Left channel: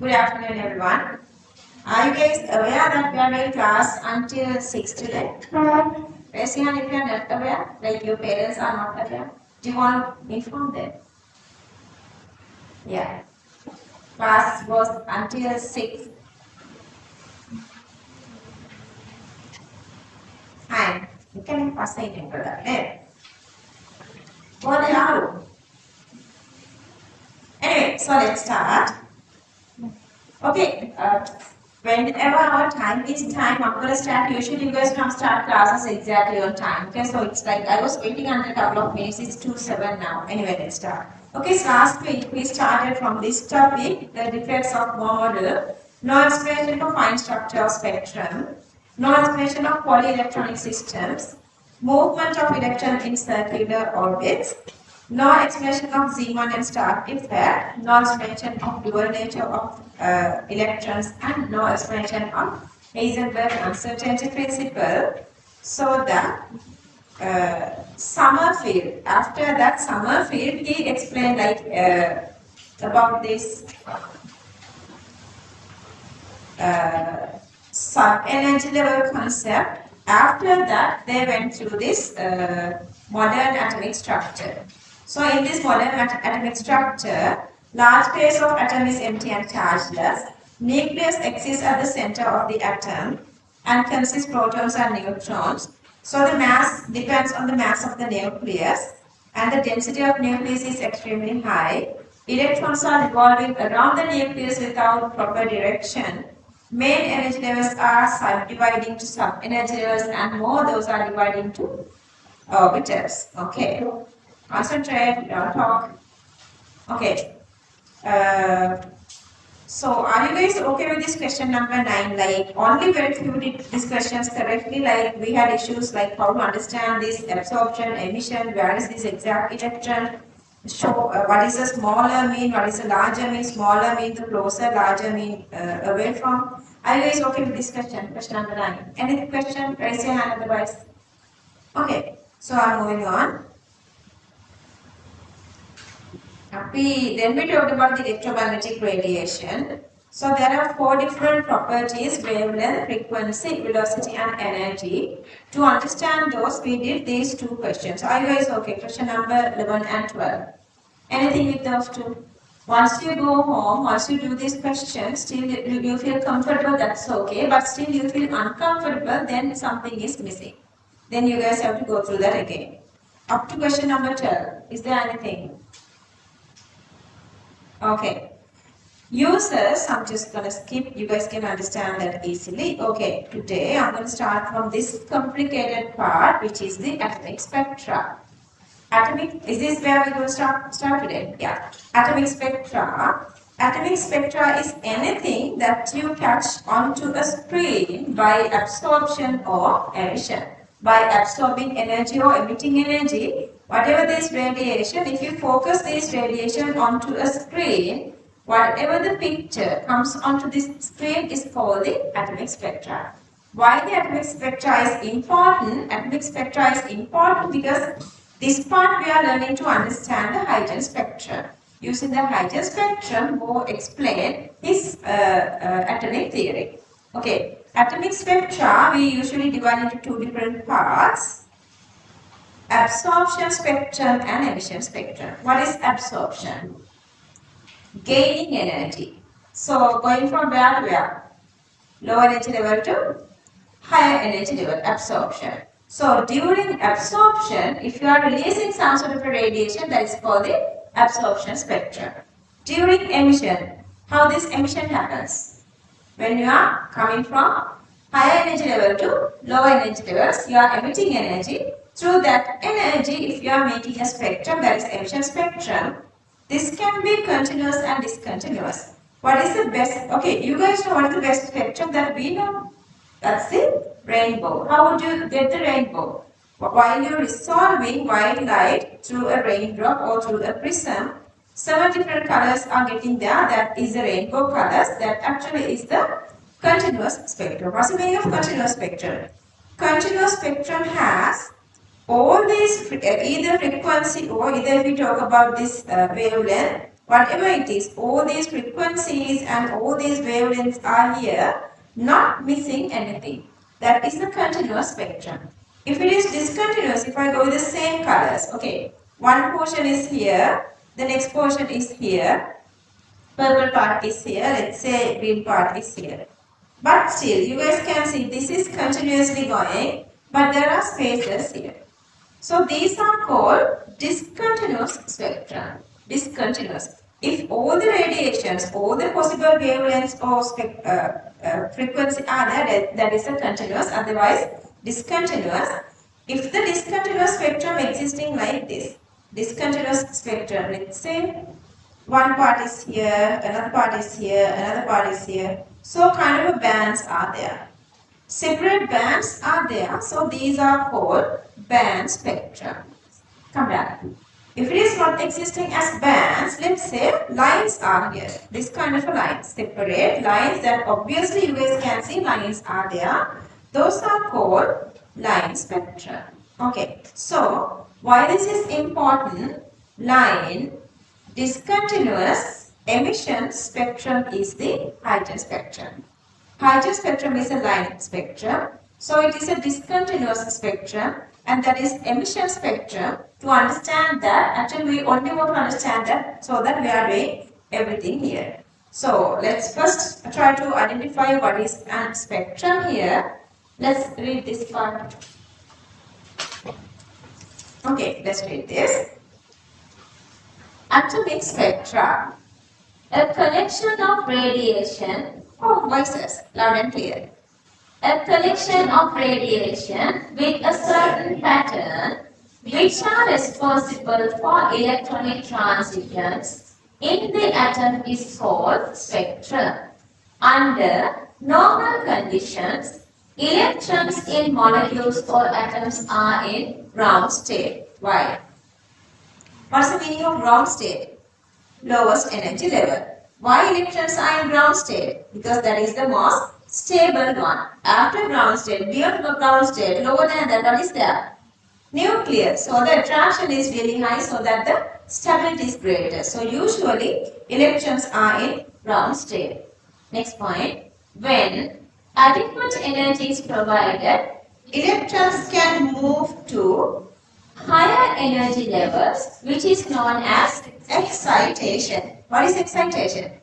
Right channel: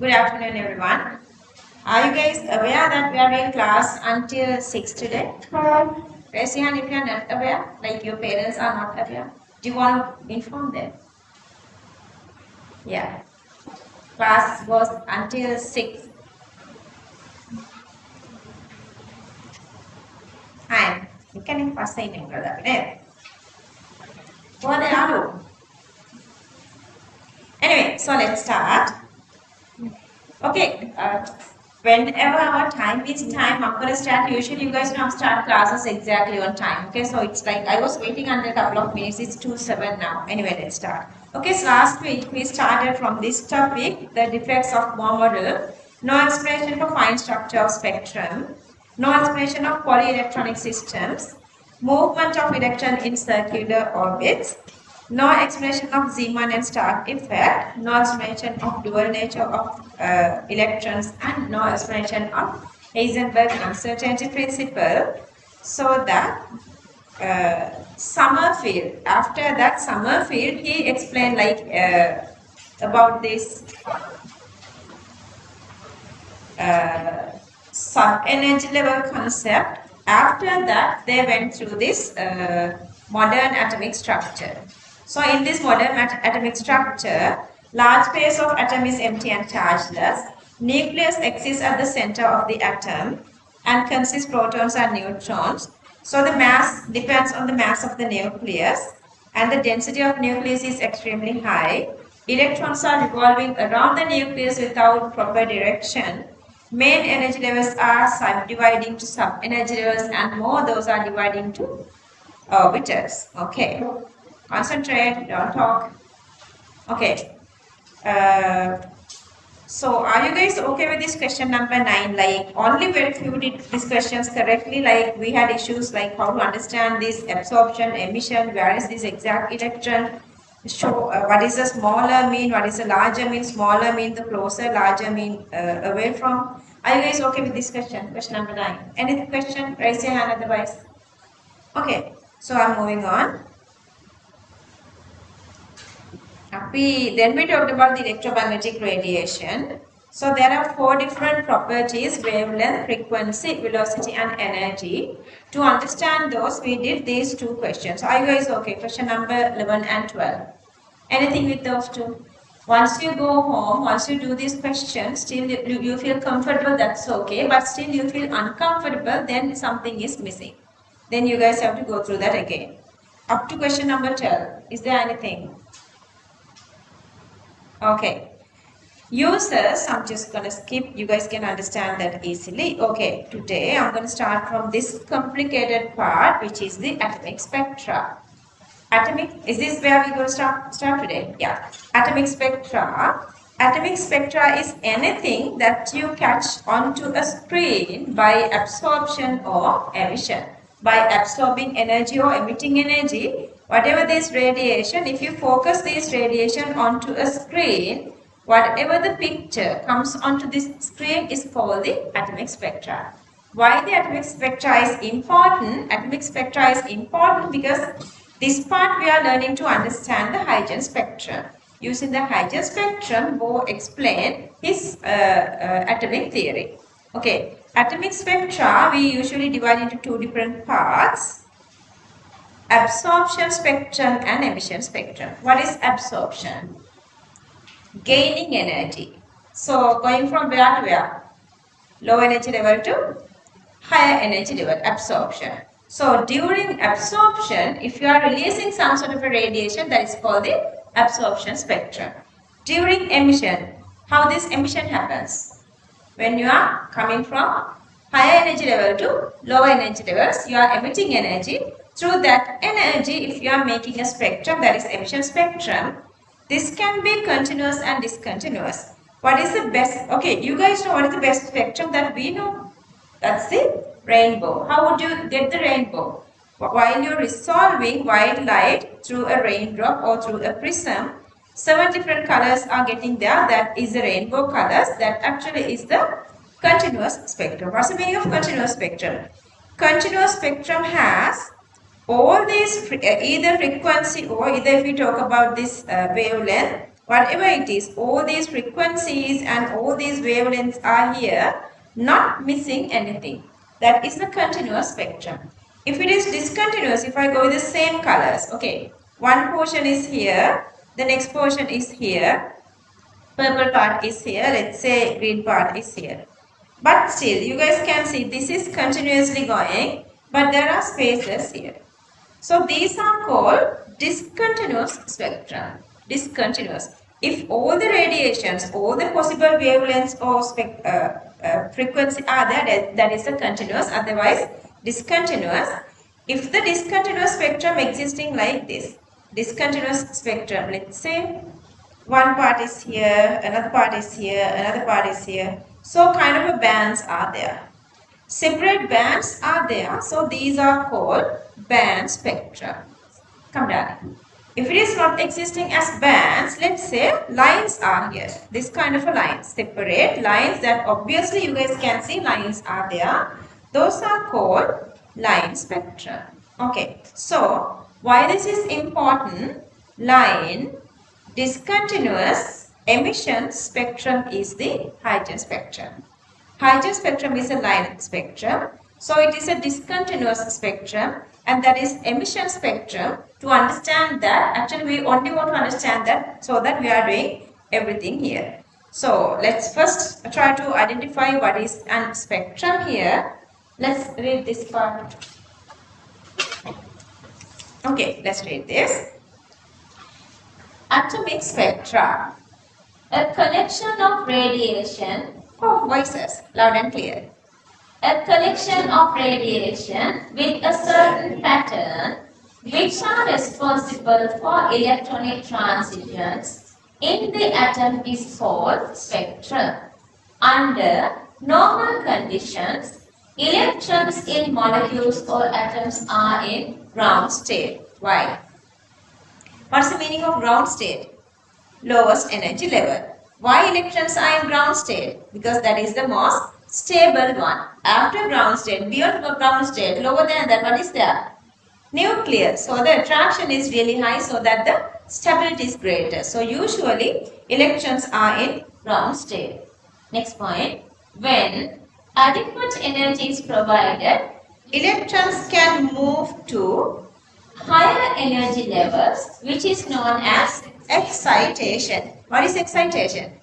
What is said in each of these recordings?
Good afternoon, everyone. Are you guys aware that we are doing class until 6 today? Raise your hand if you are not aware, like your parents are not aware. Do you want to inform them? Yeah. Class goes until 6. Hi. You can pass the email, brother. What are you? Anyway, so let's start. Okay, whenever our time is time, I'm gonna start. Usually, you guys don't start classes exactly on time. Okay, so it's like I was waiting until a couple of minutes. It's 2:07 now. Anyway, let's start. Okay, so last week we started from this topic: the defects of Moore model, no explanation for fine structure of spectrum, no explanation of polyelectronic systems, movement of electron in circular orbits, no explanation of Zeeman and Stark effect, no explanation of dual nature of electrons, and no explanation of Heisenberg uncertainty principle. So that Summerfield, after that Summerfield, he explained like about this sub-energy level concept. After that, they went through this modern atomic structure. So in this modern atomic structure, large space of atom is empty and chargeless. Nucleus exists at the center of the atom and consists protons and neutrons. So the mass depends on the mass of the nucleus, and the density of nucleus is extremely high. Electrons are revolving around the nucleus without proper direction. Main energy levels are subdividing to sub-energy levels, and more those are dividing to orbitals. Okay. Concentrate, don't talk. Okay. So are you guys okay with this question number 9? Like only very few did these questions correctly. Like we had issues like how to understand this absorption, emission, where is this exact electron? Show what is a smaller mean, what is a larger mean, smaller mean, the closer, larger mean away from. Are you guys okay with this question? Question number 9. Any question? Raise your hand otherwise. Okay, so I'm moving on. Then we talked about the electromagnetic radiation. So there are 4 different properties: wavelength, frequency, velocity, and energy. To understand those, we did these 2 questions. Are you guys okay? Question number 11 and 12. Anything with those 2? Once you go home, once you do these questions, still you feel comfortable, that's okay. But still you feel uncomfortable, then something is missing. Then you guys have to go through that again. Up to question number 12. Is there anything? Okay. Users, I'm just going to skip. You guys can understand that easily. Okay. Today, I'm going to start from this complicated part, which is the atomic spectra. Is this where we will start today? Yeah. Atomic spectra. Atomic spectra is anything that you catch onto a screen by absorption or emission. By absorbing energy or emitting energy, whatever this radiation, if you focus this radiation onto a screen, whatever the picture comes onto this screen is called the atomic spectra. Why the atomic spectra is important? Atomic spectra is important because this part we are learning to understand the Huygens spectrum. Using the Huygens spectrum, Bohr explained his atomic theory. Okay, atomic spectra we usually divide into 2 different parts: absorption spectrum and emission spectrum. What is absorption? Gaining energy. So going from where to where? Low energy level to higher energy level, absorption. So during absorption, if you are releasing some sort of a radiation, that is called the absorption spectrum. During emission, how this emission happens? When you are coming from higher energy level to lower energy levels, you are emitting energy. Through that energy, if you are making a spectrum, that is emission spectrum, this can be continuous and discontinuous. What is the best? Okay, you guys know what is the best spectrum that we know? That's the rainbow. How would you get the rainbow? While you're resolving white light through a raindrop or through a prism, 7 different colors are getting there. That is the rainbow colors. That actually is the continuous spectrum. What's the meaning of continuous spectrum? Continuous spectrum has all these, either frequency or either if we talk about this wavelength, whatever it is, all these frequencies and all these wavelengths are here, not missing anything. That is the continuous spectrum. If it is discontinuous, if I go with the same colors, okay, one portion is here, the next portion is here, purple part is here, let's say green part is here. But still, you guys can see this is continuously going, but there are spaces here. So these are called discontinuous spectrum. Discontinuous. If all the radiations, all the possible wavelengths or frequency are there, that is a continuous, otherwise discontinuous. If the discontinuous spectrum existing like this, discontinuous spectrum, let's say one part is here, another part is here, another part is here. So kind of a bands are there. Separate bands are there. So these are called band spectrum. Come down. If it is not existing as bands, let's say lines are here. This kind of a line. Separate lines that obviously you guys can see lines are there. Those are called line spectrum. Okay. So why this is important? Line, discontinuous, emission spectrum is the hydrogen spectrum. Hydrogen spectrum is a line spectrum. So it is a discontinuous spectrum, and that is emission spectrum. To understand that, actually we only want to understand that so that we are doing everything here. So let's first try to identify what is a spectrum here. Let's read this part. Okay, let's read this. Atomic spectra. A collection of radiation. Oh, voices, loud and clear. A collection of radiation with a certain pattern which are responsible for electronic transitions in the atom is called spectrum. Under normal conditions, electrons in molecules or atoms are in ground state. Why? What's the meaning of ground state? Lowest energy level. Why electrons are in ground state? Because that is the most stable one. After ground state, beyond ground state, lower than that, what is there? Nuclear. So the attraction is really high so that the stability is greater. So usually electrons are in ground state. Next point. When adequate energy is provided, electrons can move to higher energy levels, which is known as excitation. What is excitation?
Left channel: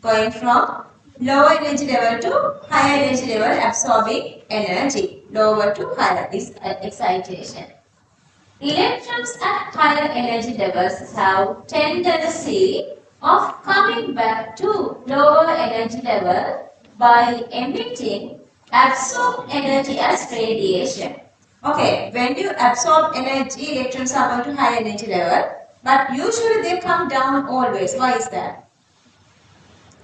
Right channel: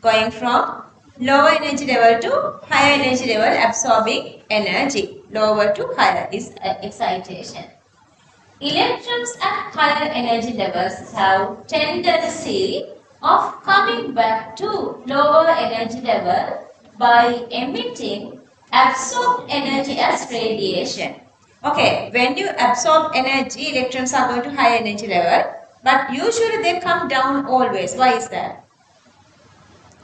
Going from lower energy level to higher energy level, absorbing energy. Lower to higher is excitation. Electrons at higher energy levels have tendency of coming back to lower energy level by emitting absorbed energy as radiation. Okay, when you absorb energy, electrons are going to higher energy level, but usually they come down always. Why is that?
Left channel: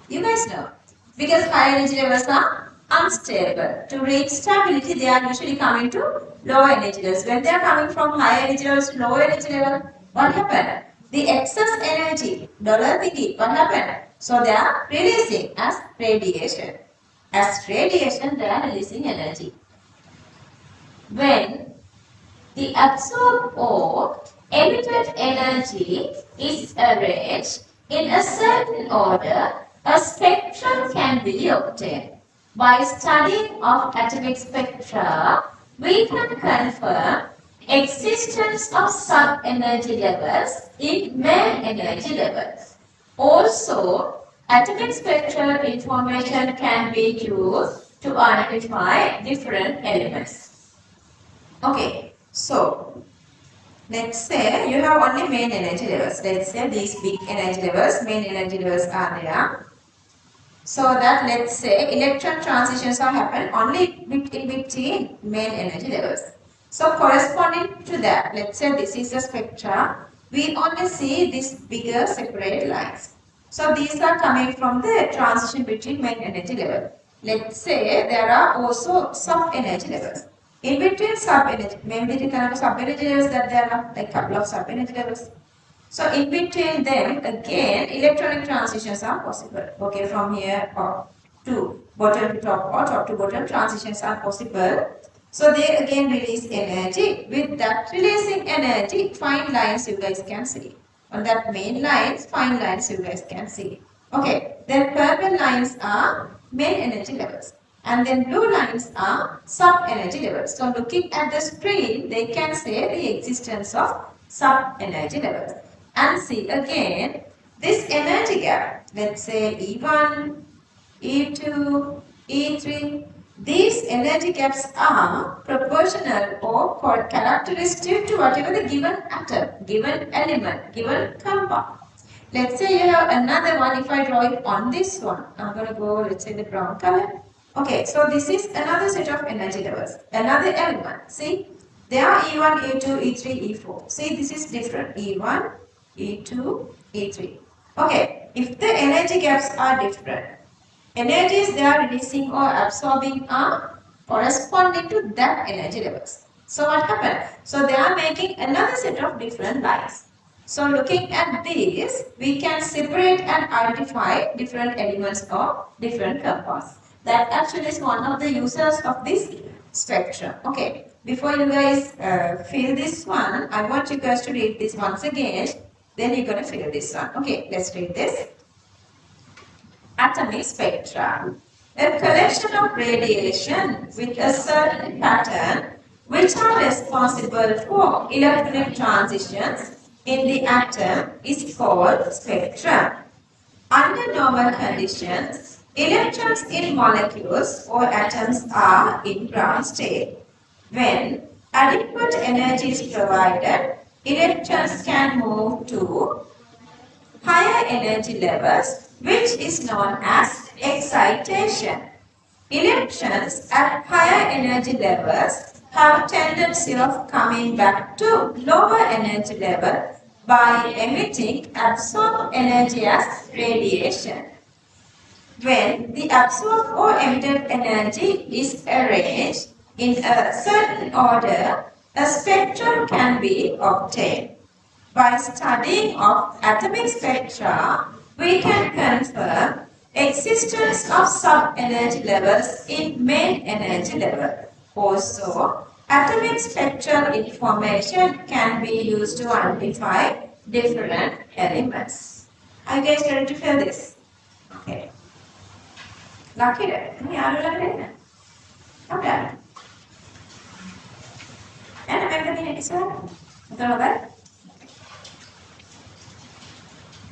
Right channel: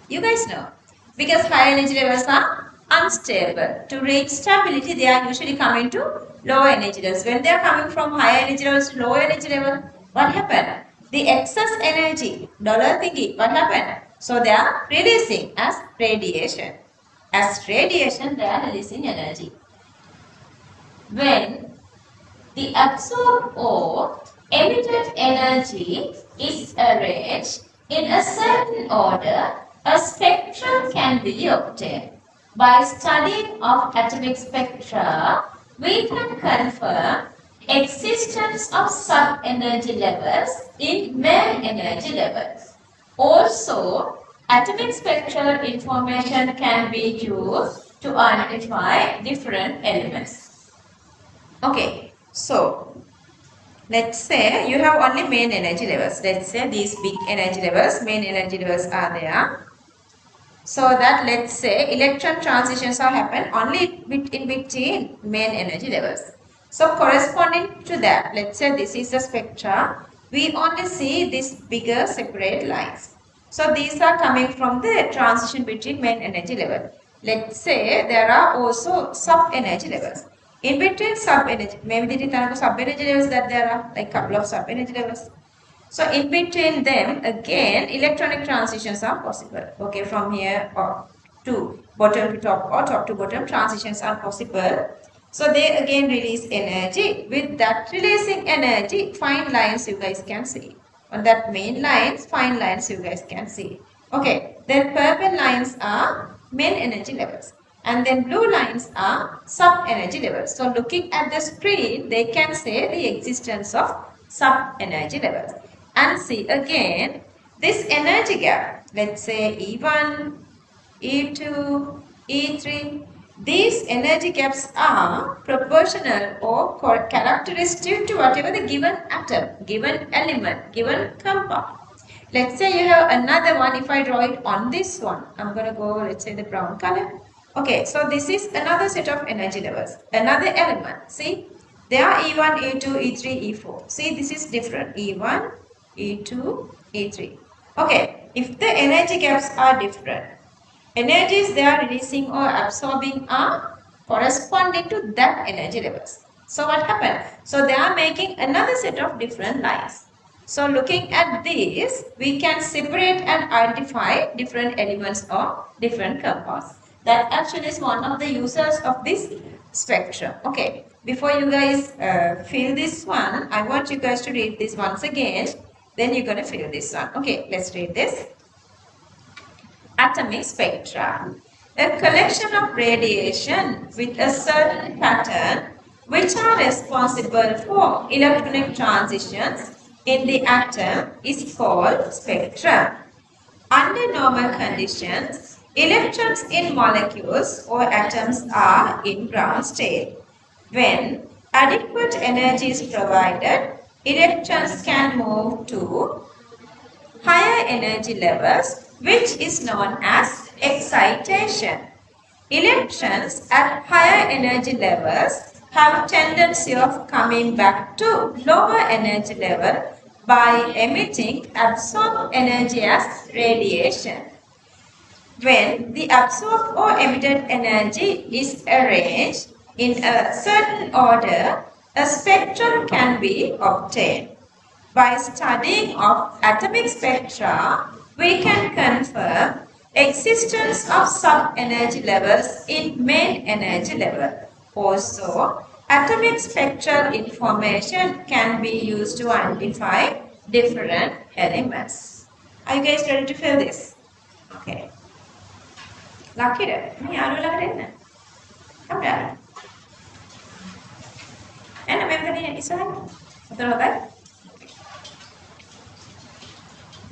You guys know. Because higher energy levels are unstable. To reach stability, they are usually coming to lower energy levels. When they are coming from higher energy levels to lower energy level, what happened? The excess energy, dollar thingy, what happened? So they are releasing as radiation. As radiation, they are releasing energy. When the absorbed or emitted energy is arranged in a certain order, a spectrum can be obtained. By studying of atomic spectra, we can confirm existence of sub-energy levels in main energy levels. Also, atomic spectral information can be used to identify different elements. Okay, so let's say you have only main energy levels. Let's say these big energy levels, main energy levels are there. So that let's say electron transitions are happen only in between main energy levels. So corresponding to that, let's say this is a spectra. We only see these bigger separate lines. So these are coming from the transition between main energy level. Let's say there are also sub-energy levels. In between sub-energy, maybe the sub-energy levels that there are like couple of sub-energy levels. So in between them, again, electronic transitions are possible. Okay, from here or to bottom to top or top to bottom transitions are possible. So they again release energy. With that releasing energy, fine lines you guys can see. on that main lines, fine lines you guys can see. Okay, then purple lines are main energy levels. And then blue lines are sub-energy levels. So looking at the screen, they can say the existence of sub-energy levels. And see again, this energy gap, let's say E1, E2, E3, these energy gaps are proportional or characteristic to whatever the given atom, given element, given compound. Let's say you have another one. If I draw it on this one, I'm going to go, let's say, the brown color. Okay, so this is another set of energy levels, another element. See, there are E1, E2, E3, E4. See, this is different. E1, E2, E3. Okay, if the energy gaps are different, energies they are releasing or absorbing are corresponding to that energy levels. So what happened? So they are making another set of different lines. So looking at these, we can separate and identify different elements or different compounds. That actually is one of the uses of this spectrum. Okay, before you guys fill this one, I want you guys to read this once again. Then you're going to fill this one. Okay, let's read this. Atomic spectra, a collection of radiation with a certain pattern which are responsible for electronic transitions in the atom is called spectrum. Under normal conditions, electrons in molecules or atoms are in ground state. When adequate energy is provided, electrons can move to higher energy levels, which is known as excitation. Electrons at higher energy levels have a tendency of coming back to lower energy level by emitting absorbed energy as radiation. When the absorbed or emitted energy is arranged in a certain order, a spectrum can be obtained. By studying of atomic spectra, we can confirm existence of sub-energy levels in main energy level. Also, atomic spectral information can be used to identify different elements. Are you guys ready to fill this? Okay. Lucky day. Come down. And I'm going to decide.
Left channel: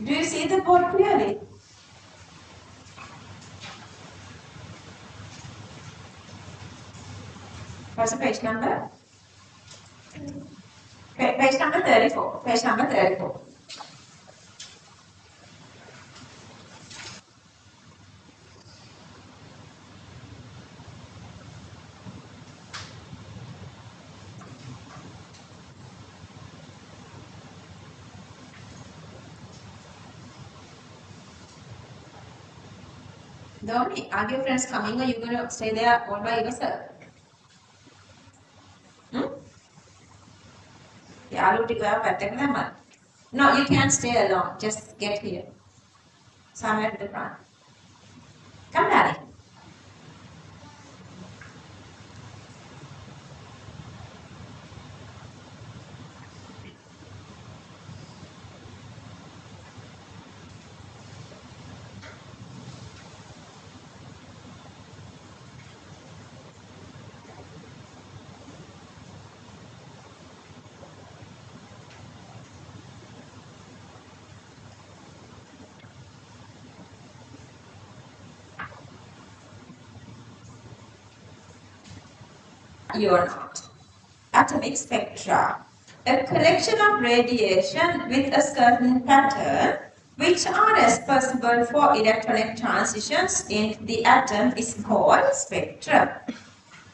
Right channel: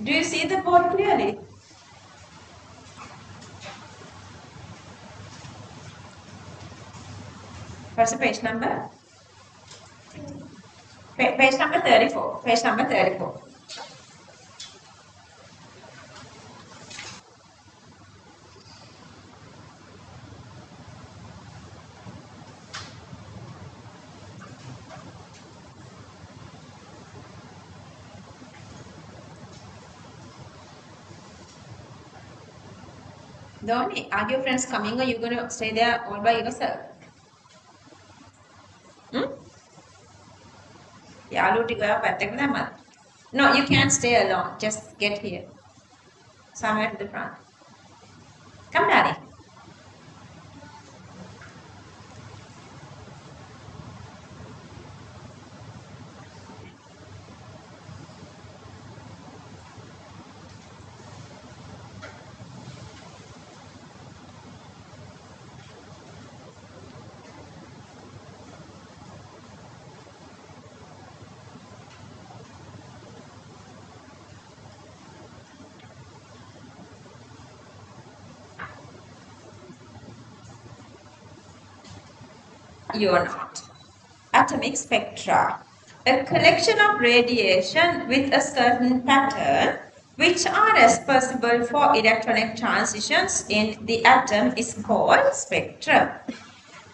Do you see the board clearly? What's the page number? Page number 34. Page number 34. Don't are your friends coming or you're going to stay there all by yourself? No, you can't stay alone. Just get here. Somewhere to the front. Come, Daddy. You're not. Atomic spectra, a collection of radiation with a certain pattern which are responsible for electronic transitions in the atom is called spectrum.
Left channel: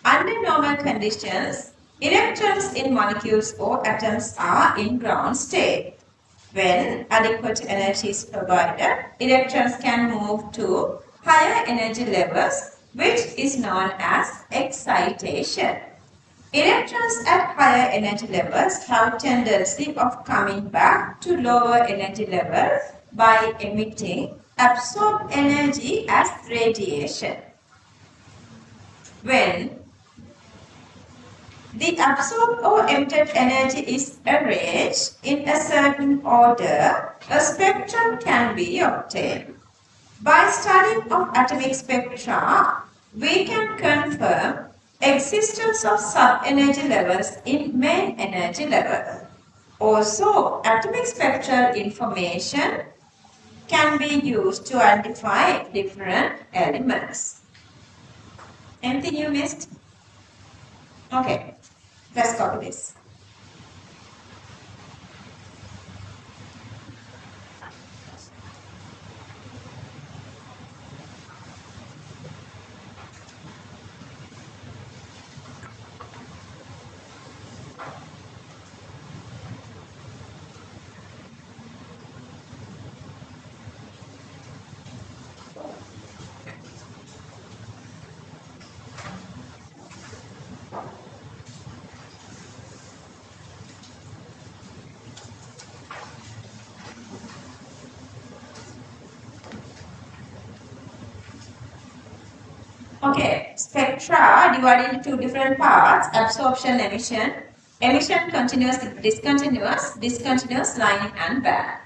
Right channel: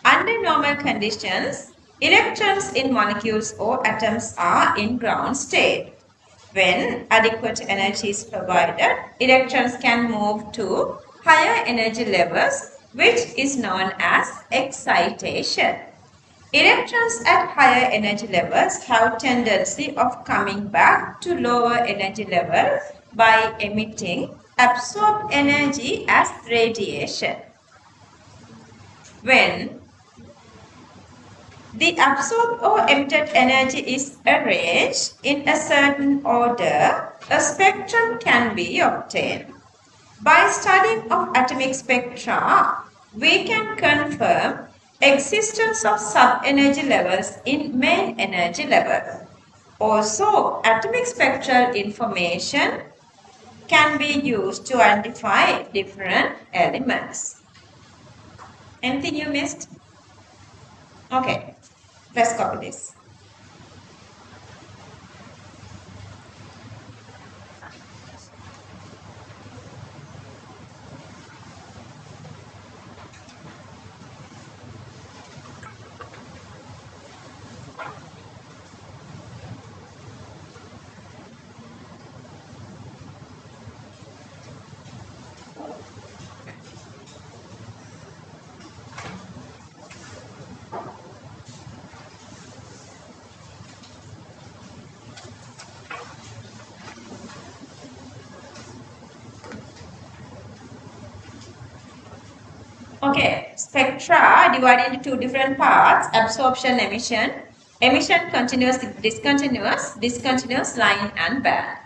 Under normal conditions, electrons in molecules or atoms are in ground state. When adequate energy is provided, electrons can move to higher energy levels, which is known as excitation. Electrons at higher energy levels have tendency of coming back to lower energy levels by emitting absorbed energy as radiation. When The absorbed or emitted energy is arranged in a certain order. A spectrum can be obtained. By studying of atomic spectra, we can confirm existence of sub-energy levels in main energy level. Also, atomic spectral information can be used to identify different elements. Anything you missed? Okay, let's copy this. Okay, spectra divided into two different parts, absorption, emission. Emission, continuous, discontinuous, discontinuous, line and band.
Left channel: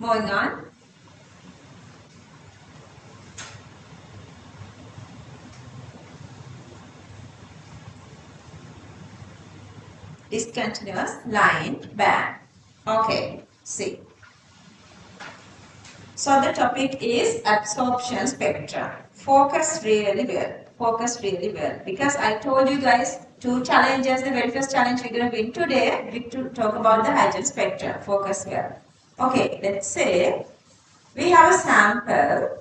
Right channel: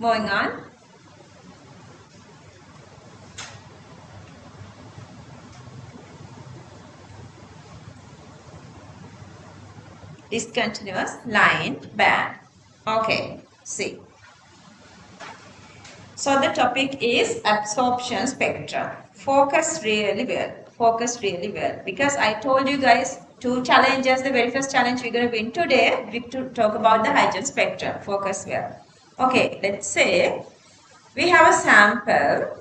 Moving on. Discontinuous, line, band. Okay, see. So the topic is absorption spectrum. Focus really well. Focus really well. Because I told you guys two challenges. The very first challenge we're going to win today. We to talk about the hydrogen spectrum. Focus well. Okay, let's say we have a sample.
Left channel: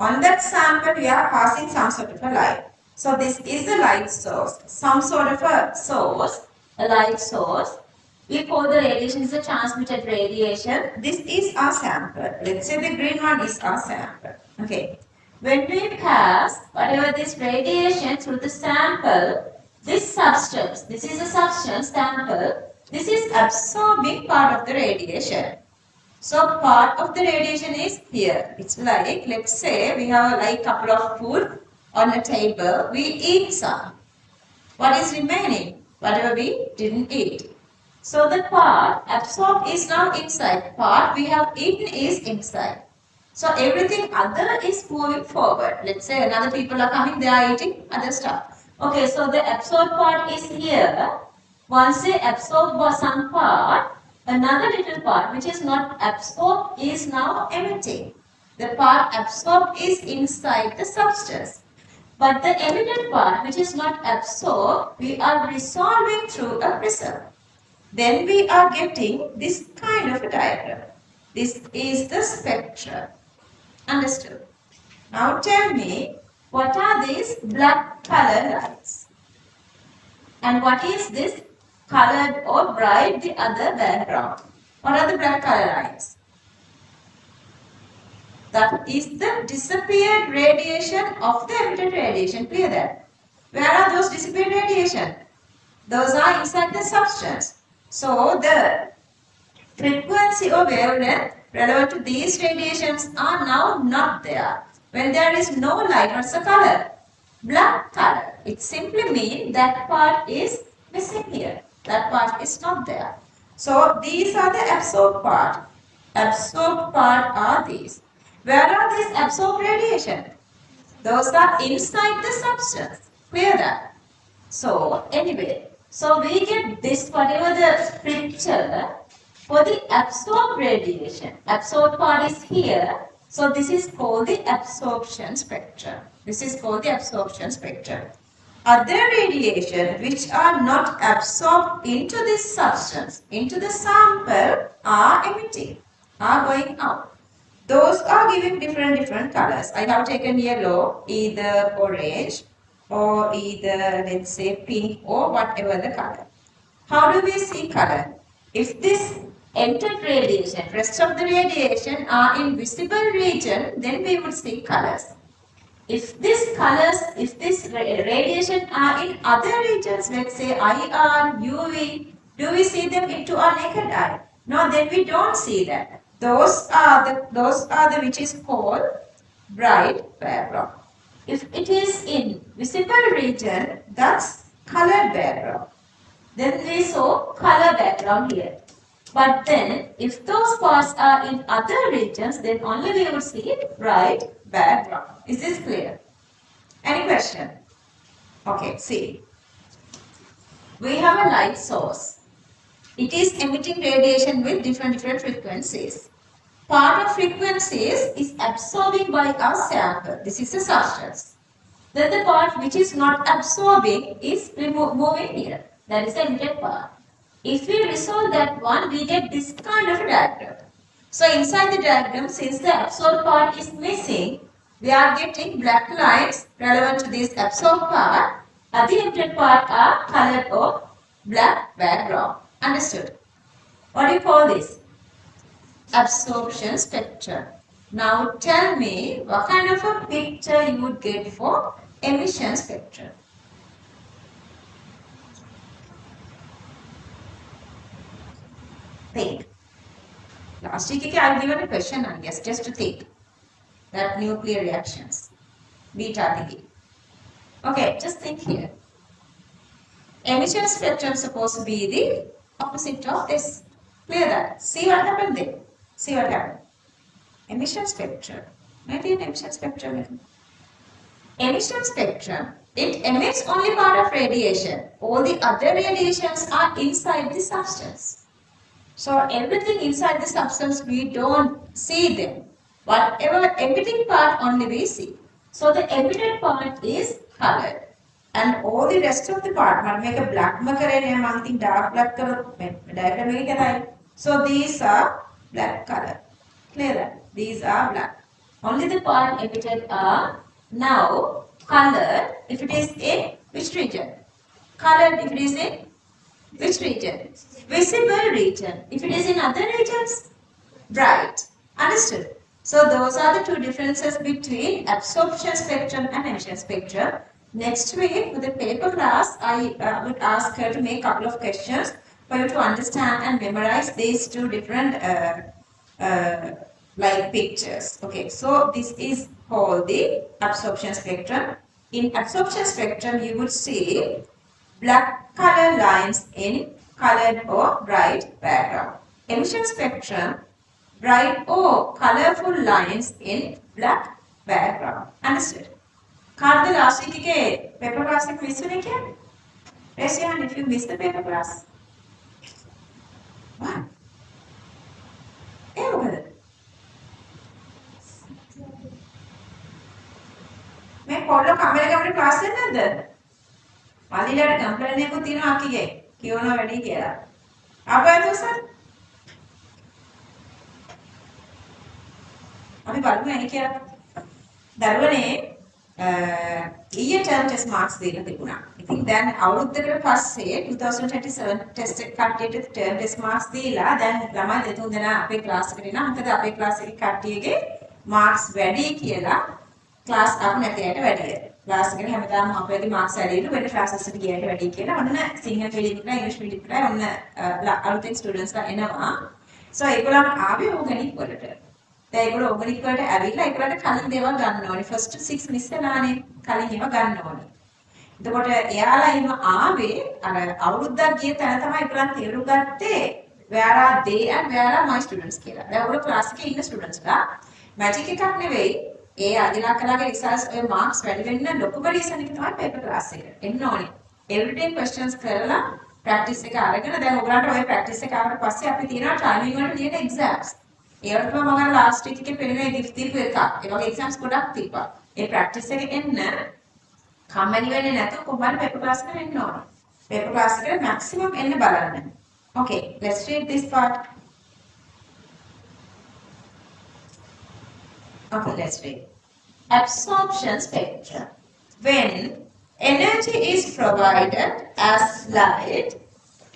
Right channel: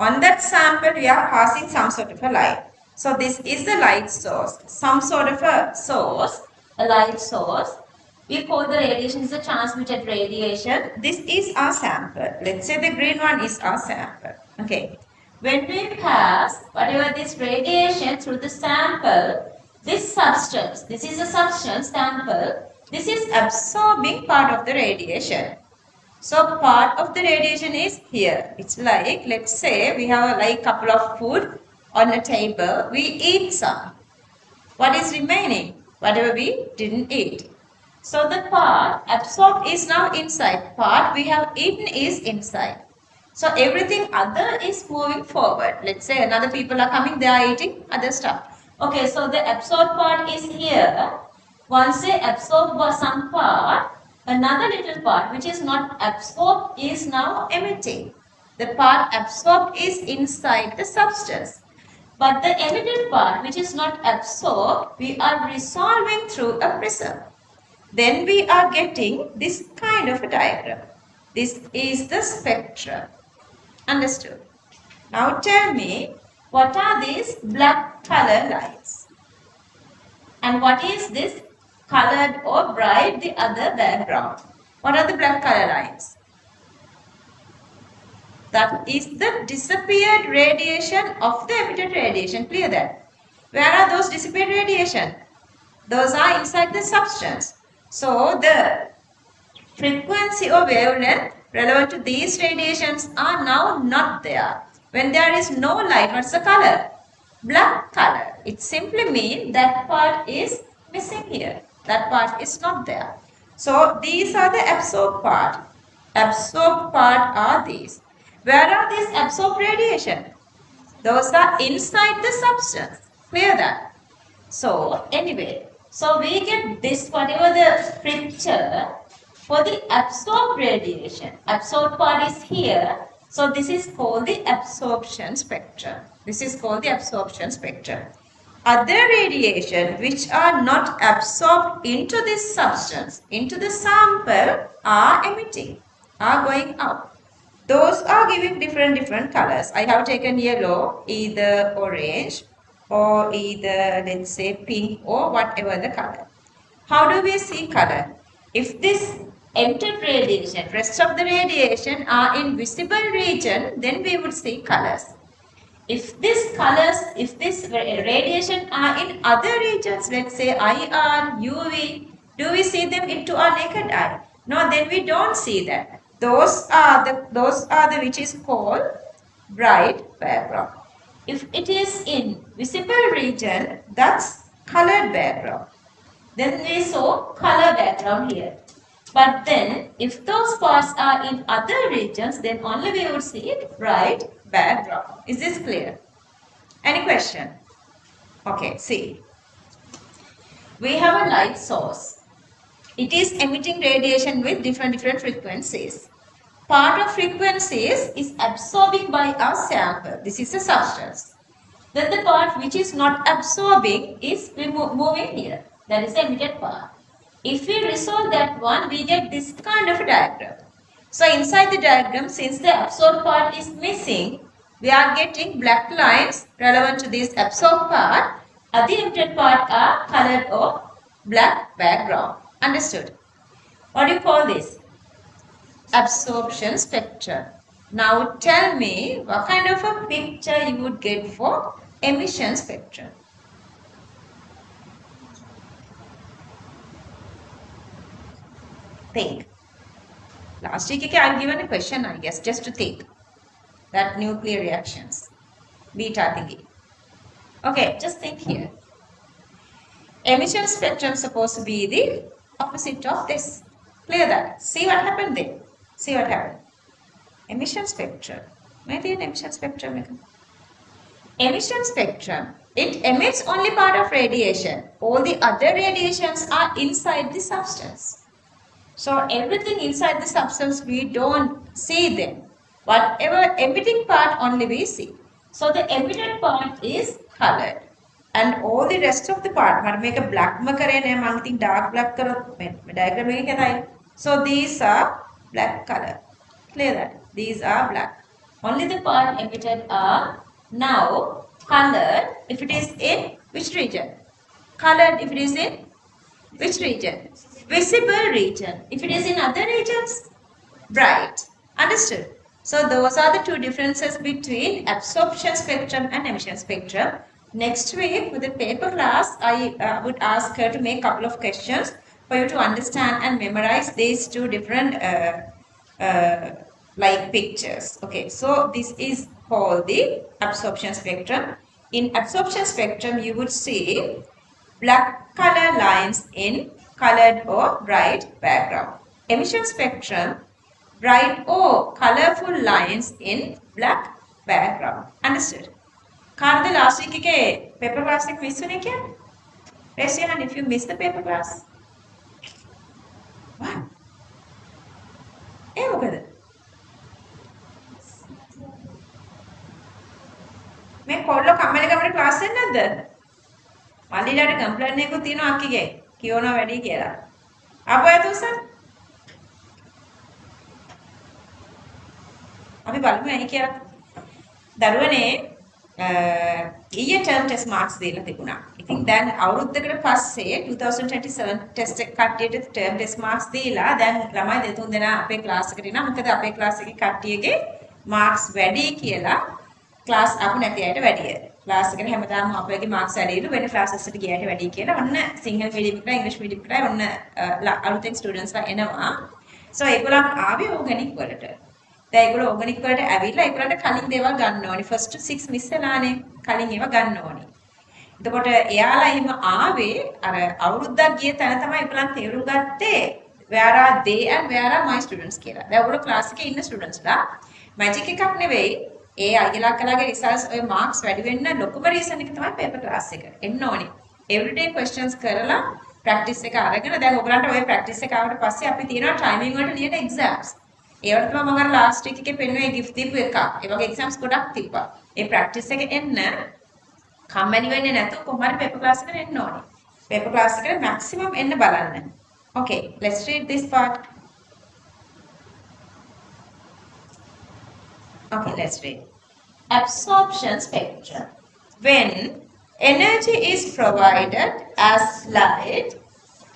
On that sample, we are passing some sort of a light. So this is the light source. Some sort of a source, a light source. We call the radiation is a transmitted radiation. This is our sample. Let's say the green one is our sample. Okay. When we pass whatever this radiation through the sample, this substance, this is a substance sample, this is absorbing part of the radiation. So part of the radiation is here. It's like, let's say we have like couple of food on a table. We eat some. What is remaining? Whatever we didn't eat. So the part absorbed is now inside. Part we have eaten is inside. So everything other is moving forward. Let's say another people are coming, they are eating other stuff. Okay, so the absorbed part is here. Once they absorb some part, another little part which is not absorbed is now emitting. The part absorbed is inside the substance. But the emitted part which is not absorbed, we are resolving through a prism. Then we are getting this kind of a diagram. This is the spectrum. Understood? Now tell me, what are these black color lines? And what is this colored or bright, the other background? What are the black color lines? That is the disappeared radiation of the emitted radiation. Clear that? Where are those disappeared radiation? Those are inside the substance. So the frequency or wavelength relevant to these radiations are now not there. When there is no light, what's the color? Black color. It simply means that part is missing here. That part is not there. So these are the absorbed part. Absorbed part are these. Where are these absorbed radiation? Those are inside the substance. Clear that? So anyway, so we get this whatever the picture for the absorbed radiation. Absorbed part is here. So this is called the absorption spectrum. This is called the absorption spectrum. Other radiation which are not absorbed into this substance, into the sample, are emitting, are going out. Those are giving different colors. I have taken yellow, either orange, or either, let's say, pink or whatever the color. How do we see color? If this entered radiation, rest of the radiation are in visible region, then we would see colors. If this radiation are in other regions, let's say IR, UV, do we see them into our naked eye? No, then we don't see that. Those are the which is called bright background. If it is in visible region, that's colored background. Then we saw color background here. But then, if those parts are in other regions, then only we would see bright background. Is this clear? Any question? Okay, see. We have a light source. It is emitting radiation with different frequencies. Part of frequencies is absorbing by our sample. This is a substance. Then the part which is not absorbing is moving here. That is the emitted part. If we resolve that one, we get this kind of a diagram. So inside the diagram, since the absorbed part is missing, we are getting black lines relevant to this absorbed part. The emitted part are colored or black background. Understood? What do you call this? Absorption spectrum. Now tell me what kind of a picture you would get for emission spectrum. Think. Last week I've given a question, I guess, just to think. That nuclear reactions. Beta thingy. Okay, just think here. Emission spectrum is supposed to be the opposite of this. Clear that. See what happened there. See what happened. Emission spectrum. Maybe an emission spectrum. Emission spectrum, it emits only part of radiation. All the other radiations are inside the substance. So everything inside the substance, we don't see them. Whatever emitting part only we see. So the emitted part is colored. And all the rest of the part, I make a black dark black color. So these are black color. Clear that? These are black. Only the part emitted are now colored if it is in which region? Colored if it is in which region? Visible region. If it is in other regions, bright. Understood? So those are the two differences between absorption spectrum and emission spectrum. Next week with the paper class, I would ask her to make a couple of questions for you to understand and memorize these two different like pictures. Okay, so this is called the absorption spectrum. In absorption spectrum, you would see black color lines in colored or bright background. Emission spectrum, bright or colorful lines in black background. Understood? Card the last week paper class miss you? Raise your hand if you missed the paper class. What? Hey, look at it. මේ පොල්ල කමල කමර class එක නැද්ද? මල්ලිලාට complaint එකක් තියෙනවා අක්කිගේ. කියවනවා වැඩි කියලා. ආපහු යතුසර්. අපි බලමු ඇයි කියලා. දරුවනේ ඊයේ ටර්ම් ටෙස්ට් මාක්ස් දීලා තිබුණා. ඉතින් දැන් අවුරුද්දකට පස්සේ 2027 ටෙස්ට් එක කට්ටියට ටර්ම් ටෙස්ට් මාක්ස් දීලා දැන් ළමයි දෙතුන් දෙනා අපේ ක්ලාස් එකට එනවා. මොකද අපේ ක්ලාස් එකේ කට්ටියගේ මාක්ස් වැඩි කියලා ක්ලාස් ආපු නැති අයට වැඩිය. ක්ලාස් එකට හැමදාම අපේගේ මාක්ස් වැඩිලු වෙන ක්ලාසස් එකට ගියාට වැඩි කියලා ඔන්න සිංහල මීඩියම් එකට ඉංග්‍රීසි මීඩියම් එකට ඔන්න අලුතෙන් ස්ටුඩන්ට්ස්ලා එනවා. සෝ ඒගොල්ලන් ආවේ ඕගනික් වලට. දැන් ඒගොල්ලෝ ඕගනික් වලට ඇවිල්ලා ඒගොල්ලන්ට කලින් දේවල් ගන්න ඕනේ. ෆස්ට් 6 මිස් වෙනානේ. කලින් ඒවා ගන්න ඕනේ. එතකොට එයාලා එහෙම ආවේ අර අවුරුද්දක් ගිය තැන තමයි ඒගොල්ලන් තේරුම් ගත්තේ where are they and where are my students කියලා. දැන් ඔයගොල්ලෝ ක්ලාස් එකේ ඉන්න ස්ටුඩන්ට්ස්ලා මැජික් එකක් නෙවෙයි. ඒ අයියලා කලාගේ රිසර්ච් ඔය මාක්ස් වැඩි වෙන්න ලොකුම රීසන් එක තමයි පේපර් ක්ලාස් එක. එන්න ඕනේ. එවරිඩේ ක්වෙස්චන්ස් කරලා ප්‍රැක්ටිස් එක අරගෙන දැන් ඔයගලන්ට ඔය ප්‍රැක්ටිස් එක ආවට පස්සේ අපි තියෙනවා ටයිමින් වලට ලියන එක්සෑම්ස්. ඒවට තමයි මම ලාස්ට් වීක් එකේ පෙන්නුවේ gift දීපු එක. ඒ වගේ එක්සෑම්ස් ගොඩක් තිබ්බා. ඒ ප්‍රැක්ටිස් එක එන්න කම්මැලි වෙන්නේ නැතුව කොහොම හරි පේපර් ක්ලාස් එකට එන්න ඕනේ. පේපර් ක්ලාස් එකට මැක්සිමම් එන්න බලන්න. Okay, let's read this part. Okay, let's read. Absorption spectrum. When energy is provided as light,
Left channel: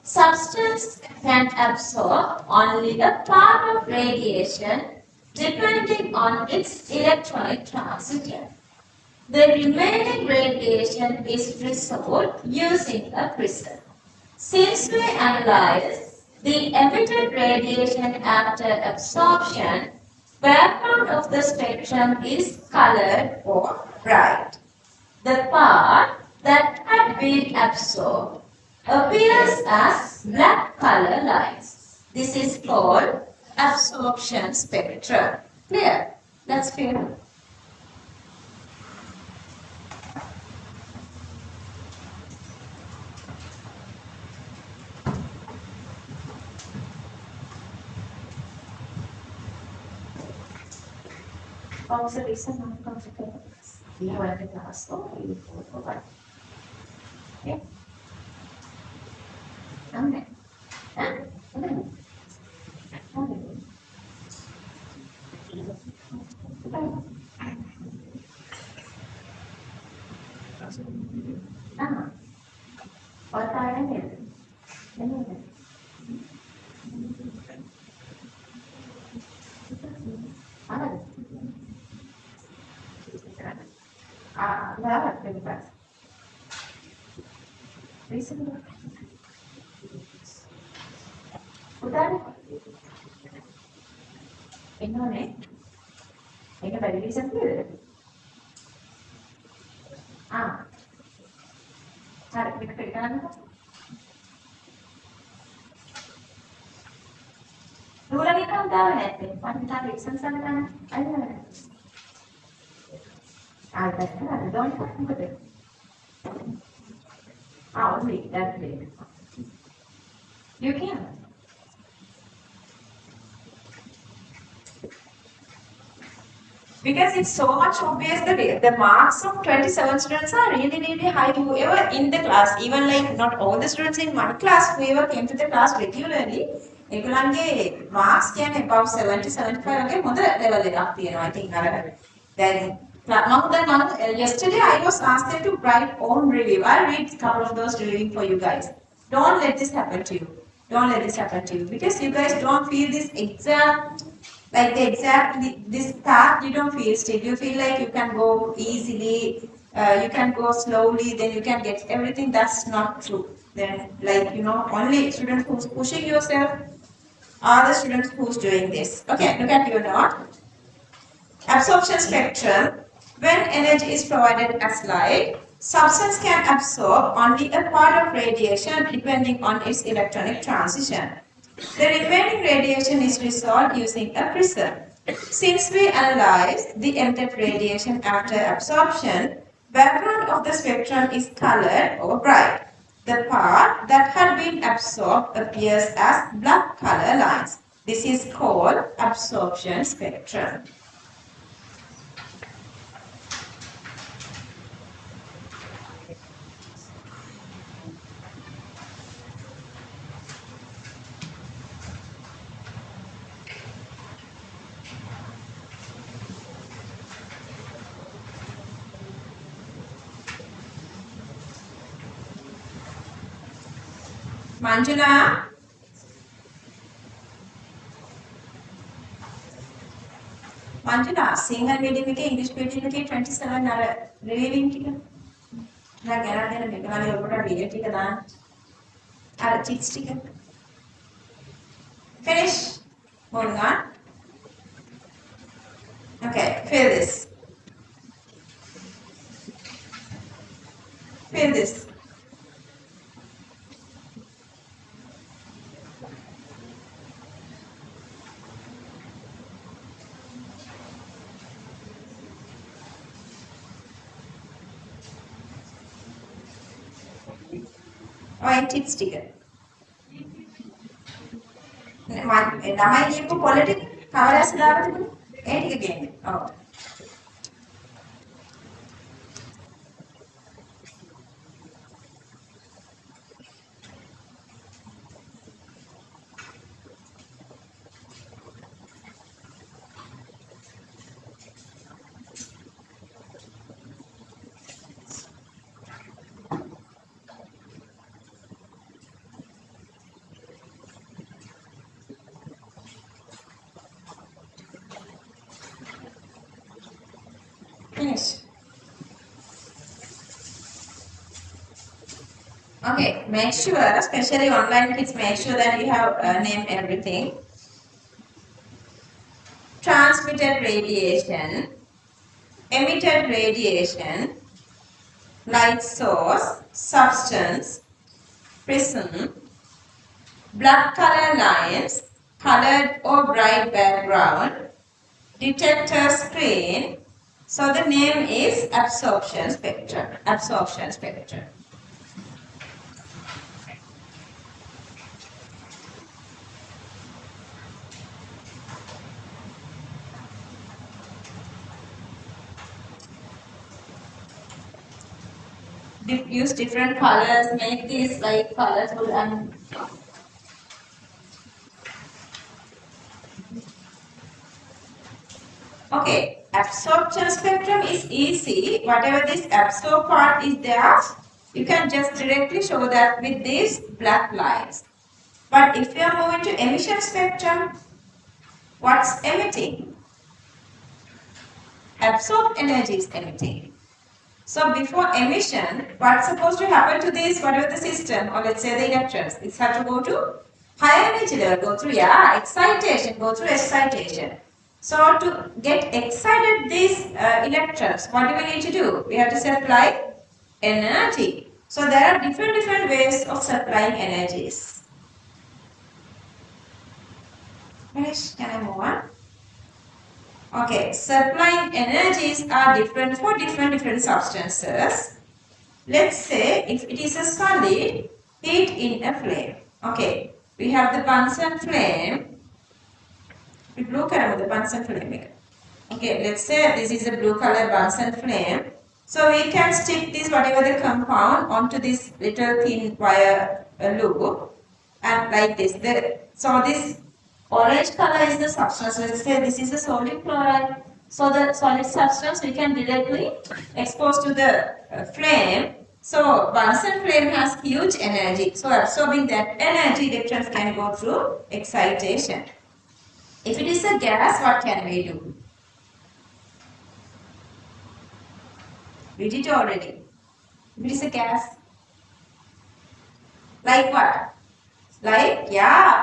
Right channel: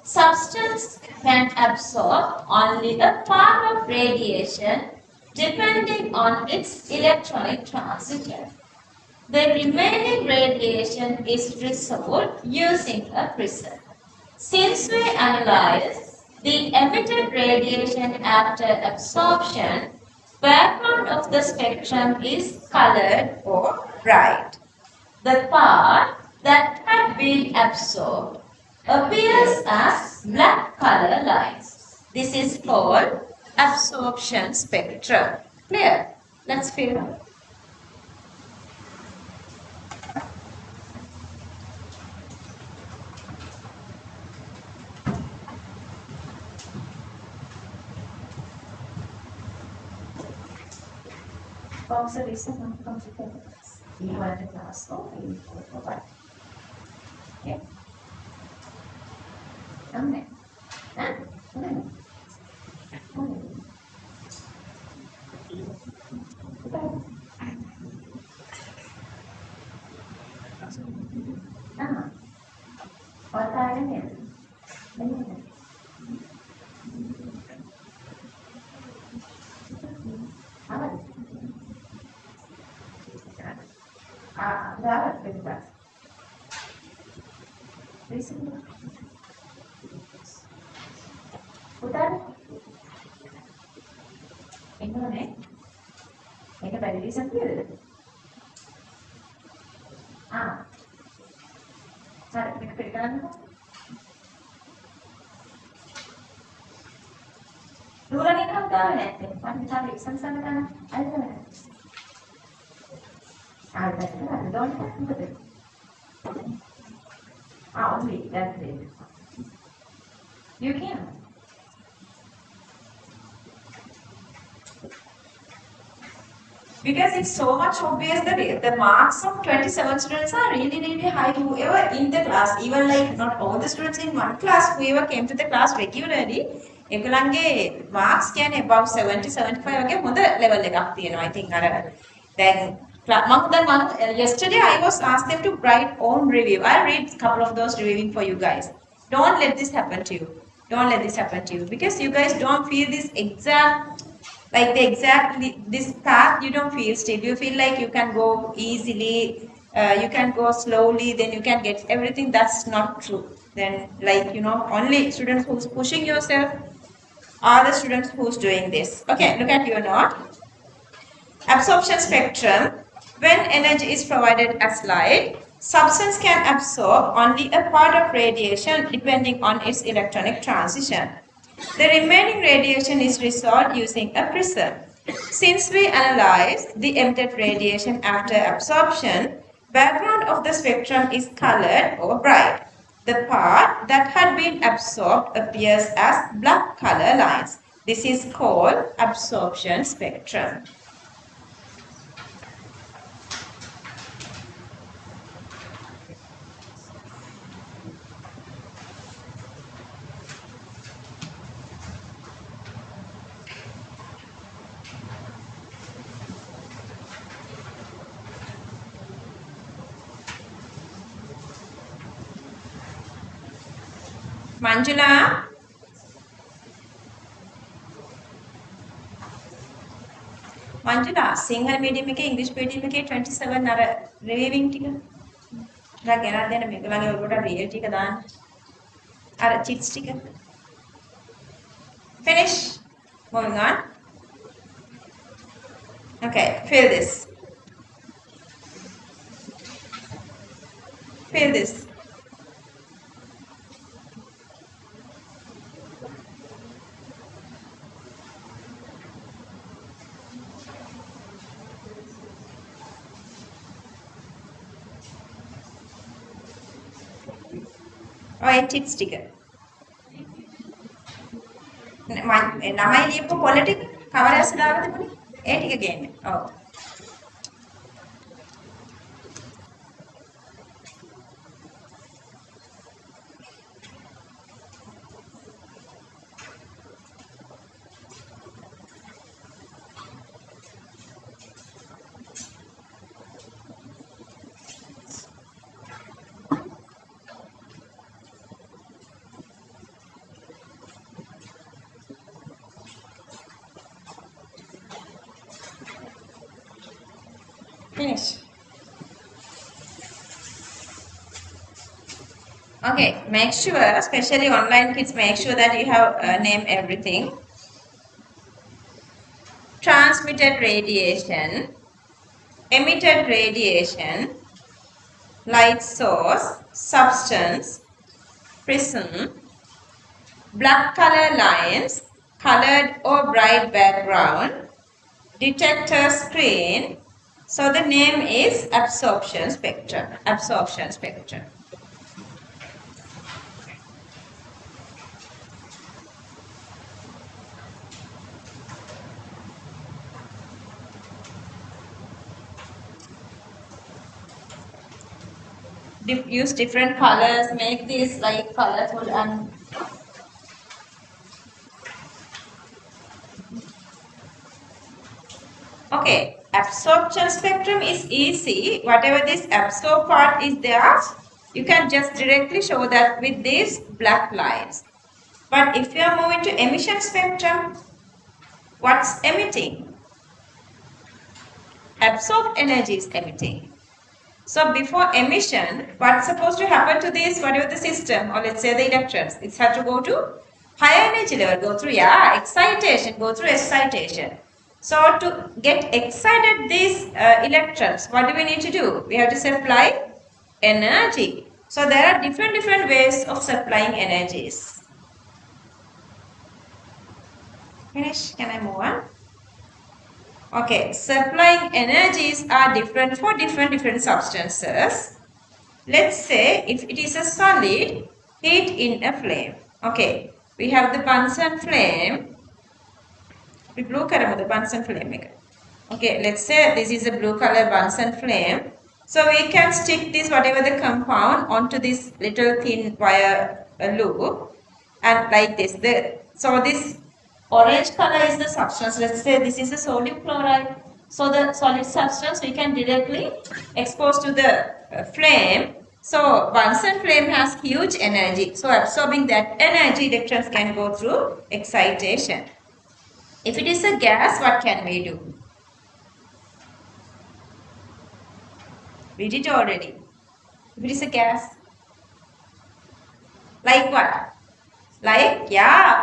substance can absorb only a part of radiation depending on its electronic transfer. The remaining radiation is resolved using a prism. Since we analyze the emitted radiation after absorption, background of the spectrum is colored or bright. The part that had been absorbed appears as black color lines. This is called absorption spectrum. Clear? Let's fill. Observation of consequences. You have the class or you go back. Yeah. Okay. Innone මේක වැඩි reason කියලාද? හරි මේක පිට ගන්නකො. නුඹලගේ කවුද දාන්නේ නැත්තේ? මම තාම ලිසන් සම්ම ගන්න. අයියෝ. දැන් හරි don't මොකද? only that's it. You can. Because it's so much obvious that the marks of 27 students are really, really high. Whoever in the class, even like not all the students in my class, whoever came to the class regularly, ඒගොල්ලන්ගේ marks කියන්නේ about 70 75 වගේ හොඳ level එකක් තියෙනවා. I think අර then yesterday I was asked them to write own review. I read a couple of those reviewing for you guys. Don't let this happen to you. Don't let this happen to you because you guys don't feel this exact this path. You don't feel still. You feel like you can go easily, you can go slowly, then you can get everything. That's not true. Then only students who's pushing yourself are the students who's doing this. Okay, look at your note. Absorption spectrum. When energy is provided as light, substance can absorb only a part of radiation depending on its electronic transition. The remaining radiation is resolved using a prism. Since we analyze the emitted radiation after absorption, background of the spectrum is colored or bright. The part that had been absorbed appears as black color lines. This is called absorption spectrum. Manjula, Sinhala medium එකේ English medium එකේ 27 අර reviewing ටික. දැන් ගෙනත් දෙන්න මේගොල්ලන්ගේ ඔබට real ටික දාන්න. අර chits ටික. Finish. Moving on. Okay, fill this. Fill this. chits ටික. ළමයි ලියපු පොළ ටික කවරස් දාලා තිබුණේ? ඒ ටික ගේන්න. ඔව්. Finish. Okay, make sure, especially online kids, make sure that you have named everything. Transmitted radiation, emitted radiation, light source, substance, prism, black color lines, colored or bright background, detector screen. So the name is absorption spectrum. Absorption spectrum. Use different colors, make these like colorful and okay, absorption spectrum is easy. Whatever this absorb part is there, you can just directly show that with these black lines. But if you are moving to emission spectrum, what's emitting? Absorbed energy is emitting. So before emission, what's supposed to happen to this, whatever the system, or let's say the electrons, it's have to go to higher energy level, go through, excitation, go through excitation. So to get excited these electrons, what do we need to do? We have to supply energy. So there are different ways of supplying energies. Finish, can I move on? Okay, supplying energies are different for different substances. Let's say if it is a solid, heat in a flame. Okay, we have the Bunsen flame. We blue color the Bunsen flame. Okay, let's say this is a blue color Bunsen flame. So we can stick this whatever the compound onto this little thin wire loop and like this. So this orange color is the substance. Let's say this is a sodium chloride. So the solid substance we can directly expose to the flame. So Bunsen flame has huge energy. So absorbing that energy, electrons can go through excitation. If it is a gas, what can we do? We did already. If it is a gas. Like what? Like,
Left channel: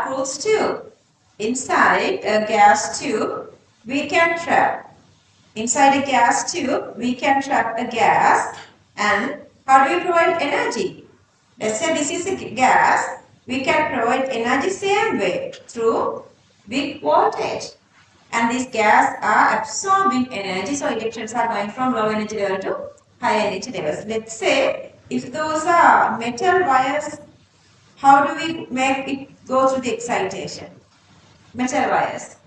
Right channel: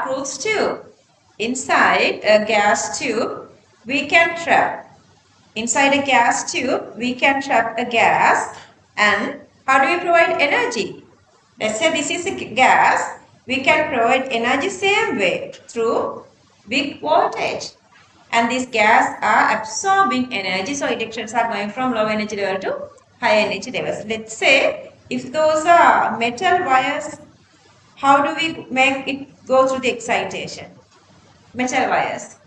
cruise tube. Inside a gas tube, we can trap. Inside a gas tube, we can trap a gas. And how do we provide energy? Let's say this is a gas. We can provide energy same way through big voltage. And these gas are absorbing energy. So electrons are going from low energy level to high energy levels. Let's say if those are metal wires, how do we make it go through the excitation? Metal wires.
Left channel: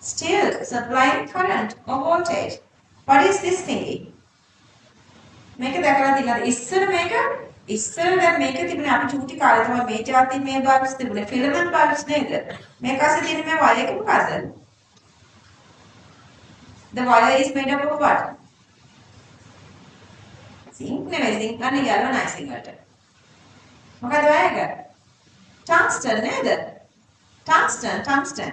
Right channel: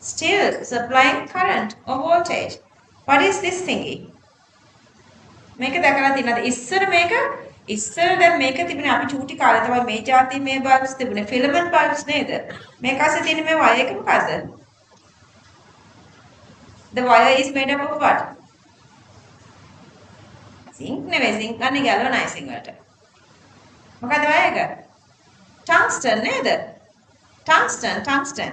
Still supplying current or voltage. What is this thingy? මේක දැකලා තියෙනවද ඉස්සර දැන් මේක තිබුණේ අපි චූටි කාලේ තමයි මේ જાති මේ බල්බ්ස් තිබුණේ ෆිලමන්ට් බල්බ්ස් නේද මේක අස්සේ තියෙන මේ වයර් එක මොකද්ද the wire is made up of what zinc නෙවෙයි zinc ගන්නේ galvanizing වලට මොකද වයර් එක tungsten නේද tungsten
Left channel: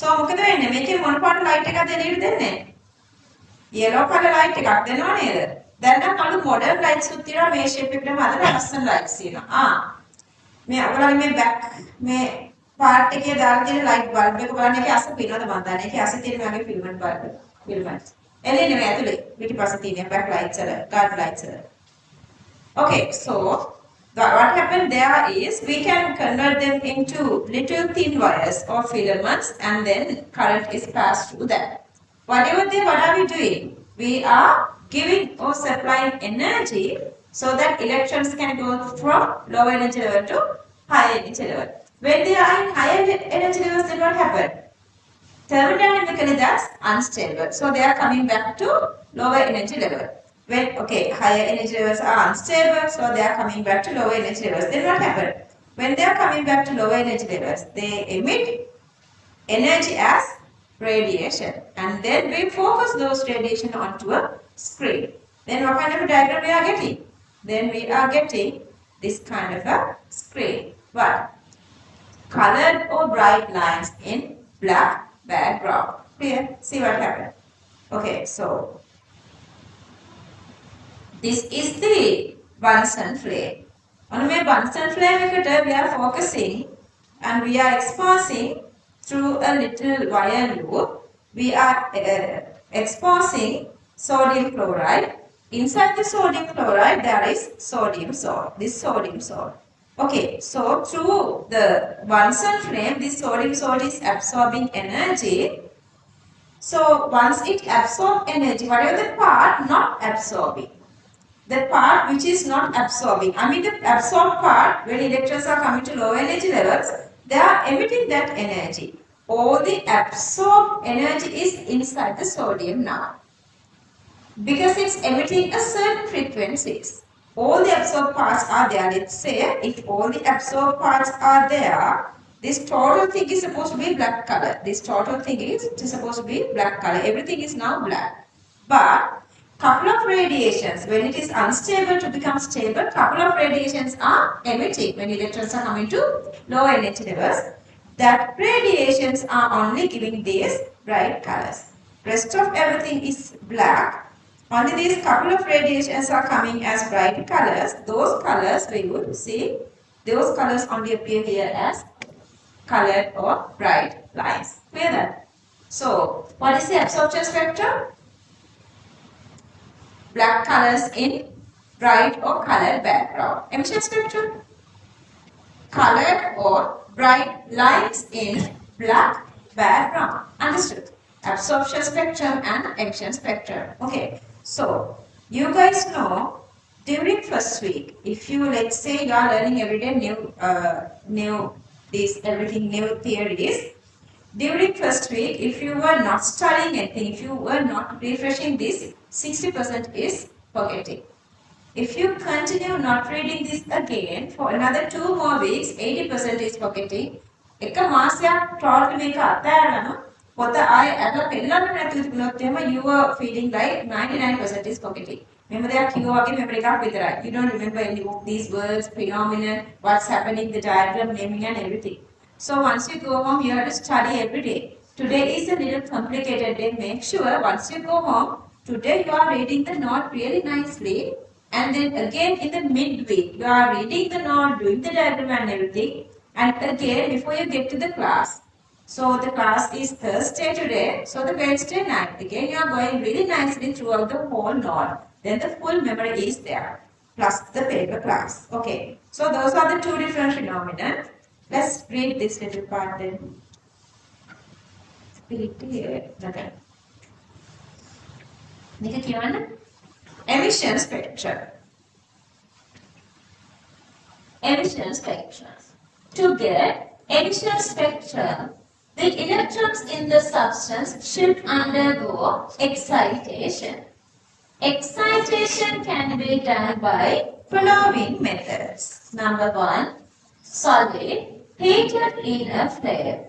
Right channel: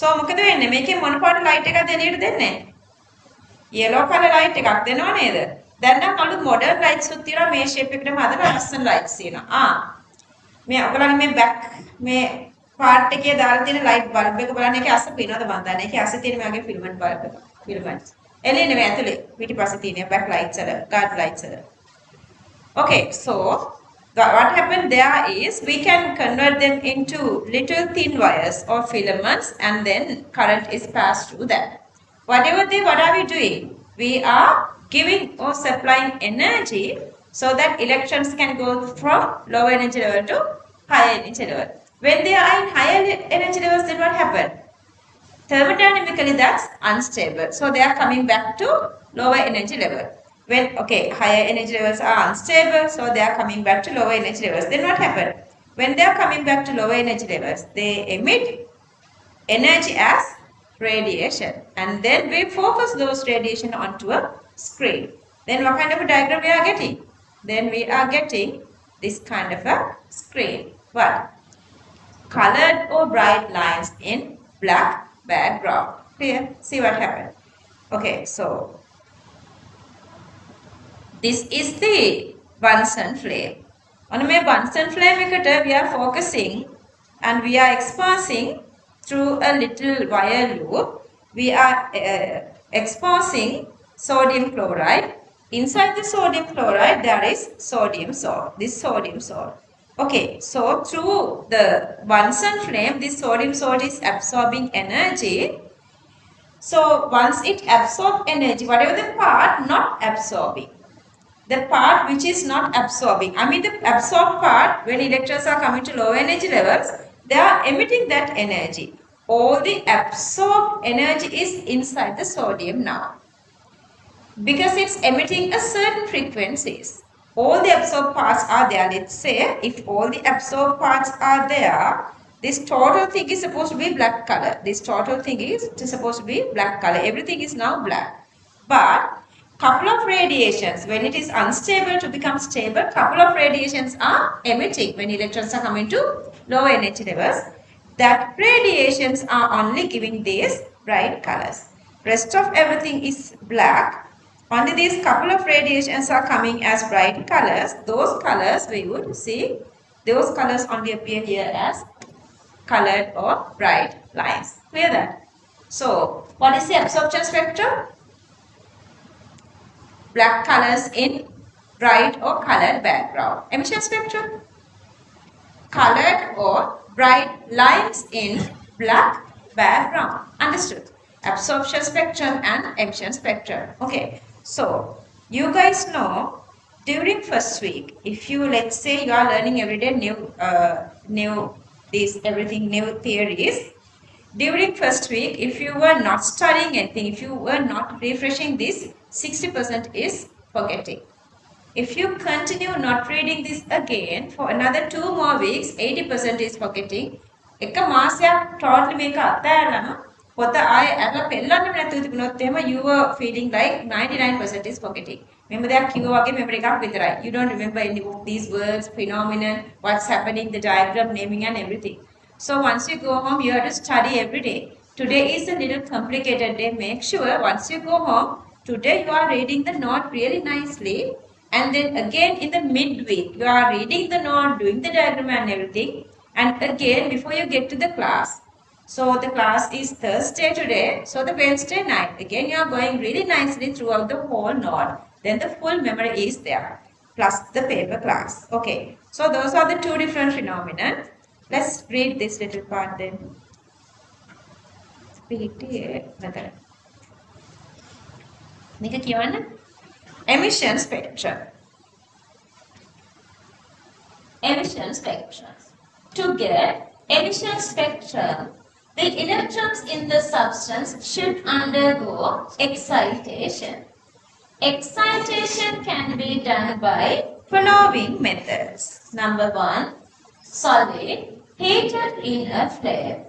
so මොකද වෙන්නේ මේකේ මොන පාට ලයිට් එකක්ද එළියට දෙන්නේ yellow color light එකක් දෙනව නේද දැන් නම් අලුත් මොඩර්න් ලයිට්ස් උත් තියෙනවා මේ ෂේප් එකටම හදලා ලස්සන ලයිට්ස් තියෙනවා. මේ ඔයගොල්ලන්ගේ මේ බෑක් මේ පාර්ට් එකේ දාලා තියෙන ලයිට් බල්බ් එක බලන්න ඒකේ අස්ස පේනවද මන් දන්නේ. ඒකේ අස්සේ තියෙන මේ වගේ ෆිල්මන්ට් බල්බ් එක. ෆිල්මන්ට්. එළියේ නෙමෙයි ඇතුලේ. පිටිපස්සේ තියෙන බෑක් ලයිට්ස් වල, ගාඩ් ලයිට්ස් වල. Okay, so what happened there is we can convert them into little thin wires or filaments and then current is passed through that. What are we doing? We are giving or supplying energy so that electrons can go from low energy level to high energy level. When they are in higher energy levels, then what happens? Thermodynamically, that's unstable. So they are coming back to lower energy level. When, higher energy levels are unstable, so they are coming back to lower energy levels. Then what happens? When they are coming back to lower energy levels, they emit energy as radiation. And then we focus those radiation onto a screen. Then what kind of a diagram we are getting? Then we are getting this kind of a screen. What? Colored or bright lines in black background. Here, see what happened. Okay, so this is the Bunsen flame. On my Bunsen flame, we are focusing and we are exposing through a little wire loop. We are exposing sodium chloride. Inside the sodium chloride, there is sodium salt. This sodium salt. Okay, so through the Bunsen flame, this sodium salt is absorbing energy. So once it absorbs energy, whatever the part not absorbing, the part which is not absorbing, I mean the absorbed part, when electrons are coming to low energy levels, they are emitting that energy. All the absorbed energy is inside the sodium now. Because it's emitting a certain frequencies. All the absorbed parts are there. Let's say if all the absorbed parts are there, this total thing is supposed to be black color. This total thing is supposed to be black color. Everything is now black. But couple of radiations, when it is unstable to become stable, couple of radiations are emitting when electrons are coming to low energy levels. That radiations are only giving these bright colors. Rest of everything is black. Only these couple of radiations are coming as bright colors. Those colors we would see, those colors only appear here as colored or bright lines. Clear that? So, what is the absorption spectrum? Black colors in bright or colored background. Emission spectrum? Colored or bright lines in black background. Understood? Absorption spectrum and emission spectrum. Okay. So, you guys know during first week, if you, let's say you are learning every day everything new theories. During first week, if you were not studying anything, if you were not refreshing this, 60% is forgetting. If you continue not reading this again for another 2 more weeks, 80% is forgetting. එක මාසයක් total මේක අතෑරලා පොත ආයේ අරලා පෙන්නන්න නැතුව තිබුණොත් එහෙම you were feeling like 99% is forgetting. මෙන්න දෙයක් කිව්වා වගේ memory එකක් විතරයි. You don't remember any of these words, phenomenon, what's happening, the diagram, naming and everything. So once you go home, you have to study every day. Today is a little complicated day. Make sure once you go home, today you are reading the note really nicely. And then again in the midweek, you are reading the note, doing the diagram and everything. And again, before you get to the class, so the class is Thursday today, so the Wednesday night, again you are going really nicely throughout the whole note. Then the full memory is there, plus the paper class. Okay, so those are the two different phenomena. Let's read this little part then. Emission spectrum. Emission spectrum. To get emission spectrum, the electrons in the substance should undergo excitation. Excitation can be done by following methods. Number 1, solid heated in a flame,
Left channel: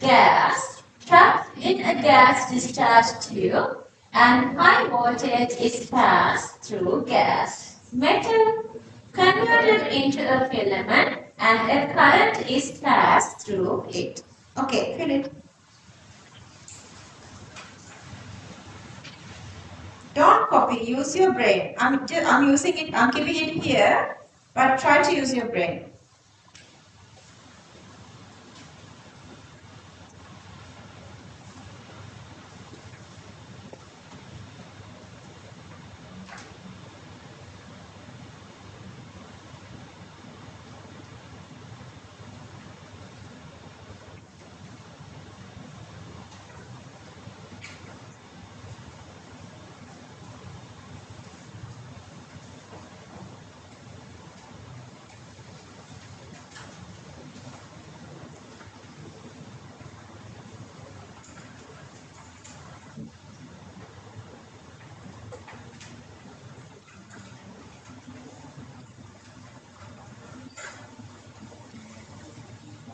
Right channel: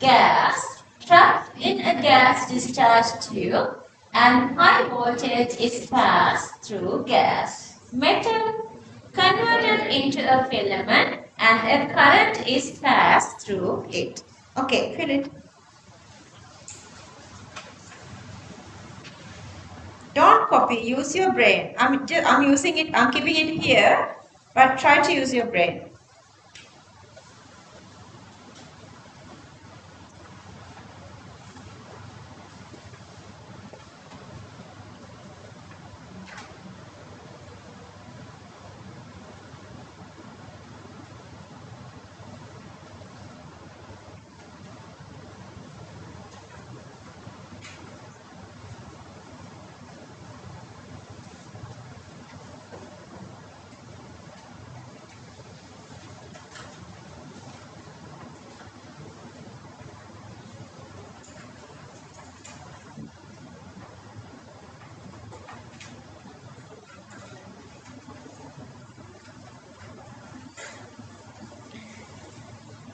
gas trapped in a gas discharge tube, and high voltage is passed through gas. Metal converted into a filament and a current is passed through it. Okay, fill it. Don't copy, use your brain. I'm using it, I'm keeping it here, but try to use your brain.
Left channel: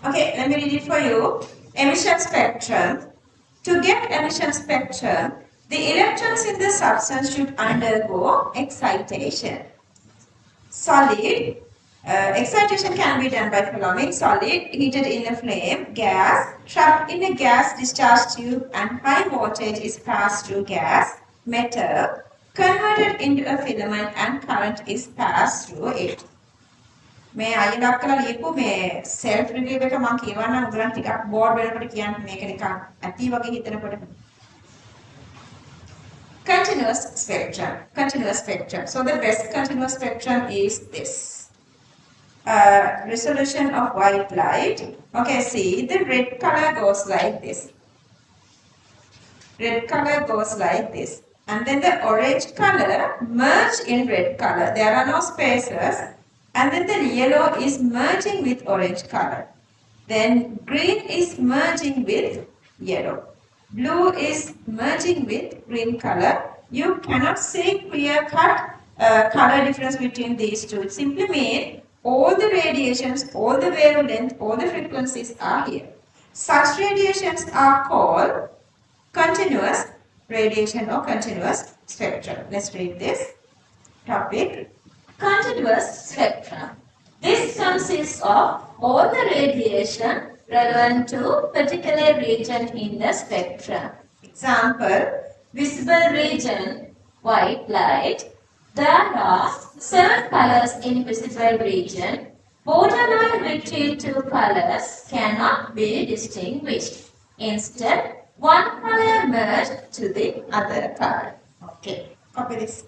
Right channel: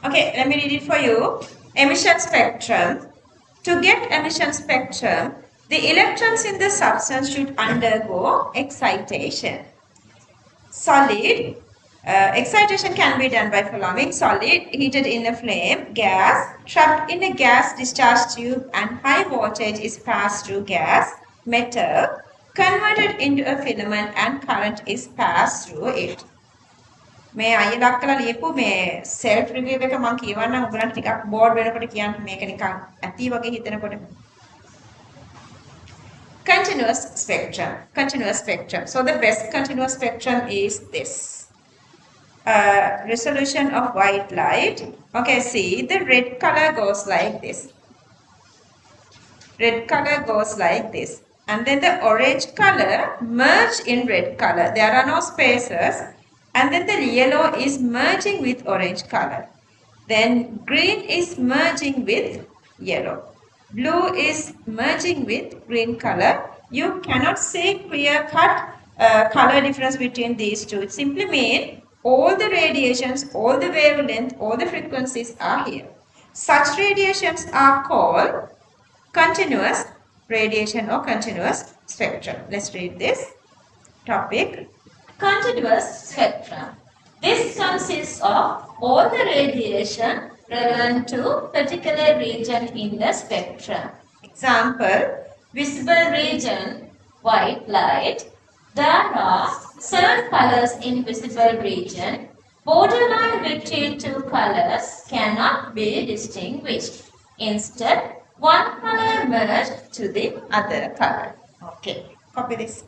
Okay, let me read it for you. Emission spectrum. To get emission spectrum, the electrons in the substance should undergo excitation. Solid Excitation can be done by following: solid, heated in a flame; gas, trapped in a gas discharge tube and high voltage is passed through gas; metal, converted into a filament and current is passed through it. මේ අයියලා අක්කලා ලියපු මේ self review එක මම කියවන්නම් ඔයගලන්ට ටිකක් board වෙනකොට කියන්න මේක නිකන් ඇති වගේ හිතනකොට. Continuous spectrum. Continuous spectrum. So the best continuous spectrum is this. Resolution of white light. Okay, see, the red color goes like this. Red color goes like this. And then the orange color merge in red color. There are no spaces. And then the yellow is merging with orange color. Then green is merging with yellow. Blue is merging with green color. You cannot see clear-cut color difference between these two. It simply means all the radiations, all the wavelength, all the frequencies are here. Such radiations are called continuous radiation or continuous spectrum. Let's read this topic. Continuous spectrum. This consists of all the radiation relevant to particular region in the spectrum. Example, visible region, white light. There are 7 colors in visible region. Borderline between 2 colors cannot be distinguished. Instead, one color merged to the other color. Okay, copy this.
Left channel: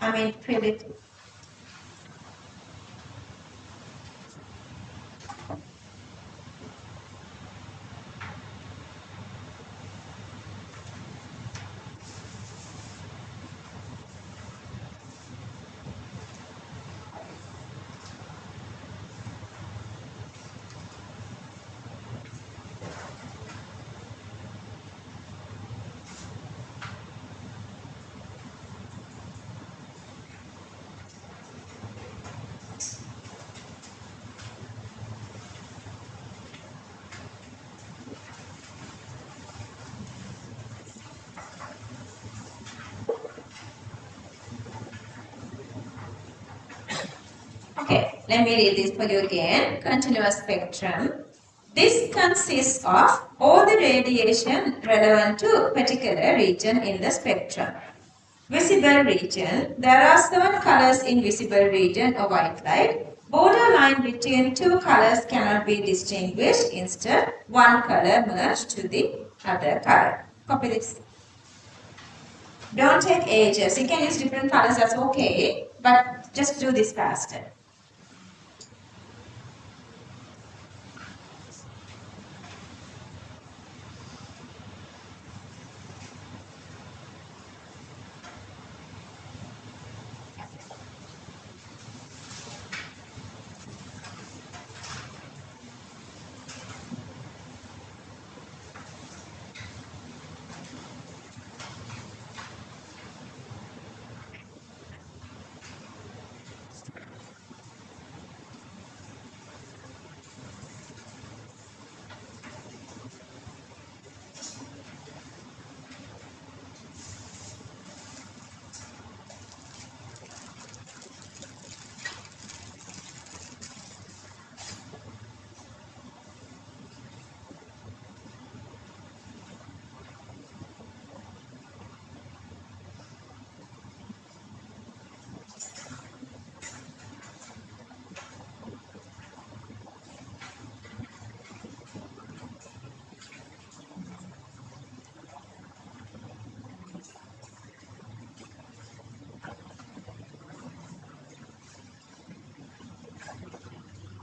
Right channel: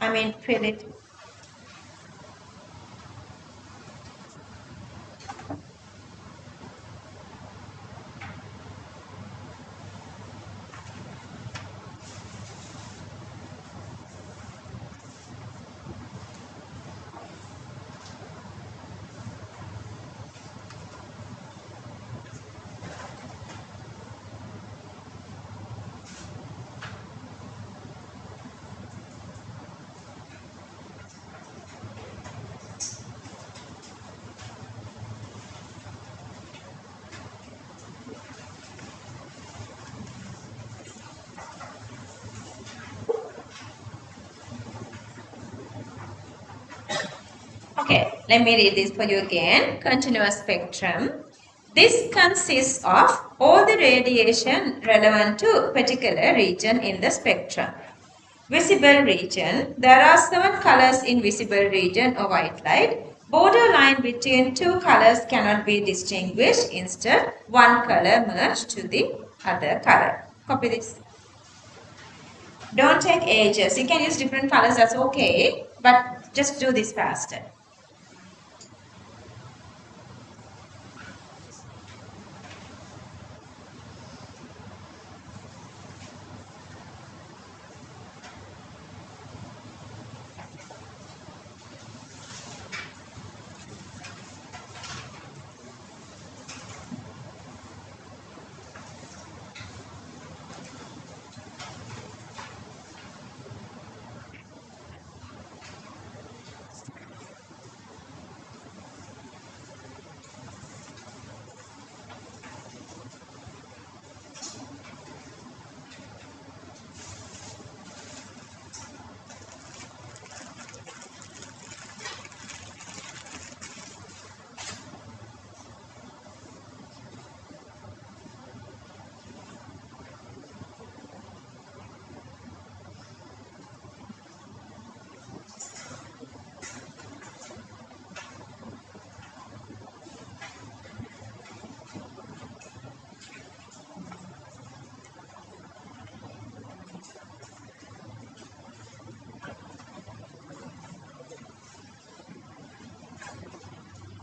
Fill it. Okay, let me read this for you again. Continuous spectrum. This consists of all the radiation relevant to particular region in the spectrum. Visible region. There are 7 colors in visible region or white light. Borderline between 2 colors cannot be distinguished. Instead, one color merged to the other color. Copy this. Don't take ages. You can use different colors, that's okay. But just do this faster.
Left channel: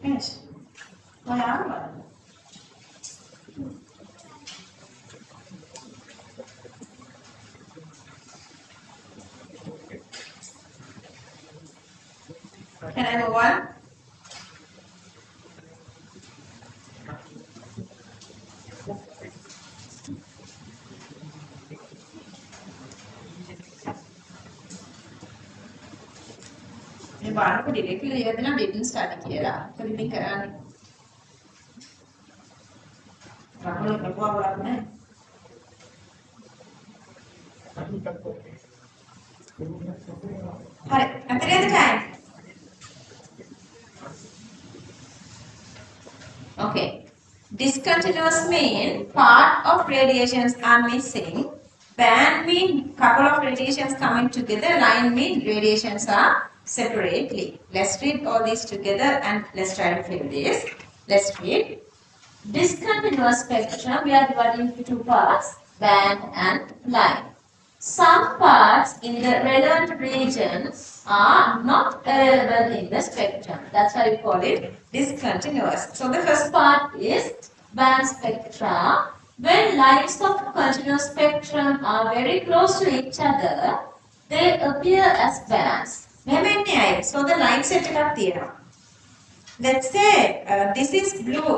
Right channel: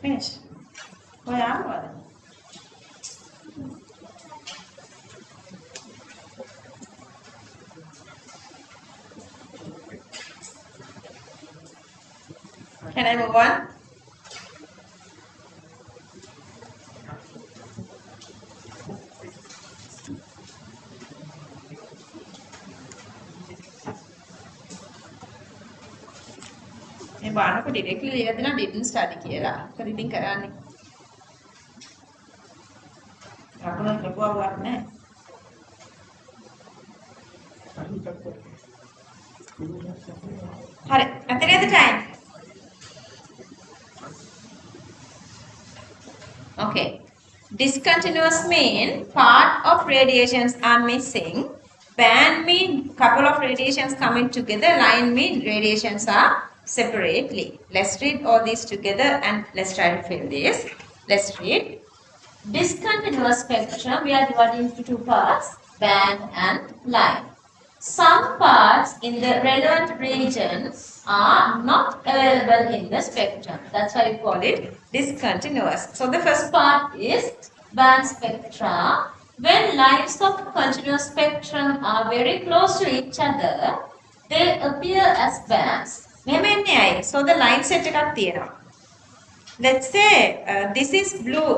Finish. Whatever. Can I move on? මේ බලනකොට directly ලියලා දෙනවා didn't study කියලා. මොකද ඉතින් කරන්නේ? අපලොත් ලකුවක් නැහැ. හරි. අතරියද time? Discontinuous mean part of radiations are missing. Band mean couple of radiations coming together. Line mean radiations are separately. Let's read all these together and let's try to fill this. Let's read. Discontinuous spectrum, we are dividing into two parts, band and line. Some parts in the relevant regions are not available in the spectrum. That's why we call it discontinuous. So the first part is band spectra. When lines of continuous spectrum are very close to each other, they appear as bands. So the line set එකක් තියෙනවා. Let's say this is blue.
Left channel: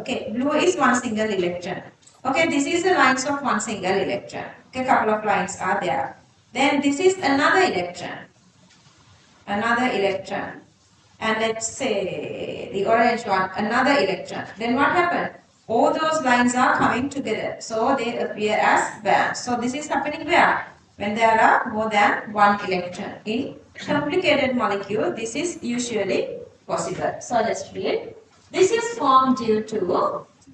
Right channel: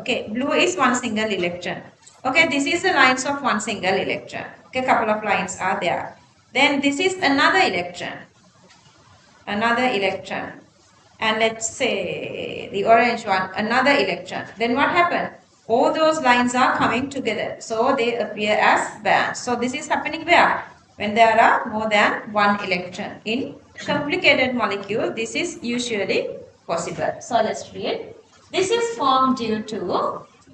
Okay, blue is one single electron. Okay, this is the lines of one single electron. Okay, couple of lines are there. Then this is another electron. Another electron. And let's say the orange one, another electron. Then what happened? All those lines are coming together. So they appear as bands. So this is happening where? When there are more than one electron. In complicated molecule, this is usually possible. So let's read. This is formed due to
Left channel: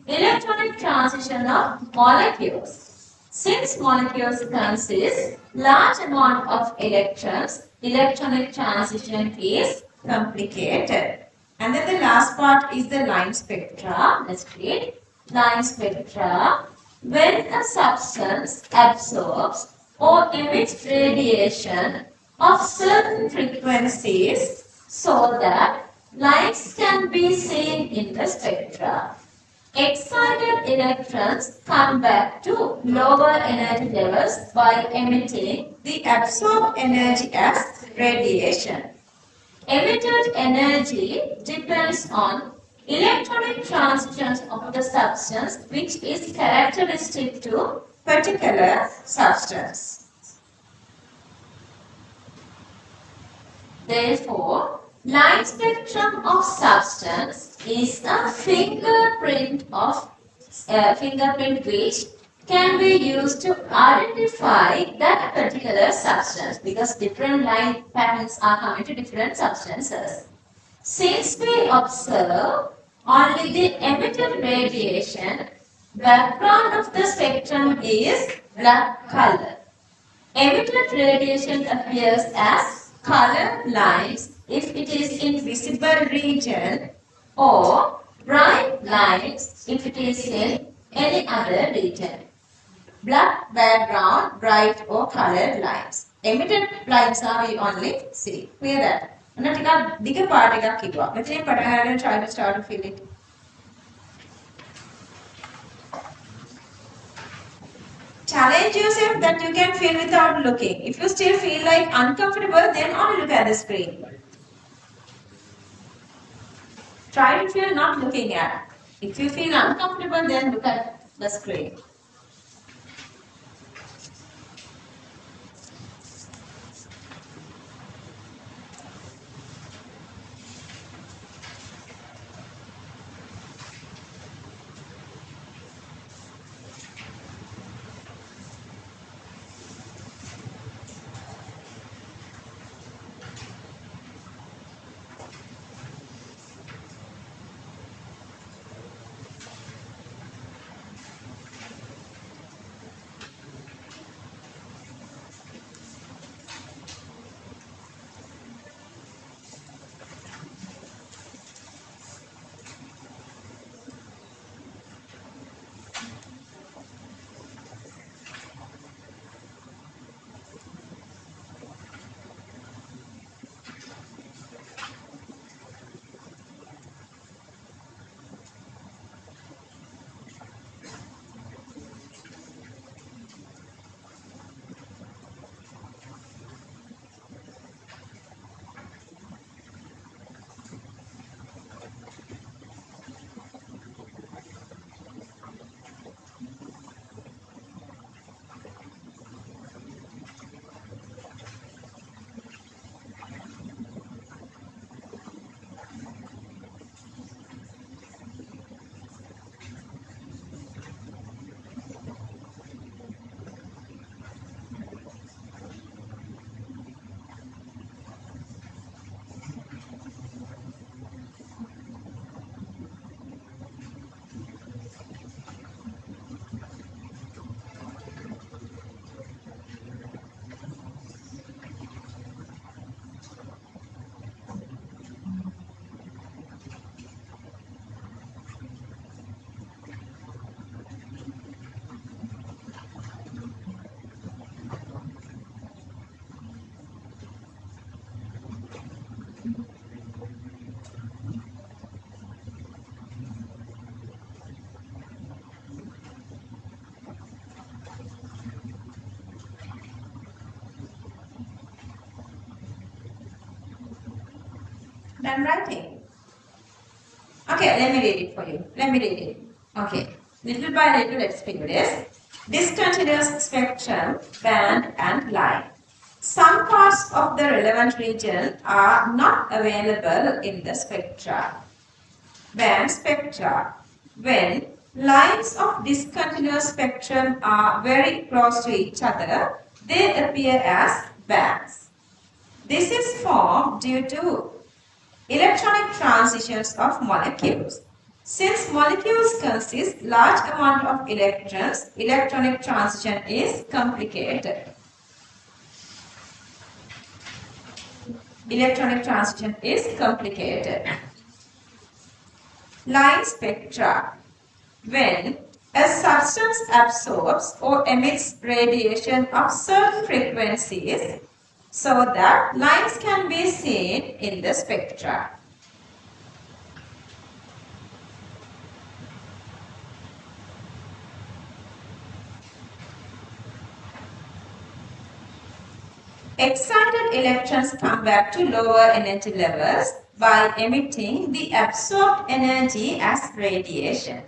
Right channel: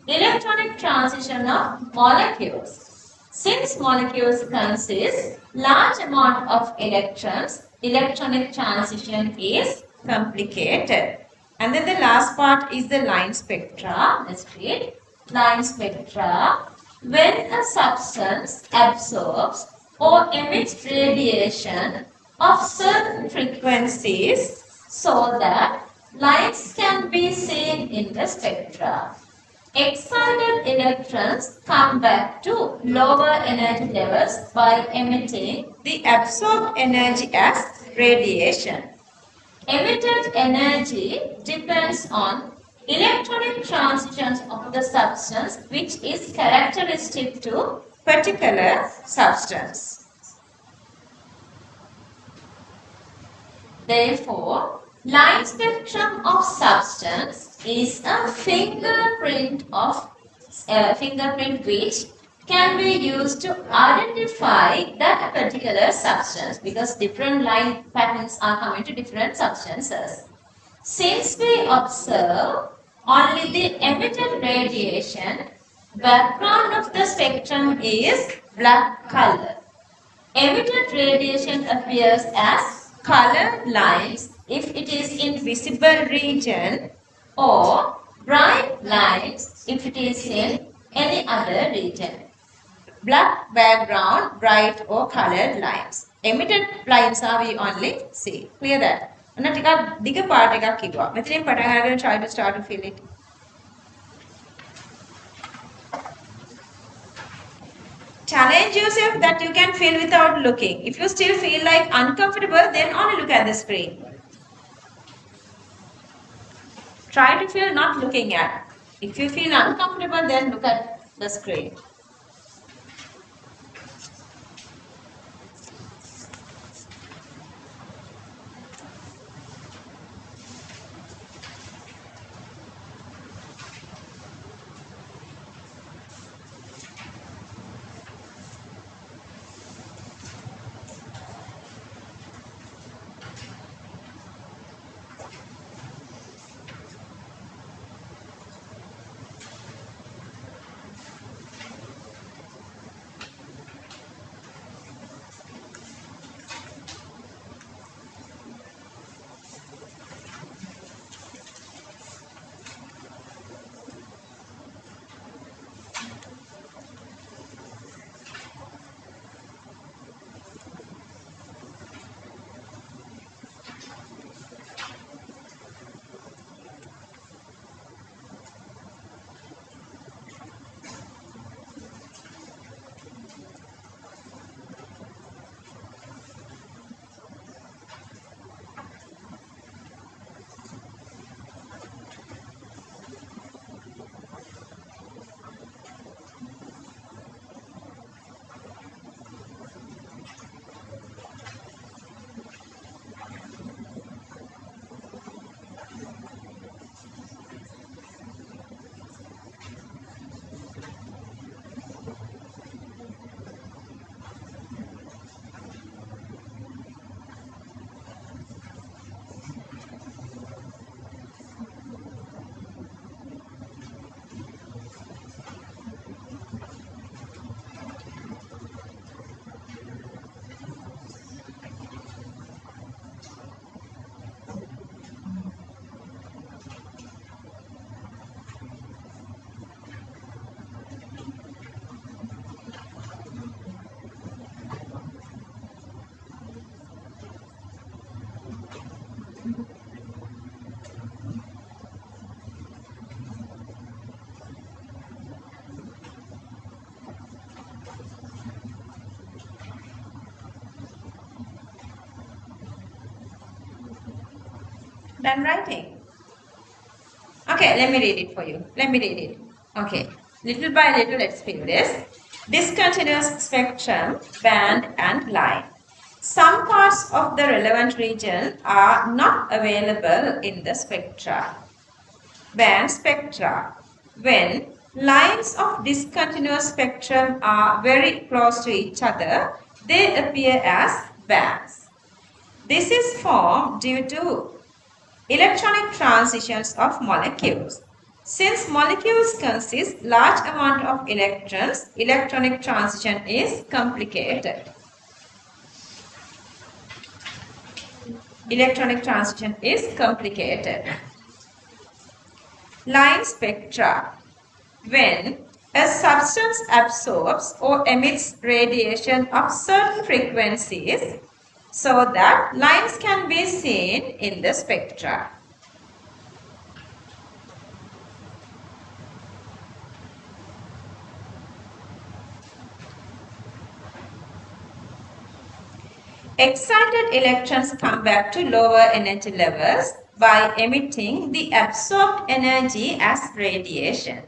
electronic transition of molecules. Since molecules consist large amount of electrons, electronic transition is complicated. And then the last part is the line spectra. Let's read. Line spectra. When a substance absorbs or emits radiation of certain frequencies so that lines can be seen in the spectra. Excited electrons come back to lower energy levels by emitting the absorbed energy as radiation. Emitted energy depends on electronic transitions of the substance, which is characteristic to particular substance. Therefore, line spectrum of substance is a fingerprint which can be used to identify that particular substance, because different line patterns are coming to different substances. Since we observe only the emitted radiation, background of the spectrum is black color. Emitted radiation appears as color lines if it is in visible region, or bright lines if it is in any other region. Black background, bright or colored lines. Emitted lines are we only see. Clear that? And ටිකක් දිග පාට එකක් කිව්වා. මෙතනින් පටන් අරගෙන try to start to fill it. Challenge yourself that you can fill without looking. If you still feel like uncomfortable, then only look at the screen. Try to fill not looking at. If you feel uncomfortable, then look at the screen. Done writing. Okay, let me read it for you. Let me read it. Okay, little by little, let's figure this. Discontinuous spectrum, band and line. Some parts of the relevant region are not available in the spectra. Band spectra. When lines of discontinuous spectrum are very close to each other, they appear as bands. This is formed due to electronic transitions of molecules. Since molecules consist large amount of electrons, electronic transition is complicated. Electronic transition is complicated. Line spectra. When a substance absorbs or emits radiation of certain frequencies so that lines can be seen in the spectra. Excited electrons come back to lower energy levels by emitting the absorbed energy as radiation.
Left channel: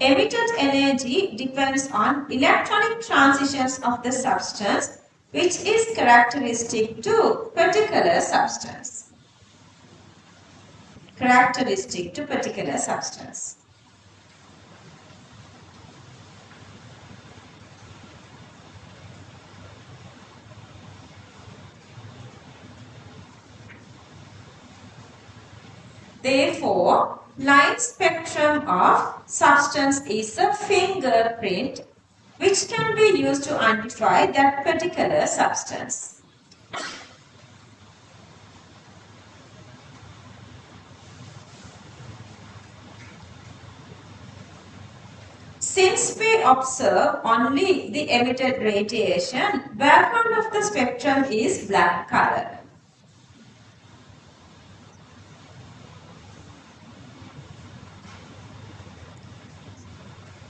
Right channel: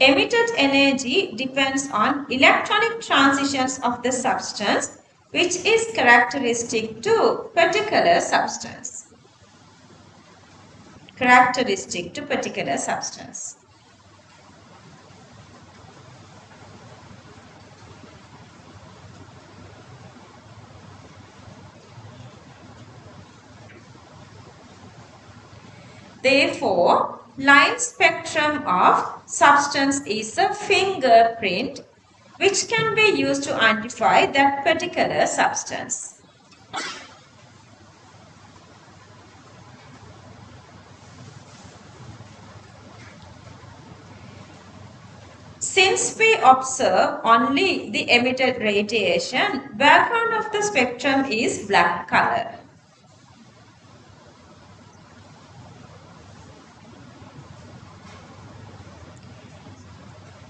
Emitted energy depends on electronic transitions of the substance, which is characteristic to particular substance. Characteristic to particular substance. Therefore, line spectrum of substance is a fingerprint which can be used to identify that particular substance. Since we observe only the emitted radiation, background of the spectrum is black color.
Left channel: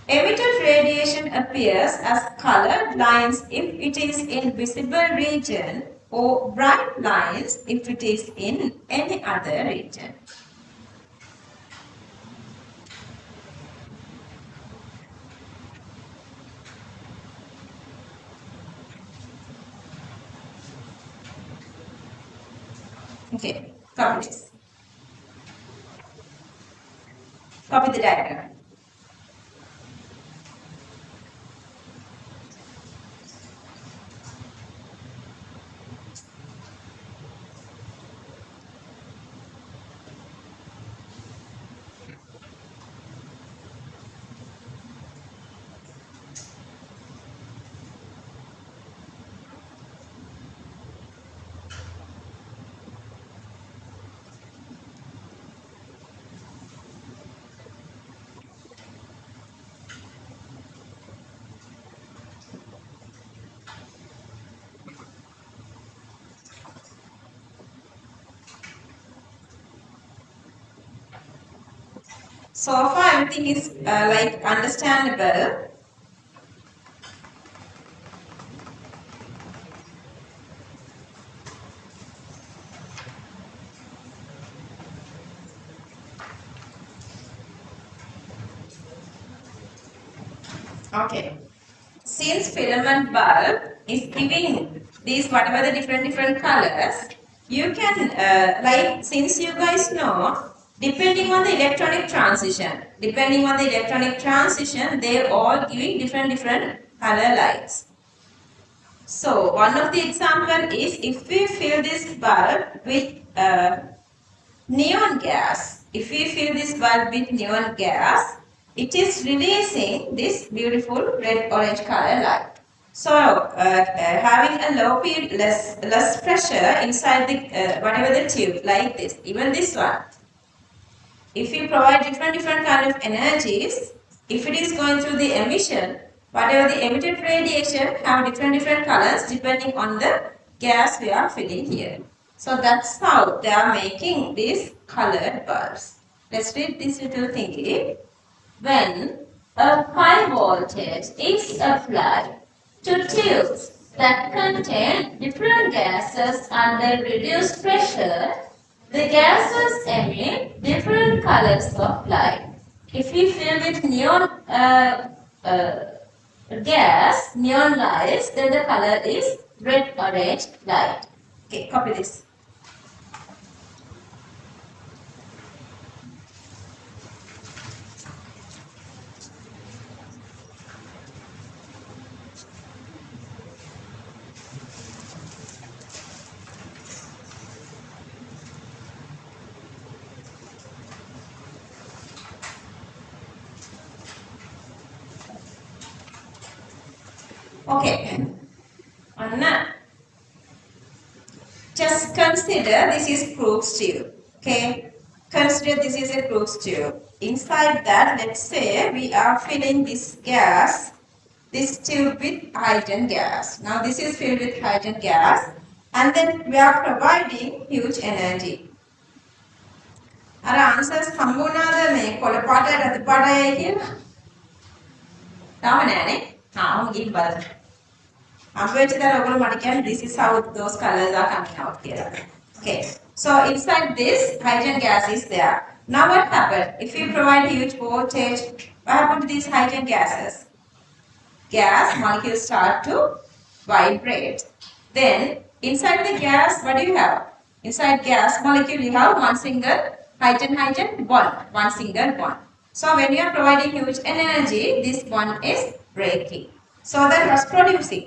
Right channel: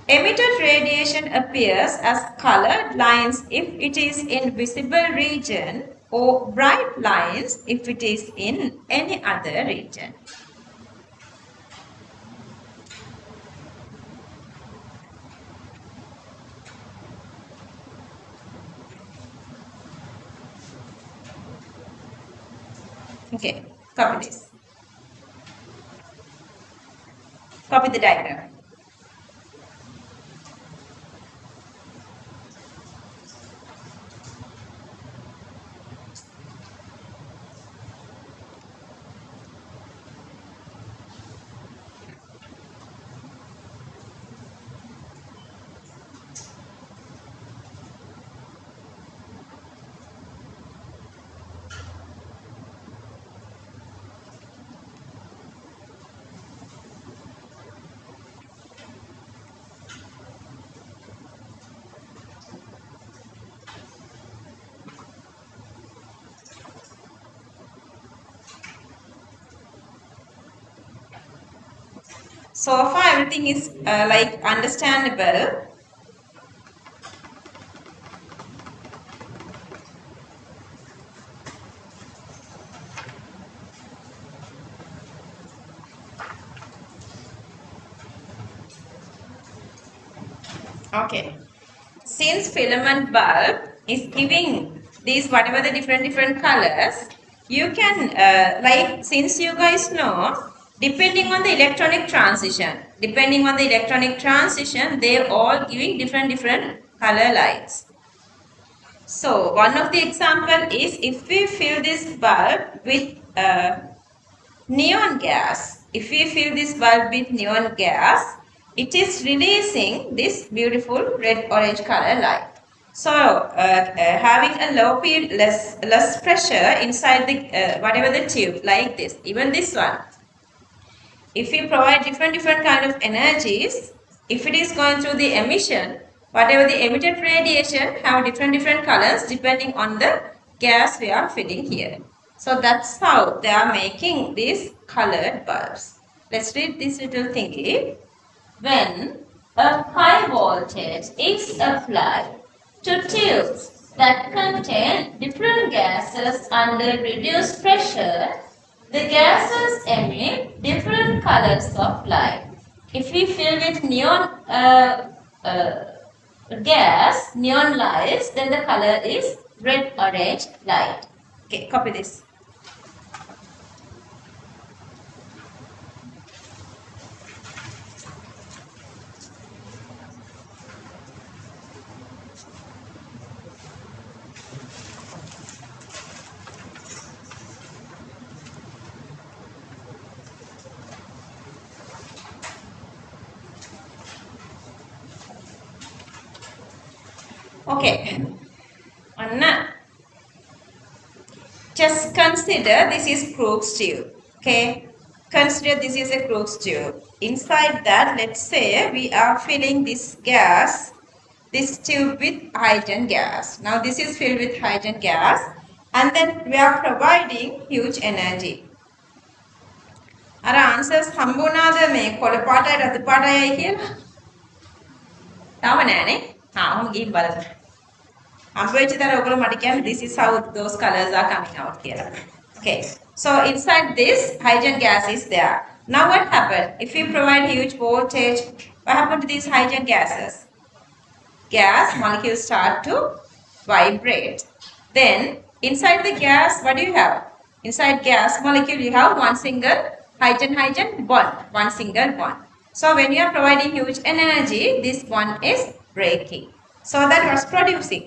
Emitted radiation appears as colored lines if it is in visible region or bright lines if it is in any other region. Okay, copy this. Copy the diagram. So far everything is like understandable. Okay. Since filament bulb is giving these whatever the different colors, you can like since you guys know, depending on the electronic transition, they all giving different color lights. So one of the example is if we fill this bulb with neon gas, it is releasing this beautiful red-orange color light. So, having a low P, less pressure inside the whatever the tube, like this, even this one. If we provide different kind of energies, if it is going through the emission, whatever the emitted radiation have different colors depending on the gas we are filling here. So that's how they are making these colored bulbs. Let's read this little thingy. When a high voltage is applied to tubes that contain different gases under reduced pressure. The gases emit different colors of light. If we fill with neon uh, gas, neon lights, then the color is red, orange light. Okay, copy this. Okay. Anna. Just consider this is Crookes tube. Okay. Consider this is a Crookes tube. Inside that, let's say we are filling this gas, this tube with hydrogen gas. Now this is filled with hydrogen gas, and then we are providing huge energy. Our answers හම්බුණාද මේ කොළ පාටයි රතු පාටයි කියලා? තාම නෑනේ. ඔහොම ගිහින් බලන්න. හම්බෙච්ච දර ඔයගොල්ලෝ මට කියන්නේ this is how those colors are coming out කියලා. Okay. So inside this hydrogen gas is there. Now what happened? If we provide huge voltage, what happened to these hydrogen gases? Gas molecules start to vibrate. Then inside the gas, what do you have? Inside gas molecule you have one single hydrogen bond, one single bond. So when you are providing huge energy, this one is breaking. So that was producing.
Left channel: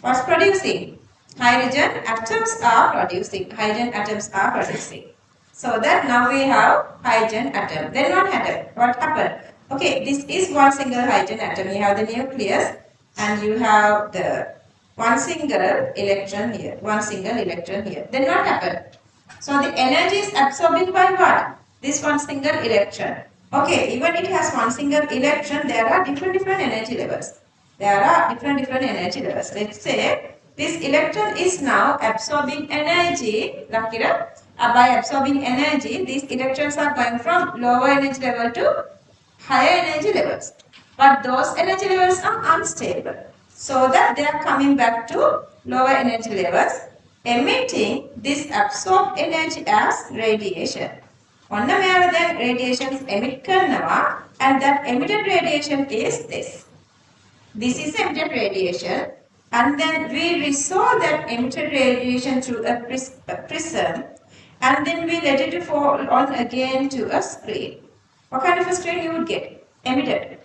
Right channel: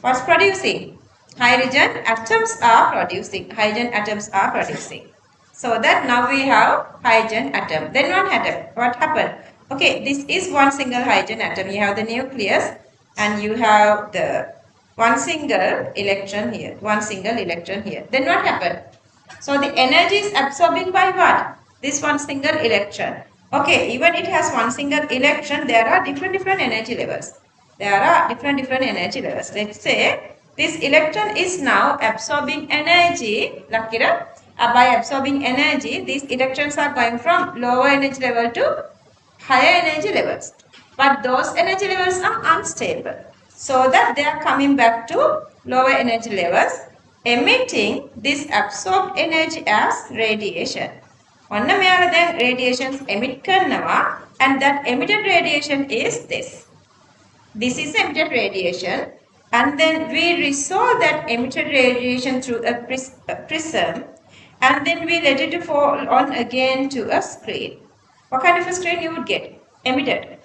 What's producing? Hydrogen atoms are producing. Hydrogen atoms are producing. So that now we have hydrogen atom. Then what happened? Okay, this is one single hydrogen atom. You have the nucleus and you have the one single electron here. One single electron here. Then what happened? So the energy is absorbed by what? This one single electron. Okay, even it has one single electron, there are different energy levels. There are different energy levels. Let's say this electron is now absorbing energy. By absorbing energy, these electrons are going from lower energy level to higher energy levels. But those energy levels are unstable. So that they are coming back to lower energy levels, emitting this absorbed energy as radiation. ඔන්න මෙයාලා දැන් radiations emit කරනවා, and that emitted radiation is this. This is emitted radiation, and then we resolve that emitted radiation through a prism, and then we let it fall on again to a screen. What kind of a screen you would get? Emitted.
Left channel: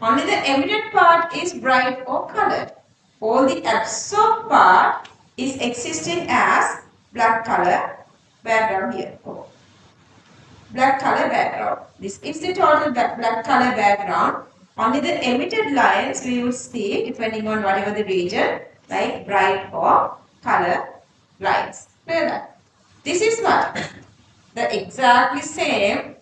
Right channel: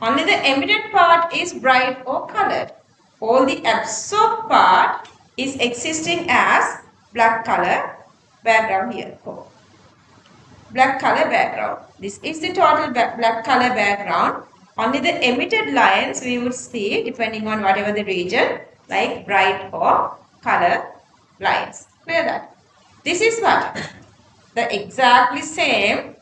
Only the emitted part is bright or colored. All the absorbed part is existing as black color background here. Oh. Black color background. This is the total black color background. Only the emitted lines we will see depending on whatever the region, like bright or color lines. Clear that? This is what? The exactly same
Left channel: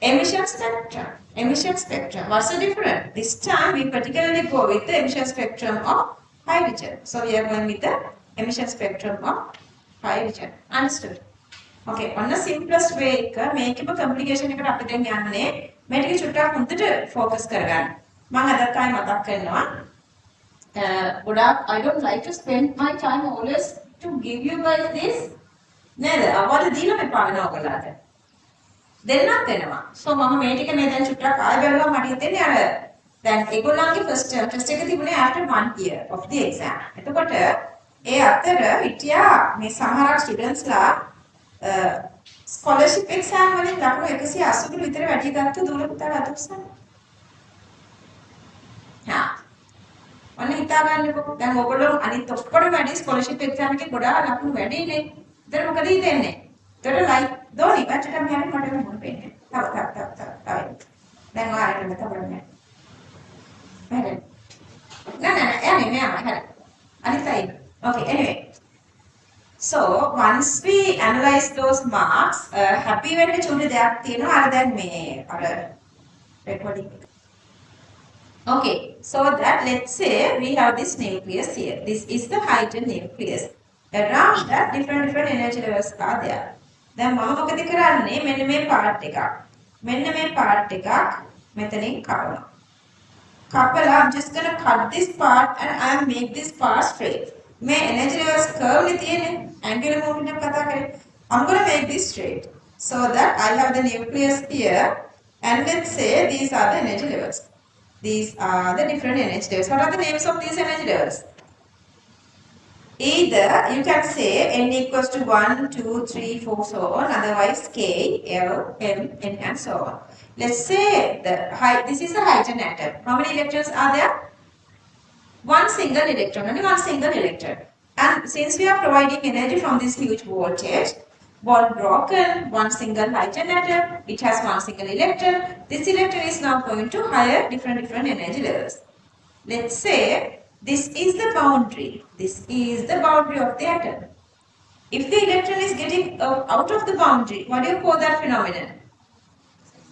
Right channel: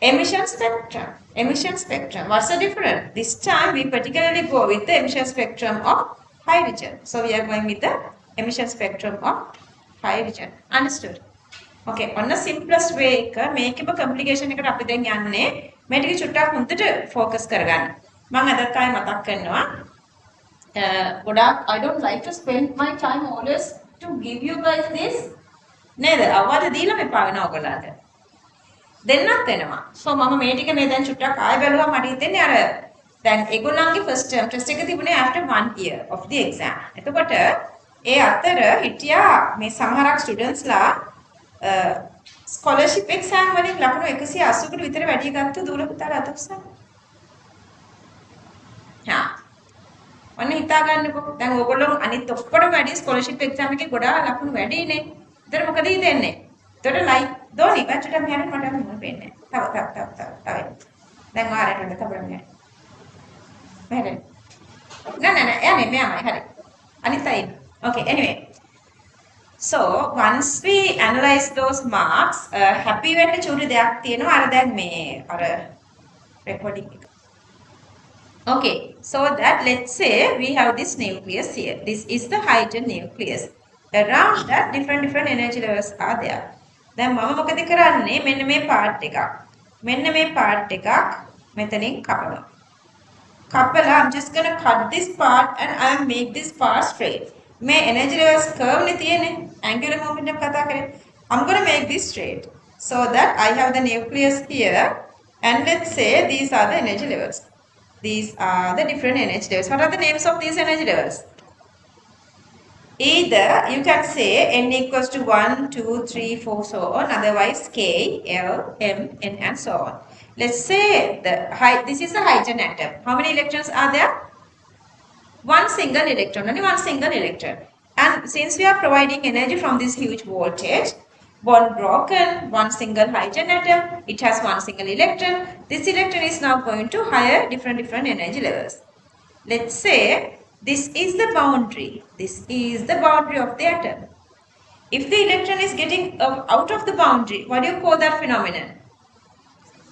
emission spectrum. Emission spectrum. What's the difference? This time we particularly go with the emission spectrum of hydrogen. So we are going with the emission spectrum of hydrogen. Understood? Okay, on the simplest way එක මේකෙම complication එකට අපි දැන් යන්නේ මේ ටික චුට්ටක් හොඳට focus කරගන්න. මම අදත් ආයෙ මතක් කරනවා. ගොඩාක් I don't like to spend my time always to give you guys this. නේද? අවවාද දීලා මේ පාවෙන ඔයගොල්ලන්ට. දෙන්නත් වෙනවා. So මම මේ ටික මේ දැන් චුට්ටක් ආයෙ බැලුවා මට හිතෙන්නේ අර දැන් ඒගොල්ලන්ගේ first term test එක තිබුණේ after 1 year of the exam. එතකොට ඒ අතර හිටියා මේ සමහරක් students ලා ස්කෝලර්ෂිප් එක්සෑම් වලින් ලකුණු 180කට විතර වැඩි ගත්ත දූල පුතාලා අත උස්සන්න. හා. ඔන්න හිතා ගන්නකො. දැන් ඔයගොල්ලෝ අනිත් ඔක්කොටම වැඩි ස්කෝලර්ෂිප් එක්සෑම් එකේ ගොඩාක් ලකුණු වැඩිනේ. ඒතර මොකද හිතෙන්නේ? ඒතර ලයික් දෝනි වැටට මෙහෙම මට මොන පේන්නේ. තව. දැන් ආරෙන්න තව මෙහෙම. මෙහෙම. නෑ එන්නේ මෙයා හරි. අනිත් අය. Okay, anyway. So once we analyze those marks, happy වෙන්න චුටි දෙයක් තියෙනවා අර දැන් මේ අර recording එක. Okay, so that let's say we have this nucleus here. This is the hydrogen nucleus. Around that different energy levels are there. දැන් මම මොකද කරන්නේ මෙන්න මේ part එක. මෙන්න මේ part එකක් මෙතනින් කපනවා. කපලා I'm just going to cut this part and I make this part straight. මේ energy levels curve නේ තියෙන්නේ. Angular momentum එක කතා කරේ. I'm going to make this straight so that I have the nucleus here and let's say these are the energy levels. These are the different energy levels. What are the names of these energy levels? Either you can say n equals to 1, 2, 3, 4, so on. Otherwise K, L, M, N and so on. Let's say this is a hydrogen atom. How many electrons are there? One single electron, only one single electron. And since we are providing energy from this huge voltage, bond broken, one single hydrogen atom, it has one single electron. This electron is now going to higher different energy levels. Let's say this is the boundary. This is the boundary of the atom. If the electron is getting out of the boundary, what do you call that phenomenon?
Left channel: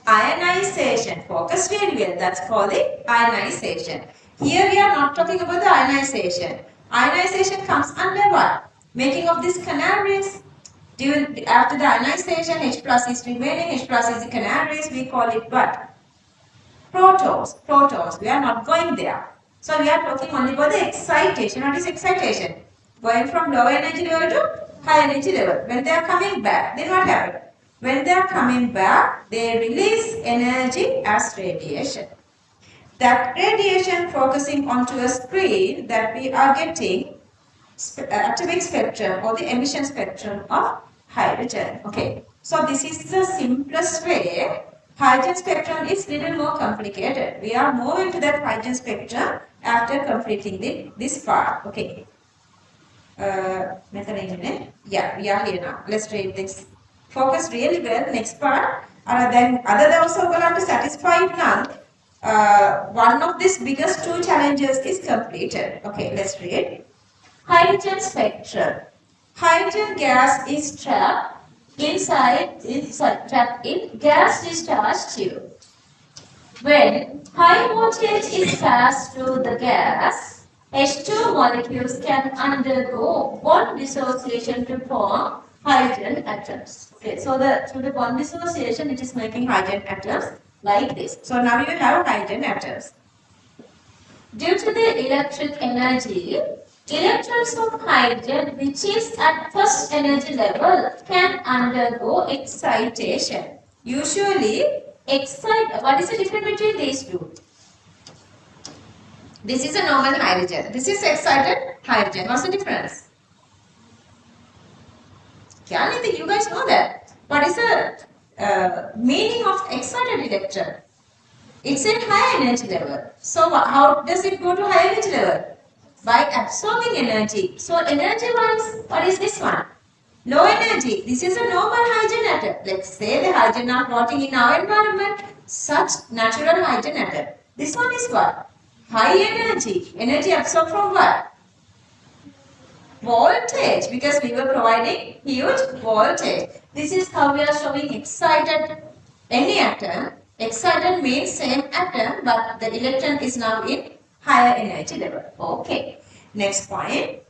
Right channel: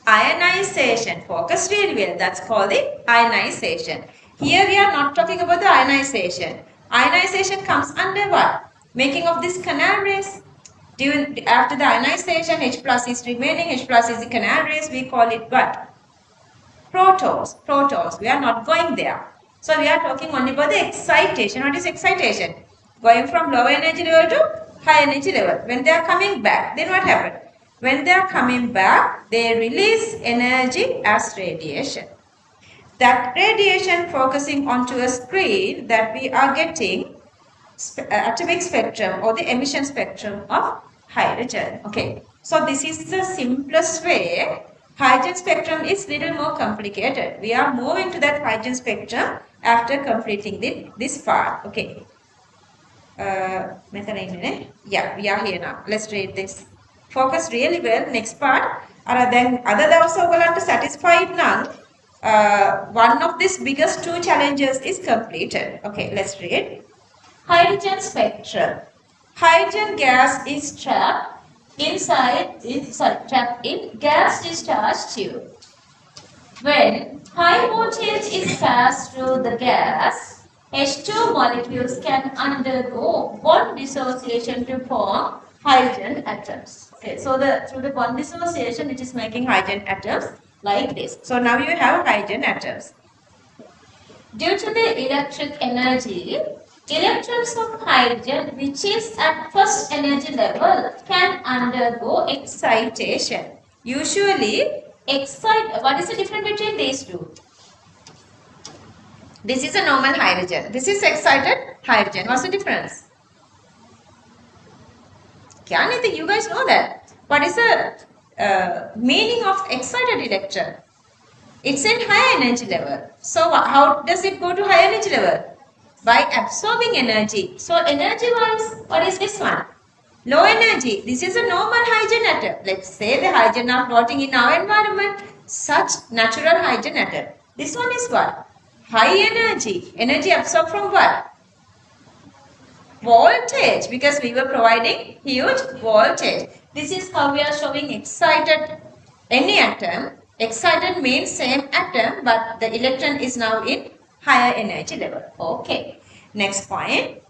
Ionization. Focus really well. That's called the ionization. Here we are not talking about the ionization. Ionization comes under what? Making of these canal rays. After the ionization, H plus is remaining. H plus is the canal rays. We call it what? Protons. Protons. We are not going there. So we are talking only about the excitation. What is excitation? Going from low energy level to high energy level. When they are coming back, then what happened? When they are coming back, they release energy as radiation. That radiation focusing onto a screen that we are getting atomic spectrum or the emission spectrum of hydrogen. Okay, so this is the simplest way. Hydrogen spectrum is little more complicated. We are moving to that hydrogen spectrum after completing this part. Okay. Yeah, we are here now. Let's read this. Focus really well. Next part. Then other than also to satisfied now. One of these biggest two challenges is completed. Okay, let's read. Hydrogen spectrum. Hydrogen gas is trapped trapped in gas discharge tube. When high voltage is passed through the gas, H2 molecules can undergo bond dissociation to form hydrogen atoms. Okay, so through the bond dissociation, it is making hydrogen atoms like this. So now you have hydrogen atoms. Due to the electric energy, electrons of hydrogen, which is at first energy level, can undergo excitation. Usually, what is the difference between these two? This is a normal hydrogen. This is excited hydrogen. What's the difference? You guys know that. What is the meaning of excited electron? It's in high energy level. So how does it go to high energy level? By absorbing energy. So energy wise, what is this one? Low energy. This is a normal hydrogen atom. Let's say the hydrogen are floating in our environment. Such natural hydrogen atom. This one is what? High energy. Energy absorbed from what? Voltage. Because we were providing huge voltage. This is how we are showing excited any atom. Excited means same atom, but the electron is now in higher energy level. Okay. Next point.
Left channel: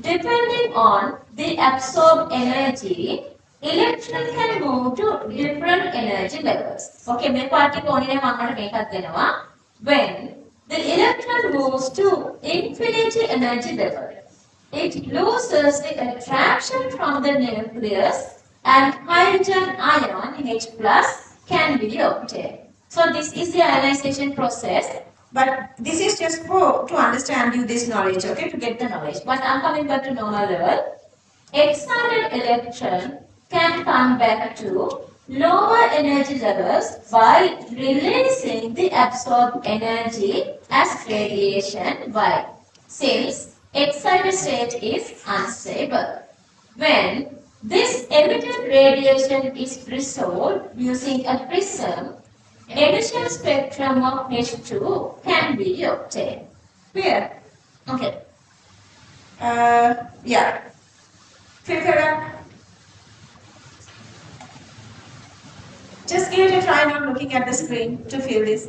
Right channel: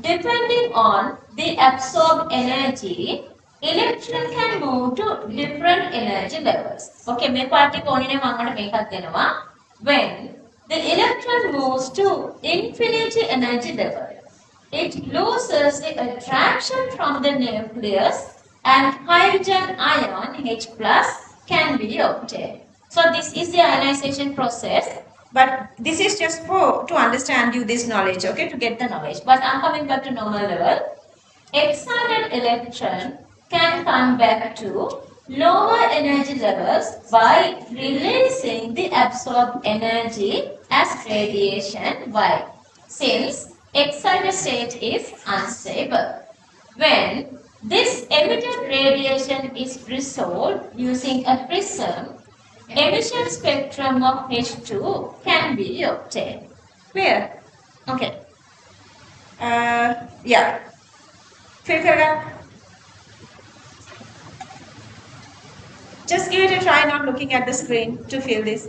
Depending on the absorbed energy, electron can move to different energy levels. Okay, when the electron moves to infinity energy level, it loses the attraction from the nucleus and hydrogen ion H plus can be obtained. So this is the ionization process. But this is just to understand you this knowledge, okay, to get the knowledge. But I'm coming back to normal level. Excited electron can come back to lower energy levels by releasing the absorbed energy as radiation. Why? Since excited state is unstable. When this emitted radiation is resolved using a prism, emission spectrum of H2 can be obtained. Clear? Okay. Yeah. Just give it a try not looking at the screen to feel this.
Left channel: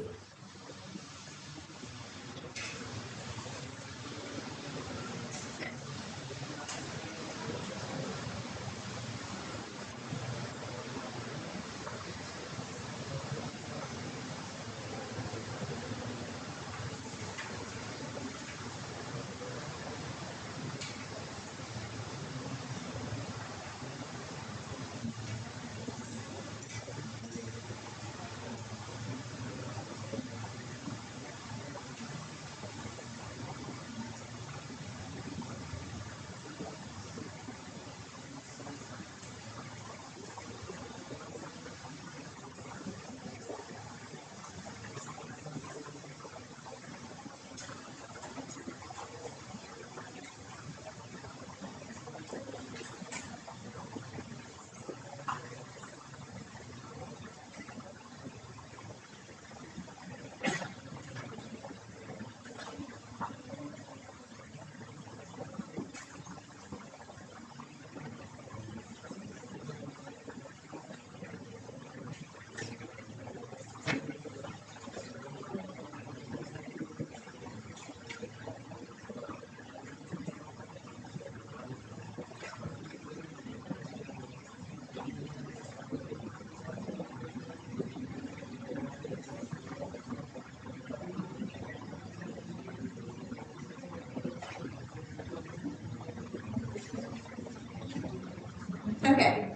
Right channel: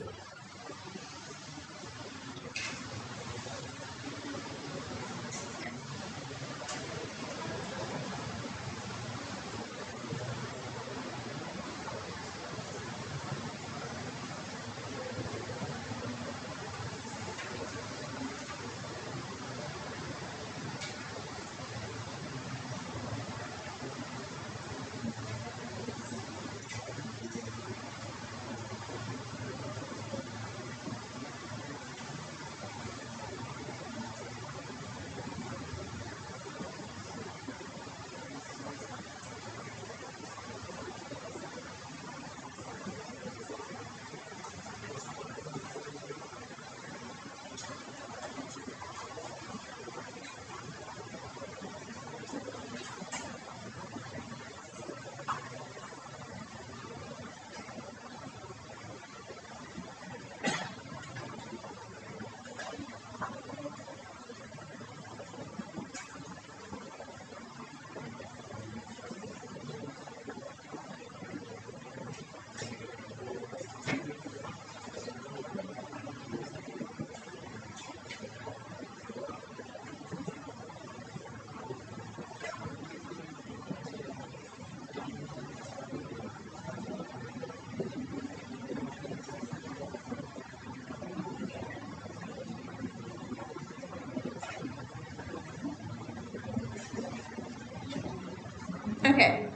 Okay.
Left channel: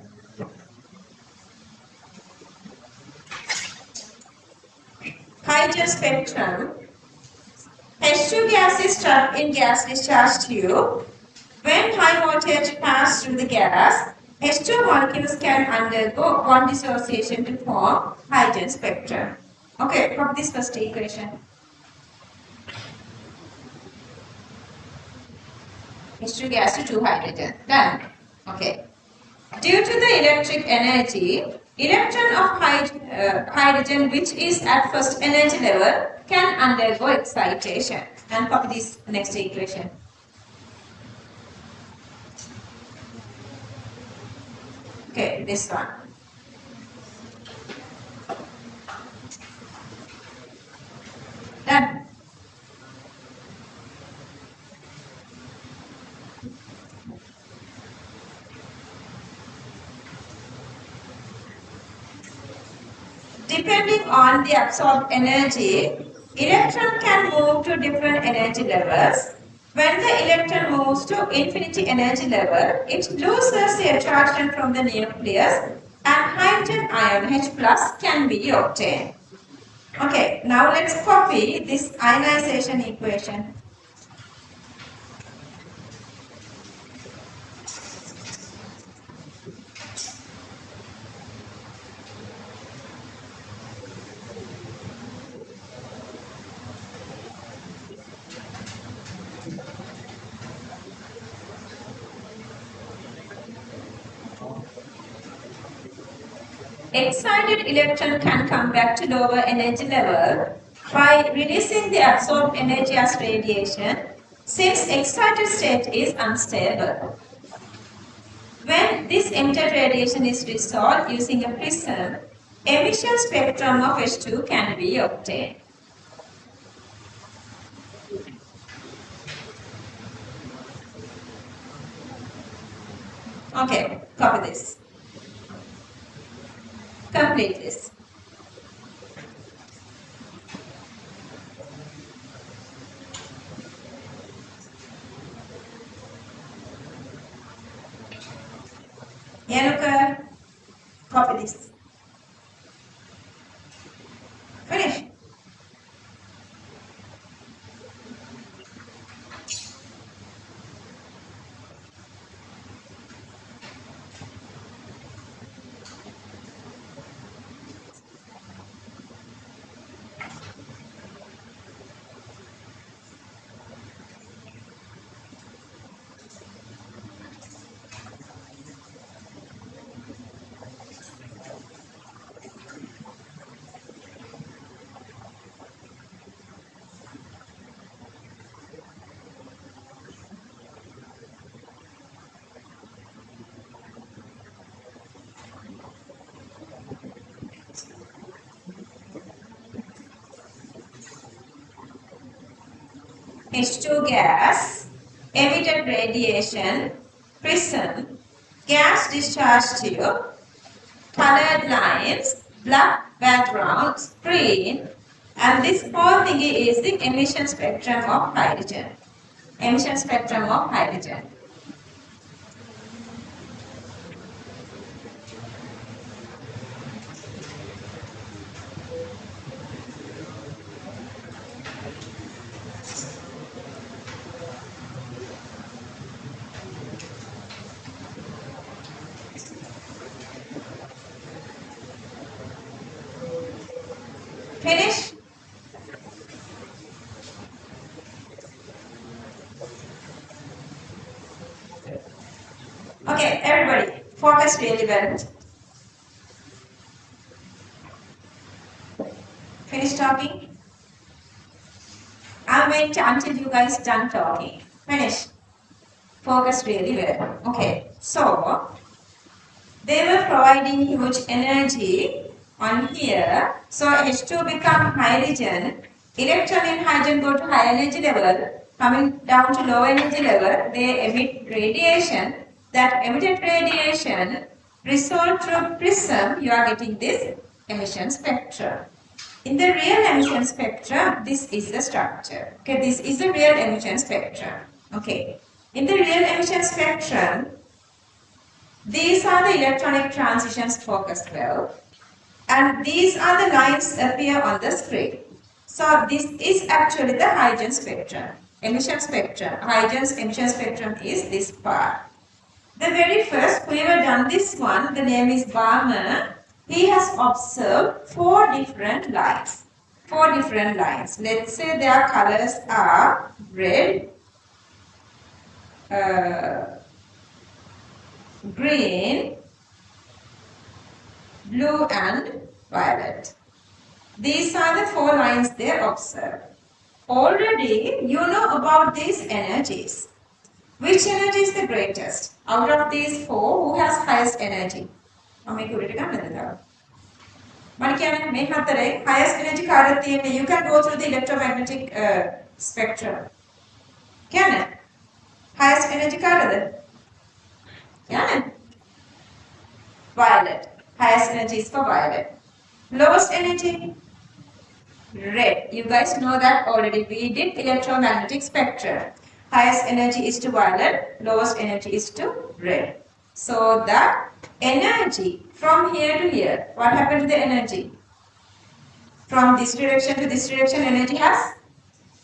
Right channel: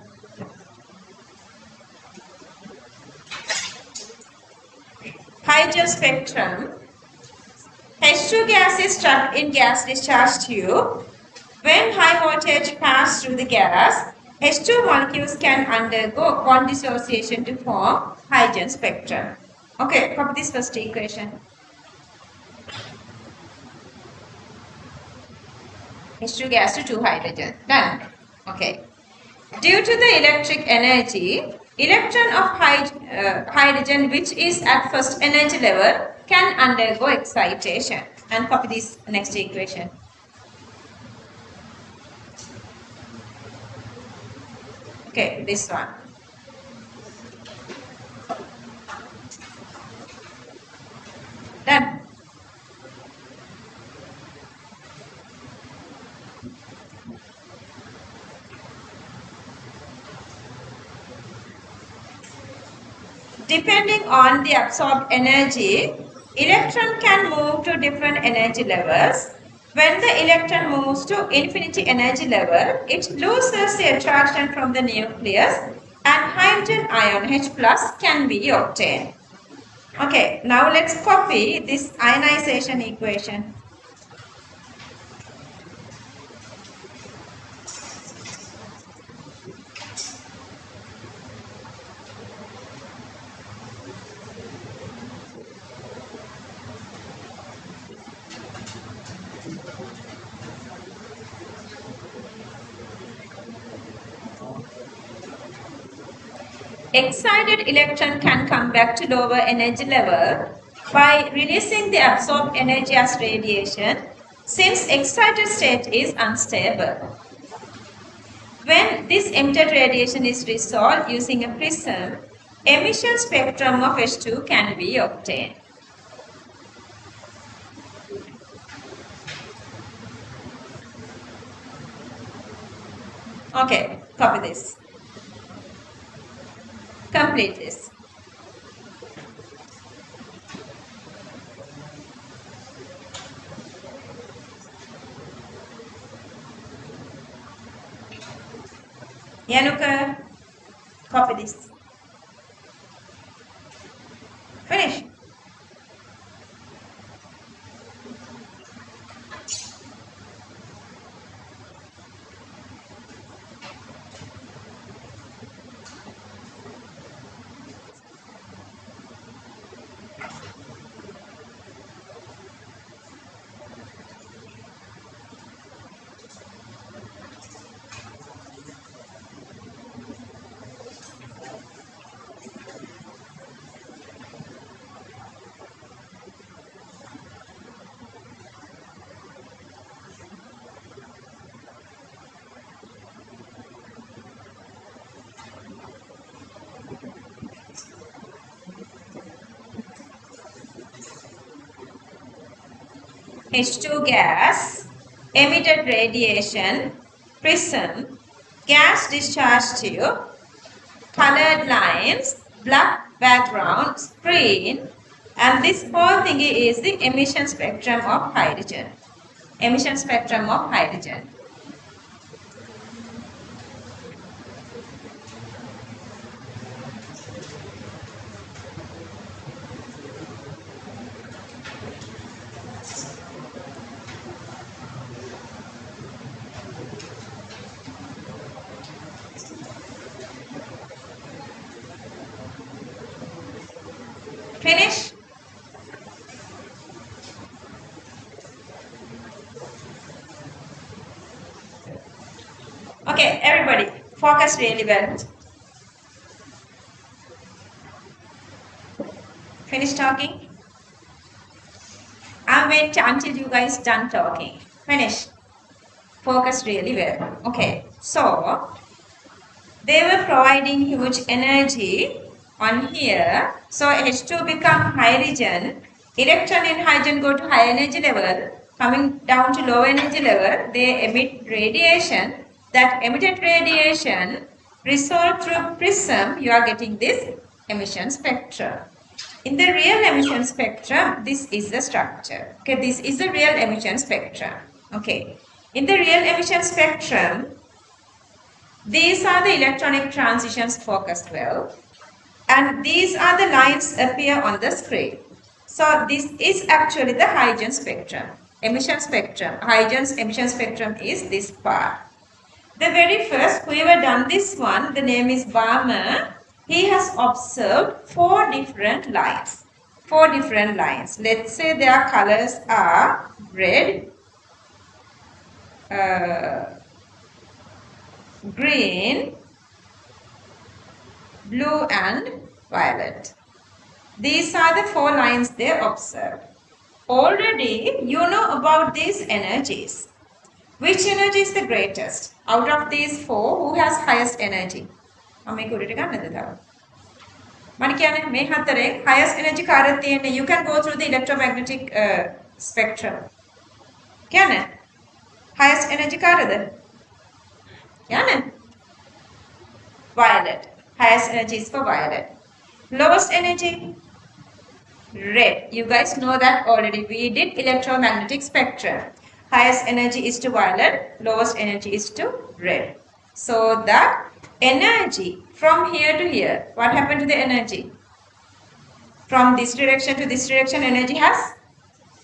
Hydrogen spectrum. H2 gas is trapped in gas discharge tube. When high voltage passes through the gas, H2 molecules can undergo bond dissociation to form hydrogen spectrum. Okay, from this first equation. H2 gas to 2 hydrogen. Done. Okay. Due to the electric energy, electron of hydrogen which is at first energy level can undergo excitation. And copy this next equation. Okay, this one. Done. Depending on the absorbed energy, electron can move to different energy levels. When the electron moves to infinity energy level, it loses the attraction from the nucleus and hydrogen ion H plus can be obtained. Okay, now let's copy this ionization equation. Excited electron can come back to lower energy level by releasing the absorbed energy as radiation, since excited state is unstable. When this emitted radiation is resolved using a prism, emission spectrum of H2 can be obtained. Okay, copy this. Complete this. Yanuka, copy this. Finish. H2 gas, emitted radiation, prism, gas discharge tube, colored lines, black background, screen, and this whole thing is the emission spectrum of hydrogen. Emission spectrum of hydrogen. Finish? Okay, everybody, focus really well. Finish talking? I'll wait until you guys done talking. Finish. Focus really well. Okay, so they were providing huge energy on here. So H2 become hydrogen. Electron in hydrogen go to high energy level. Coming down to low energy level, they emit radiation. That emitted radiation resolved through prism, you are getting this emission spectrum. In the real emission spectrum, this is the structure. Okay, this is the real emission spectrum. Okay, in the real emission spectrum, These are the electronic transitions focused well. And these are the lines appear on the screen. So this is actually the Huygens spectrum. Emission spectrum. Huygens emission spectrum is this part. The very first, whoever done this one, the name is Balmer. He has observed 4 different lines. 4 different lines. Let's say their colors are red, green, blue and violet. These are the 4 lines they observed. Already you know about these energies. Which energy is the greatest? Out of these 4, who has highest energy? Highest energy you can go through the electromagnetic spectrum. Can it? Highest energy violet. Highest energy is for violet. Lowest energy red. You guys know that already. We did electromagnetic spectrum. Highest energy is to violet, lowest energy is to red. So the energy from here to here, what happened to the energy? From this direction to this direction, energy has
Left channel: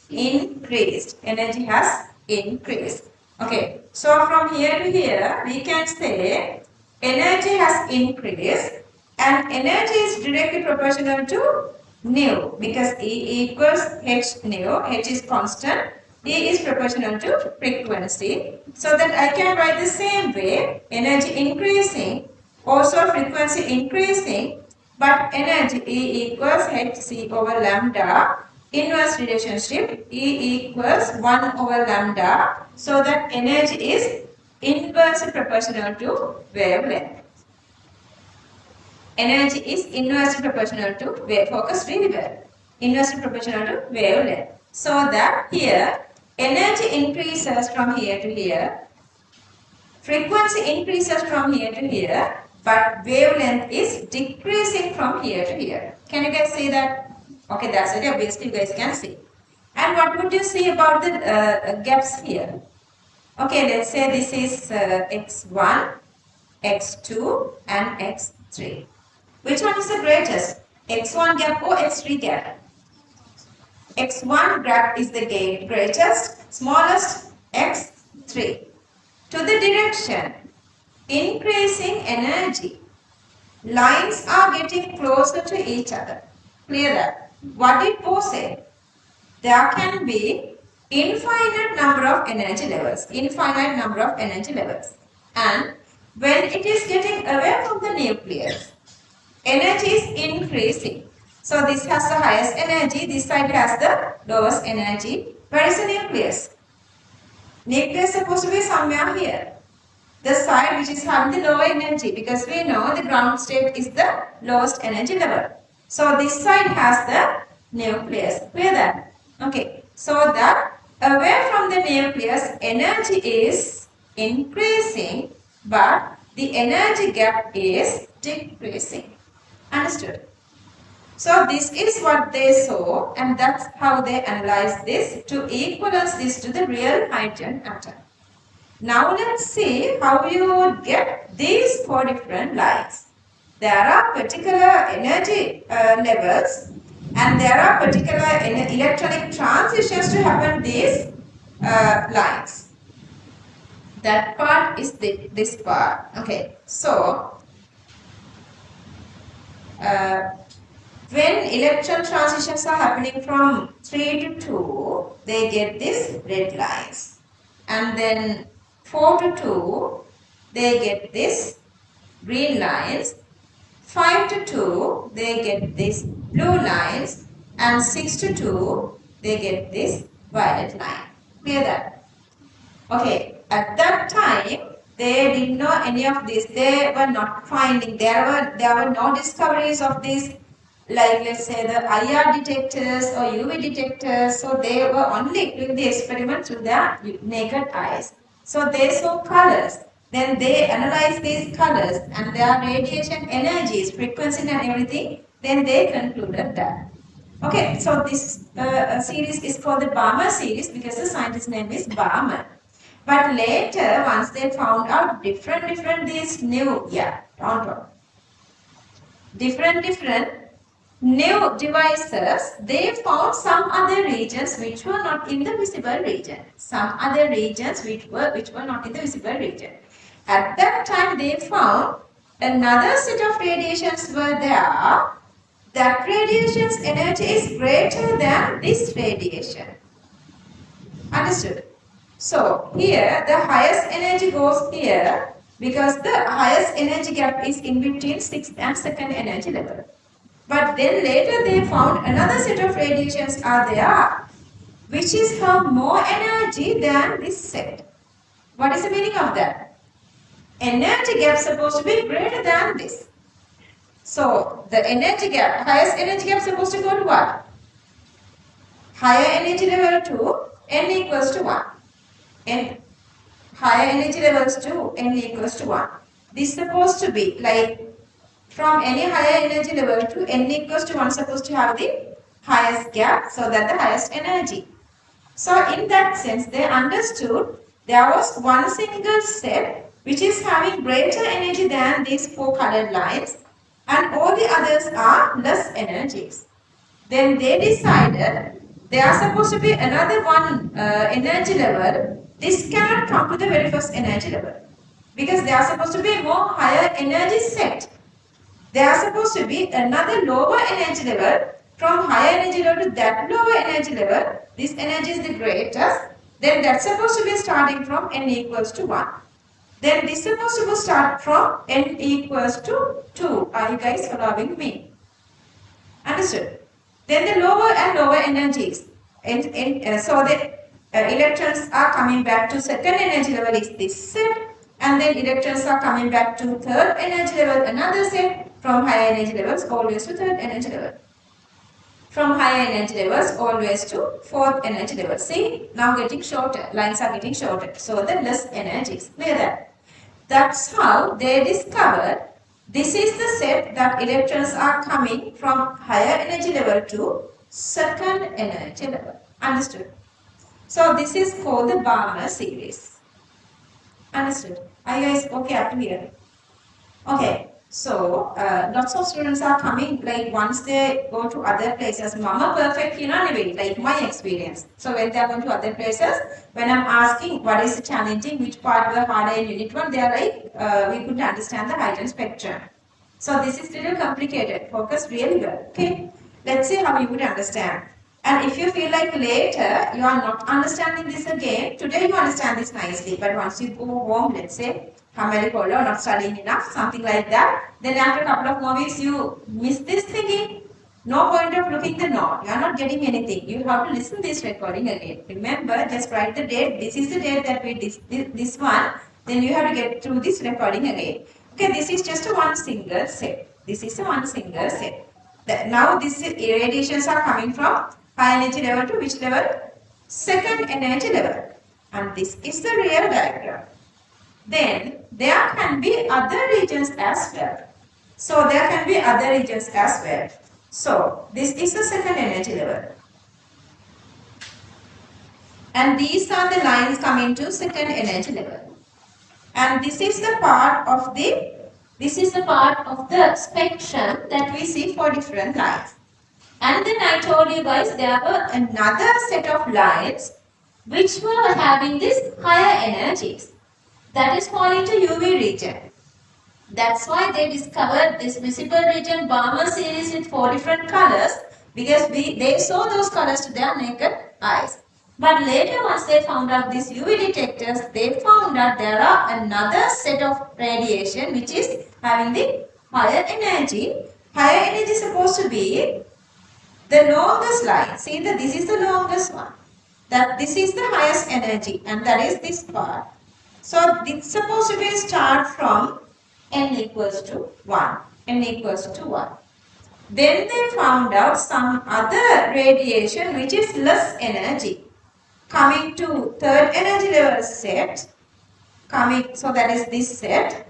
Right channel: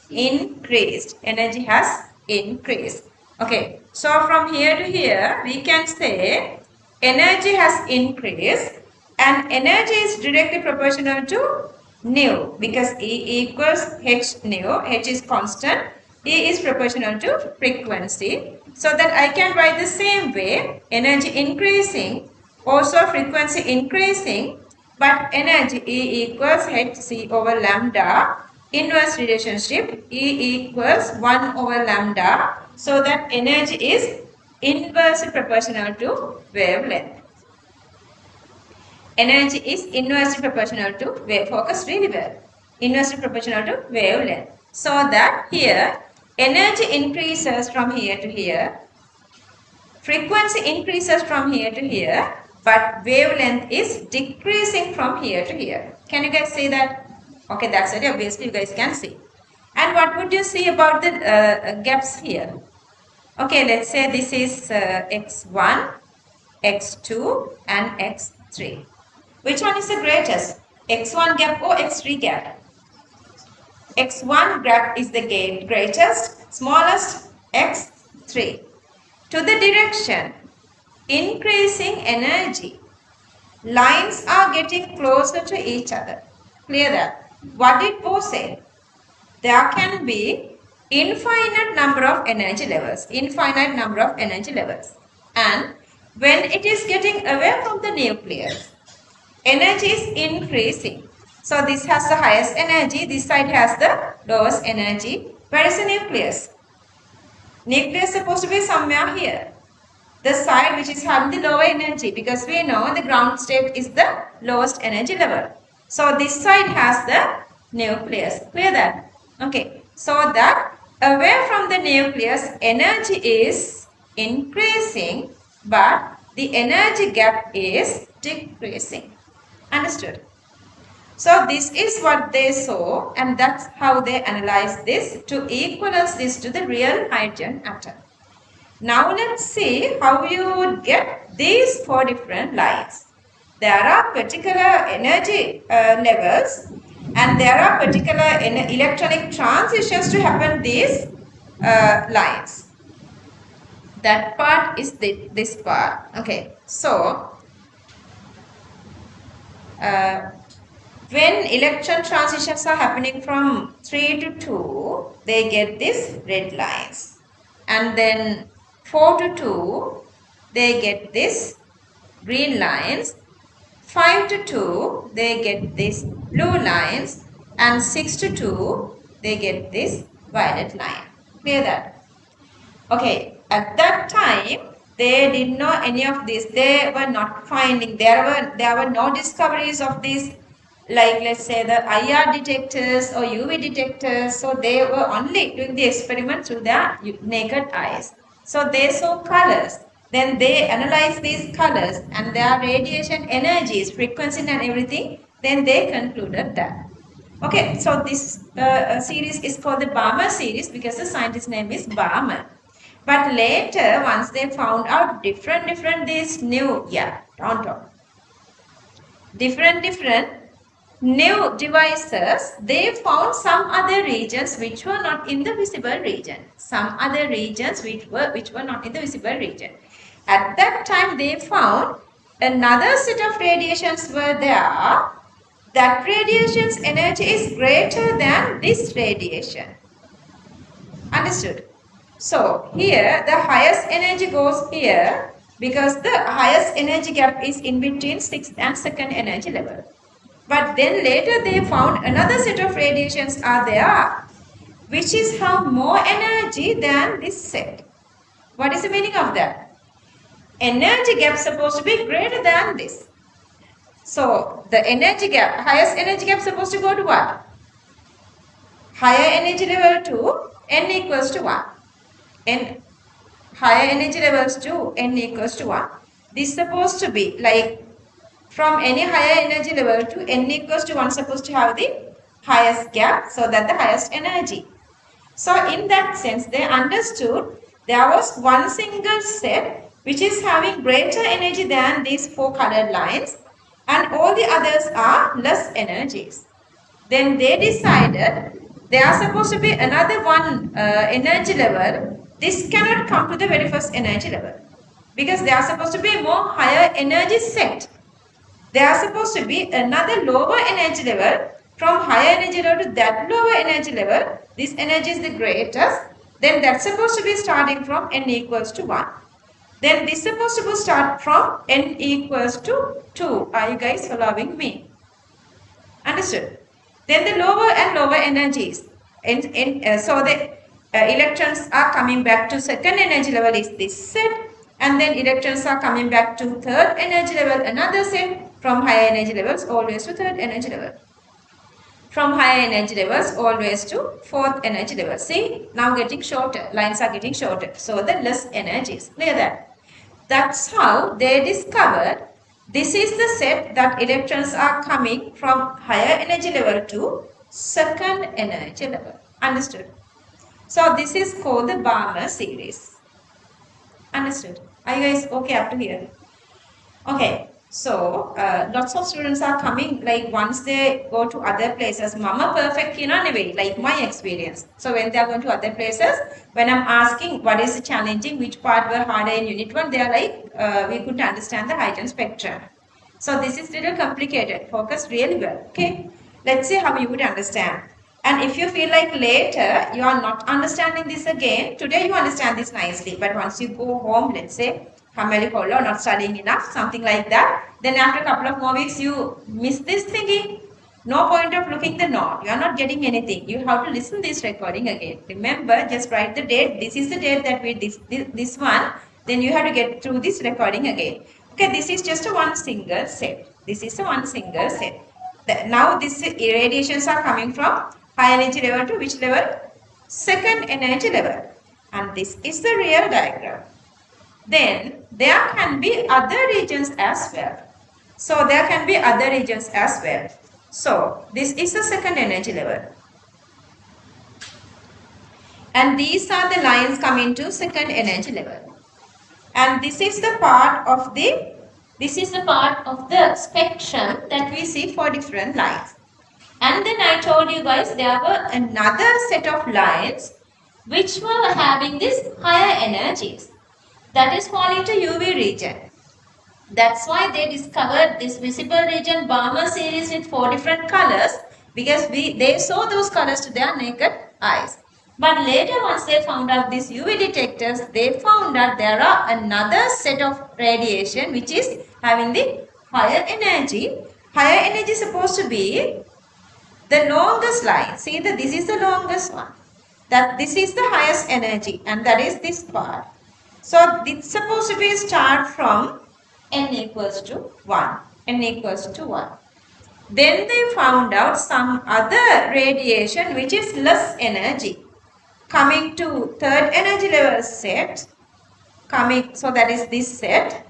increased. Energy has increased. Okay, so from here to here, we can say energy has increased and energy is directly proportional to nu because E equals h nu. H is constant. E is proportional to frequency. So that I can write the same way. Energy increasing, also frequency increasing, but energy E equals hc over lambda. Inverse relationship E equals 1 over lambda. So that energy is inversely proportional to wavelength. Energy is inversely proportional to wave. Focus really well. Inversely proportional to wavelength. So that here energy increases from here to here. Frequency increases from here to here. But wavelength is decreasing from here to here. Can you guys see that? Okay, that's it. Obviously, you guys can see. And what would you see about the gaps here? Okay, let's say this is x1, x2 and x3. Which one is the greatest? X1 gap or x3 gap? X1 gap is the greatest, smallest x3. To the direction, increasing energy, lines are getting closer to each other. Clear that? What did Bo say? There can be infinite number of energy levels. Infinite number of energy levels. And when it is getting away from the nucleus, energy is increasing. So this has the highest energy. This side has the lowest energy. Where is the nucleus? Nucleus is supposed to be somewhere here. The side which is having the lower energy, because we know the ground state is the lowest energy level. So this side has the nucleus. Clear that? Okay. So that away from the nucleus, energy is increasing, but the energy gap is decreasing. Understood? So this is what they saw, and that's how they analyzed this to equalize this to the real hydrogen atom. Now let's see how you would get these 4 different lines. There are particular energy levels and there are particular electronic transitions to happen these lines. That part is this part. Okay, so when electron transitions are happening from 3 to 2, they get these red lines. And then 4 to 2, they get this green lines. 5 to 2, they get these blue lines. And 6 to 2, they get this violet line. Clear that? Okay, at that time, they didn't know any of this. They were not finding, there were no discoveries of this, like let's say the IR detectors or UV detectors. So they were only doing the experiment through their naked eyes. So they saw colors. Then they analyzed these colors and their radiation energies, frequency and everything. Then they concluded that. Okay, so this series is called the Balmer series because the scientist's name is Balmer. But later, once they found out different these new, on top, different new devices, they found some other regions which were not in the visible region. Some other regions which were not in the visible region. At that time, they found another set of radiations were there. That radiation's energy is greater than this radiation. Understood? So here the highest energy goes here because the highest energy gap is in between 6th and 2nd energy level. But then later they found another set of radiations are there which is have more energy than this set. What is the meaning of that? Energy gap is supposed to be greater than this. So the energy gap, highest energy gap is supposed to go to what? Higher energy level to n equals to 1. And higher energy levels to n equals to 1. This is supposed to be like from any higher energy level to n equals to 1 supposed to have the highest gap, so that the highest energy. So in that sense they understood there was one single set which is having greater energy than these 4 colored lines, and all the others are less energies. Then they decided there are supposed to be another one energy level. This cannot come to the very first energy level because there are supposed to be more higher energy set. There are supposed to be another lower energy level. From higher energy level to that lower energy level, this energy is the greatest. Then that's supposed to be starting from n equals to 1. Then this is supposed to start from n equals to 2. Are you guys following me? Understood? Then the lower and lower energies. So the electrons are coming back to second energy level is this set, and then electrons are coming back to third energy level, another set, from higher energy levels always to third energy level. From higher energy levels always to fourth energy level. See, now getting shorter, lines are getting shorter. So the less energies, clear that? That's how they discovered this is the set that electrons are coming from higher energy level to second energy level. Understood? So this is called the Balmer series. Understood? Are you guys okay up to here? Okay. So lots of students are coming like once they go to other places. Mama perfect like my experience. So when they are going to other places, when I'm asking what is challenging, which part were harder in unit 1, they are like we could understand the heightened spectrum. So this is little complicated. Focus really well. Okay. Let's see how you would understand. And if you feel like later you are not understanding this again, today you understand this nicely. But once you go home, let's say, not studying enough, something like that, then after a couple of more weeks you miss this thinking. No point of looking the note. You are not getting anything. You have to listen this recording again. Remember, just write the date. This is the date that we this one. Then you have to get through this recording again. Okay, this is just a one single set. This is a one single set. Now these radiations are coming from high energy level to which level? Second energy level. And this is the real diagram. Then there can be other regions as well. So there can be other regions as well. So this is the second energy level. And these are the lines coming to second energy level. And this is the part of the spectrum that we see for different lines. And then I told you guys there were another set of lines which were having these higher energies. That is falling to UV region. That's why they discovered this visible region Balmer series with 4 different colors, because they saw those colors to their naked eyes. But later, once they found out these UV detectors, they found out there are another set of radiation which is having the higher energy. Higher energy is supposed to be the longest line. See that this is the longest one. That this is the highest energy, and that is this part. So it's supposed to be start from n equals to 1. N equals to 1. Then they found out some other radiation which is less energy. Coming to third energy level set. So that is this set.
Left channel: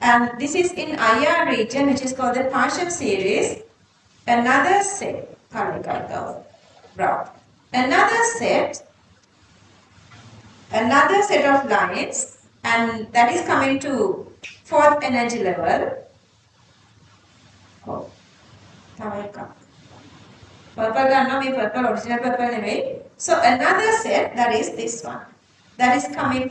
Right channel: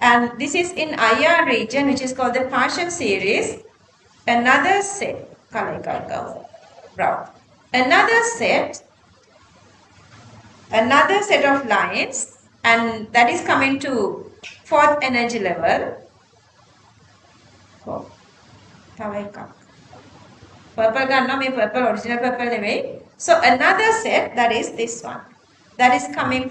And this is in IR region which is called the partial series. Another set. Brown. Another set another set of lines, and that is coming to fourth energy level. Oh, purple purple original purple anyway. So another set, that is this one, that is coming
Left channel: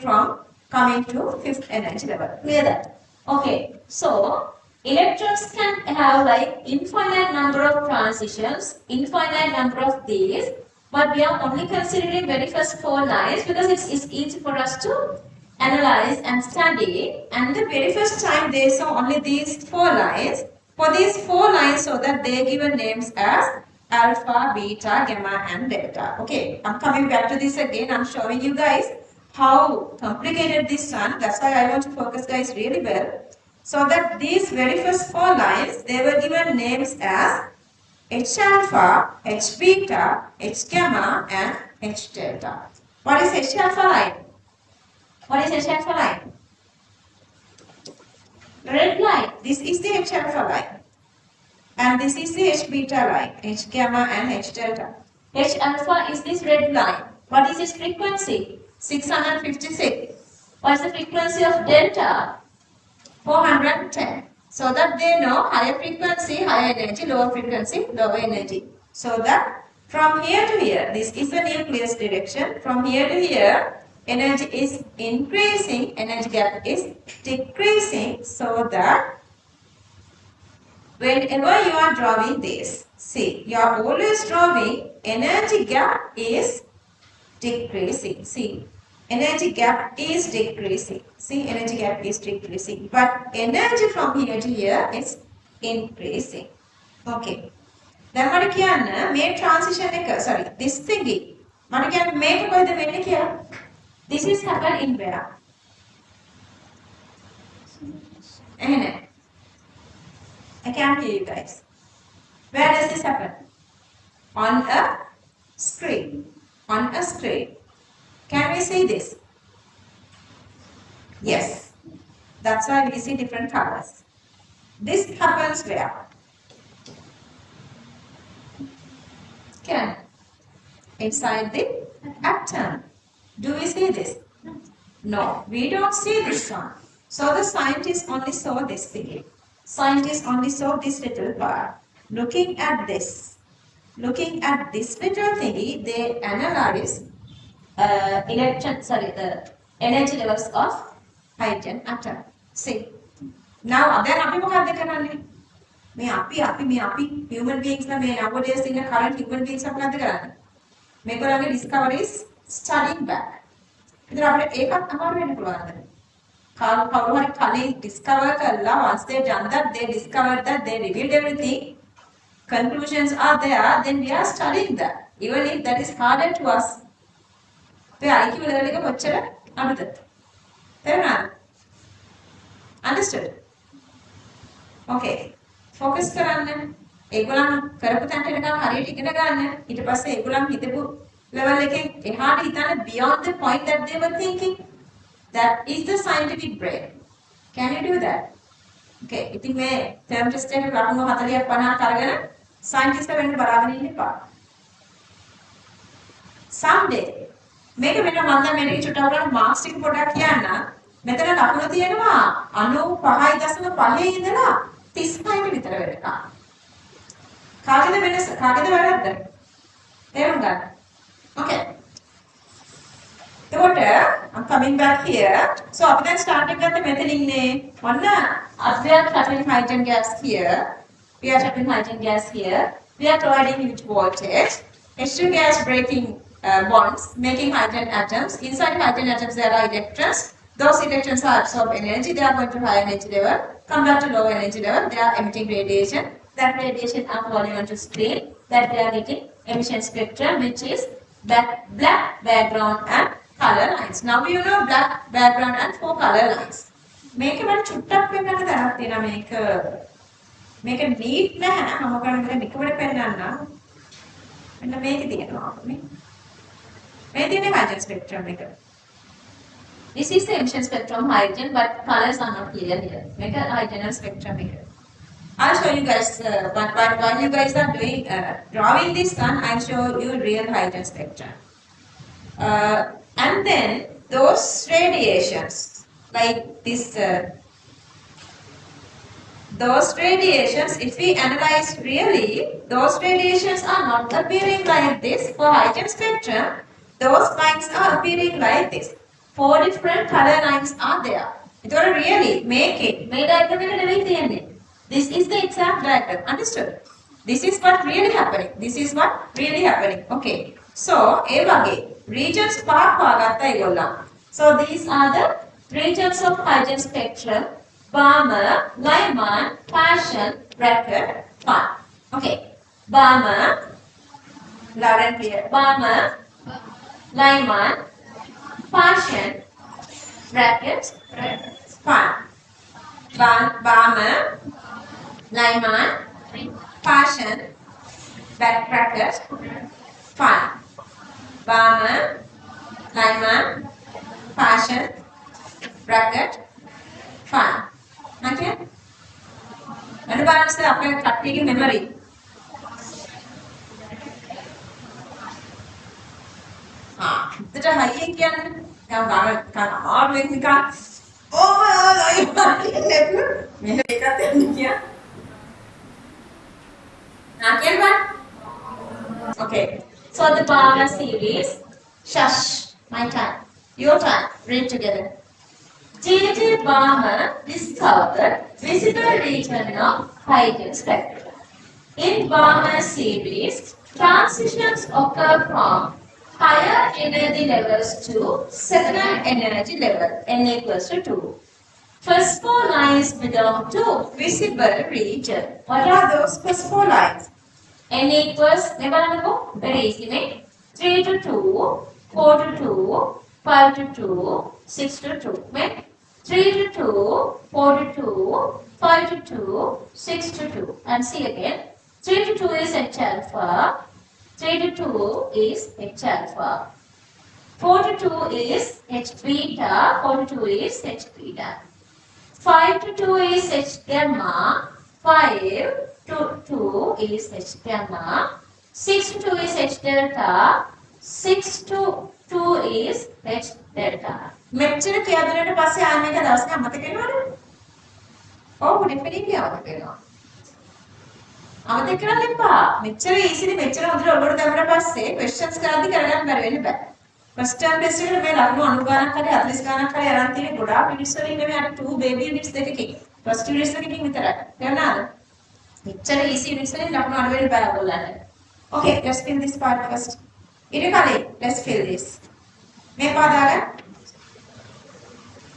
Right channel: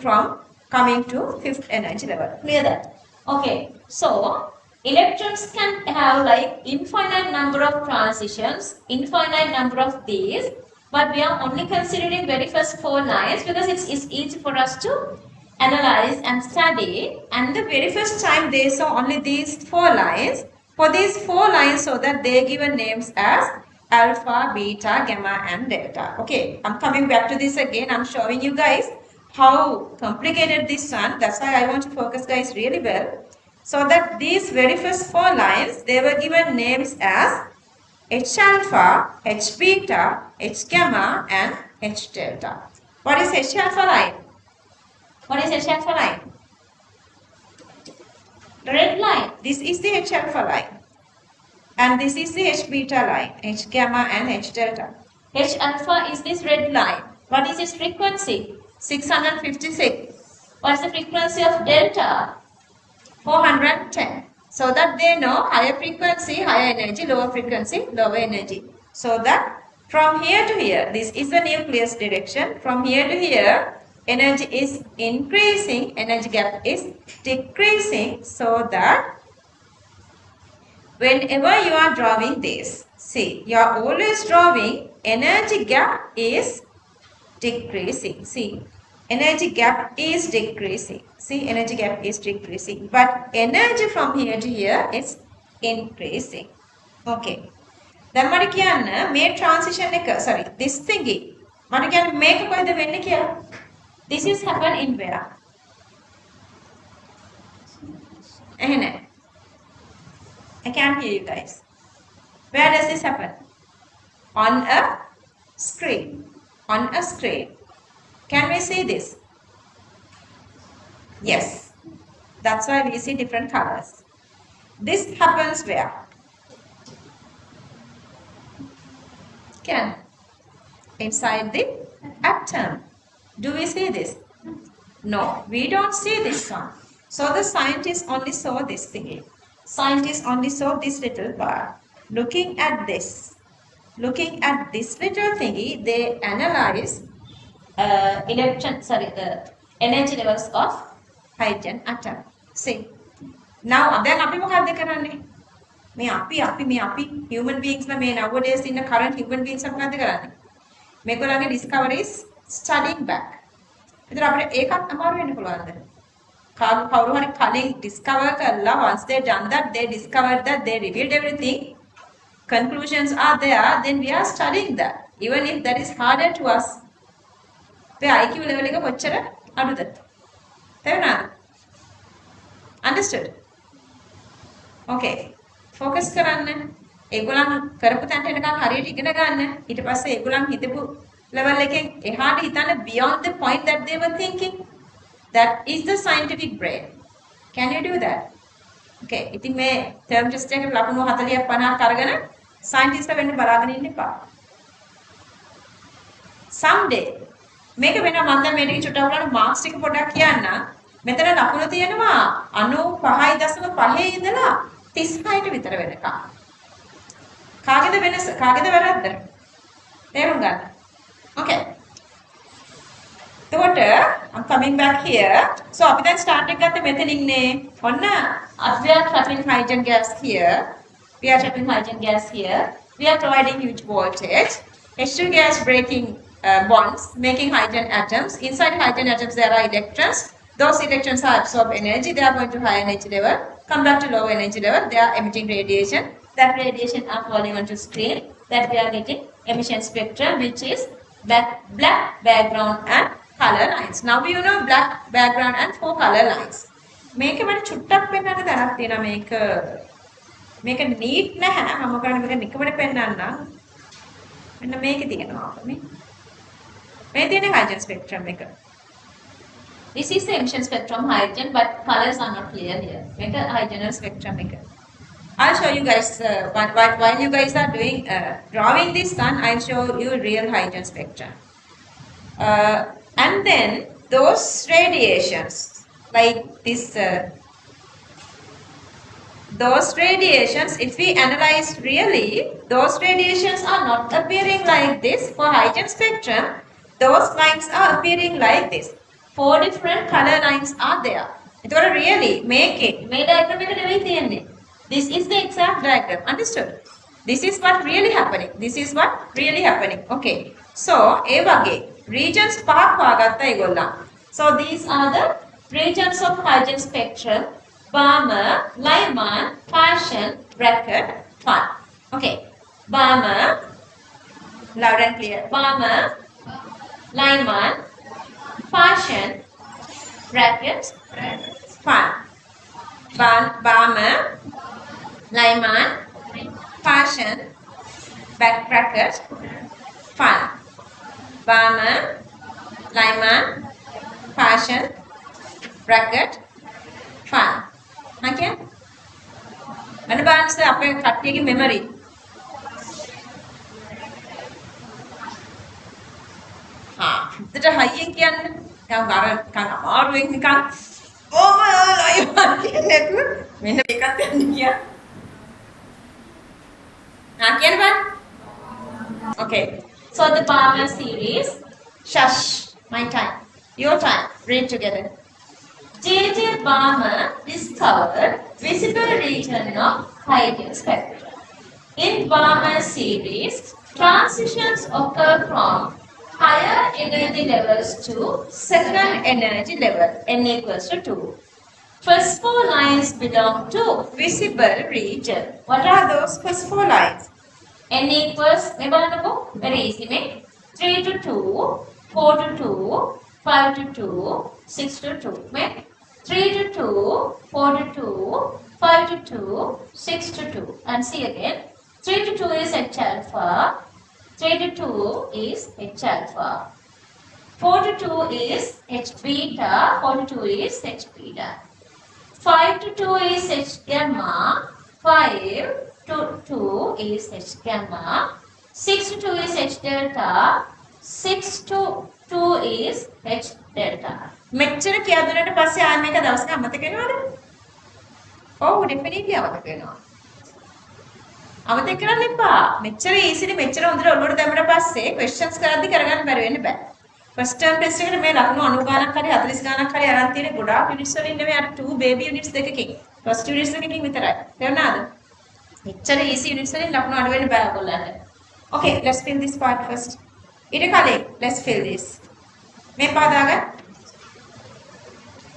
to fifth energy level. Clear that? Okay, so electrons can have like infinite number of transitions, infinite number of these, but we are only considering very first 4 lines because it's easy for us to analyze and study. And the very first time they saw only these 4 lines. For these 4 lines, so that they given names as alpha, beta, gamma and delta. Okay, I'm coming back to this again. I'm showing you guys how complicated this one. That's why I want to focus guys really well. So that these very first 4 lines, they were given names as H alpha, H beta, H gamma and H delta. What is H alpha line? What is H alpha line? The red line. This is the H alpha line. And this is the H beta line, H gamma and H delta. H alpha is this red line. What is its frequency? 656. What is the frequency of delta? 410. So that they know higher frequency, higher energy, lower frequency, lower energy. So that from here to here, this is the nucleus direction. From here to here, energy is increasing, energy gap is decreasing. So that whenever you are drawing this, see, you are always drawing energy gap is decreasing. See, energy gap is decreasing. See, energy gap is decreasing. But energy from here to here is increasing. Okay. Then මට කියන්න මේ transition එක, sorry, this thingy. මට කියන්න මේක කොහෙද වෙන්නේ කියලා. This is happen in where? එහෙනේ. I can't hear you guys. Where does this happen? On a screen. On a screen. Can we see this? Yes. That's why we see different colors. This happens where? Can. Inside the atom. Do we see this? No, we don't see this one. So the scientists only saw this thingy. Scientists only saw this little bar. Looking at this little thingy, they analyze energy levels of hydrogen atom. See. Now, then අපි මොකක්ද කරන්නේ? මේ අපි human beings ලා මේ nowadays in the current human beings මොකක්ද කරන්නේ? මේගොල්ලන්ගේ discoveries studying back. ඒතර අපිට ඒකත් අමාරු වෙන්න පුළුවන්ද? කවුරු හරි කලින් discover කරලා once they done that, they discovered that, they revealed everything, conclusions are there, then we are studying that. Even if that is harder to us. අපේ IQ level එක කොච්චර අඩුද? තේරුණාද? Understood? Okay. Focus කරන්න. ඒගොල්ලන් කරපු තැනට එනකන් හරියට ඉගෙන ගන්න. ඊට පස්සේ ඒගොල්ලන් හිතපු level එකෙන් එහාට හිතන්න beyond the point that they were thinking. That is the scientific brain. Can you do that? Okay. ඉතින් මේ term test එකේ ලකුණු 40ක් 50ක් අරගෙන scientist වෙන්න බලාගෙන ඉන්න එපා. Someday මේක වෙන මම දැන් මේක චුට්ටක් බලන්න මාක්ස් ටික පොඩ්ඩක් කියන්න. මෙතන ලකුණු තියෙනවා 95.5 ඉඳලා 36ට විතර වෙනකම්. කාගේද වෙනස? කාගේද වැරද්ද? තේරුම් ගන්න. Okay. එතකොට I'm coming back here. So අපි දැන් start එක ගත්තේ මෙතනින් නේ. ඔන්න we are trapping hydrogen gas here. We are trapping hydrogen gas here. We are providing huge voltage. H2 gas breaking bonds, making hydrogen atoms. Inside hydrogen atoms there are electrons. Those electrons are absorb energy. They are going to high energy level. Come back to low energy level. They are emitting radiation. That radiation are falling onto screen. That we are getting emission spectrum, which is black background and color lines. Now you know black background and 4 color lines. මේක මට චුට්ටක් පෙන්වන්න තරක් තියෙනවා මේක neat නැහැ. මම කරන්නේ මේක නිකමට පෙන්වන්න. මෙන්න මේකේ තියෙනවා මේ. මේ තියෙන hydrogen spectrum එක. This is the emission spectrum hydrogen, but colors are not clear here. Make a hydrogen spectrum maker. I'll show you guys while you guys are doing drawing this one. I'll show you real hydrogen spectrum. And then those radiations, like this, those radiations, if we analyze really, those radiations are not appearing like this. For hydrogen spectrum, those lines are appearing like this. 4 different color lines are there. It's really make it. This is the exact diagram. Understood? This is what really happening. This is what really happening. Okay. So, A wage regions park wagatta igolla. So these are the regions of hydrogen spectrum. Balmer, Lyman, Passion, bracket, fun. Okay. Balmer, loud and clear. Balmer, Lyman, Passion, bracket, fun. Balmer, Lyman, Passion, bracket, fun. Balmer, Lyman, Passion, bracket, fun. Okay? And balance the upper practical memory. That a high ink and can arguing we can. Oh, I want to make a here. Okay. So the Balmer series. Shush. My time. Your time. Read together. J.J. Balmer discovered visible region of hydrogen spectrum. In Balmer series, transitions occur from higher energy levels to second energy level, n equals to 2. First 4 lines belong to visible region. What are those first 4 lines? N equals, very easy, 3 to 2, 4 to 2, 5 to 2, 6 to 2. 3 to 2, 4 to 2, 5 to 2, 6 to 2. And see again, 3 to 2 is H alpha, 3 to 2 is H alpha, 4 to 2 is H beta, 4 to 2 is H beta, 5 to 2 is H gamma, 5 to 2 is H gamma, 6 to 2 is H delta, 6 to 2 is H delta. මෙච්චර කියදුනට පස්සේ ආ මේක දවසක අමතක වෙනවද? ඔව් definitely අමතක වෙනවා. අමතක කරන්න එපා. මෙච්චර ඊසිලි මෙච්චර හොඳට ඔළුවට දැම්මට පස්සේ ක්වෙස්චන්ස් කරද්දි කරගන්න බැරි වෙන්න බෑ. ෆස්ට් ටර්ම් ටෙස්ට් එකට මේ ලකුණු 90 ගණක් හරි 40 ගණක් හරි අරන් තියෙන ගොඩාක් යුනිට්ස් වලින් නෙමෙයි අර 2 බේබි යුනිට්ස් දෙකකින්. ෆස්ට් යුනිට්ස් එකකින් විතරයි. තේරුණාද? මෙච්චර ඊසි යුනිට්ස් වලින් ලකුණු අඩු වෙන්න බෑ ඔයගොල්ලන්ට. Okay, let's fill this part first. ඊට කලින් let's fill this. මේ පාදාගන්න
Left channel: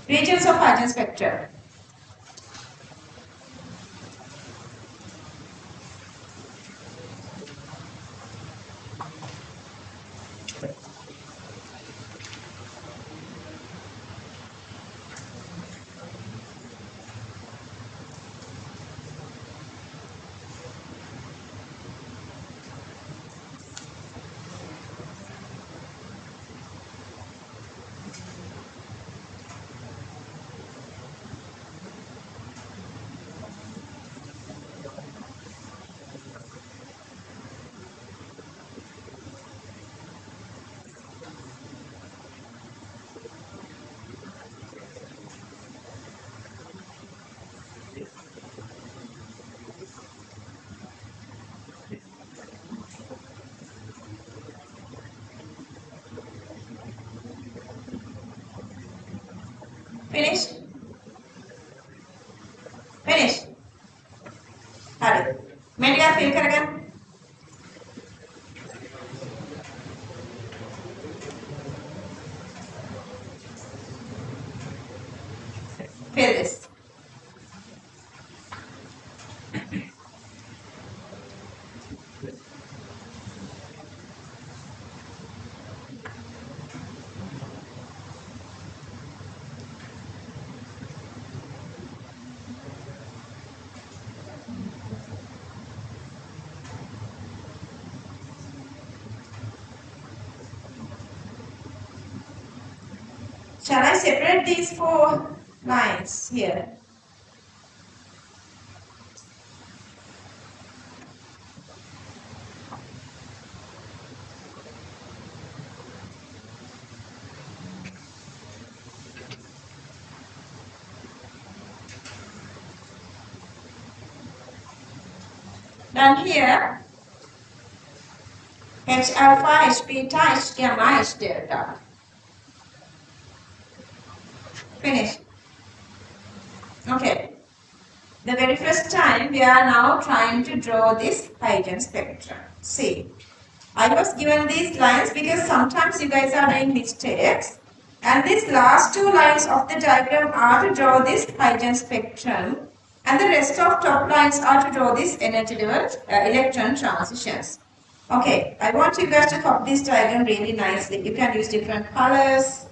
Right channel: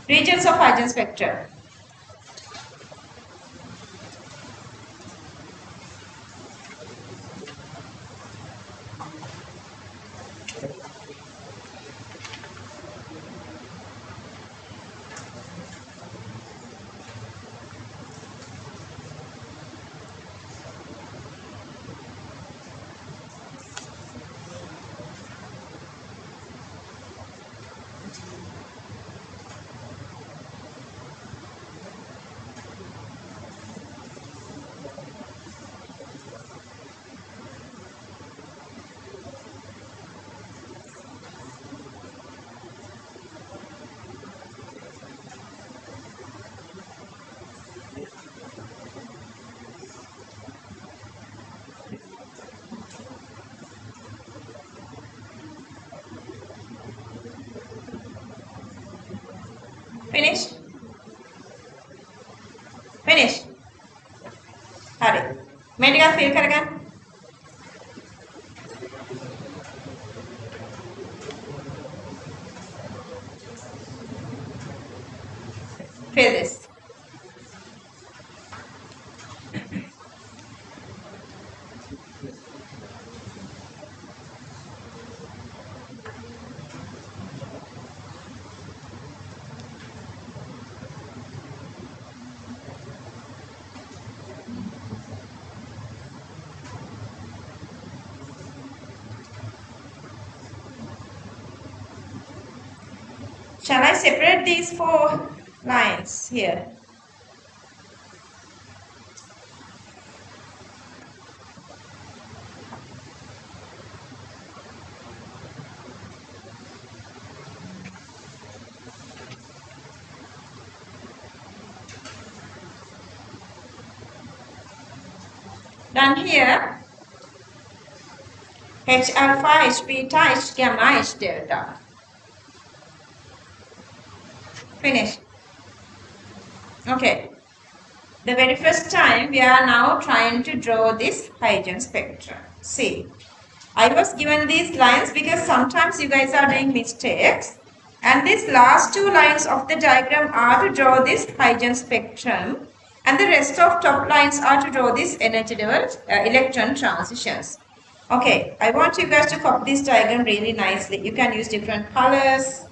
regions of hydrogen spectrum. Finish? Finish? Hurry. मैं टिका fill करेगा? Fill this. Shall I separate these 4 lines here? Then here, H alpha, H beta, H gamma, H delta. Finish. Okay. The very first time we are now trying to draw this hydrogen spectrum. See, I was given these lines because sometimes you guys are doing mistakes. And these last two lines of the diagram are to draw this hydrogen spectrum. And the rest of top lines are to draw this energy level electron transitions. Okay, I want you guys to copy this diagram really nicely. You can use different colors.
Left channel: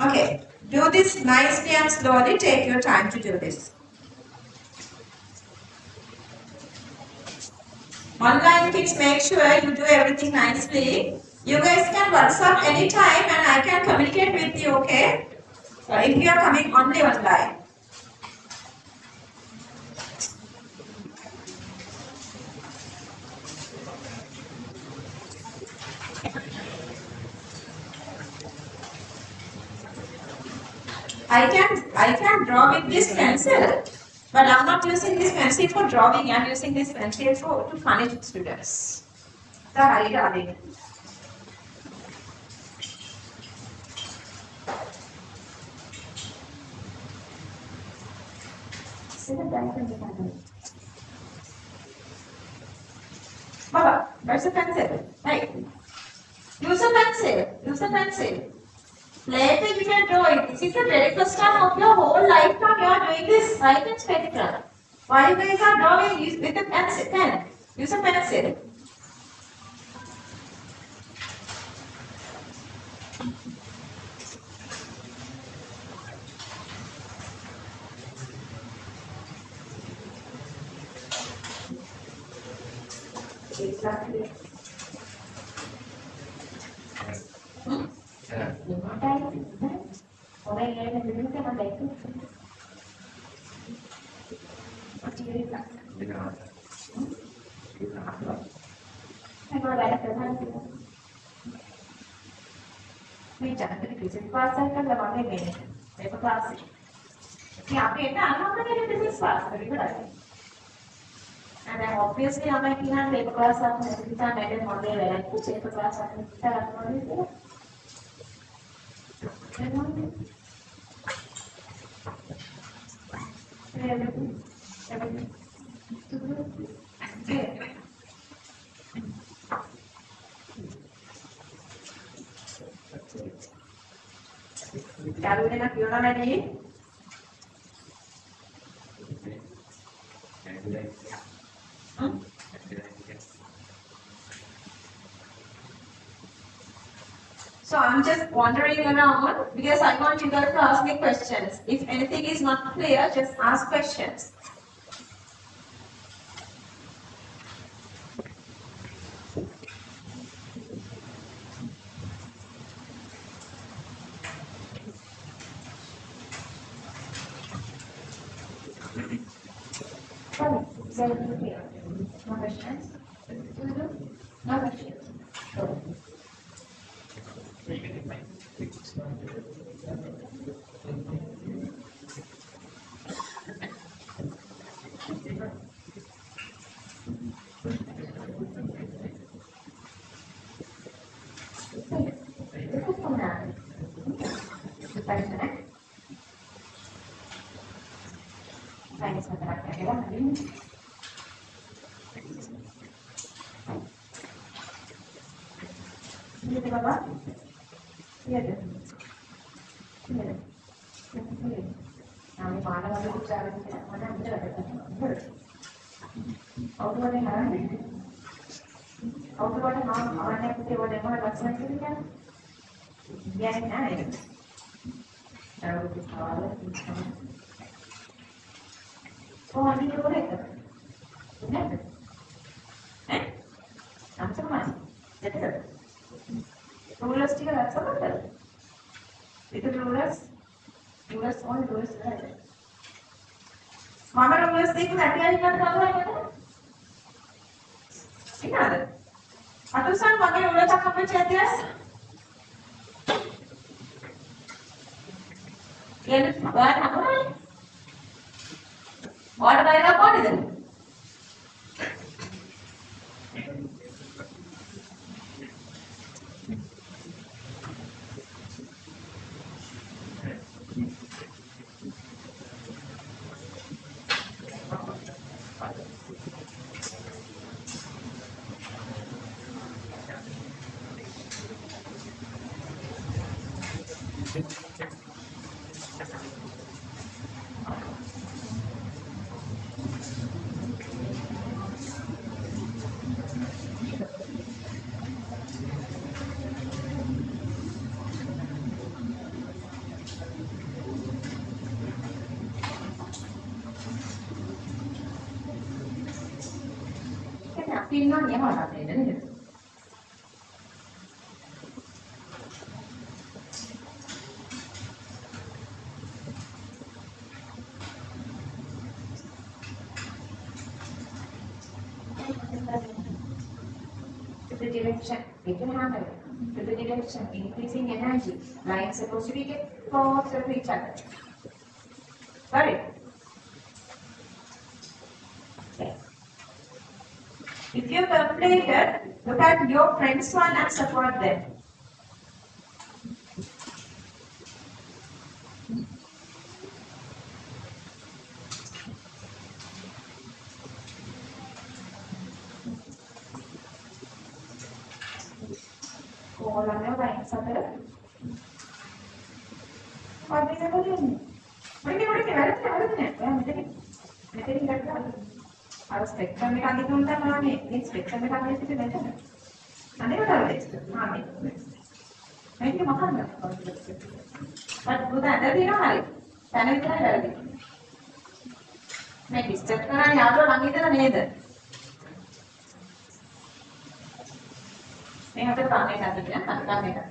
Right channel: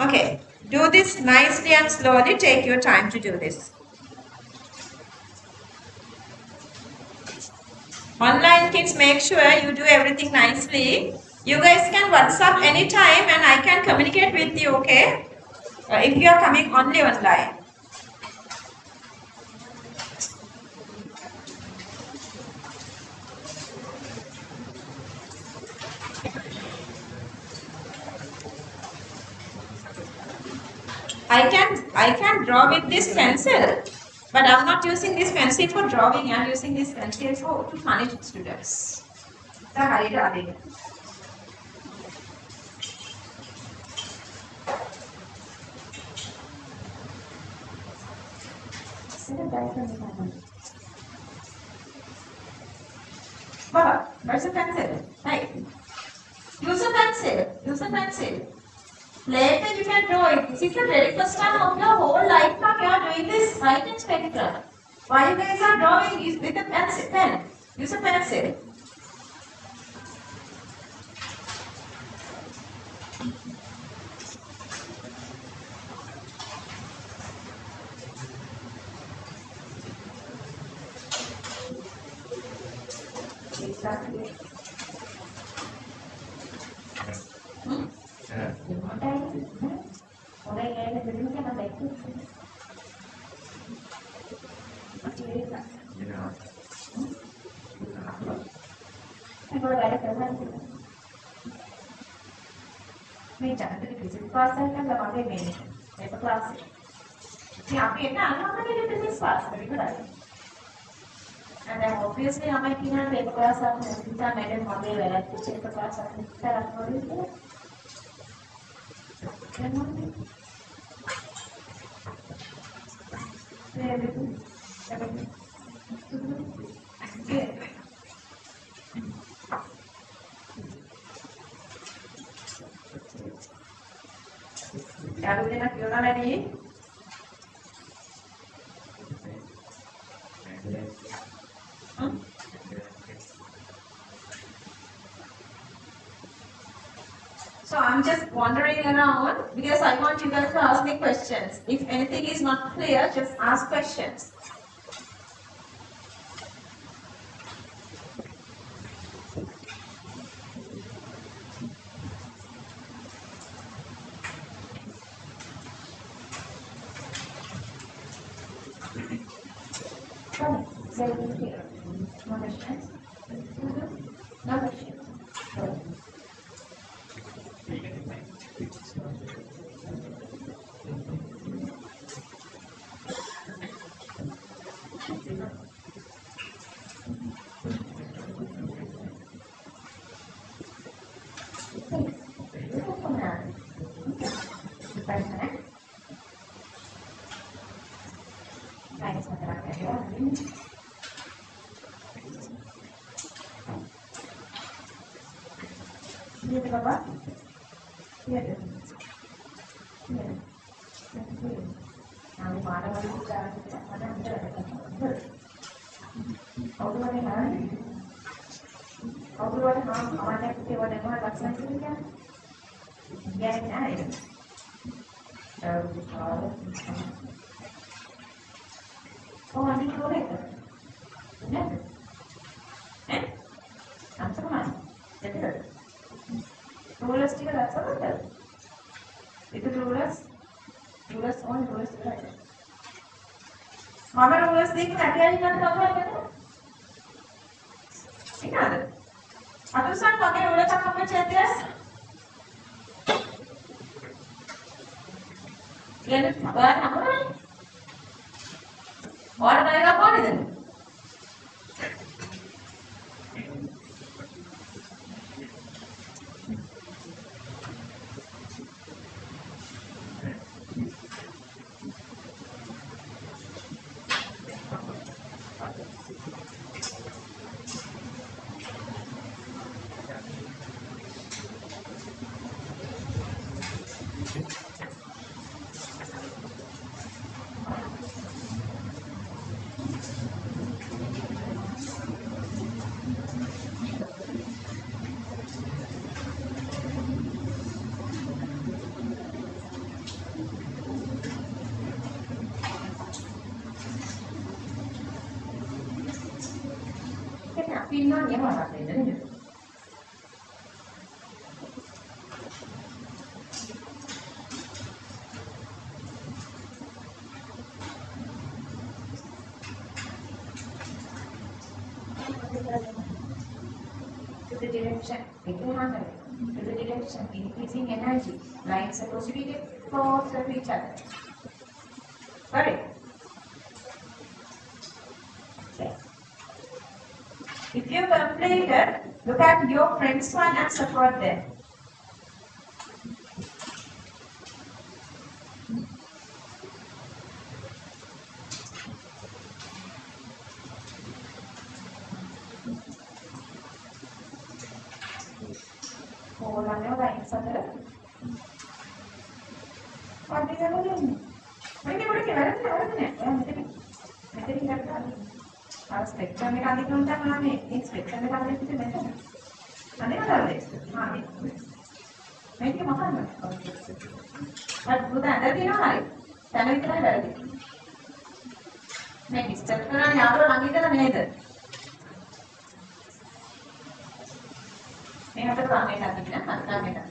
Okay, do this nicely and slowly. Take your time to do this. Online kids, make sure you do everything nicely. You guys can WhatsApp anytime and I can communicate with you, okay? If you are coming only online. I can draw with this pencil, but I'm not using this pencil for drawing. I'm using this pencil for to punish students. Baba, where's the pencil? Right. Use a pencil. Use a pencil. Later you can draw it. This is the very first time of your whole lifetime you are doing this hydrogen spectrum. Why you guys are drawing with a pencil? Pen. Use a pencil. And then obviously I might not paper class up and time I didn't want to like to paper class up So I'm just wandering around because I want you guys to ask me questions. If anything is not clear, just ask questions. No questions? No questions. Rulers ටික දැක්සමද? ඒක rulers on rulers කරලා. මම rulers දෙක නැතියි නේද කවදාද? ඉන්නද? අතුසන් මගේ rulers එකක් අපේ චේතියස්. යන්න බලන්න අපේ. ඔයාලට බලන්න ඕනේද? Pinnya mana ini? To the direction, people handle it. To the direction, increasing energy. Lines supposed to be get close to each other. Got it? If you completed, look at your friends one and support them. Orangnya lain saudara. Pagi aku ni. Mereka ada ni. Mereka ni ada. Harus spectrum में काफी कम था ना ये spectrum में काफी कितने में था nanti kan tahu deh ini makan nggak bukan tadi lo hari karena itu ada lagi nih step kan yang lo lagi itu kan ini deh ini hampir ramai kan tadi kan ramai kan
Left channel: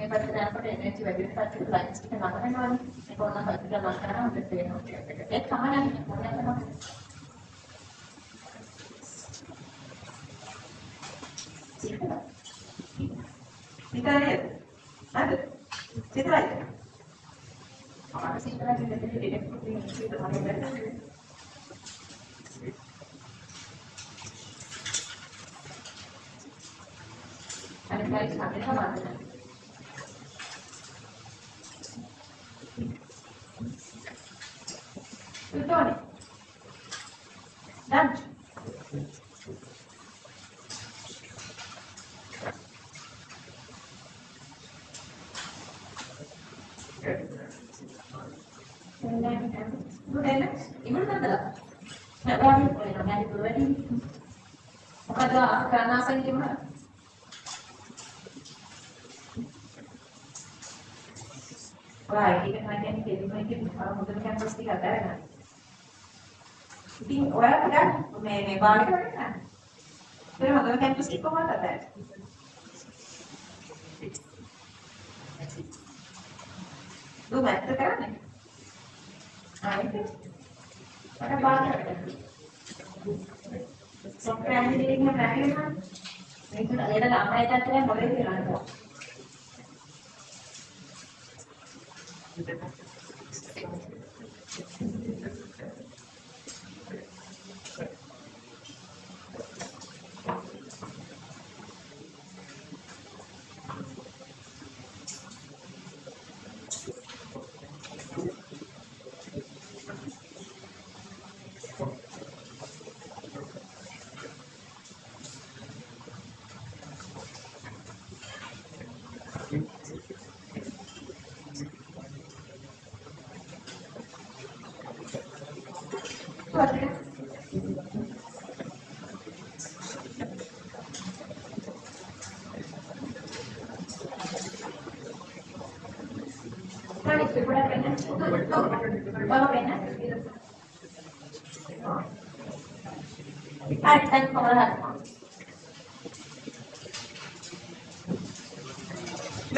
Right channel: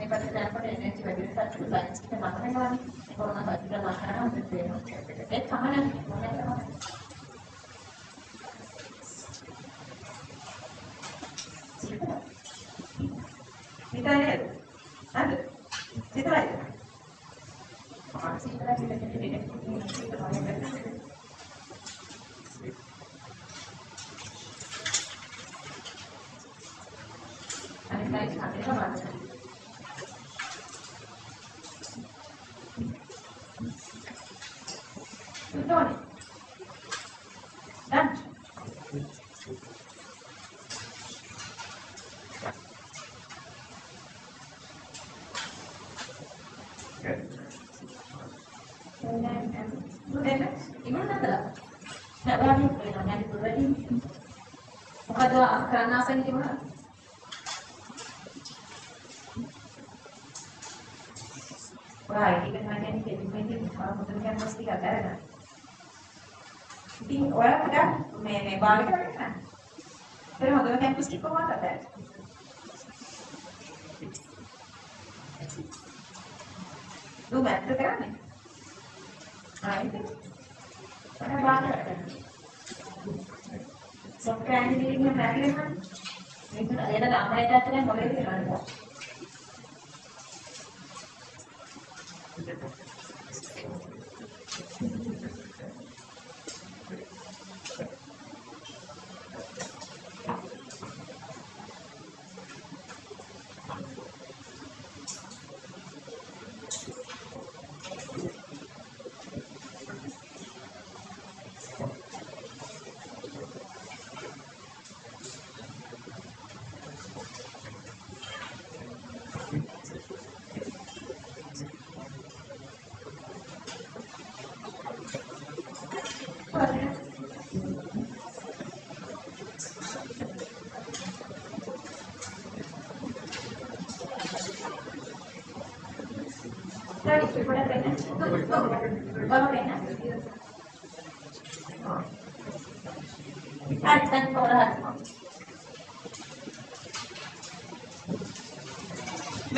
මේ පදයට energy වැඩි වෙනසක් lines එක ළඟ වෙනවනේ. ඒක ඕන බද්ධික ලක්ෂණ හොඳට පේනවා. ඒක තමයි ඕනෑම ඉතින් අද සිතයිද? අපේ සිතයි දෙකේ Tony. Done. Bukan, ibu nanti lah. Nak lagi, nak lagi. Bukan kerana apa ini mana? Wah, ini kan macam ini kalau mungkin kan pasti ada. Iting ඔයාලා ගන්න මේ බාලික ගන්න. ඒක හොඳම කැම්පස් එක කොහොමද කරන්නේ? දුම ඇත්ත කරන්නේ. ආයිත්. අර බාලික. සොෆ්ට්වෙයාර් ඉංජිනේරින්ග් එක නැතිවෙනවා. මේක අයද ළමයිට අතර මොලේ තියනවා.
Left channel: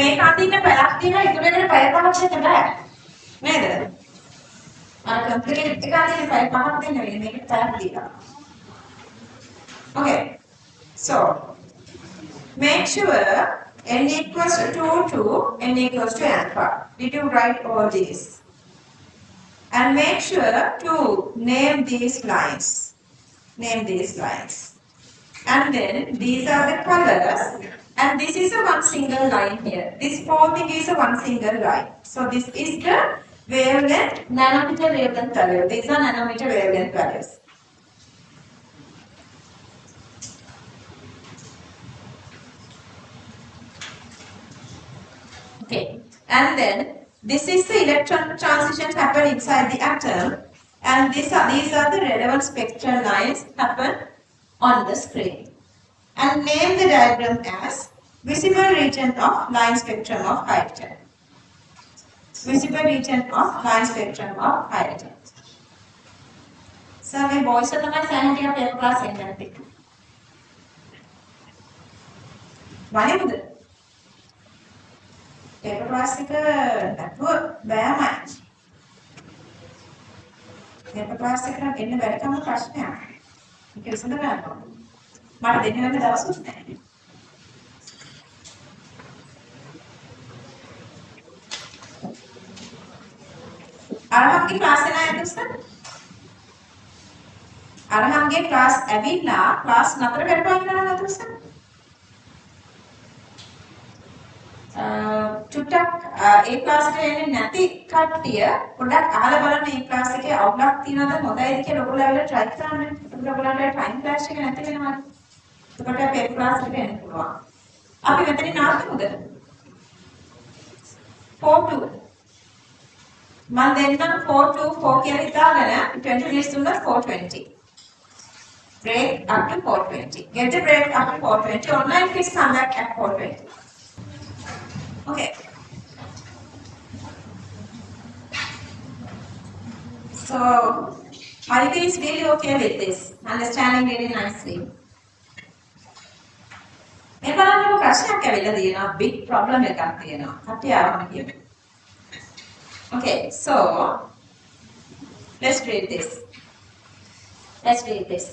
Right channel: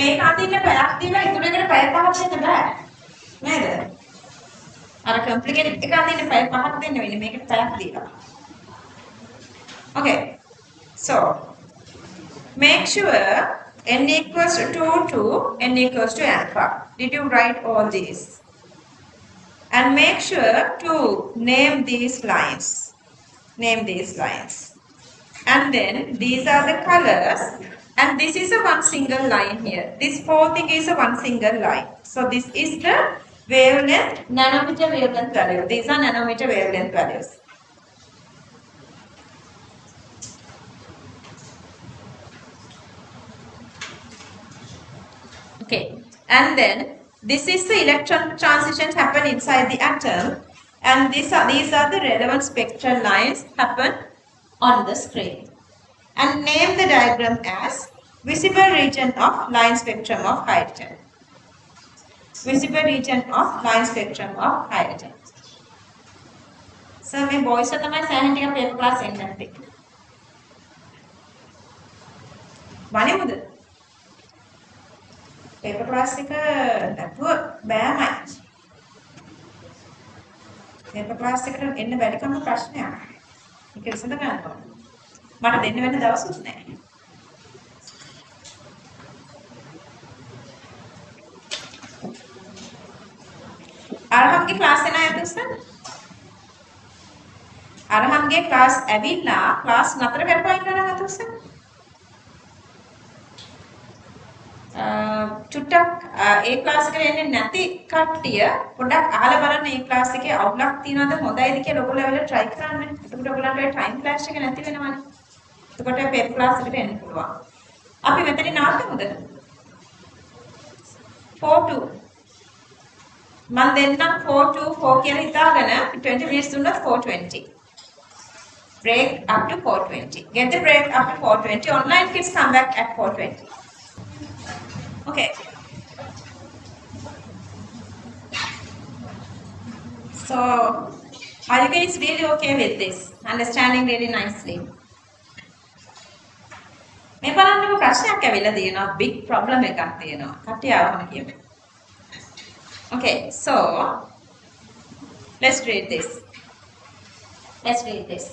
මේක අදින්න පැයක් දීලා ඉතුරු එකට පැය 5ක් දෙන්න බෑ නේද? අර කම්ප්ලිකේටඩ් එක අදින්න පැය 5ක් දෙන්න වෙන්නේ මේකට පැයක් දීලා. Okay. So make sure n equals to 2 to n equals to alpha. Did you write all these? And make sure to name these lines. Name these lines. And then these are the colors. And this is a one single line here. This whole thing is a one single line. So this is the wavelength, nanometer wavelength value. These are nanometer wavelength values. Okay. And then this is the electron transition happen inside the atom. And these are the relevant spectral lines happen on the screen. And name the diagram as visible region of line spectrum of hydrogen. Visible region of line spectrum of hydrogen. So, my boys are my scientific paper class ended. One paper class that would bear mind. Paper class in the very common question. You can send a man. But then you went to the house. අරහන්ගේ class එක නේද sir? අරහන්ගේ class ඇවිල්ලා class නතර කරපුවා කියලා නේද sir? චුට්ටක් ඒ ක්ලාස් එකට එන්නේ නැති කට්ටිය පොඩ්ඩක් අහලා බලන්න මේ ක්ලාස් එකේ අවුලක් තියනවද හොඳයිද කියලා ඔයගොල්ලෝ ඇවිල්ලා try කරන්න. එතකොට ඔයගොල්ලන්ට ටයිම් ක්ලාස් එක නැති වෙනවනේ. එතකොට අපේ ක්ලාස් එකට එන්න පුළුවන්. අපි මෙතනින් ආවද? 4-2 මම දෙන්නම් 4-2-4 කියලා හිතාගෙන 20 minutes දුන්නත් 4:20. Break up to 4:20. Get the break up to 4:20. Online kids come back at 4:20. Okay. So, are you guys really okay with this? Understanding really nicely? මේ බලන්න ප්‍රශ්නයක් ඇවිල්ලා තියෙනවා. Big problem එකක් තියෙනවා. කට්ටිය ආවම කියමු. Okay, so let's read this. Let's read this.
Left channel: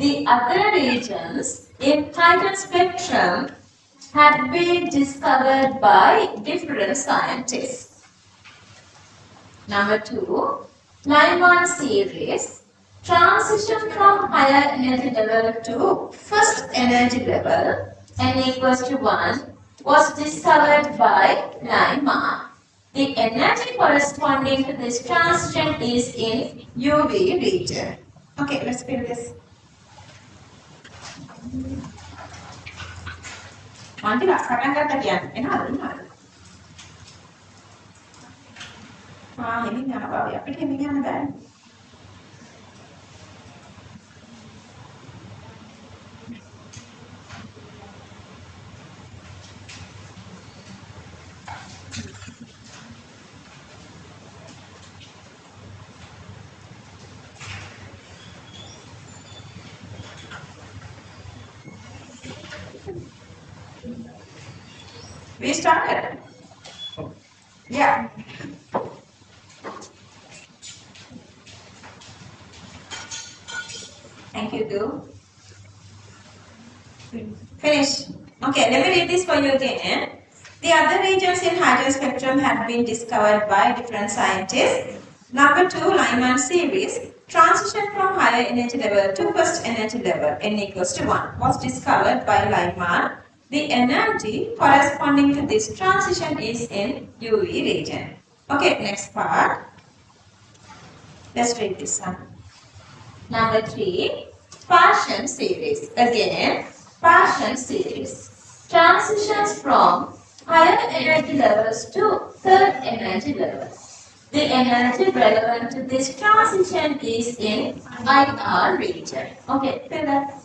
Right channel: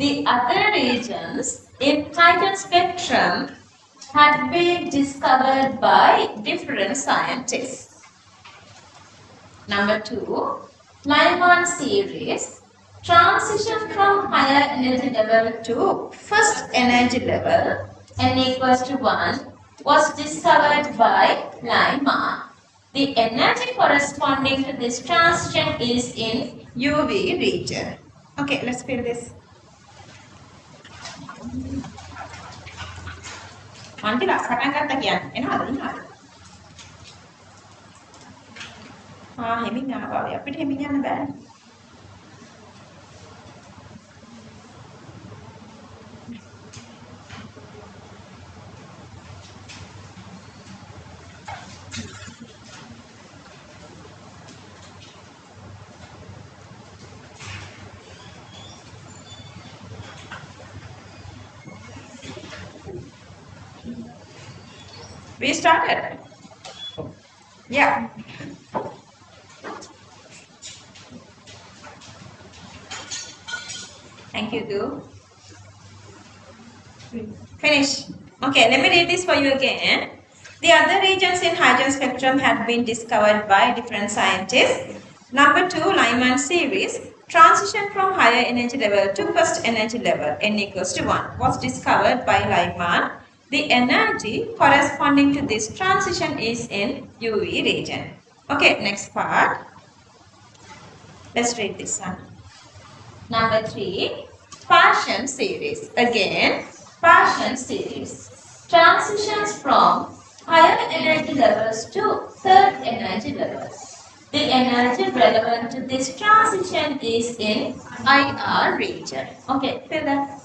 The other regions in hydrogen spectrum had been discovered by different scientists. Number 2, Lyman series, transition from higher energy level to first energy level, n equals to 1, was discovered by Lyman. The energy corresponding to this transition is in UV region. Okay, let's fill this. Mantila, පටන් ගත්තා කියන්නේ එනවද? හෙමින් ආවා. අපිට හෙමින් යන්න බෑ. We started. Yeah. Thank you, too. Finish. Okay, let me read this for you again. The other regions in hydrogen spectrum have been discovered by different scientists. Number 2, Lyman series. Transition from higher energy level to first energy level, n equals to 1, was discovered by Lyman. The energy corresponding to this transition is in UV region. Okay, next part. Let's read this one. Number 3, Partian series. Again, Partian series. Transitions from higher energy levels to third energy levels. The energy relevant to this transition is in IR region. Okay, fill that.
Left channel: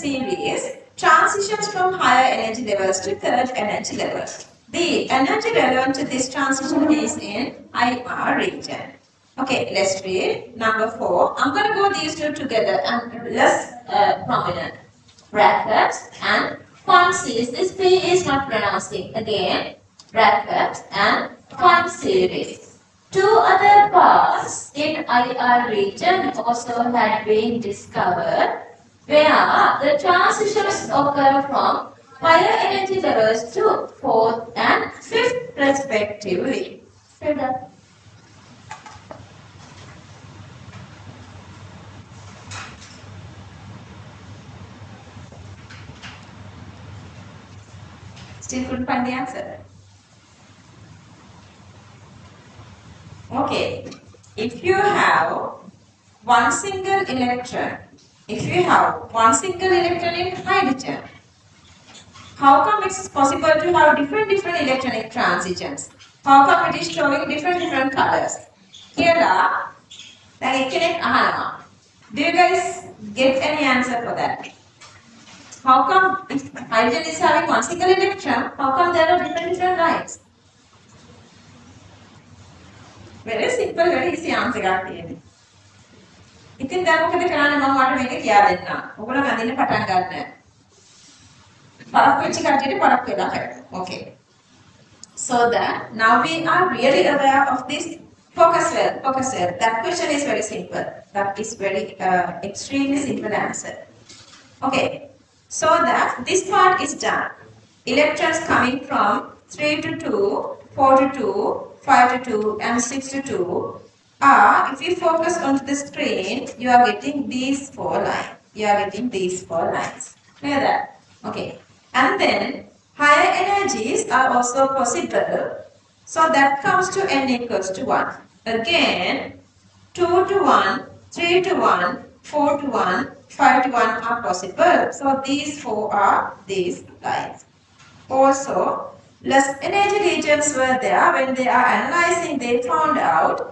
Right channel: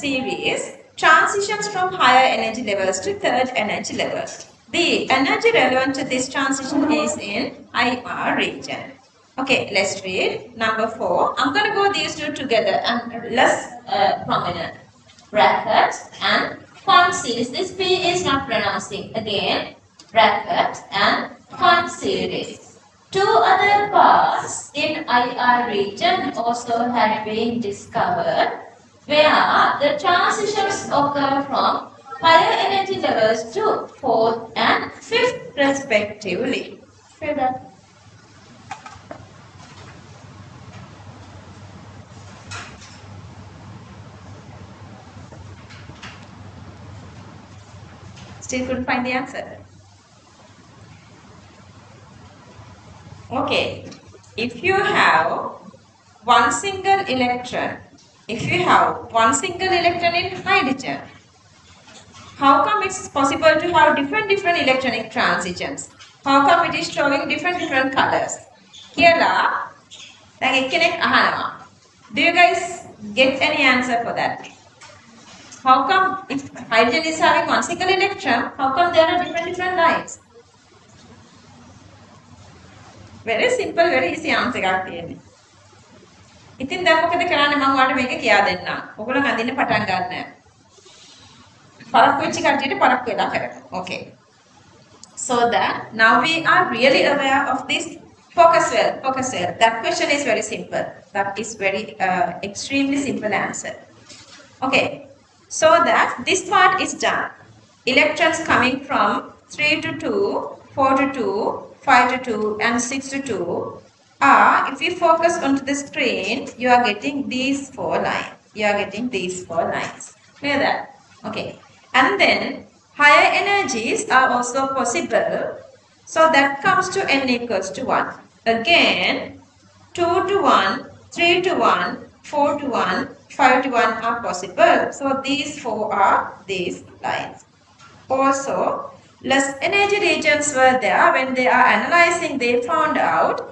series transitions from higher energy levels to third energy level. The energy relevant to this transition is in IR region. Okay, let's read number 4. I'm going to go these two together and less prominent. Brackets and fun series. This P is not pronouncing. Again, brackets and fun series. Two other paths in IR region also had been discovered where the transitions occur from higher energy levels to fourth and fifth respectively. Feel that? Still couldn't find the answer. Okay, if you have one single electron, in hydrogen, how come it's possible to have different electronic transitions? How come it is showing different colors? Here are, do you guys get any answer for that? How come if hydrogen is having one single electron, how come there are different lines? Very simple, very easy answer එකක් තියෙන්නේ. ඉතින් දැන් මොකද කරන්නේ මම ඔයාලට මේක කියා දෙන්නම්. ඔයගොල්ලෝ අඳින්න පටන් ගන්න. පරක්කු වෙච්ච කට්ටියට පරක්කු වෙලා කරන්න. Okay. So that now we are really aware of this focus well. That question is very simple. That is very extremely simple answer. Okay. So that this part is done. Electrons coming from 3 to 2, 4 to 2, 5 to 2 and 6 to 2 are, if you focus onto the screen, you are getting these 4 lines. Clear that? Okay. And then higher energies are also possible. So that comes to n equals to 1. Again, 2 to 1, 3 to 1, 4 to 1, 5 to 1 are possible. So these 4 are these lines. Also, less energy regions were there. When they are analyzing, they found out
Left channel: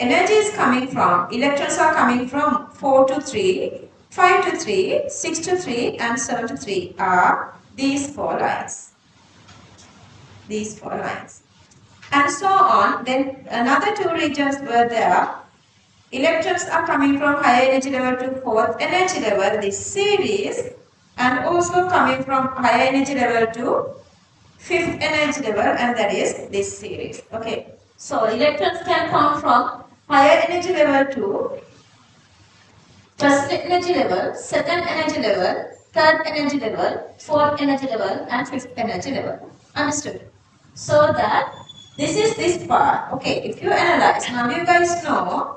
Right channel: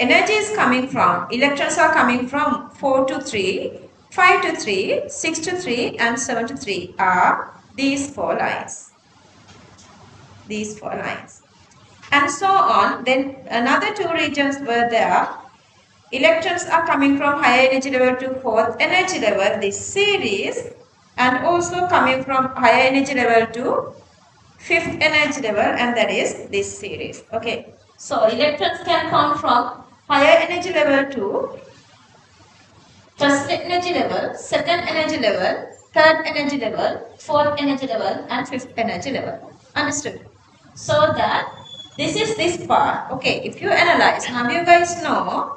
energy is coming from, electrons are coming from 4 to 3, 5 to 3, 6 to 3 and 7 to 3 are these 4 lines. And so on. Then another 2 regions were there. Electrons are coming from higher energy level to fourth energy level, this series, and also coming from higher energy level to fifth energy level, and that is this series. Okay. So electrons can come from higher energy level to first energy level, second energy level, third energy level, fourth energy level, and fifth energy level. Understood? So that this is this part. Okay. If you analyze, how do you guys know?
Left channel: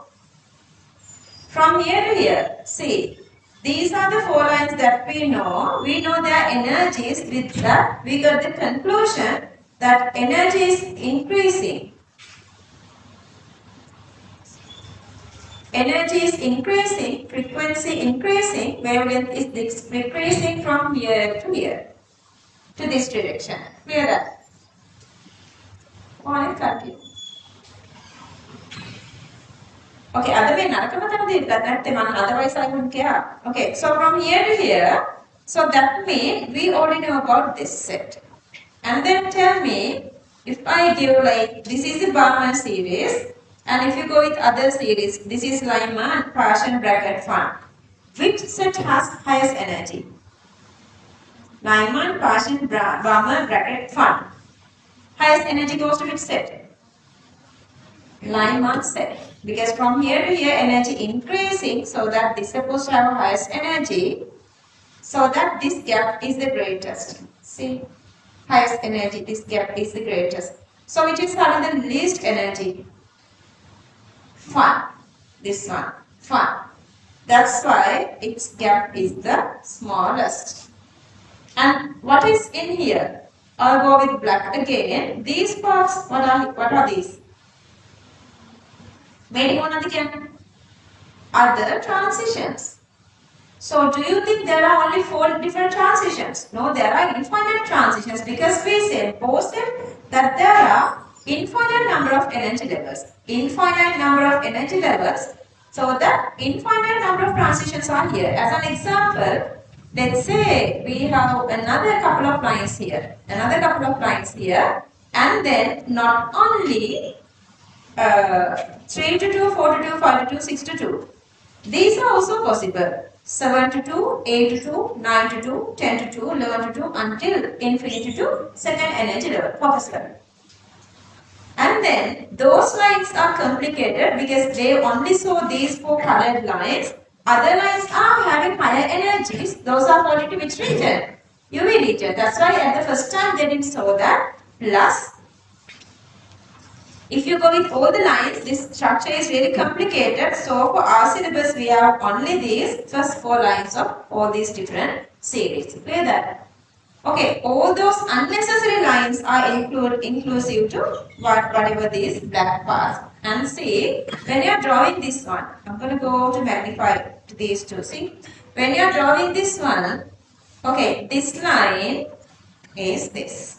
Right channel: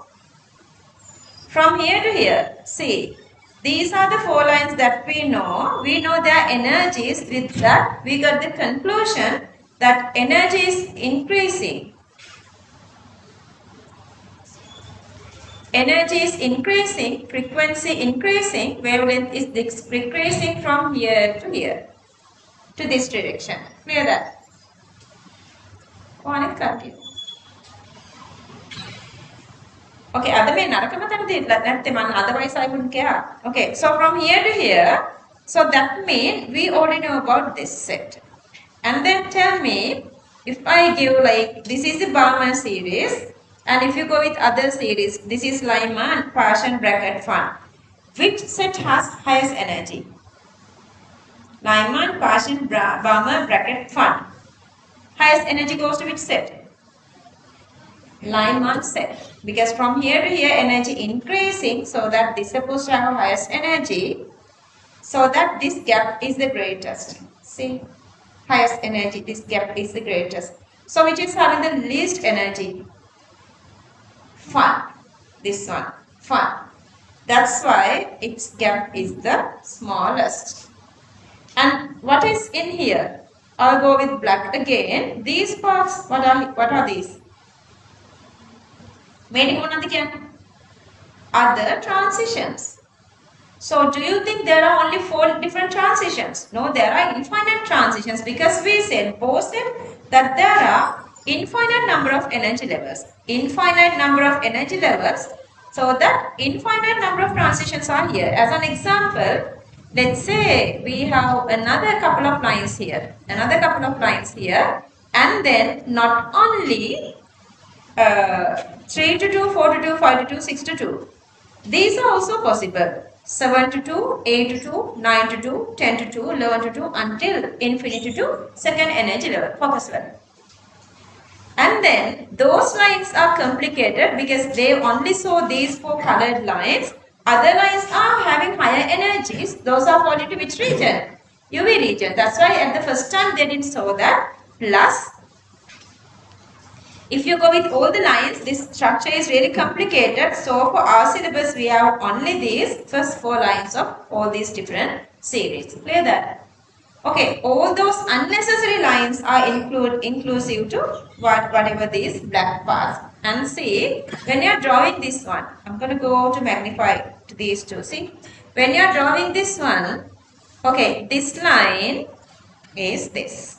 From here to here, see, these are the 4 lines that we know. We know their energies. With that, we got the conclusion that energy is increasing. Energy is increasing, frequency increasing, wavelength is decreasing from here to here, to this direction. Clear that? One continue. Okay, otherwise I wouldn't care. Okay, so from here to here, so that means we already know about this set. And then tell me, if I give like, this is the Barman series, and if you go with other series, this is Lyman, Partial bracket fun. Which set has highest energy? Lyman, Partial, Barman bracket fun. Highest energy goes to which set? Lyman set, because from here to here energy increasing, so that this is supposed to have highest energy, so that this gap is the greatest. See, highest energy, this gap is the greatest. So which is having the least energy? Fun. This one, fun. That's why its gap is the smallest. And what is in here? I'll go with black again. These parts, what are these? Other transitions. So do you think there are only 4 different transitions? No, there are infinite transitions, because we said both that there are infinite number of energy levels. So the infinite number of transitions are here. As an example, let's say we have another couple of lines here, and then not only 3 to 2, 4 to 2, 5 to 2, 6 to 2. These are also possible. 7 to 2, 8 to 2, 9 to 2, 10 to 2, 11 to 2 until infinity to second energy level, focus level. And then those lines are complicated because they only saw these 4 colored lines. Other lines are having higher energies. Those are falling to which region? UV region. That's why at the first time they didn't show that. Plus, if you go with all the lines, this structure is really complicated. So for our syllabus, we have only these first 4 lines of all these different series. Clear that? Okay, all those unnecessary lines are inclusive to whatever these black parts. And see, when you are drawing this one, I'm going to go to magnify to these two. See, when you are drawing this one, okay, this line is this.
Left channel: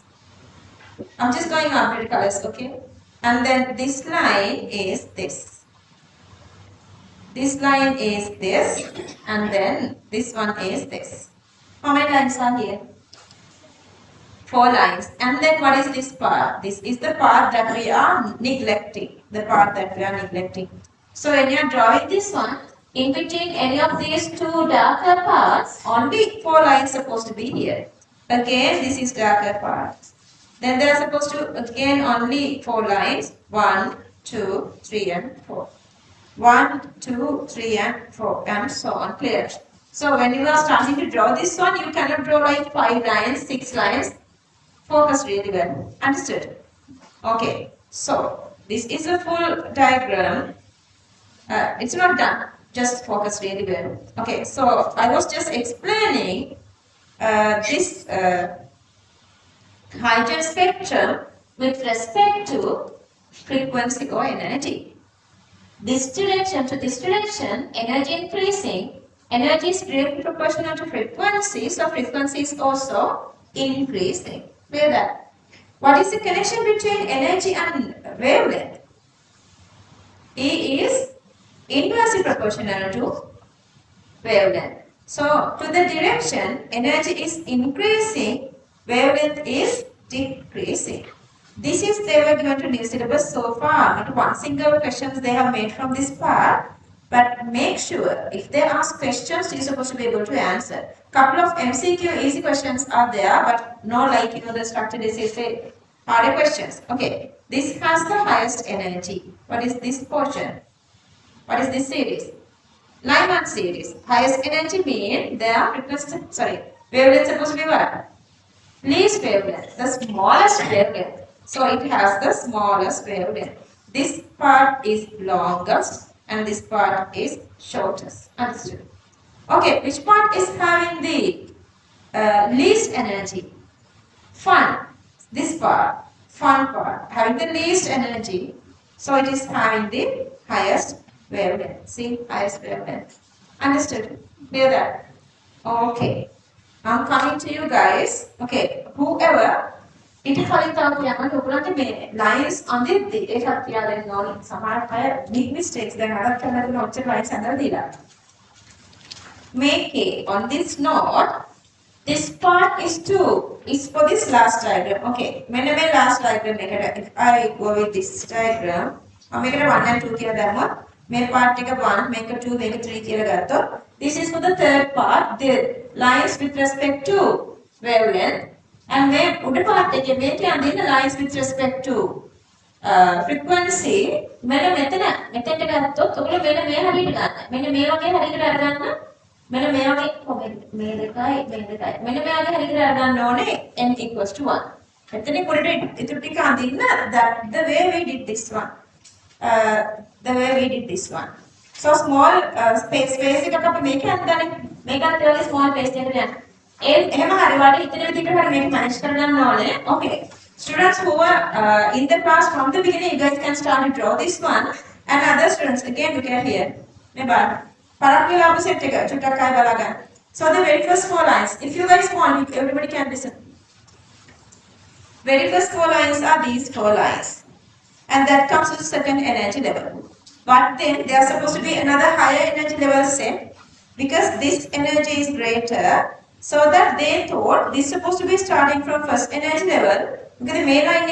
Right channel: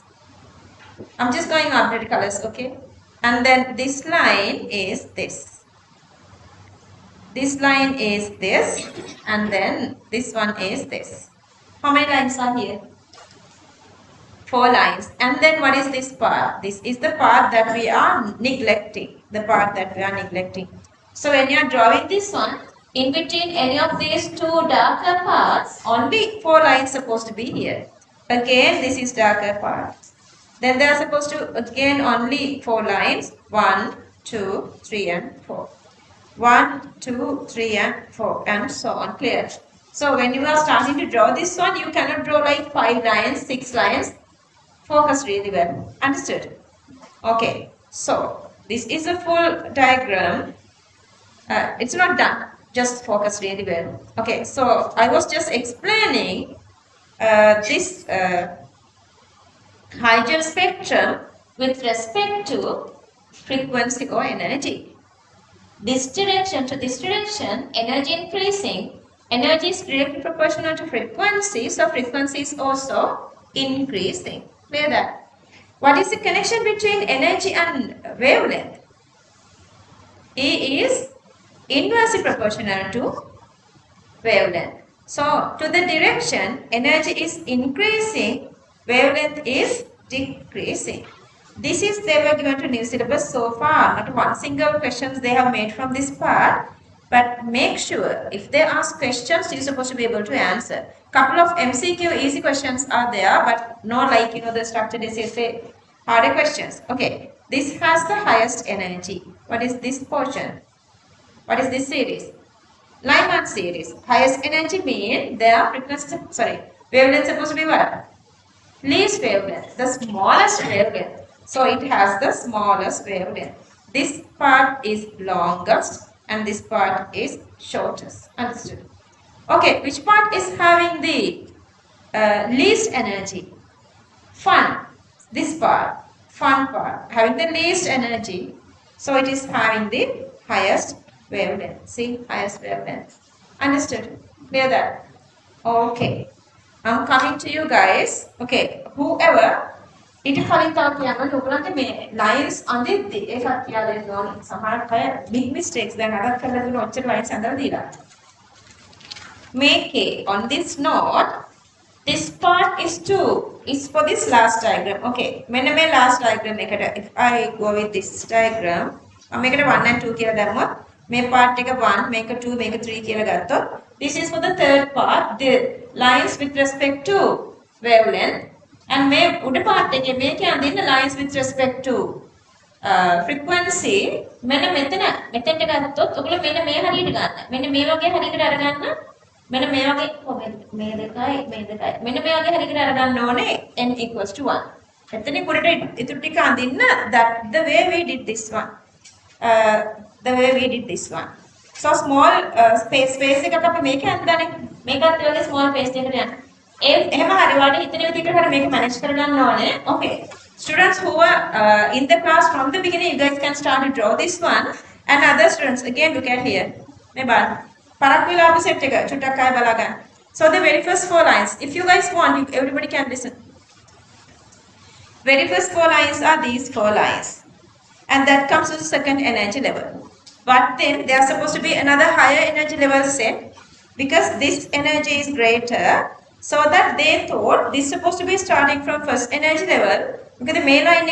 I'm just going after the colors, okay? And then this line is this. This line is this, and then this one is this. How many lines are here? 4 lines. And then what is this part? This is the part that we are neglecting. So when you are drawing this one, in between any of these 2 darker parts, only 4 lines supposed to be here. Again, this is darker part. Then they are supposed to, again, only 4 lines. 1, 2, 3 and 4. 1, 2, 3 and 4 and so on. Clear? So when you are starting to draw this one, you cannot draw like 5 lines, 6 lines. Focus really well. Understood? Okay. So this is a full diagram. It's not done. Just focus really well. Okay. So I was just explaining this hydrogen spectrum with respect to frequency or energy. This direction to this direction, energy increasing, energy is directly proportional to frequency, so frequency is also increasing. Clear that? What is the connection between energy and wavelength? E is inversely proportional to wavelength. So, to the direction, energy is increasing, wavelength is decreasing. This is they were given to new syllabus so far. Not one single questions they have made from this part. But make sure if they ask questions, you're supposed to be able to answer. Couple of MCQ easy questions are there, but no like the structured essay harder questions. Okay, this has the highest energy. What is this portion? What is this series? Line 1 series. Highest energy mean their frequency. Wavelength supposed to be what? Least wavelength. The smallest wavelength. So it has the smallest wavelength. This part is longest and this part is shortest. Understood? Okay, which part is having the least energy? Fun. This part. Fun part. Having the least energy. So it is having the highest wavelength. See, highest wavelength. Understood? Clear that? Okay. I'm coming to you guys. Okay, whoever ඊට කලින් තව කියන්න ඔයගොල්ලන්ට මේ lines අඳිද්දි ඒකත් කියලා දෙන්න ඕනේ. සමහරට අය big mistakes දැන් අරක් කරලා තියෙන ඔච්චර lines අඳලා දීලා. Make on this note, this part is 2 is for this last diagram. Okay, මෙන්න මේ last diagram එකට if I go with this diagram මම මේකට 1 and 2 කියලා දැම්මොත් මේ part එක 1 මේක 2 මේක 3 කියලා ගත්තොත් this is for the third part, the lines with respect to wavelength. And මේ උඩ part එකේ මේකේ අඳින්න lines with respect to frequency මෙන්න මෙතනට ගත්තොත් ඔයගොල්ලෝ මෙන්න මේ හරියට ගන්න. මෙන්න මේ වගේ හරියකට අරගන්න. මෙන්න මේ වගේ මේ දෙකයි මෙන්න මේ වගේ හරියකට අරගන්න ඕනේ n equals to 1. එතනින් පොඩට ඉතුරු ටික අඳින්න that the way we did this one. So small space එකක අපි මේක අඳන්නේ. මේකත් ඔයගේ small space එකකට යන්න. එහෙම හරි වාට හිතන විදිහට හරි මේක මැනේජ් කරගන්න ඕනේ. Okay. Students who are in the class from the beginning, you guys can start to draw this one. And other students, again look at here. මේ බලන්න. පරක් වෙලා අපි set එක චුට්ටක් ආයෙ බලා ගන්න. So the very first 4 lines, if you guys want, everybody can listen. Very first 4 lines are these 4 lines. And that comes to the second energy level. But then there are supposed to be another higher energy level set. Because this energy is greater, So that they thought this is supposed to be starting from first energy level. Because the main line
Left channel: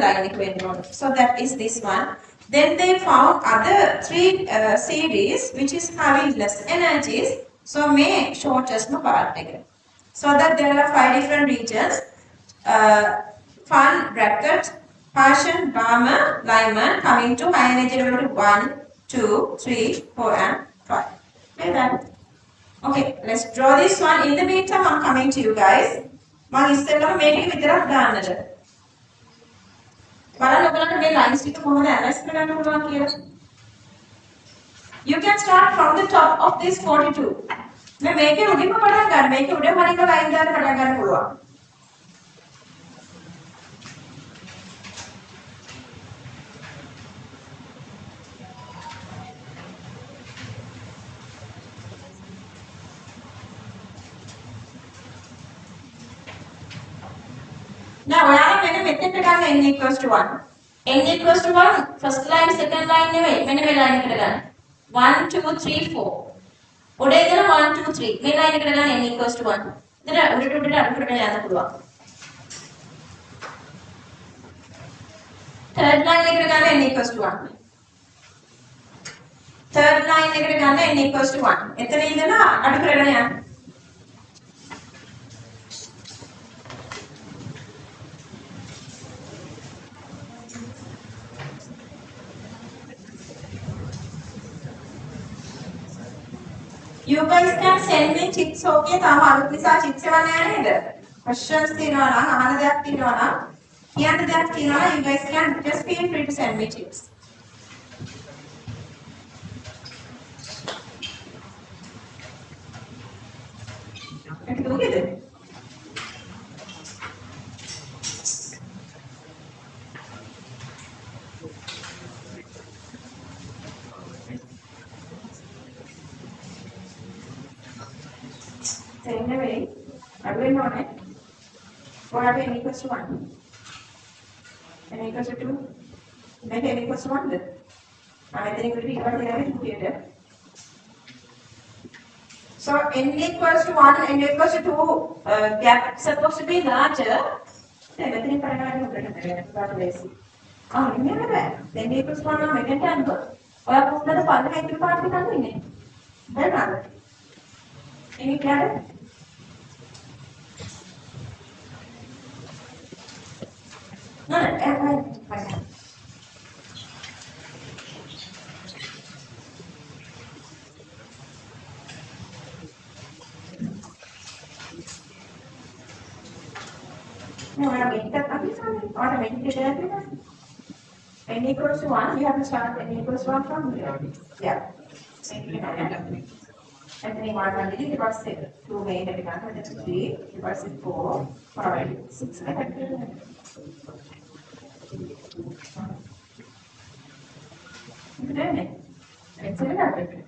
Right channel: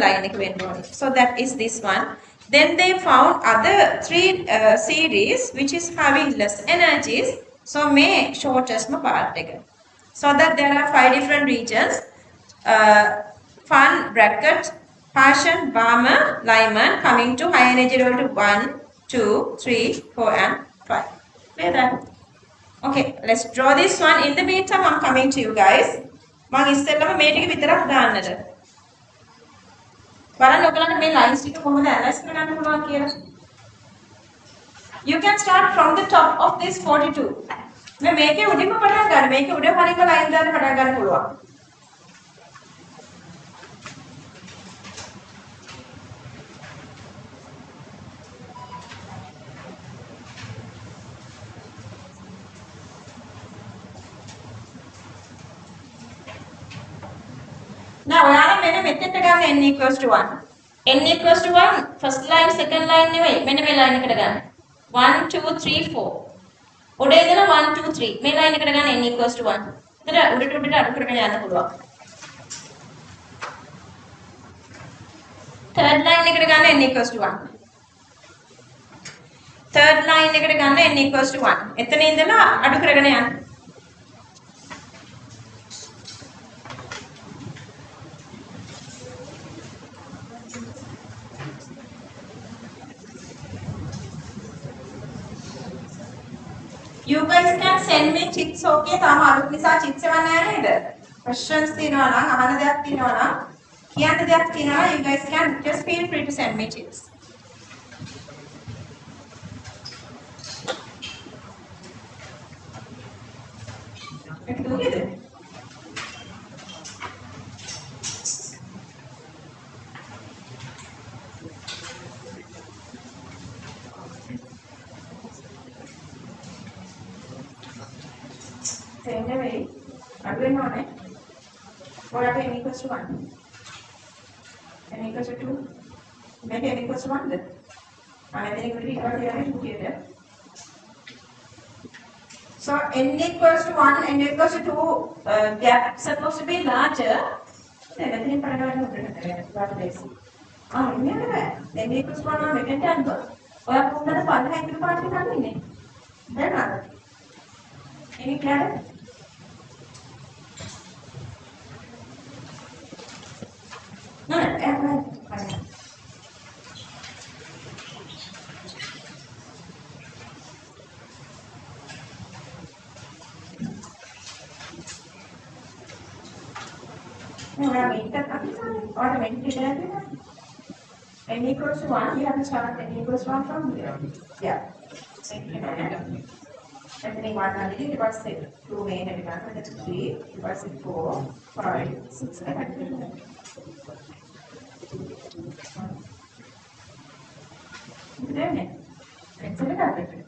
line. So that is this one. Then they found other three series which is having less energies. So may shortest part. So that there are 5 different regions. Fun, bracket, Passion, Barmer, Lyman coming to high energy level to 1, 2, 3, 4 and 5. Clear that? Okay, let's draw this one. In the meantime, I'm coming to you guys. මම ඉස්සෙල්ලම මේ ටික විතරක් දාන්නද. බලන්න ඔයගලන්ට මේ lines ටික කොහොමද ඇනලයිස් කරගන්න පුළුවන් කියලා. You can start from the top of this 42. මේ මේකේ උඩින්ම පටන් ගන්න. මේකේ උඩ හරියම line දාන්න පටන් ගන්න පුළුවන්. Now, ඔයාලා මෙන්න මෙතෙන්ට ගන්න n equals to 1. n equals to 1 first line second line නෙවෙයි. මෙන්න මේ line එකට ගන්න. 1 2 3 4. උඩ ඉඳලා 1 2 3. මේ line එකට ගන්න n equals to 1. එතන උඩට උඩට අඩු කරගෙන යන්න පුළුවන්. third line එකට ගන්න n equals to 1. third line එකට ගන්න n equals to 1. එතන ඉඳලා අඩු කරගෙන යන්න. You guys can send me chits okay තාම අලුත් නිසා chits එවන්න යන්නේ නේද? Questions තියෙනවා නම් අහන්න දෙයක් තියෙනවා නම් කියන්න දෙයක් තියෙනවා නම් you guys can just feel free to send me chits. ඒක දුකද? Same way, I will not it. What are n equals to 1? N equals to 2. Make n equals to 1 then. I think it will be here. So n equals to 1 and n equals to 2 gap supposed to be larger. Then n equals to 1 now make it 10. Or I put the part of the party coming in. Then other. Any clear? No, fine. No, automatically n equals to 1, you have to start n equals to 1 from here. Yeah. And then you want to divided 2 main divided 3, divided 4, 5, 6, 7. Bene, penso di guardare.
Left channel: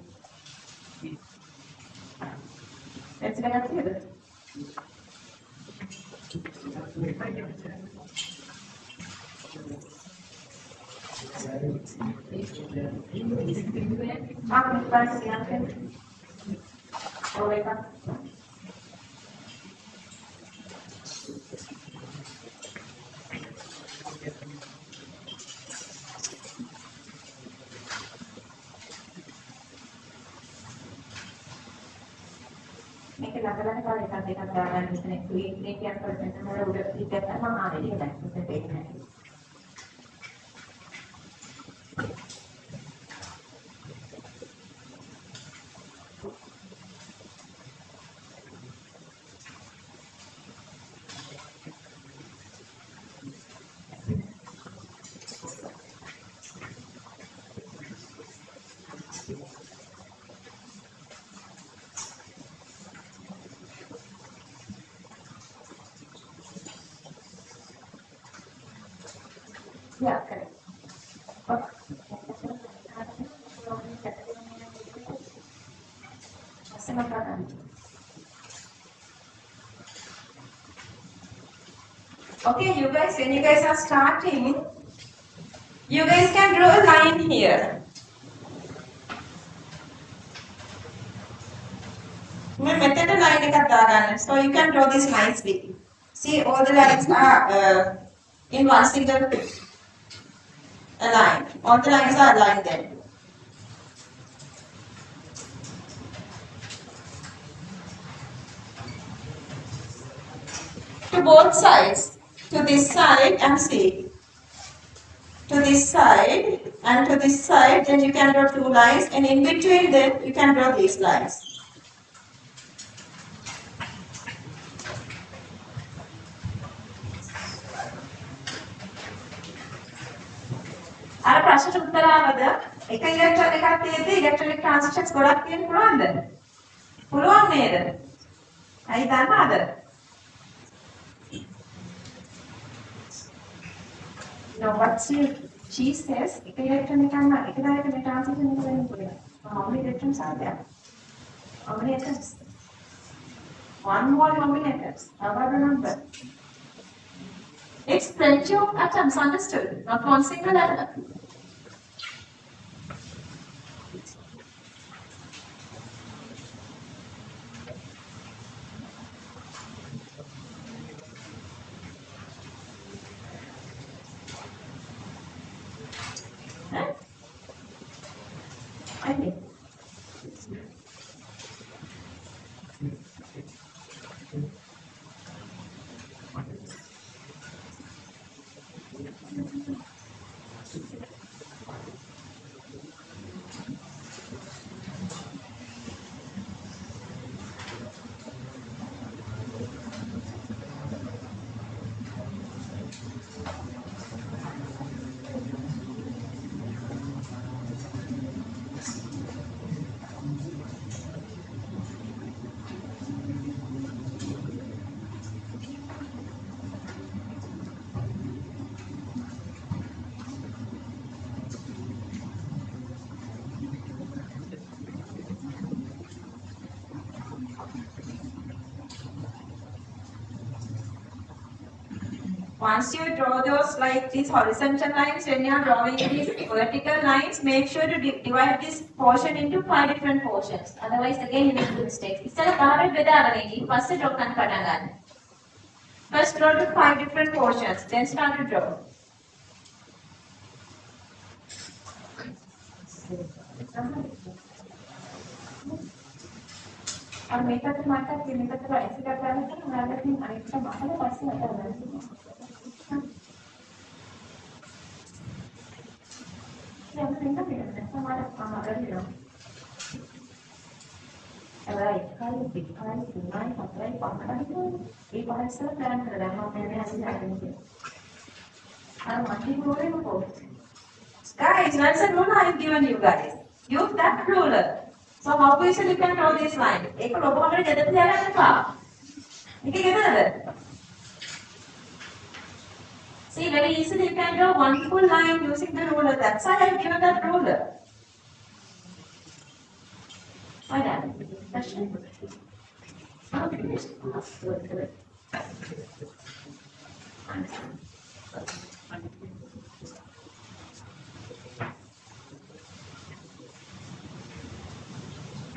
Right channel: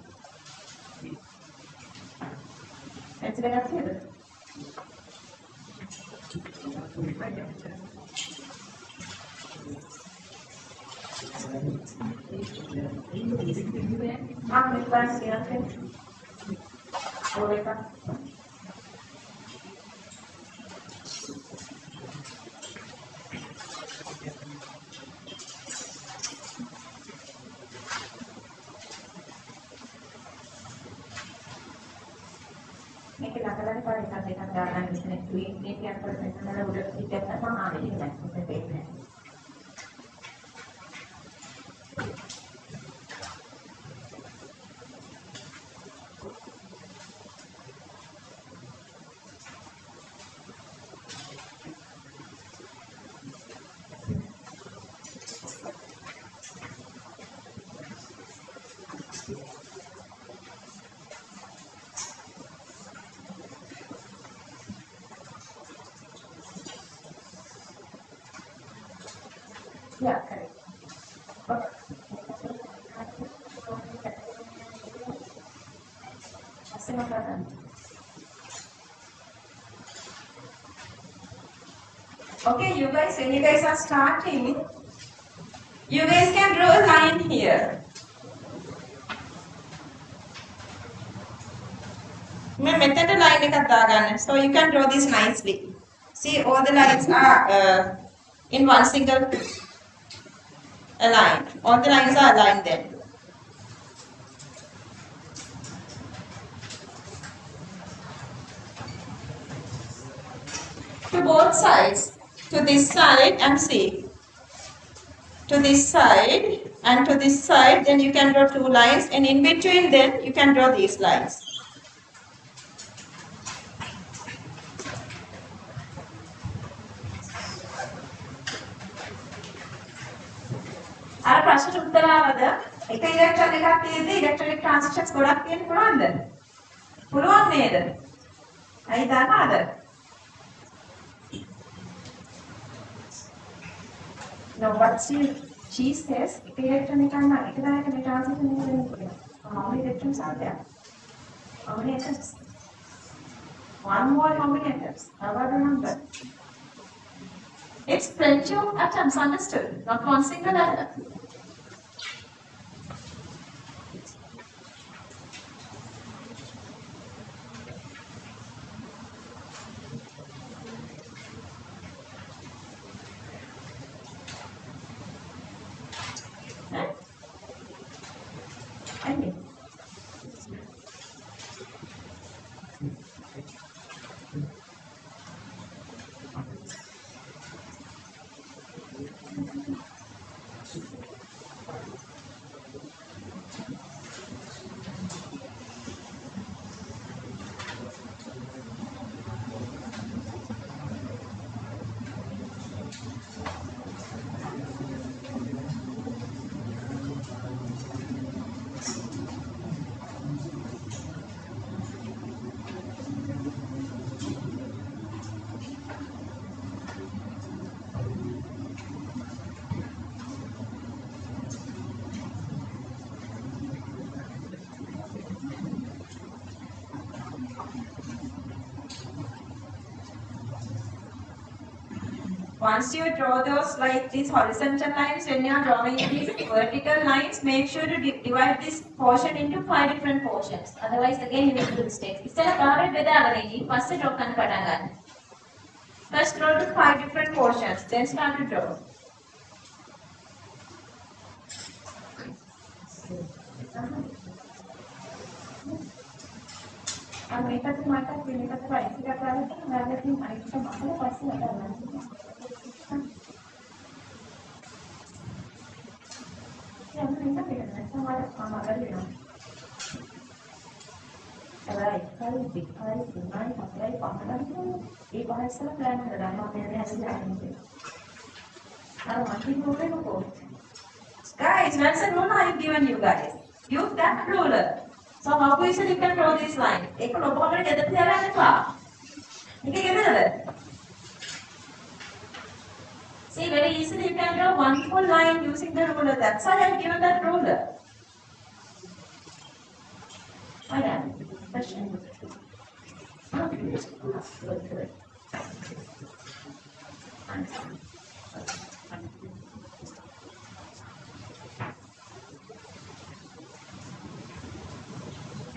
Penso di guardare. Ah, mi pare anche. Voleva. Neki lagana kalau dikatakan dalam ini klinik yang terkenal udah tidak sama ada di mana kita tanya. Yeah, correct. Okay, you guys, when you guys are starting, you guys can draw a line here. मैं method line line එකක් දාගන්න. So you can draw this nicely. See, all the lines are in one single line. All the lines are aligned then. To both sides, to this side and see. To this side and to this side, then you can draw two lines, and in between then you can draw these lines. අර ප්‍රශ්නට උත්තර ආවද? එක ඉලෙක්ට්‍රෝන එකක් තියෙද්දි ඉලෙක්ට්‍රොනික ට්‍රාන්සිෂන්ස් ගොඩක් තියෙන්න පුළුවන්ද? පුළුවන් නේද? ඇයි දන්නවද? No, what she says, එක ඉලෙක්ට්‍රෝන එකක් නම් එක දායකනේ ට්‍රාන්සිෂන් එක වෙන්න පුළුවන්. How many electrons are there? How many atoms? One more, how many atoms? How about the number? It's plenty of atoms, understood? Not one single atom. Once you draw those like these horizontal lines, when you are drawing these vertical lines, make sure to divide this portion into 5 different portions. Otherwise, again, you will do mistakes. ඉස්සෙල්ලා කාමරේ බෙදාගෙන ඉන්න. පස්සේ draw කරන්න පටන් ගන්න. First draw to 5 different portions, then start to draw. और මේකට මට දෙන්නට ප්‍රයිස් එකක් ගන්න නම් අනිත් මම පස්සේ කරනවා. Guys, what's the ruler I've given you guys? Use that ruler. So how easily you can draw this line? एक लोगों को कहते थे यार क्या? ये कहते हैं? See, very easily you can draw one full line using the ruler. That's why I've given that ruler. Why that?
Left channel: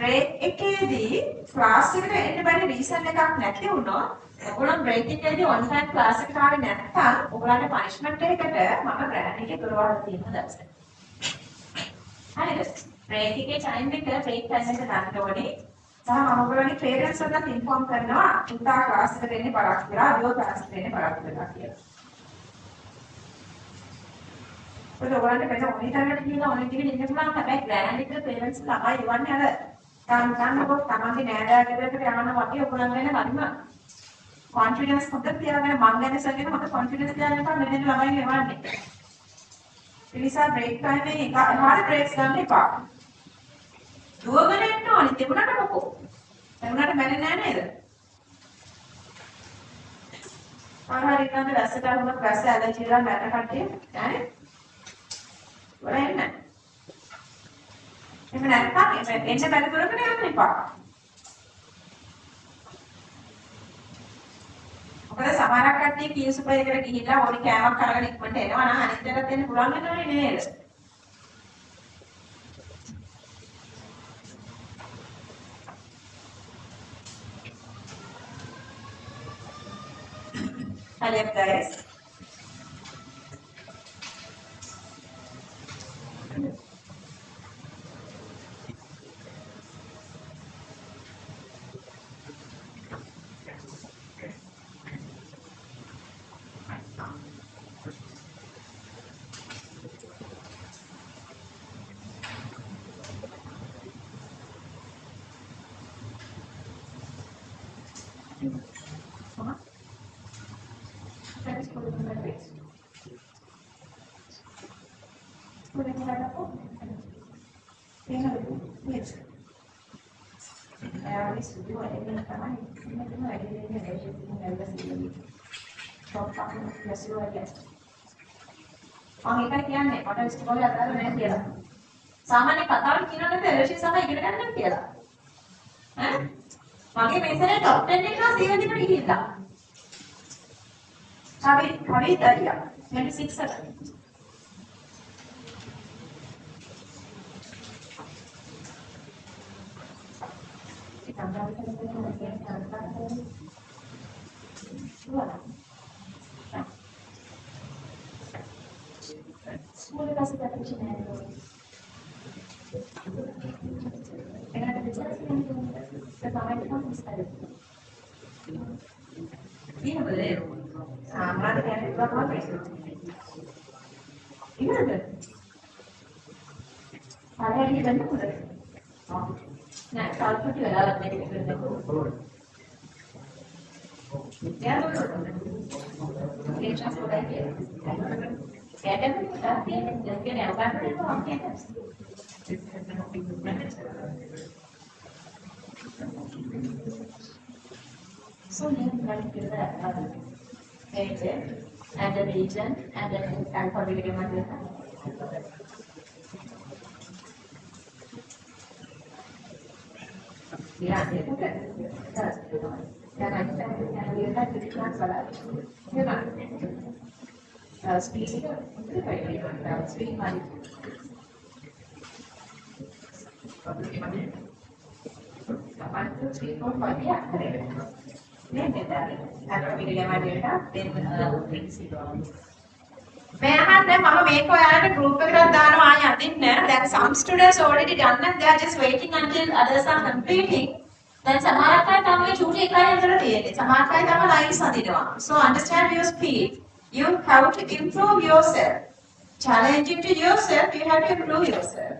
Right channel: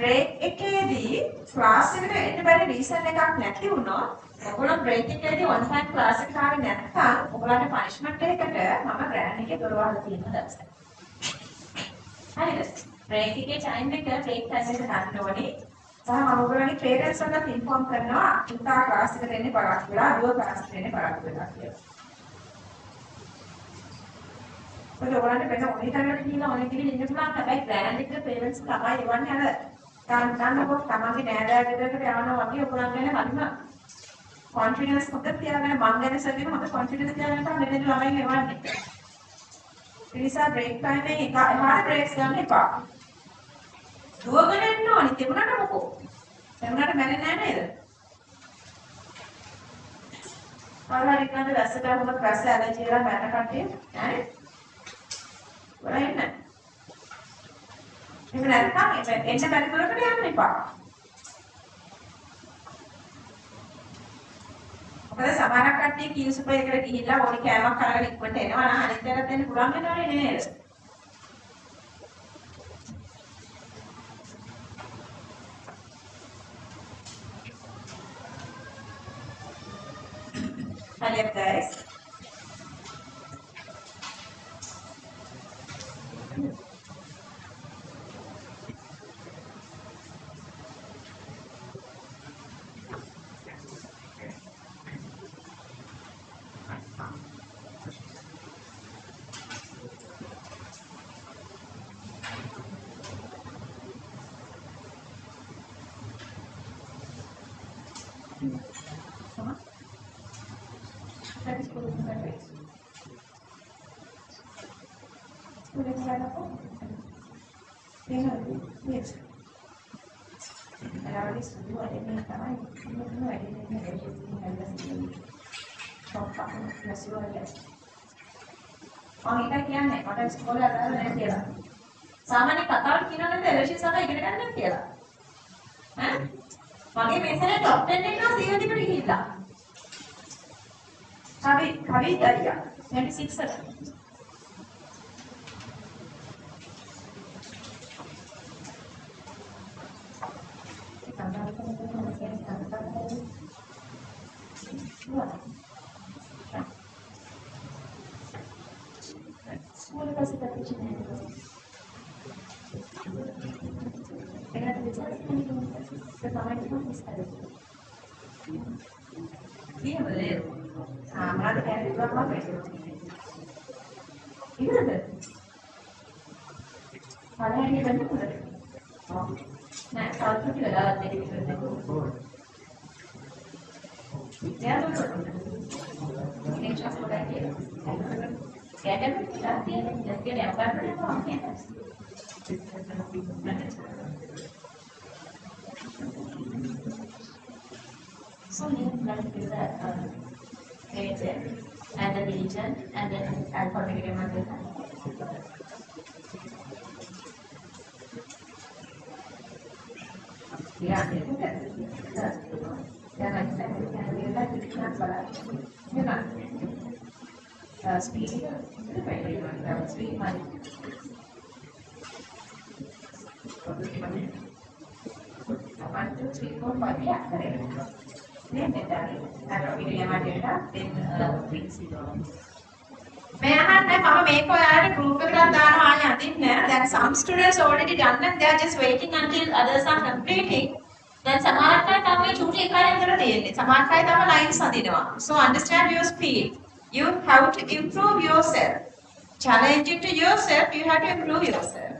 Break එකේදී ක්ලාස් එකට එන්න බැරි රීසන් එකක් නැති වුණොත් ඔයගොල්ලෝ break එකේදී on time ක්ලාස් එකට ආවේ නැත්නම් ඔයගොල්ලන්ට punishment එකකට මම ග්‍රෑන්ඩ් එකේ දොරවල් තියෙනවා දැක්සයි. හරිද? break එකේ time එක break time එක ගන්න ඕනේ. සහ ඔයගොල්ලන්ගේ parents වලට inform කරනවා උන්ට ක්ලාස් එකට එන්න බලාපොරොත්තු වෙලා දුව ක්ලාස් එකට එන්න බලාපොරොත්තු වෙලා කියලා. ඔයගොල්ලන්ට බෙද මොනිටර් එකට ගිහින් ඕනෙ ටික ඉන්න පුළුවන්. හැබැයි ග්‍රෑන්ඩ් එකට parents ළමයි එවන්නේ අර කාන්තාවෝ තමන්ගේ නෑදෑයෝ ගෙදරට යනවා වගේ ඔයගොල්ලන් ගැන හරිම confidence හොඳට තියාගෙන මං ගැන සැලගෙන හොඳ confidence තියාගෙන තමයි මෙන්න ළමයි එවන්නේ. ඒ නිසා break time එකේ හරිය breaks ගන්න එපා. දුවගෙන එන්න ඕනි තිබුණාට මොකෝ. තිබුණාට මැරෙන්නේ නෑ නේද? ආහාර ඉන්නද වැස්සට වුණත් වැස්ස ඇලර්ජි වල මැරෙන කට්ටිය නෑනේ. වරෙන්න. එහෙම නැත්නම් එන්න බැරි දුරකට යන්න එපා. මොකද සමහරක් කට්ටිය කී සුපර් එකට ගිහිල්ලා ඕනි කෑමක් අරගෙන ඉක්මනට එනවා නම් අනිත් පැත්තට දෙන්න පුළුවන් වෙනවනේ නේද? Hurry up, guys. මේකයි කියන්නේ මට ඉස්කෝලේ අදාළ නැහැ කියලා. සාමාන්‍ය කතාවක් කියනවා නේද එලෝෂිස් තමයි ඉගෙන ගන්න කියලා. ඈ මගේ මේසෙන් টপ 10 එනවා සීවදිකට ගිහිල්ලා. කවි දරියා 26 අර. So now I'm going to give the age and the region and then alphabetic number. Yeah, speed, speed money. One, two, three, four, five, yeah, correct. Then group then some students already done and they are just waiting until others are completing. Then so understand your speed. You have to improve yourself. Challenging to yourself, you have to improve yourself.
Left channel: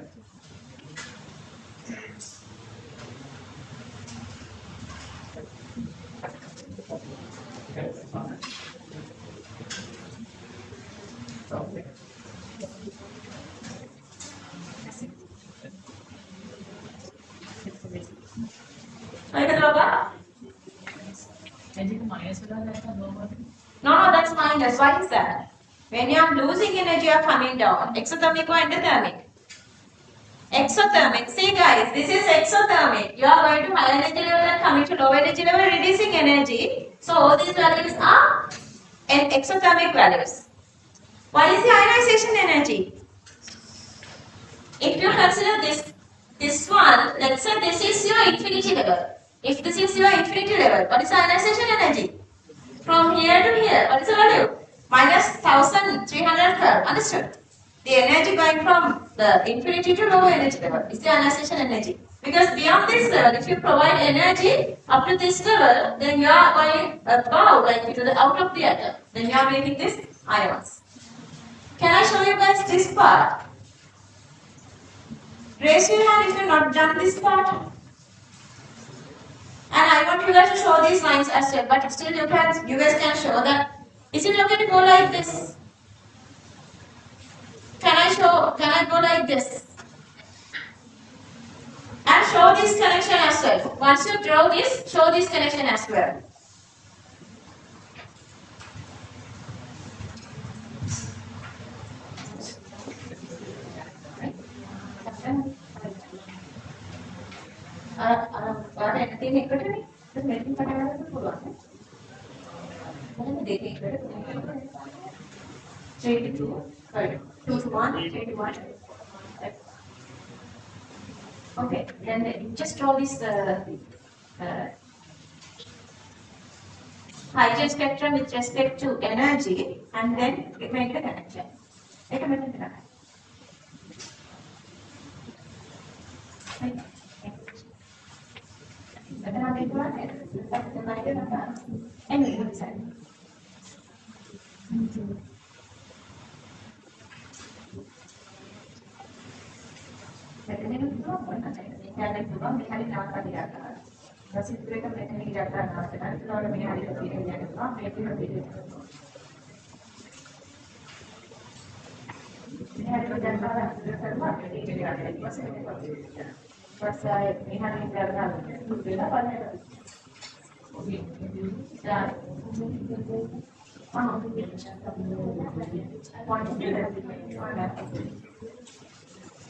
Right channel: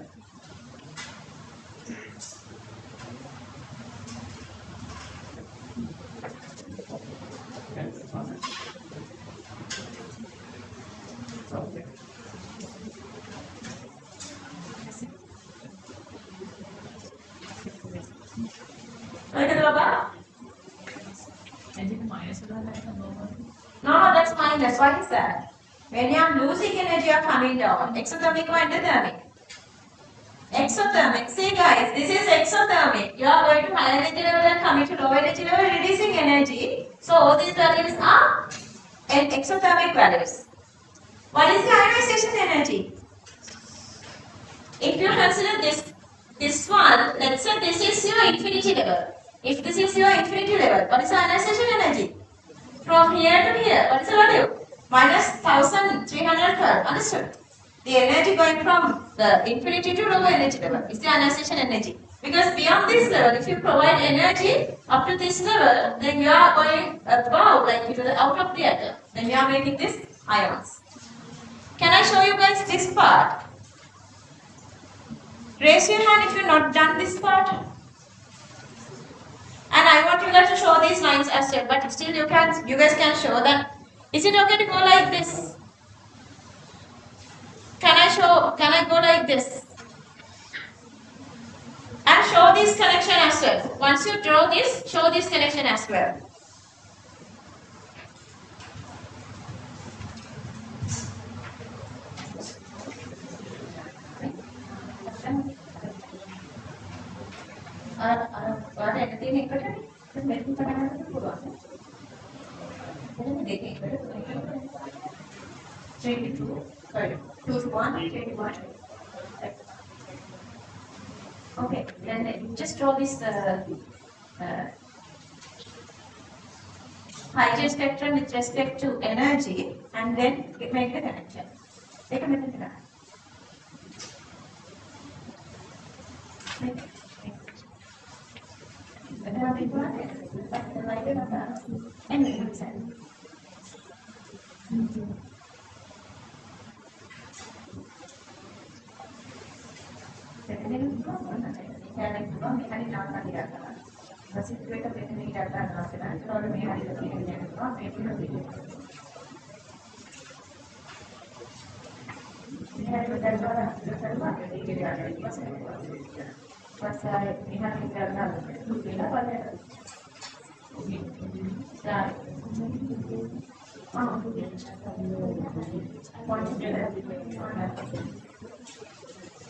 No, that's minus. Why is that? When you are losing energy, you are coming down. Exothermic or endothermic? Exothermic. See guys, this is exothermic. You are going to high energy level and coming to low energy level, reducing energy. So all these values are exothermic values. What is the ionization energy? If you consider this one, let's say this is your infinity level. If this is your infinity level, what is the ionization energy? From here to here, what is the value? Minus 1312. Understood? The energy going from the infinity to low energy level is the ionization energy. Because beyond this level, if you provide energy up to this level, then you are going above, like to the out of the atom. Then you are making this ions. Can I show you guys this part? Raise your hand if you have not done this part. And I want you guys to show these lines as well, but still you guys can show that. Is it okay to go like this? Can I go like this? And show this connection as well. Once you draw this, show this connection as well. Okay, then just draw this hygiene spectrum with respect to energy, and then make the connection.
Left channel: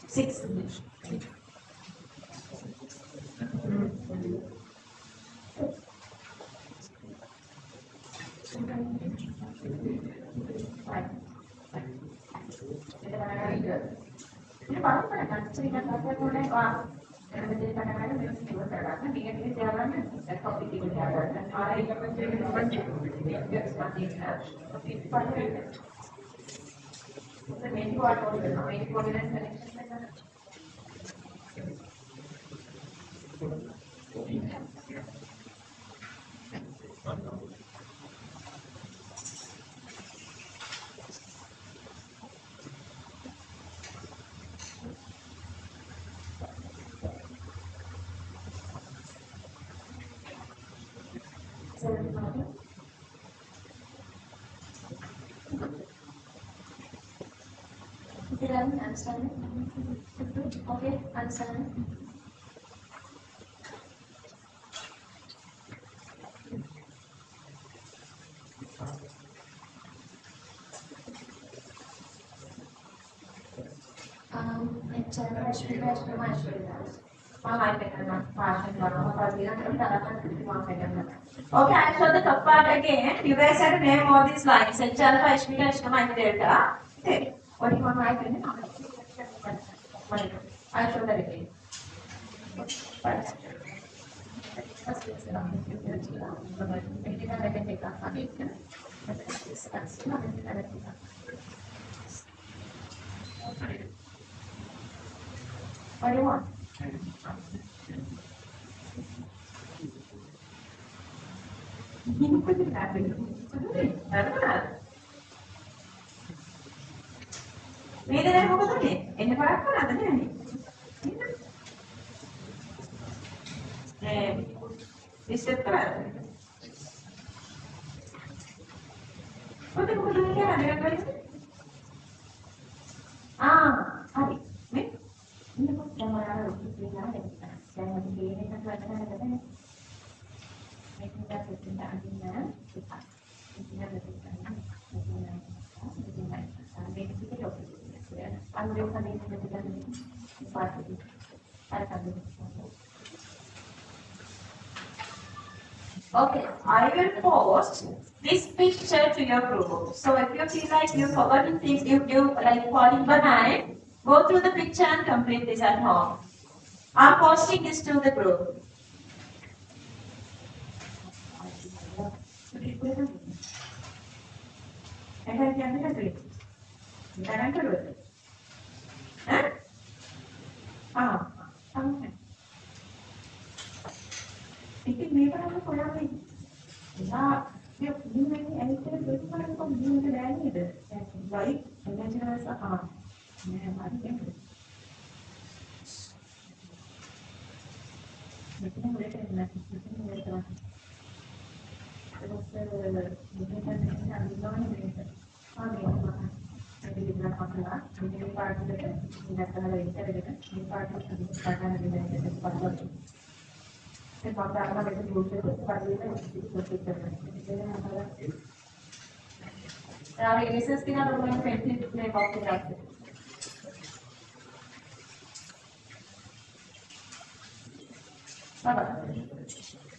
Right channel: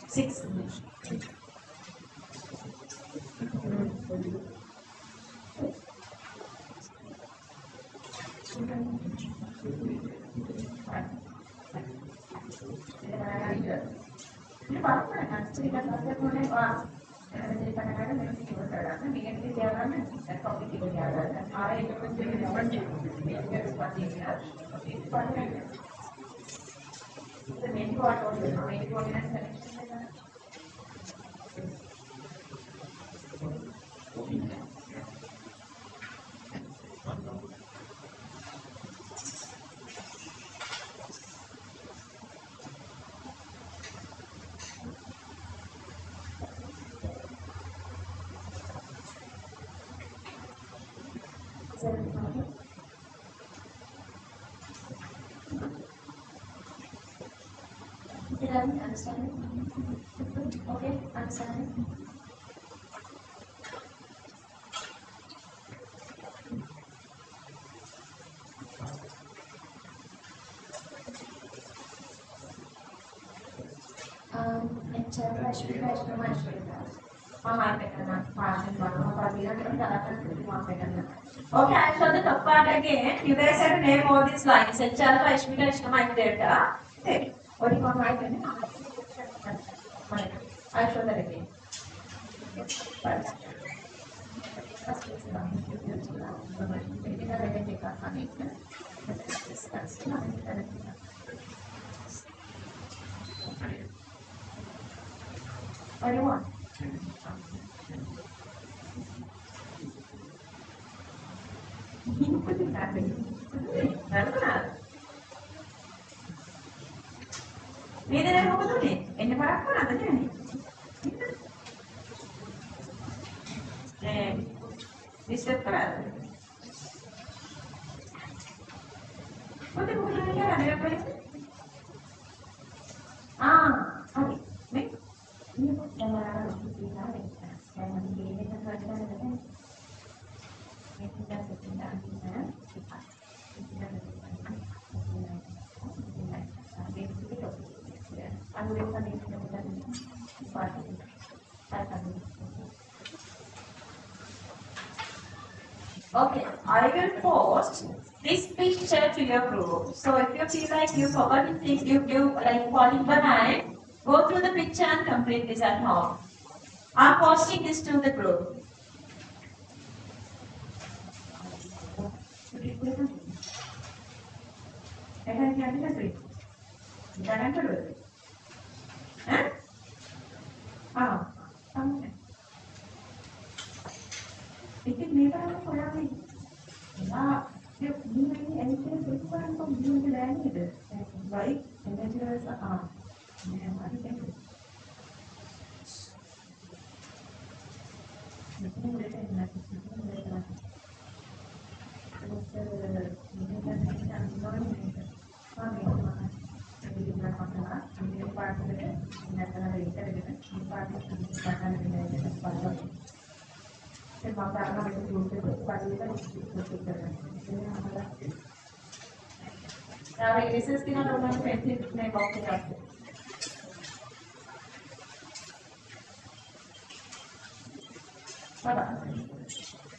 Six. Understand? Okay, understand? Okay, I show the top part again. You guys have to name all these lines. H alpha, H beta, H gamma, and delta. Okay. What do you want my pen? I show that again. First. What do you want? මේ දෙන මොකද උනේ? එන්න පාරක් කරාද නේ? මේ step කරාද? මොකද මේ කියන්නේ හරියට වෙන්නේ? හරි. මේ ඉන්නකොට දැන් අපි මේක කරලා Okay, I will post this picture to your group. So if you feel like you forgot things, you like falling behind, go through the picture and complete this at home. I'm posting this to the group.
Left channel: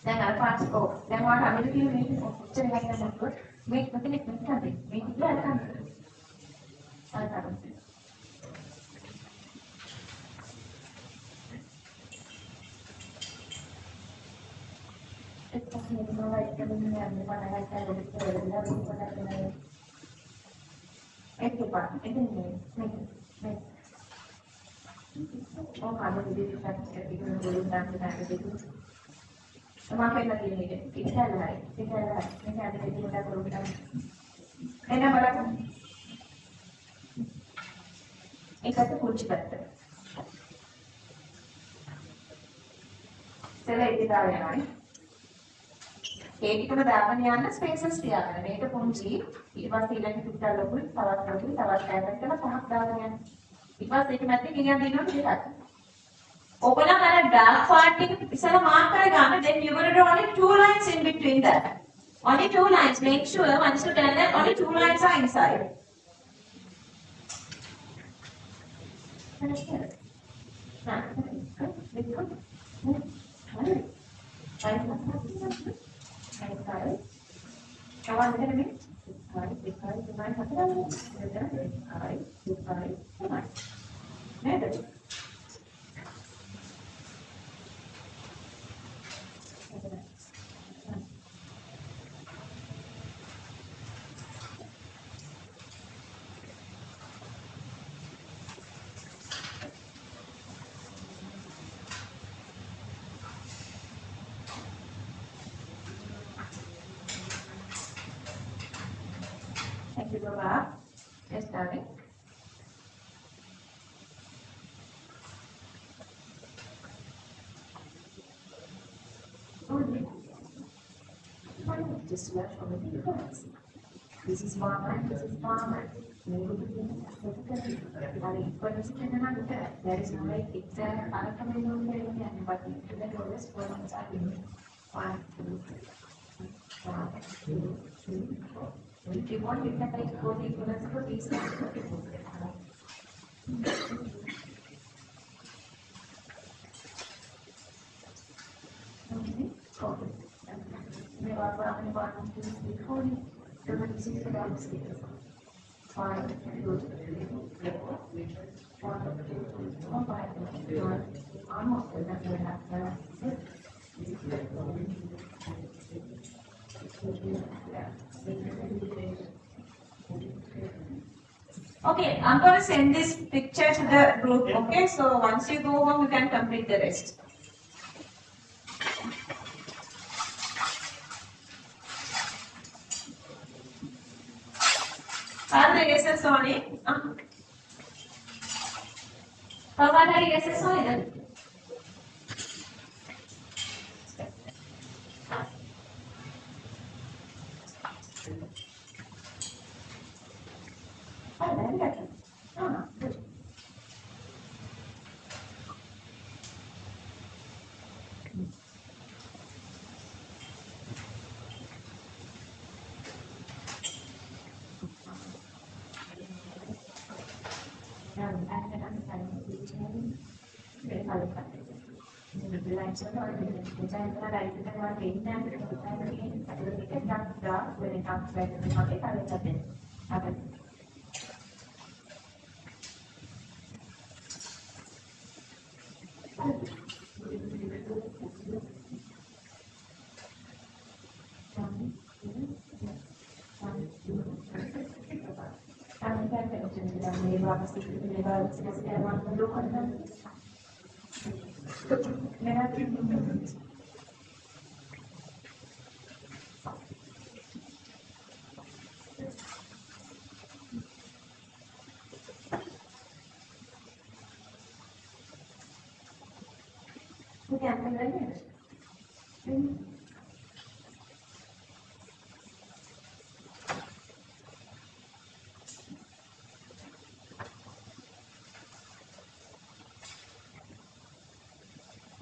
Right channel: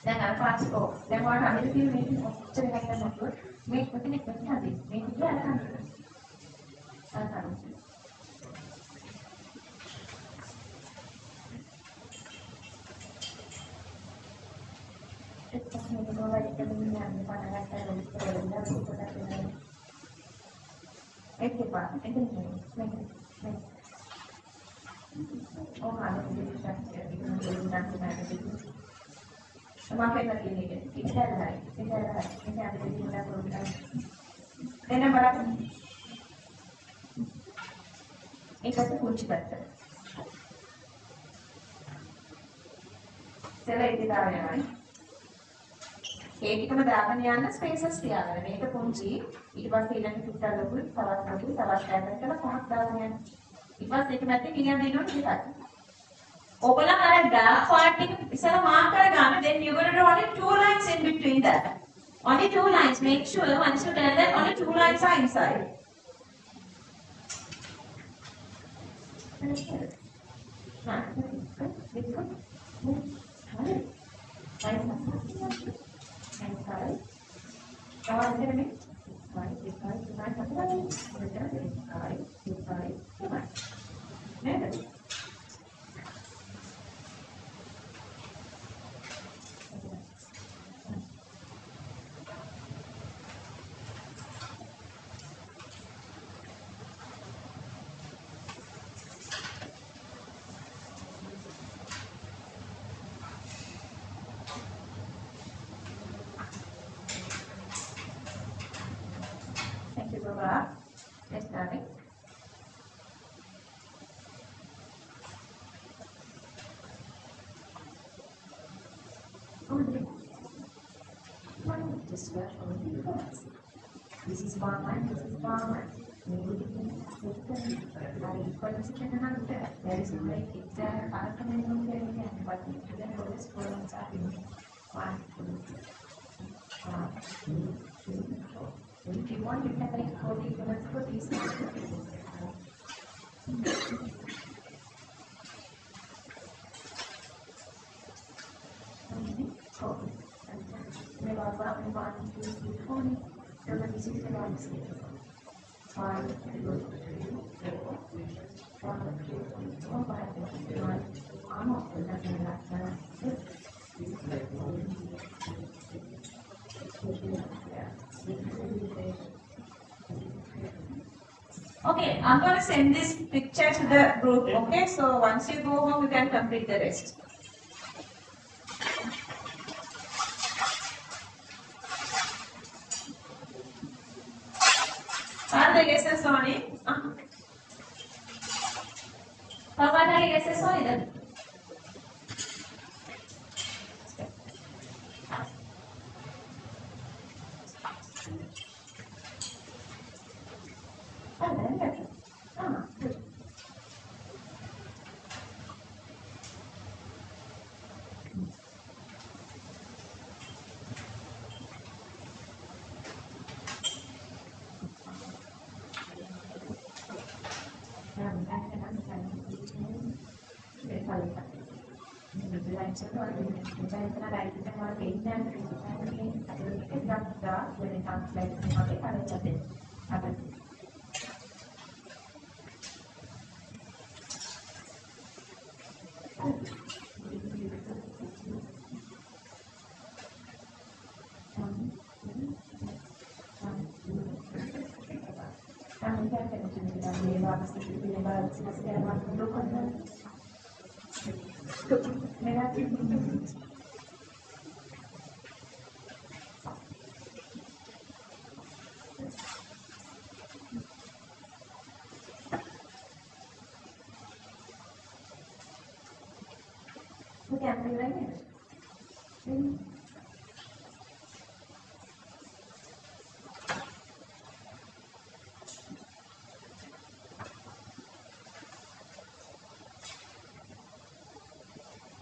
Then I'll pass it off. Then what I will do is check like the number, make the difference something, make it like something. ඒකට කුංචි පැත්ත. ඉතල ඉදිරියට යනවා. ඒකටම දාගෙන යන්න spaces තියාගන්න. මේක කුංචි. ඊට පස්සේ ඊළඟ පිටා ලොකුයි, තවත් ලොකුයි, තවත් ඈතට කරලා පහක් දාගෙන යන්න. ඊට පස්සේ ඒක මැද්දේ ගිනියන් දෙනවා දෙකක්. ඔයගොල්ලන් අර dark part එක ඉස්සලා mark කරගන්න. Then you got to do only 2 lines in between that. Only 2 lines. Make sure once you done that, only 2 lines are inside. Understand? Thank you, Baba. Yes, darling. This is fine, this is fine. There is no like it's a but always problems are 1, 2, 3, 4. If you want, you can write 40 equals for these. Okay, I'm going to send this picture to the group. Okay, so once you go home, you can complete the rest. Are the guesses on it? How are the guesses on it?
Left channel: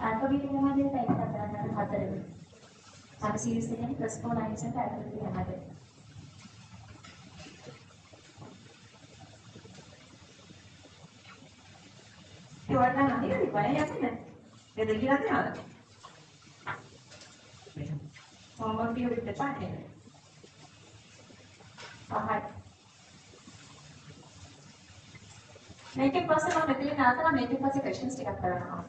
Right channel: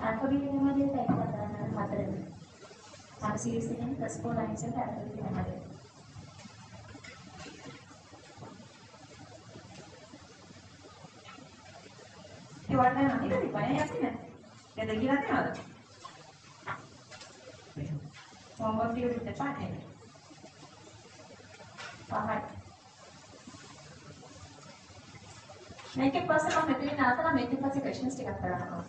Alphabet namanya saya katakan hadir. Sama series ini plus 4 lines and alphabet hadir. Diwarna nanti kan di mana ya sih nanti? Ya tadi nanti ada. Ngomong di depan ya. Paham. Make it possible මෙතන නාතන make it possible questions ටිකක් කරනවා.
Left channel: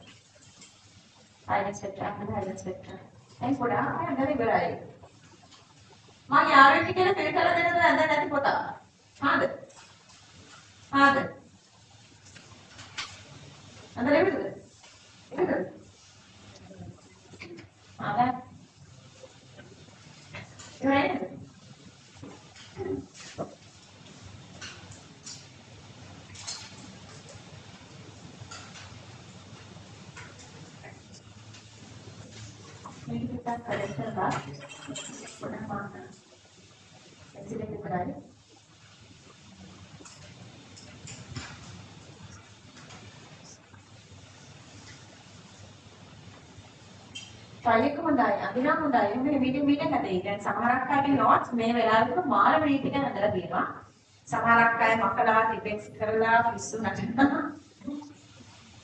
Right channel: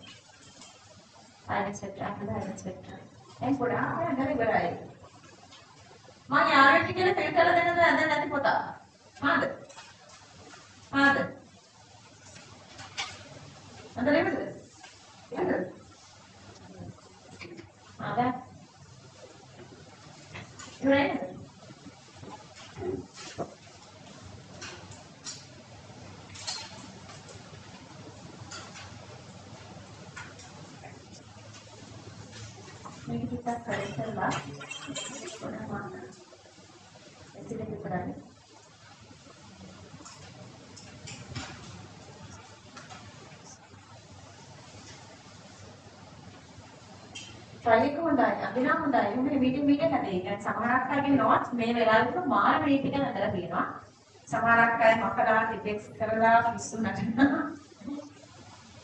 Silence vector, silence vector. And put out another guy. මම යාළුවෙක් කියලා feel කරලා දෙන්නද නැද්ද නැති පොතා? හාද? හාද? අද ලෙවද? ලෙවද? ආලා. ඉවරයි. මේක ටිකක් කරලා පොඩ්ඩක් එච්චර විතරයි. try එක හොඳයි. අදිනා හොඳයි. මේ මීටින් හදේ. දැන් සමහරක් අයගේ notes මේ වෙලාවට මාර මීටින් හදලා තියෙනවා. සමහරක් අය මකලා ටිපෙක්ස් කරලා පිස්සු නටනවා.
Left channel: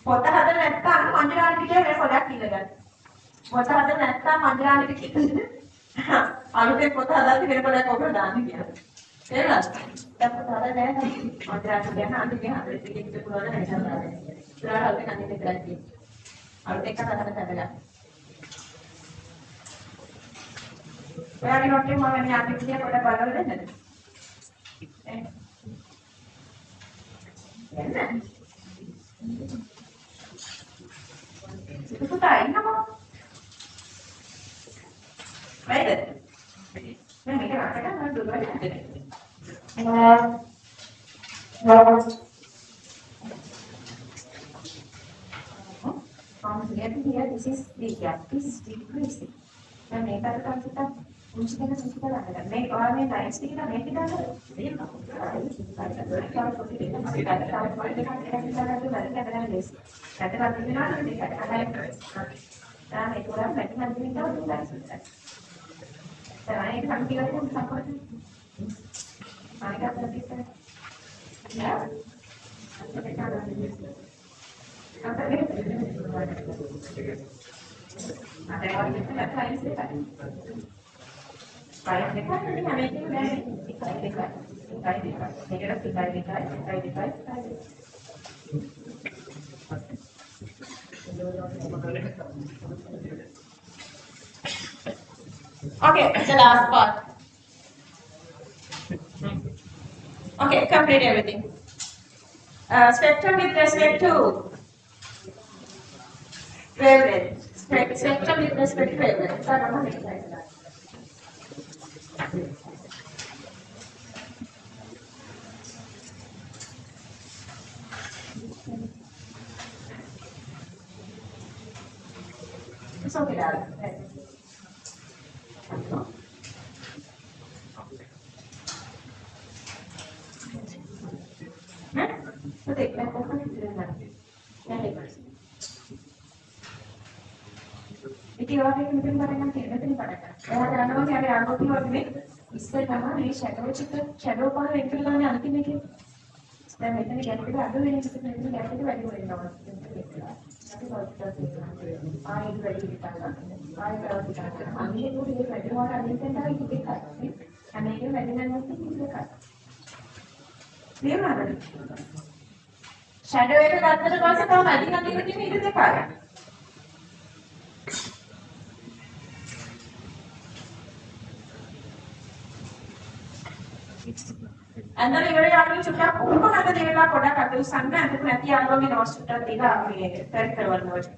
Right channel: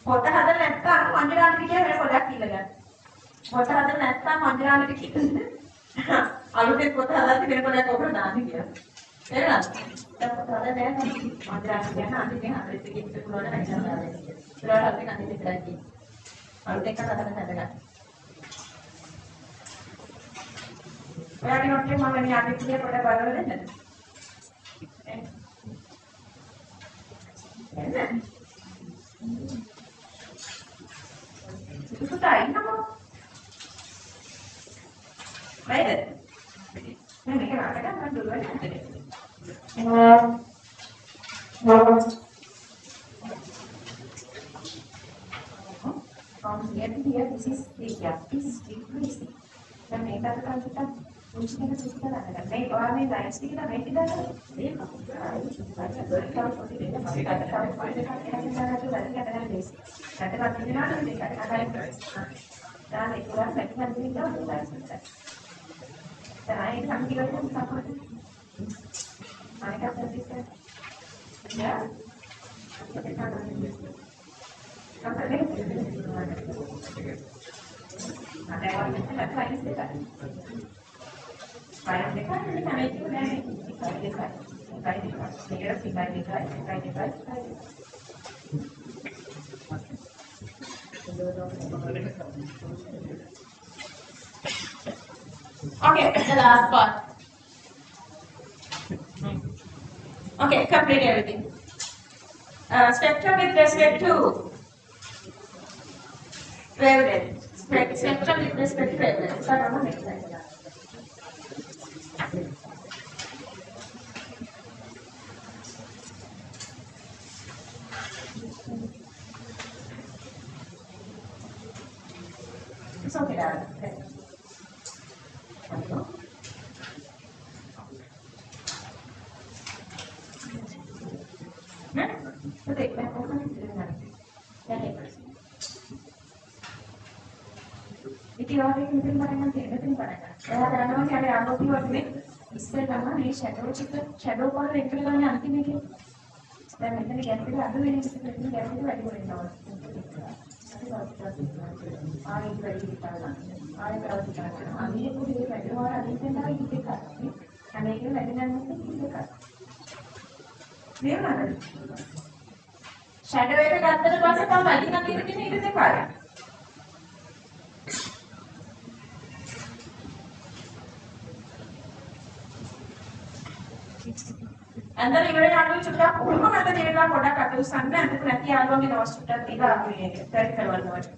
පොත හදලා නැත්නම් මන්ජරාලිට කියලා වෙන පොතක් කියලා ගන්න. පොත හදලා නැත්නම් මන්ජරාලිට කියලා. අලුතෙන් පොත හදාලා වෙන පොතක් ඔබට දාන්න කියලා. නේද? දැන් පොත හදලා නැහැ. මන්ජරාලිට කියන අඳුනේ හදලා පිටින් පුළුවන් නැහැ. ඉතින් අලුතෙන් අඳින්න විතරයි කියන්නේ. අලුතෙන් හදලා ඔයාලගේ නොට් එක මම වෙන යාගේ කියලා පොඩ්ඩක් බලලා දෙන්නද? එන්න. පුතා ඉන්නකෝ. වැඩ. මම මේක වටකට මම දුරවට හදන්නේ. Here, this is the gap is decreasing. දැන් මේකට තමයි පුංචි දෙයක් සිද්ධ කරන්නේ. මේ ඔයාලේ ලයින්ස් ටික මේක දාලා ඒක Okay, the last part. Okay, complete everything. Spectrum with respect to wavelength. Spectrum with respect to wavelength. So, I don't know next slide. It's okay, darling. ඉතින් ඔයාලට මෙතන බලන්න තියෙන මෙතන බලන්න. එයා දන්නවා අපි ආනෝපි වගේ ඉස්සෙල්ලාම මේ ෂැඩෝ කොන වෙන් කරගන්න අන්තිම එකේ. දැන් මෙතන ගැටි අද වෙන එක මෙතන ගැටි වැඩි වෙනවා. අපි ආයෙත් වැඩි හිතන්න. ආයෙත් කරලා හිතන්න. අනිත් පොඩි දෙයක් වැඩි වුණා අනිත් එක තමයි ඉතින් කරන්නේ. හැමෝටම වැඩි නැන්නේ ඉතින් එකක්. නේද? ෂැඩෝ එක ගත්තට පස්සේ තමයි අදින් අදින් තියෙන ඉතින් දෙකයි. अंदर इवरे आदमी चुट्टा कोण आता देला पडा काटू सांग ना तू නැති ආවගේ නෝට්ස් චුට්ටක් දීලා අපි මේක කැරි කරවන්න ඕනේ.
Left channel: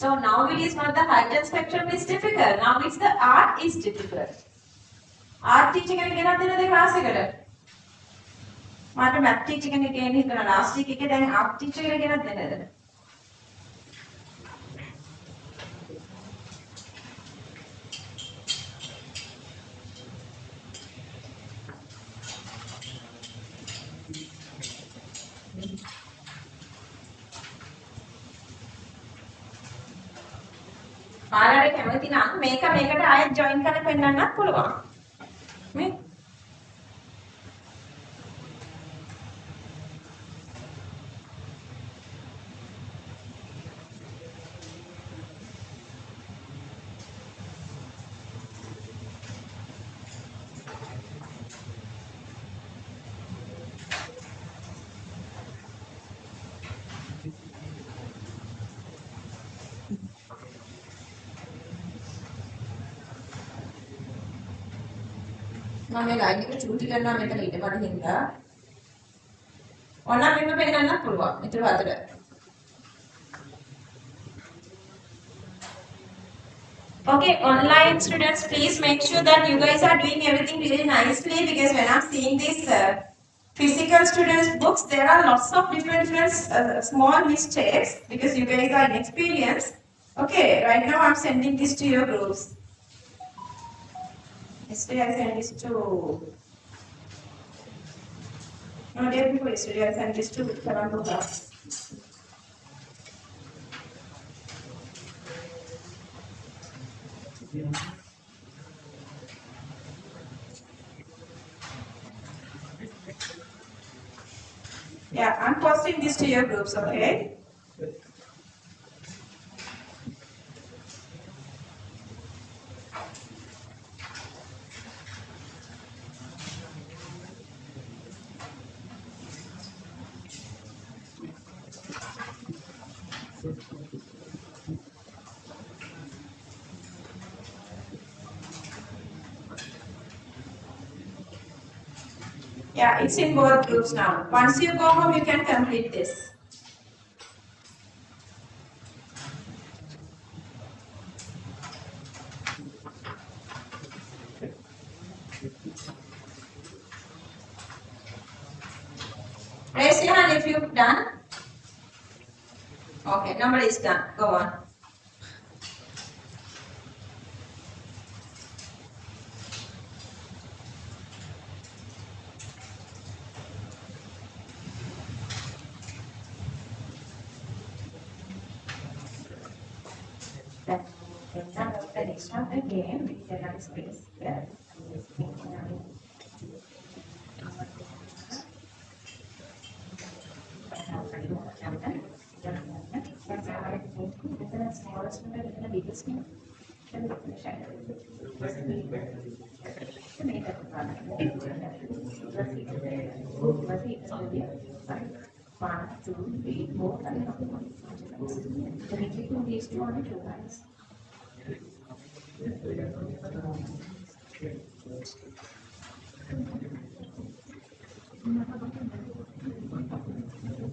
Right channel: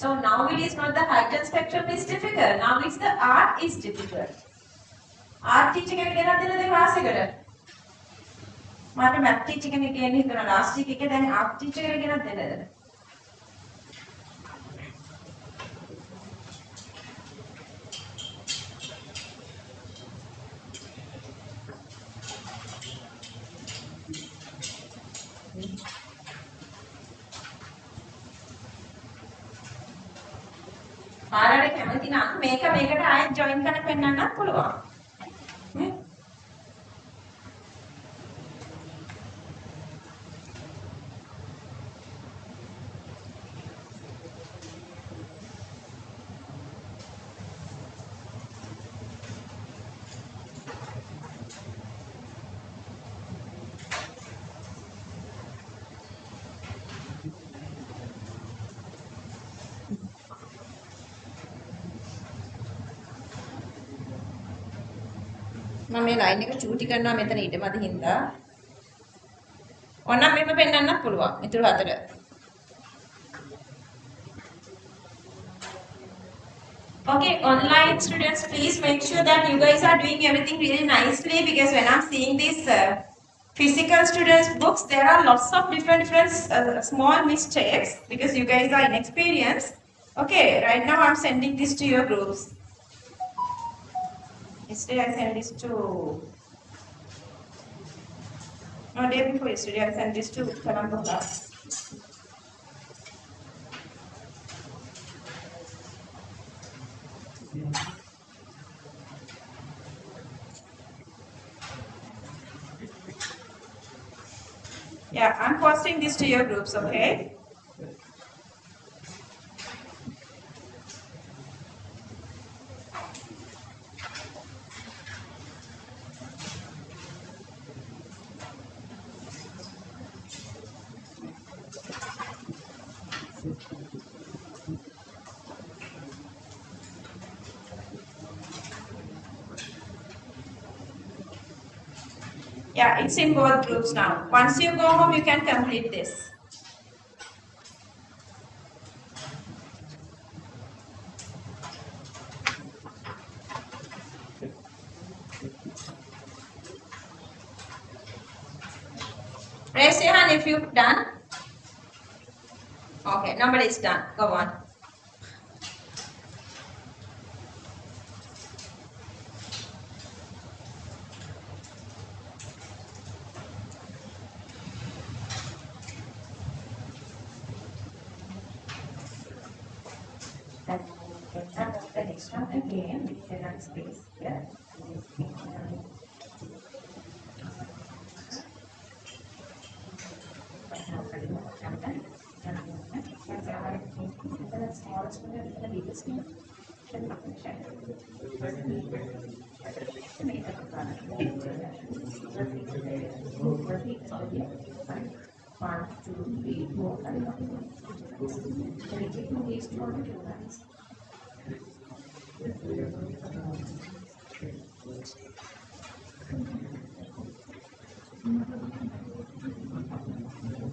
So now it is not the height and spectrum is difficult. Now it's the art is difficult. Art teacher කෙනෙක් ගෙනත් දෙන්නද ක්ලාස් එකට? මට මැත් ටීචර් කෙනෙක් එන්න හිතනවා ලාස්ට් වීක් එකේ දැන් ආර්ට් ටීචර් කෙනෙක් ගෙනත් දෙන්නද? ආරාට කැමති නම් මේකට ආයෙත් ජොයින් කරලා පෙන්නන්නත් පුළුවන්. මේ මම මේ ලයින් එක චූටි කරනවා මෙතන ඊට මැද හින්දා. ඕනනම් මෙහෙම පෙන්නන්නත් පුළුවන්. ඊටු හතර. Okay, online students, please make sure that you guys are doing everything really nicely, because when I'm seeing these physical students books, there are lots of different small mistakes because you guys are inexperienced. Okay, right now I'm sending this to your groups. Yesterday I sent this to, no, day before yesterday I sent this to Karambola. Yeah, I'm posting this to your groups, okay? Yeah, it's in both groups now. Once you go home, you can complete this. Raise your hand if you've done. Okay, nobody is done. Go on. Again, space. Yeah.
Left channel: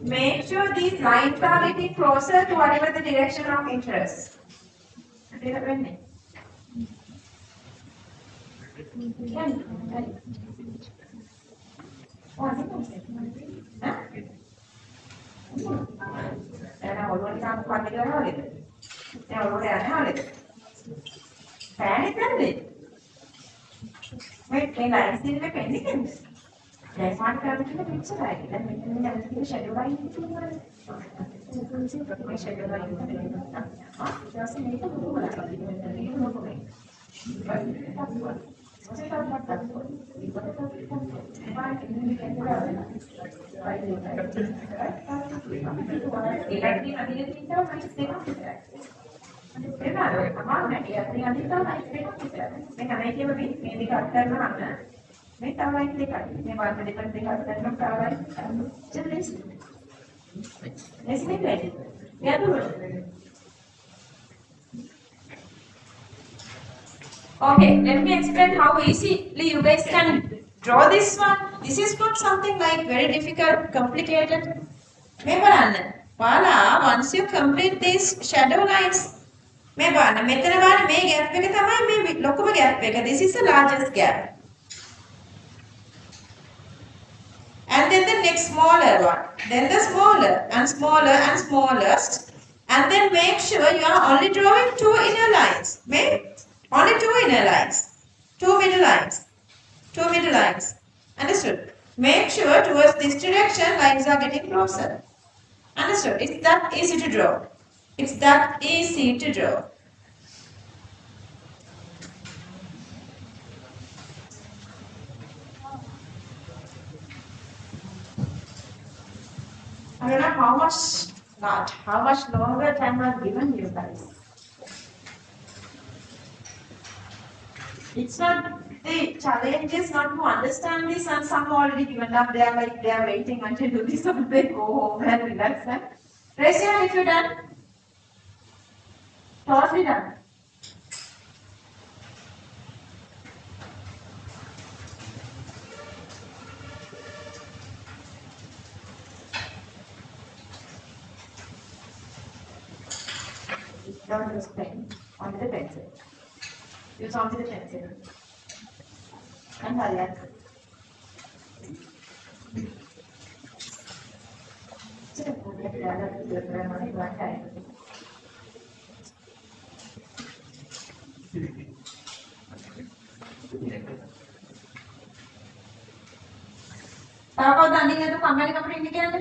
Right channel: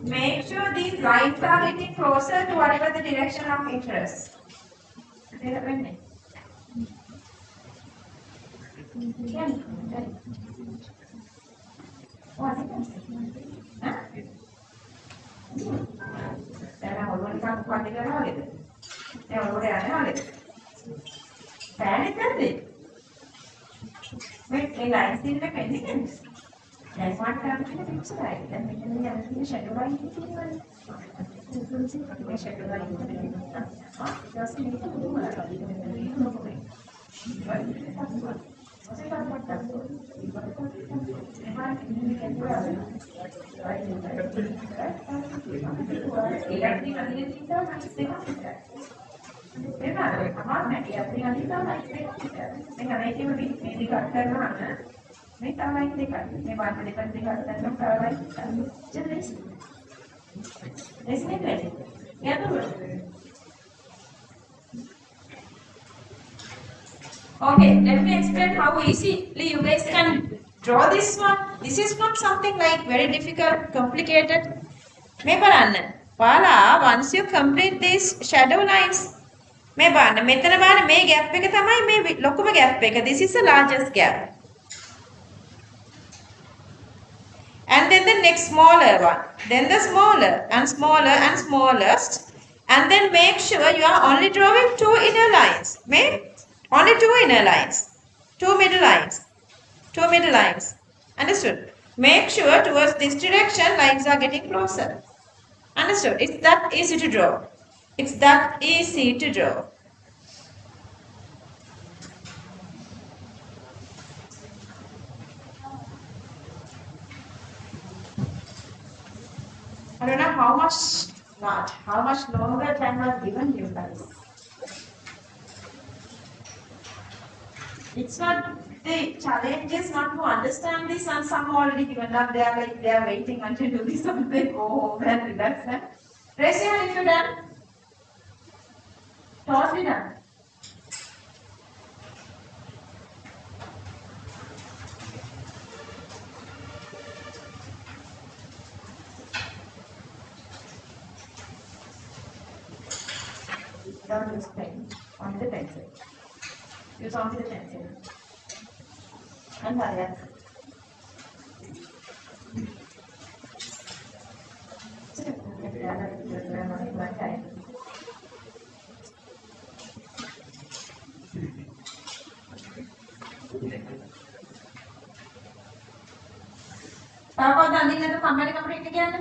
Make sure these lines are getting closer to whatever the direction of interest. That's one kind of picture, right? Then we have to shadow line. Make a right click up. They want to click up and just listen. Isn't it ready? Yeah, do it. Okay, let me explain how easily you guys can draw this one. This is not something like very difficult, complicated. Once you complete these shadow lines, this is the largest gap. And then the next smaller one, then the smaller and smaller and smallest, and then make sure you are only drawing two inner lines. Only two inner lines, two middle lines. Understood? Make sure towards this direction lines are getting closer. Understood? It's that easy to draw. It's that easy to draw. I don't know how much longer time was given you guys. It's not, the challenge is not to understand this, and some already given up. They are waiting until you do this, so they go home and relax. Raise your hand if you're done. Totally done. Don't use pen. Only the pencil. Use only the pencil. And hurry up. Apa tandingan itu kembali ke pendidikan?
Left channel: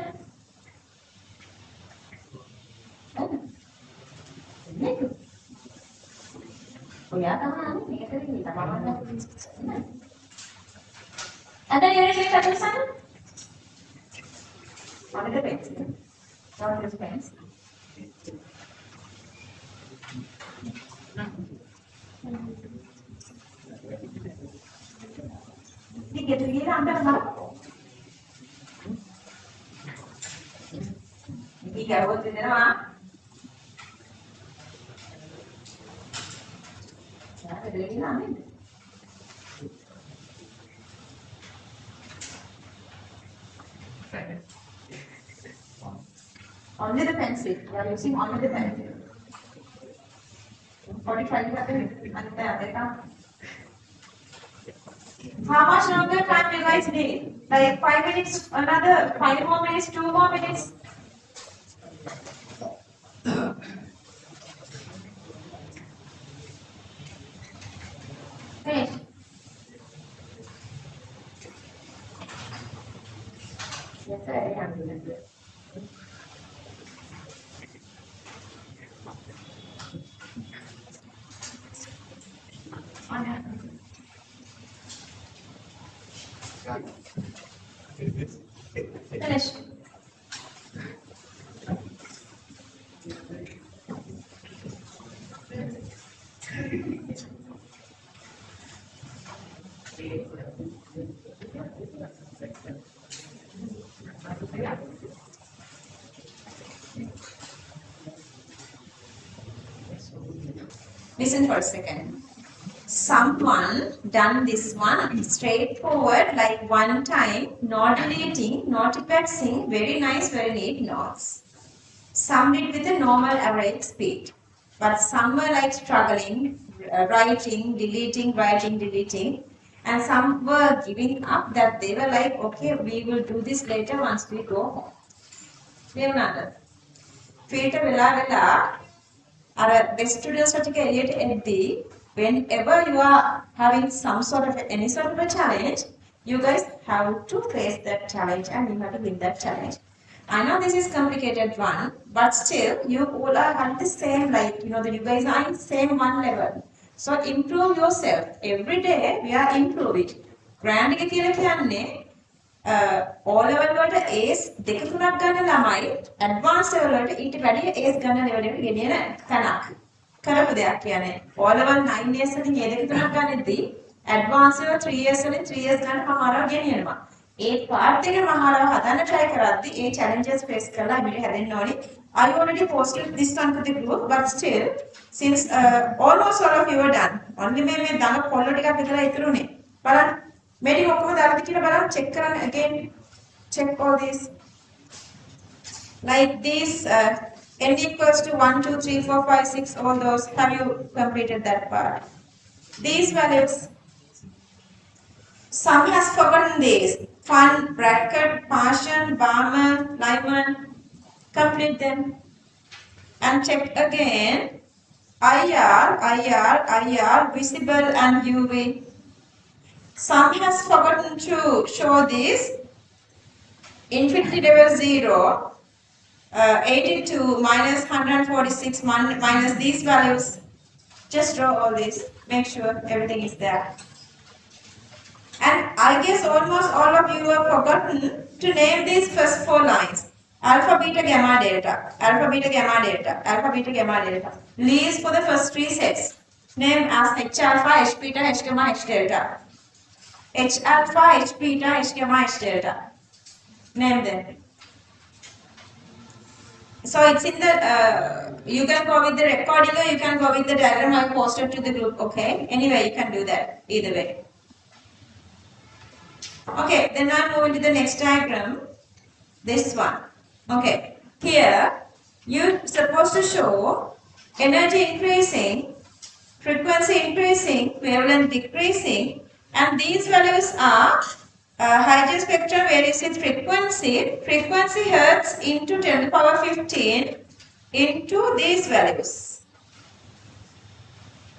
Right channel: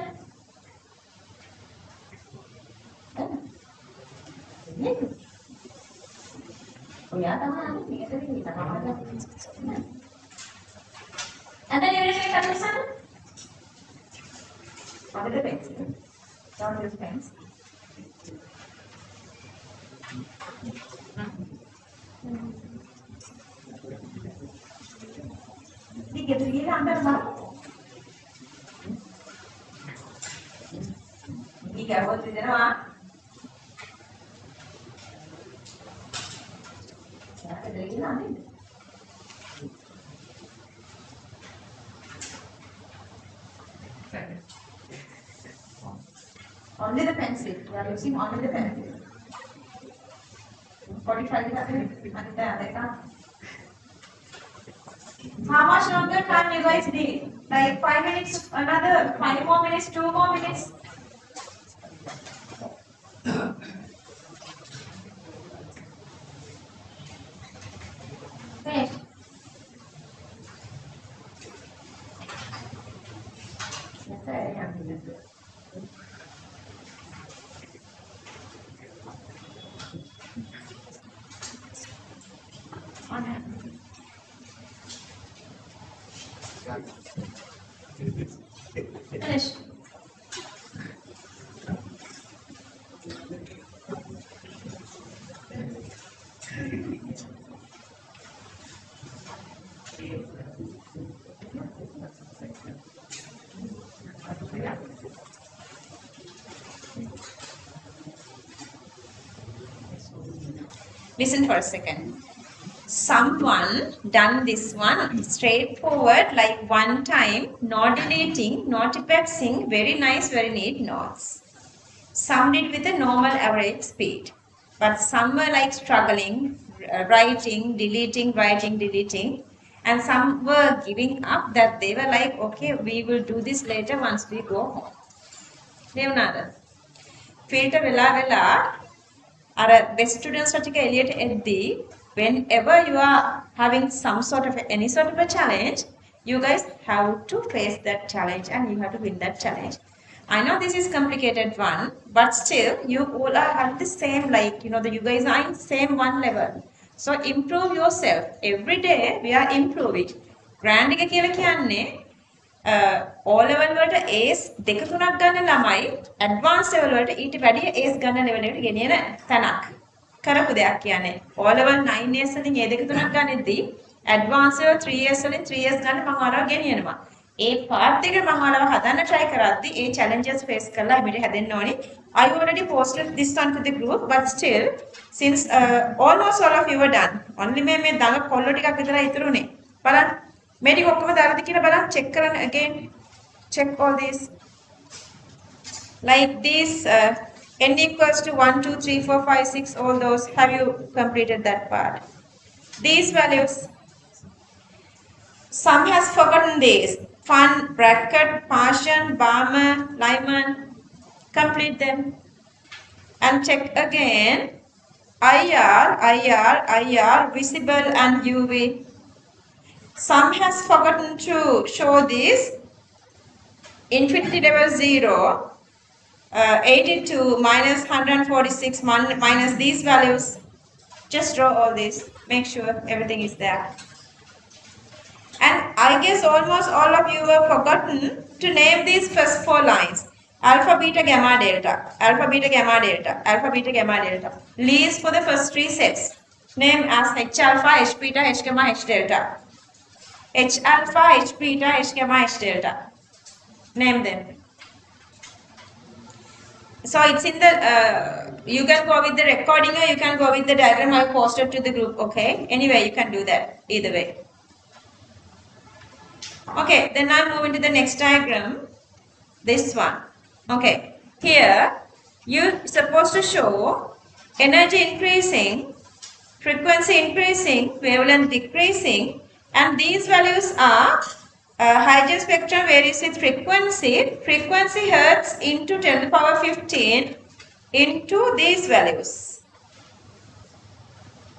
Oh ya, kamu nanti kita ada yang ada di sana? What are the pens? What are the pens? Tiga tiga ambil mana? Tiga buat di mana? Ada lagi mana? Only the pencil. We are using only the pencil. 45 How much longer time you guys need? Like 5 minutes, another 5 more minutes, 2 more minutes. Finish. That's it. Finish. Listen for a second. Someone done this one straightforward, like one time, not deleting, not effecting, very nice, very neat notes. Some did with a normal average speed, but some were like struggling, writing, deleting, writing, deleting, and some were giving up that they were like, okay, we will do this later once we go home. Leonardo, filter vela best students ටික whenever you are having some sort of any sort of a challenge, you guys have to face that challenge and you have to win that challenge. I know this is complicated one, but still you all are at the same, like, you know, that you guys are in same one level. So improve yourself. Every day we are improving. Grand එක කියලා කියන්නේ O level වලට A's දෙක තුනක් ගන්න ළමයි advanced level වලට ඊට වැඩිය A's ගන්න level එකට ගෙනියන තැනක්. කරපු දෙයක් කියන්නේ O level 9 years වලින් ඒ දෙක තුනක් ගන්නෙද්දී advanced level 3 years වලින් 3 years ගන්න මම අරව ගෙනියනවා. ඒ part එක මම අරව හදන්න try කරද්දී ඒ challenges face කරලා අපිට හැදෙන්න ඕනි. I already posted this one to the group, but still since almost all of you are done. Only මේ දඟ කොල්ල ටිකක් විතරයි ඉතුරුනේ. බලන්න මේ ටික ඔක්කොම දාලාද කියලා බලන්න check කරන්න again. Check all this. Like this n equals to 1, 2, 3, 4, 5, 6, all those. Have you completed that part? These values. Some has forgotten these. Fun, bracket, Partian, Barman, Lyman. Complete them. And check again. IR, visible and UV. Some has forgotten to show this. Infinity level 0. 82 minus 146 minus these values. Just draw all this. Make sure everything is there. And I guess almost all of you have forgotten to name these first 4 lines. Alpha, beta, gamma, delta. Alpha, beta, gamma, delta. Alpha, beta, gamma, delta. Leaves for the first 3 sets. Name as H alpha, H beta, H gamma, H delta. H alpha, H beta, H gamma, H delta. Name them. So it's in the, you can go with the recording or you can go with the diagram I posted to the group, okay? Anyway, you can do that, either way. Okay, then I'm moving to the next diagram, this one. Okay, here, you're supposed to show energy increasing, frequency increasing, wavelength decreasing, and these values are hydrogen spectrum varies with frequency. Frequency hertz into 10 to the power 15 into these values.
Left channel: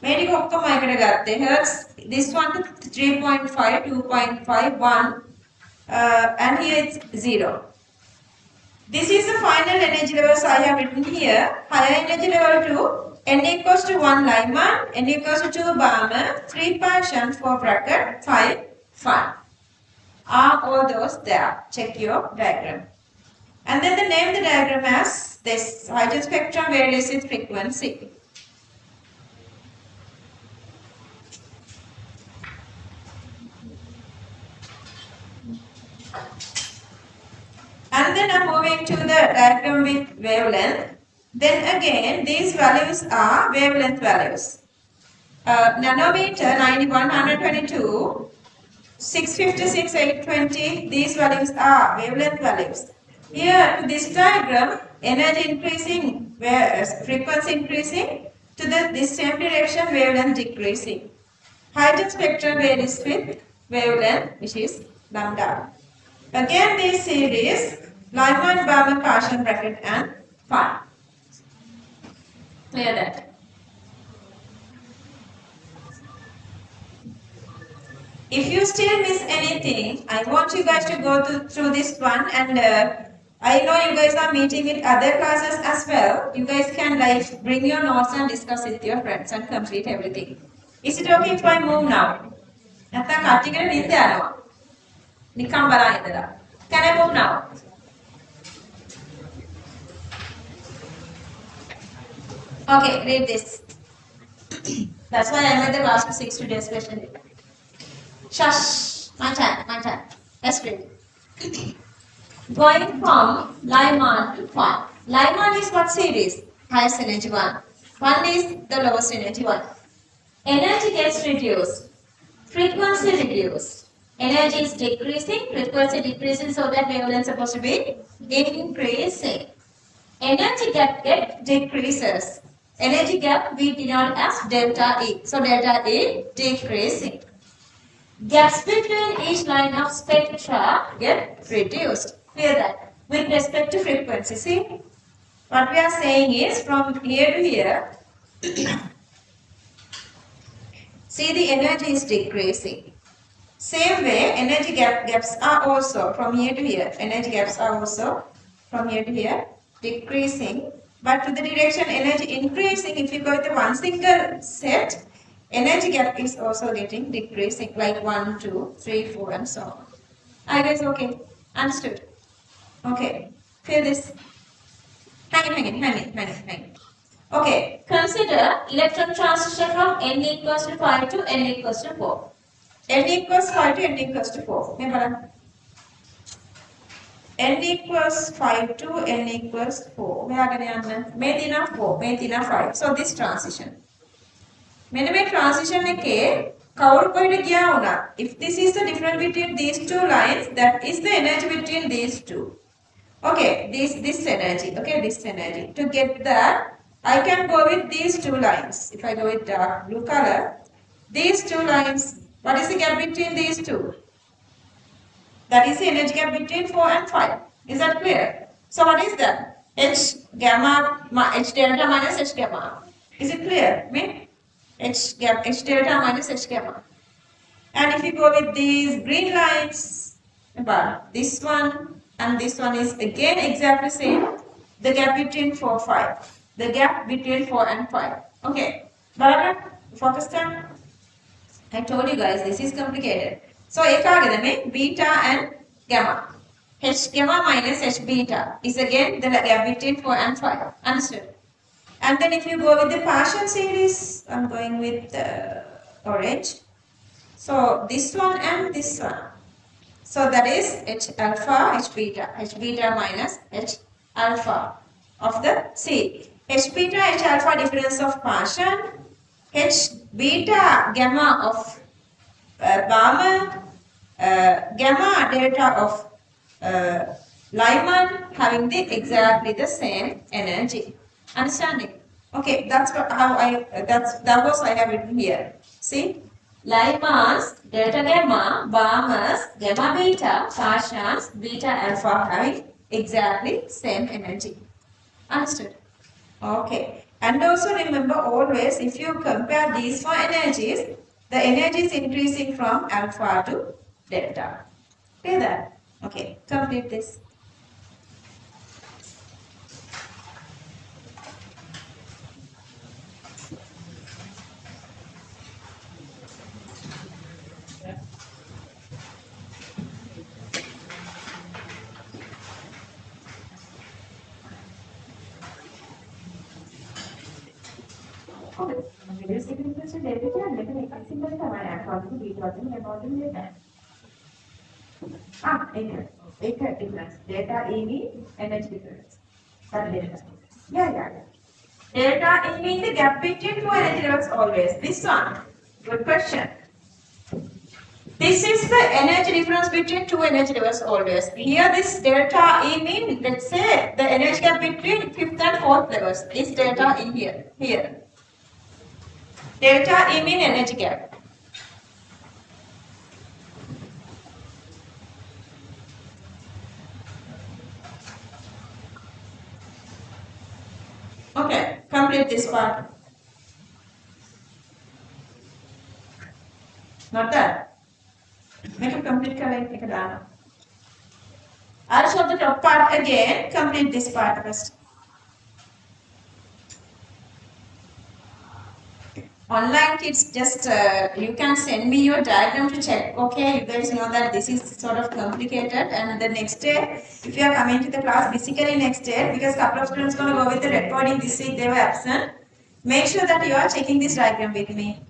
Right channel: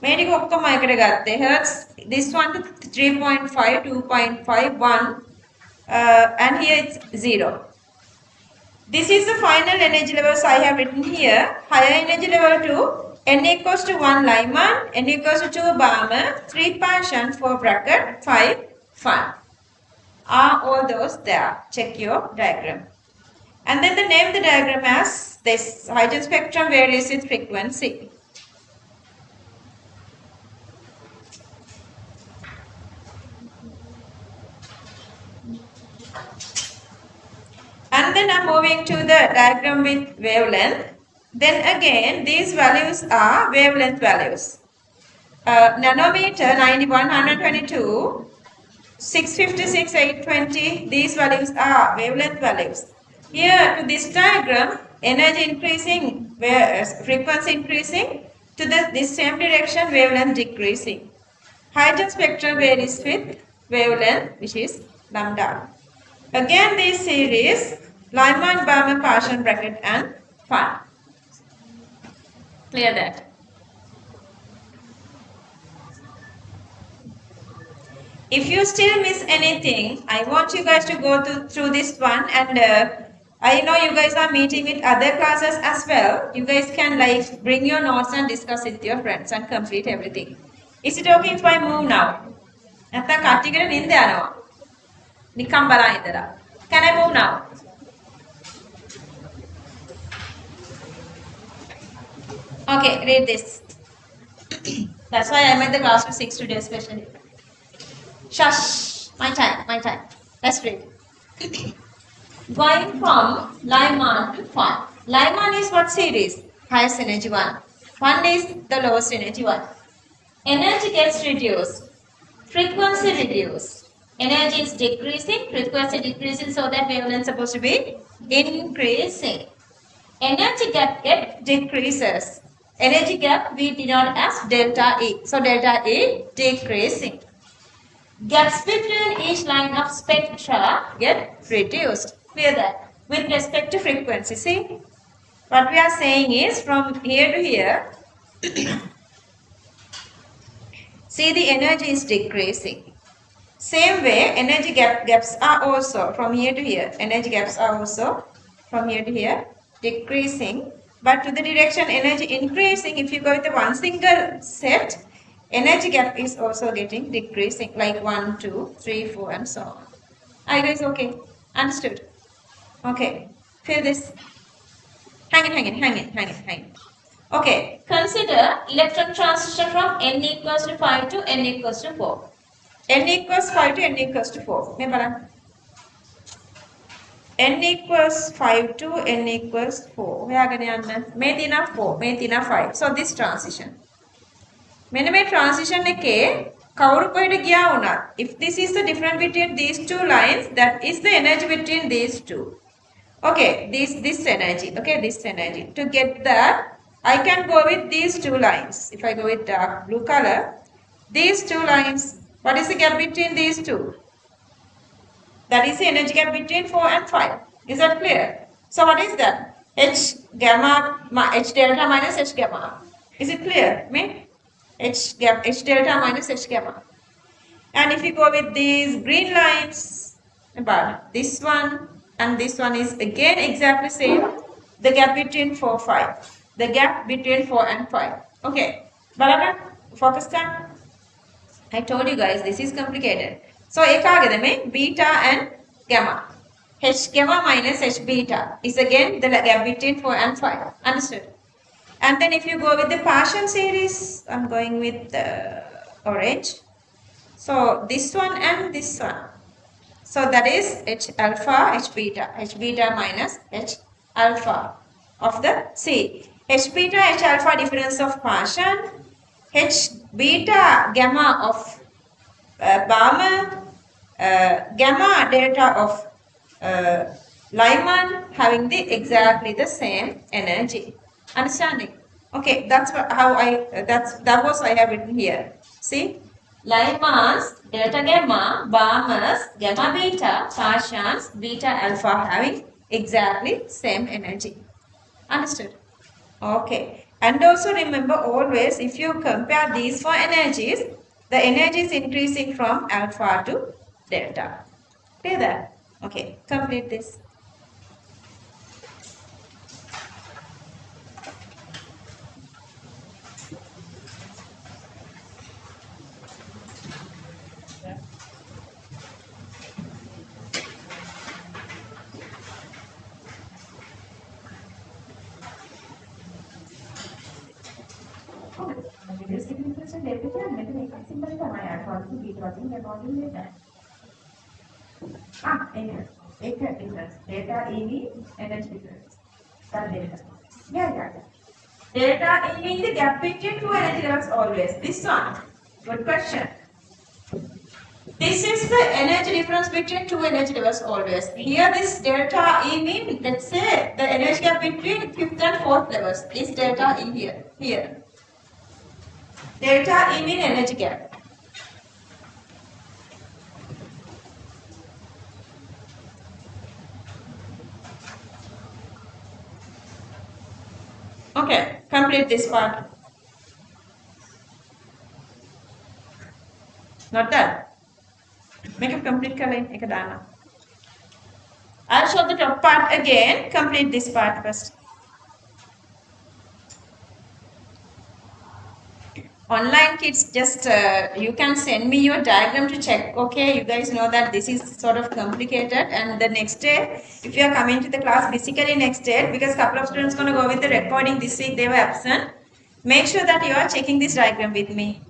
Medic ඔක්කොම එකට ගත්තේ hertz, this one to 3.5, 2.5, 1, and here it's 0. This is the final energy levels I have written here. Higher energy level to n equals to 1 Lyman, n equals to 2 Balmer, 3 Parshan, 4 bracket, 5 Fun. Are all those there? Check your diagram. And then name the diagram as this hydrogen spectrum varies with frequency. And then I'm moving to the diagram with wavelength. Then again, these values are wavelength values. Nanometer 91, 122, 656, 820, these values are wavelength values. Here to this diagram, energy increasing, frequency increasing, to this same direction, wavelength decreasing. Hydrogen spectrum varies with wavelength, which is lambda. Again, this series, Lyman, Balmer, Parshan, bracket, and Fun. Clear that? If you still miss anything, I want you guys to go through this one, and I know you guys are meeting with other classes as well. You guys can like bring your notes and discuss it with your friends and complete everything. Is it okay if I move now? Can I move now? Okay, read this. That's why I made the class to 6 today especially. Shush! My time. Let's read. Going from Lyman to Fun. Lyman is what series? Highest energy one. Fun is the lowest energy one. Energy gets reduced. Frequency reduced. Energy is decreasing, frequency decreasing, so that wavelength is supposed to be increasing. Energy gap decreases. Energy gap we denote as delta E. So delta E decreasing. Gaps between each line of spectra get reduced. Clear that? With respect to frequency. See? What we are saying is from here to here, see the energy is decreasing. Same way, energy gaps are also from here to here. Energy gaps are also from here to here decreasing. But to the direction energy increasing, if you go with the one single set, energy gap is also getting decreasing, like 1, 2, 3, 4, and so on. Are you guys okay? Understood? Okay. Feel this? Hang it. Okay. Consider electron transition from n equals to 5 to n equals to 4. n equals 5 to n equals to 4. n equals 5 to n equals 4. May tina 4, may tina 5. So this transition. මෙන්න මේ transition එකේ කවුරු කොහෙද ගියා වුණා. If this is the difference between these two lines, that is the energy between these two. Okay, this energy. Okay, this energy. To get that, I can go with these two lines. If I go with dark blue color, these two lines. What is the gap between these two? That is the energy gap between 4 and 5. Is that clear? So what is that? H delta minus H gamma. Is it clear? H delta minus H gamma. And if you go with these green lines, but this one and this one is again exactly same. The gap between 4 and 5. The gap between 4 and 5. Okay. Balaga, focus down. I told you guys this is complicated. So beta and gamma. H gamma minus H beta is again the gap between 4 and 5. Understood? And then if you go with the partial series, I'm going with orange. So this one and this one. So that is H alpha, H beta minus H alpha of the C. H beta, H alpha difference of partial. H beta gamma of Balmer, gamma delta of Lyman having exactly the same energy. Understanding? Okay, that's that was I have written here. See, live mass, delta gamma, bar mass, gamma beta, partials, beta alpha having exactly same energy. Understood? Okay. And also remember always if you compare these four energies, the energy is increasing from alpha to delta. Clear that? Okay, complete this. Delta E energy difference. That delta. Yeah. Delta E means the gap between two energy levels always. This one. Good question. This is the energy difference between two energy levels always. Here this delta E means, let's say, the energy gap between fifth and fourth levels is delta E here. Here. Delta E means energy gap. Okay, complete this part. Not done. Make a complete color. I'll show the top part again. Complete this part first. Online kids, just you can send me your diagram to check. Okay, you guys know that this is sort of complicated, and the next day, if you are coming to the class physically next day, because couple of students gonna go with the recording this week, they were absent. Make sure that you are checking this diagram with me.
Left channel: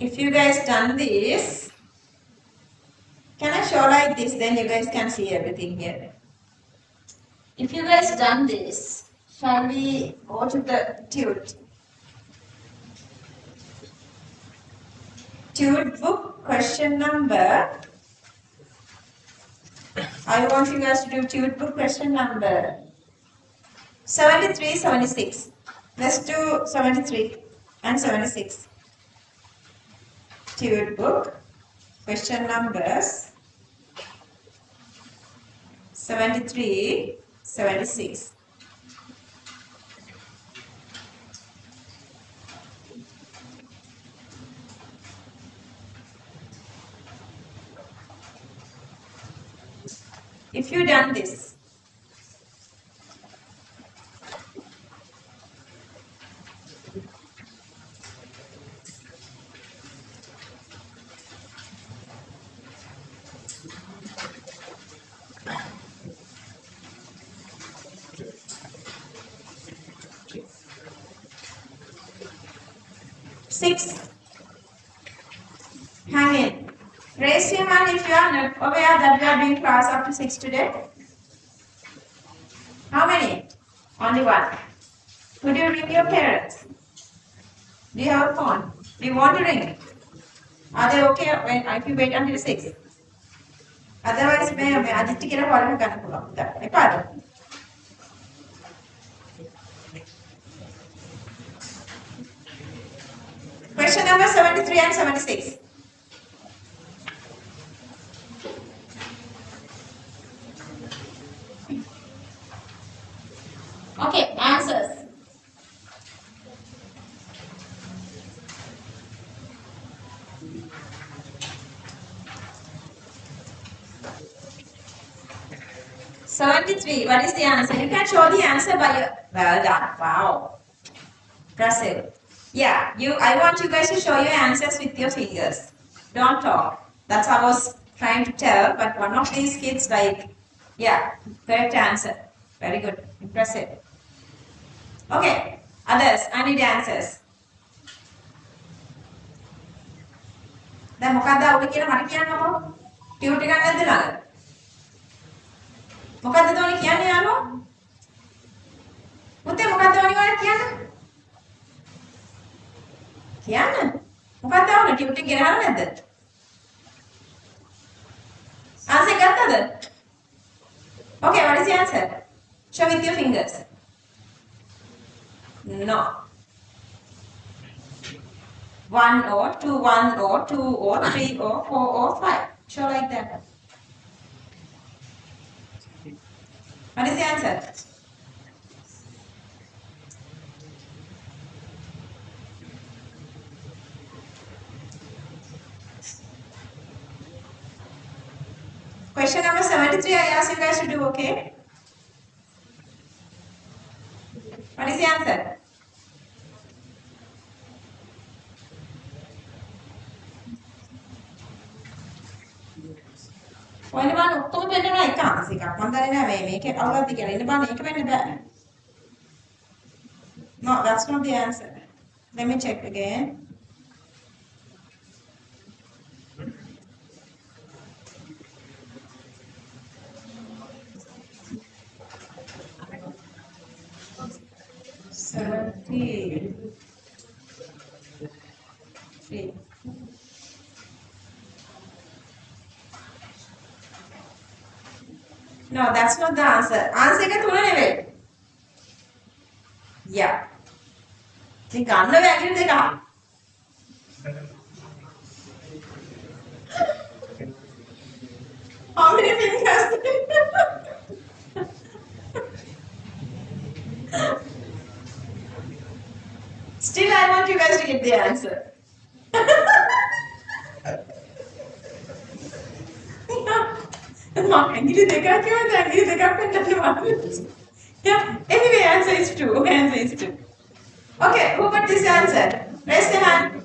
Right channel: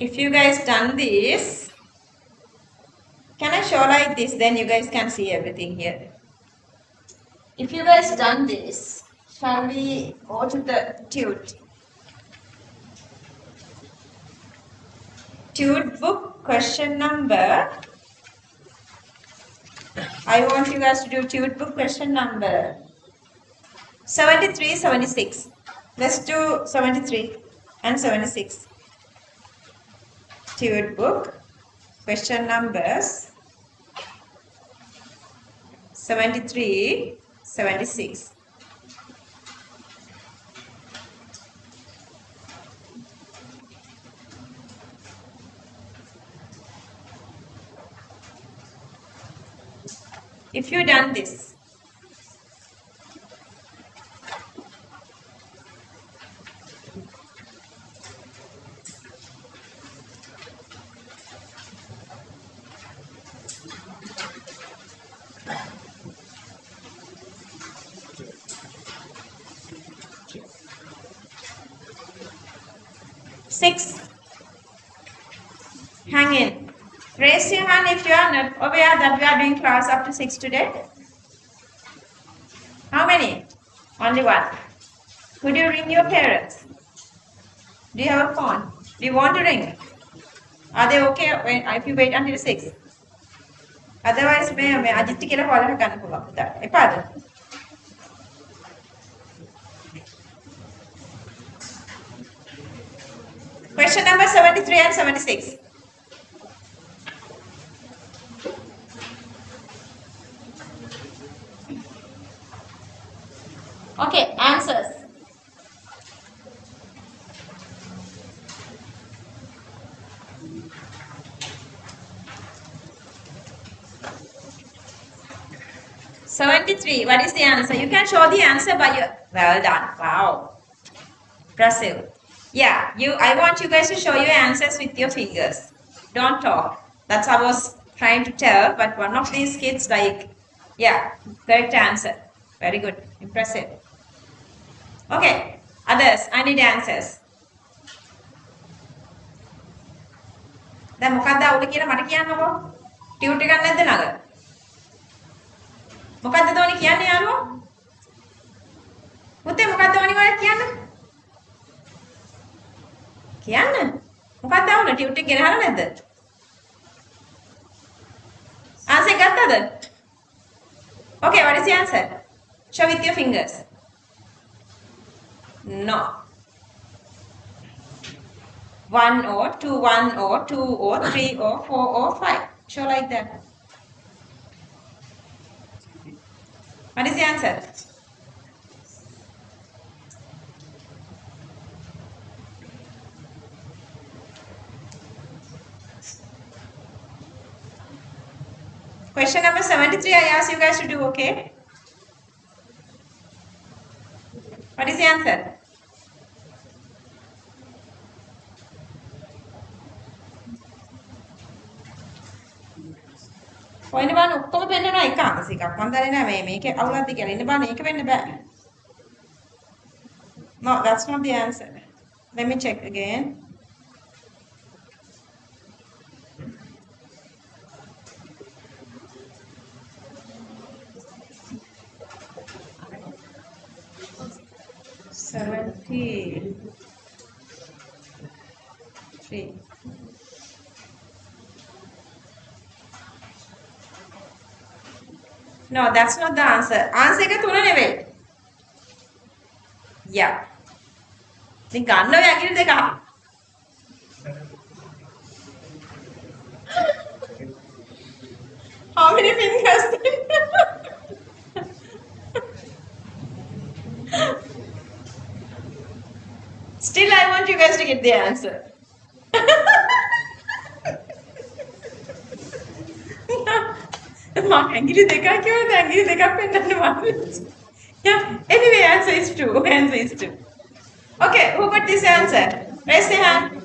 If you guys done this, can I show like this? Then you guys can see everything here. If you guys done this, shall we go to the Tute? Tute book question number. I want you guys to do Tute book question number 73, 76. Let's do 73 and 76. Tute book question numbers 73, 76. If you done this, six, hang in. Raise your hand if you are not aware that we are doing class up to 6 today. How many? Only one. Could you ring your parents? Do you have a phone? Do you want to ring? Are they okay if you wait until 6? Otherwise, मैं अजित के लिए call करना पड़ेगा. एपाद. Question number 73 and 76. Okay, answers. $73. What is the answer? You can show the answer by your. Well done. Wow. Impressive. Yeah, I want you guys to show your answers with your fingers. Don't talk. That's what I was trying to tell, but one of these kids yeah, correct answer. Very good. Impressive. Okay, others, I need answers. දැන් මොකක්ද අවුල කියලා මට කියන්නකෝ. Tute එකක් නැද්ද ළඟ? මොකක්ද තෝනි කියන්නේ යාළුවා? පුතේ මොකක්ද තෝනි ඔයාලා කියන්නේ? කියන්න. මොකක්ද අවුල? ටියුට් එක ගෙනහලා නැද්ද? ආන්සර් ගත්තද? Okay, what is the answer? Show with your fingers. No. 1 or 2, 1 or 2 or 3 or 4 or 5. Show like that. What is the answer? Question number 73, I asked you guys to do, okay? What is the answer? ඔයන බලන්න ඔක්කොම දෙන්නා එක අංශ එකක්. මම දන්නේ නැහැ මේක අවුලක්ද කියලා. ඉන්න බලන්න ඒක වෙන්න බෑ. No, that's not the answer. Let me check again. Three. No, that's not the answer. Answer එක තුන නෙවෙයි. Yeah. ඉතින් ගන්න ඔය ඇඟිලි දෙක. How many fingers? Still, I want you guys to get the answer. ඇඟිලි දෙකක් කියවද ඇඟිලි දෙකක් වෙන්නනවා. Yeah, anyway, answer is 2. Answer is 2. Okay, who got this answer? Raise your hand.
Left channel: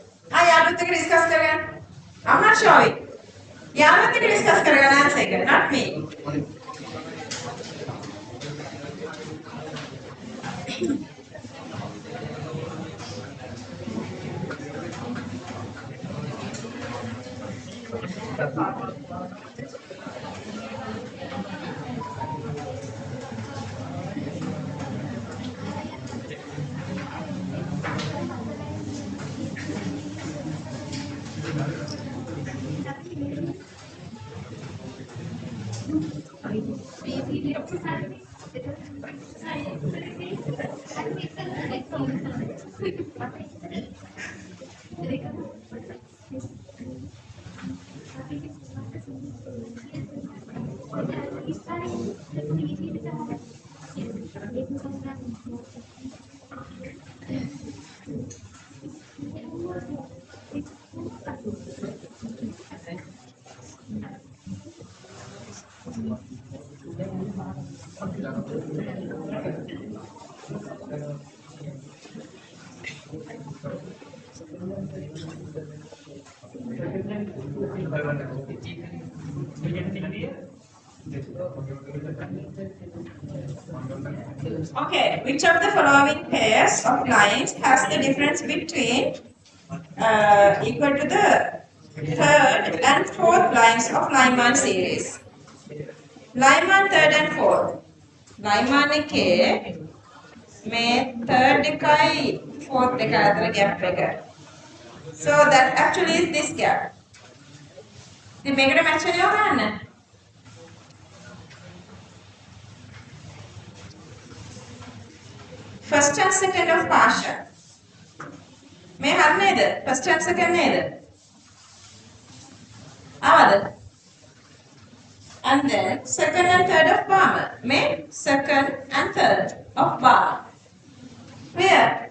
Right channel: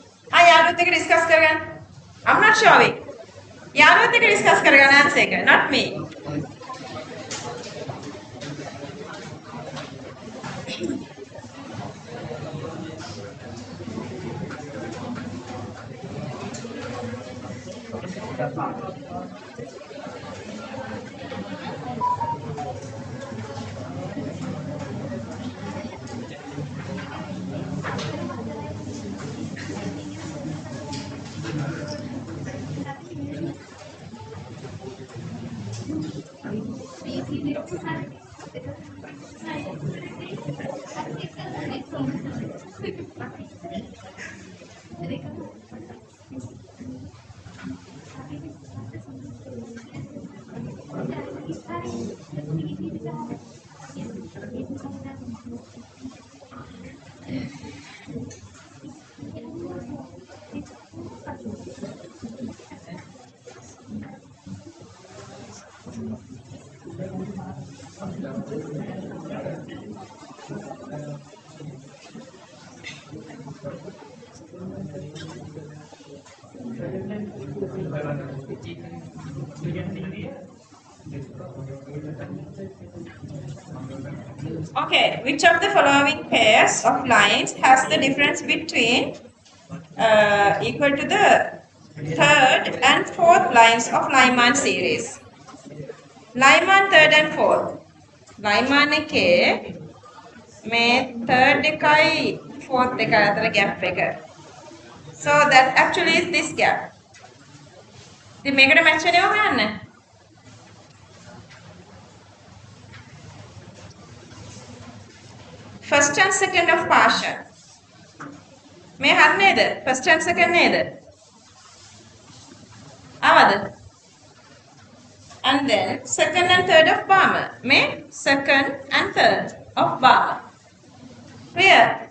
යාළුවොත් එක්ක discuss කරගන්න. I'm not showing. යාළුවොත් එක්ක discuss කරගන්න answer එක, not me. Okay, which of the following pairs of lines has the difference between equal to the third and fourth lines of line 1 series? Line 1, third and fourth. Line 1 එකේ මේ third එකයි fourth එකයි අතර gap එක. So that actually is this gap. ඉතින් මේකට match වෙනව ගන්න. First and second of partial. මේ හරි නේද? First and second නේද? ආවද? And then second and third of Barmer. May second and third of Barmer. Clear?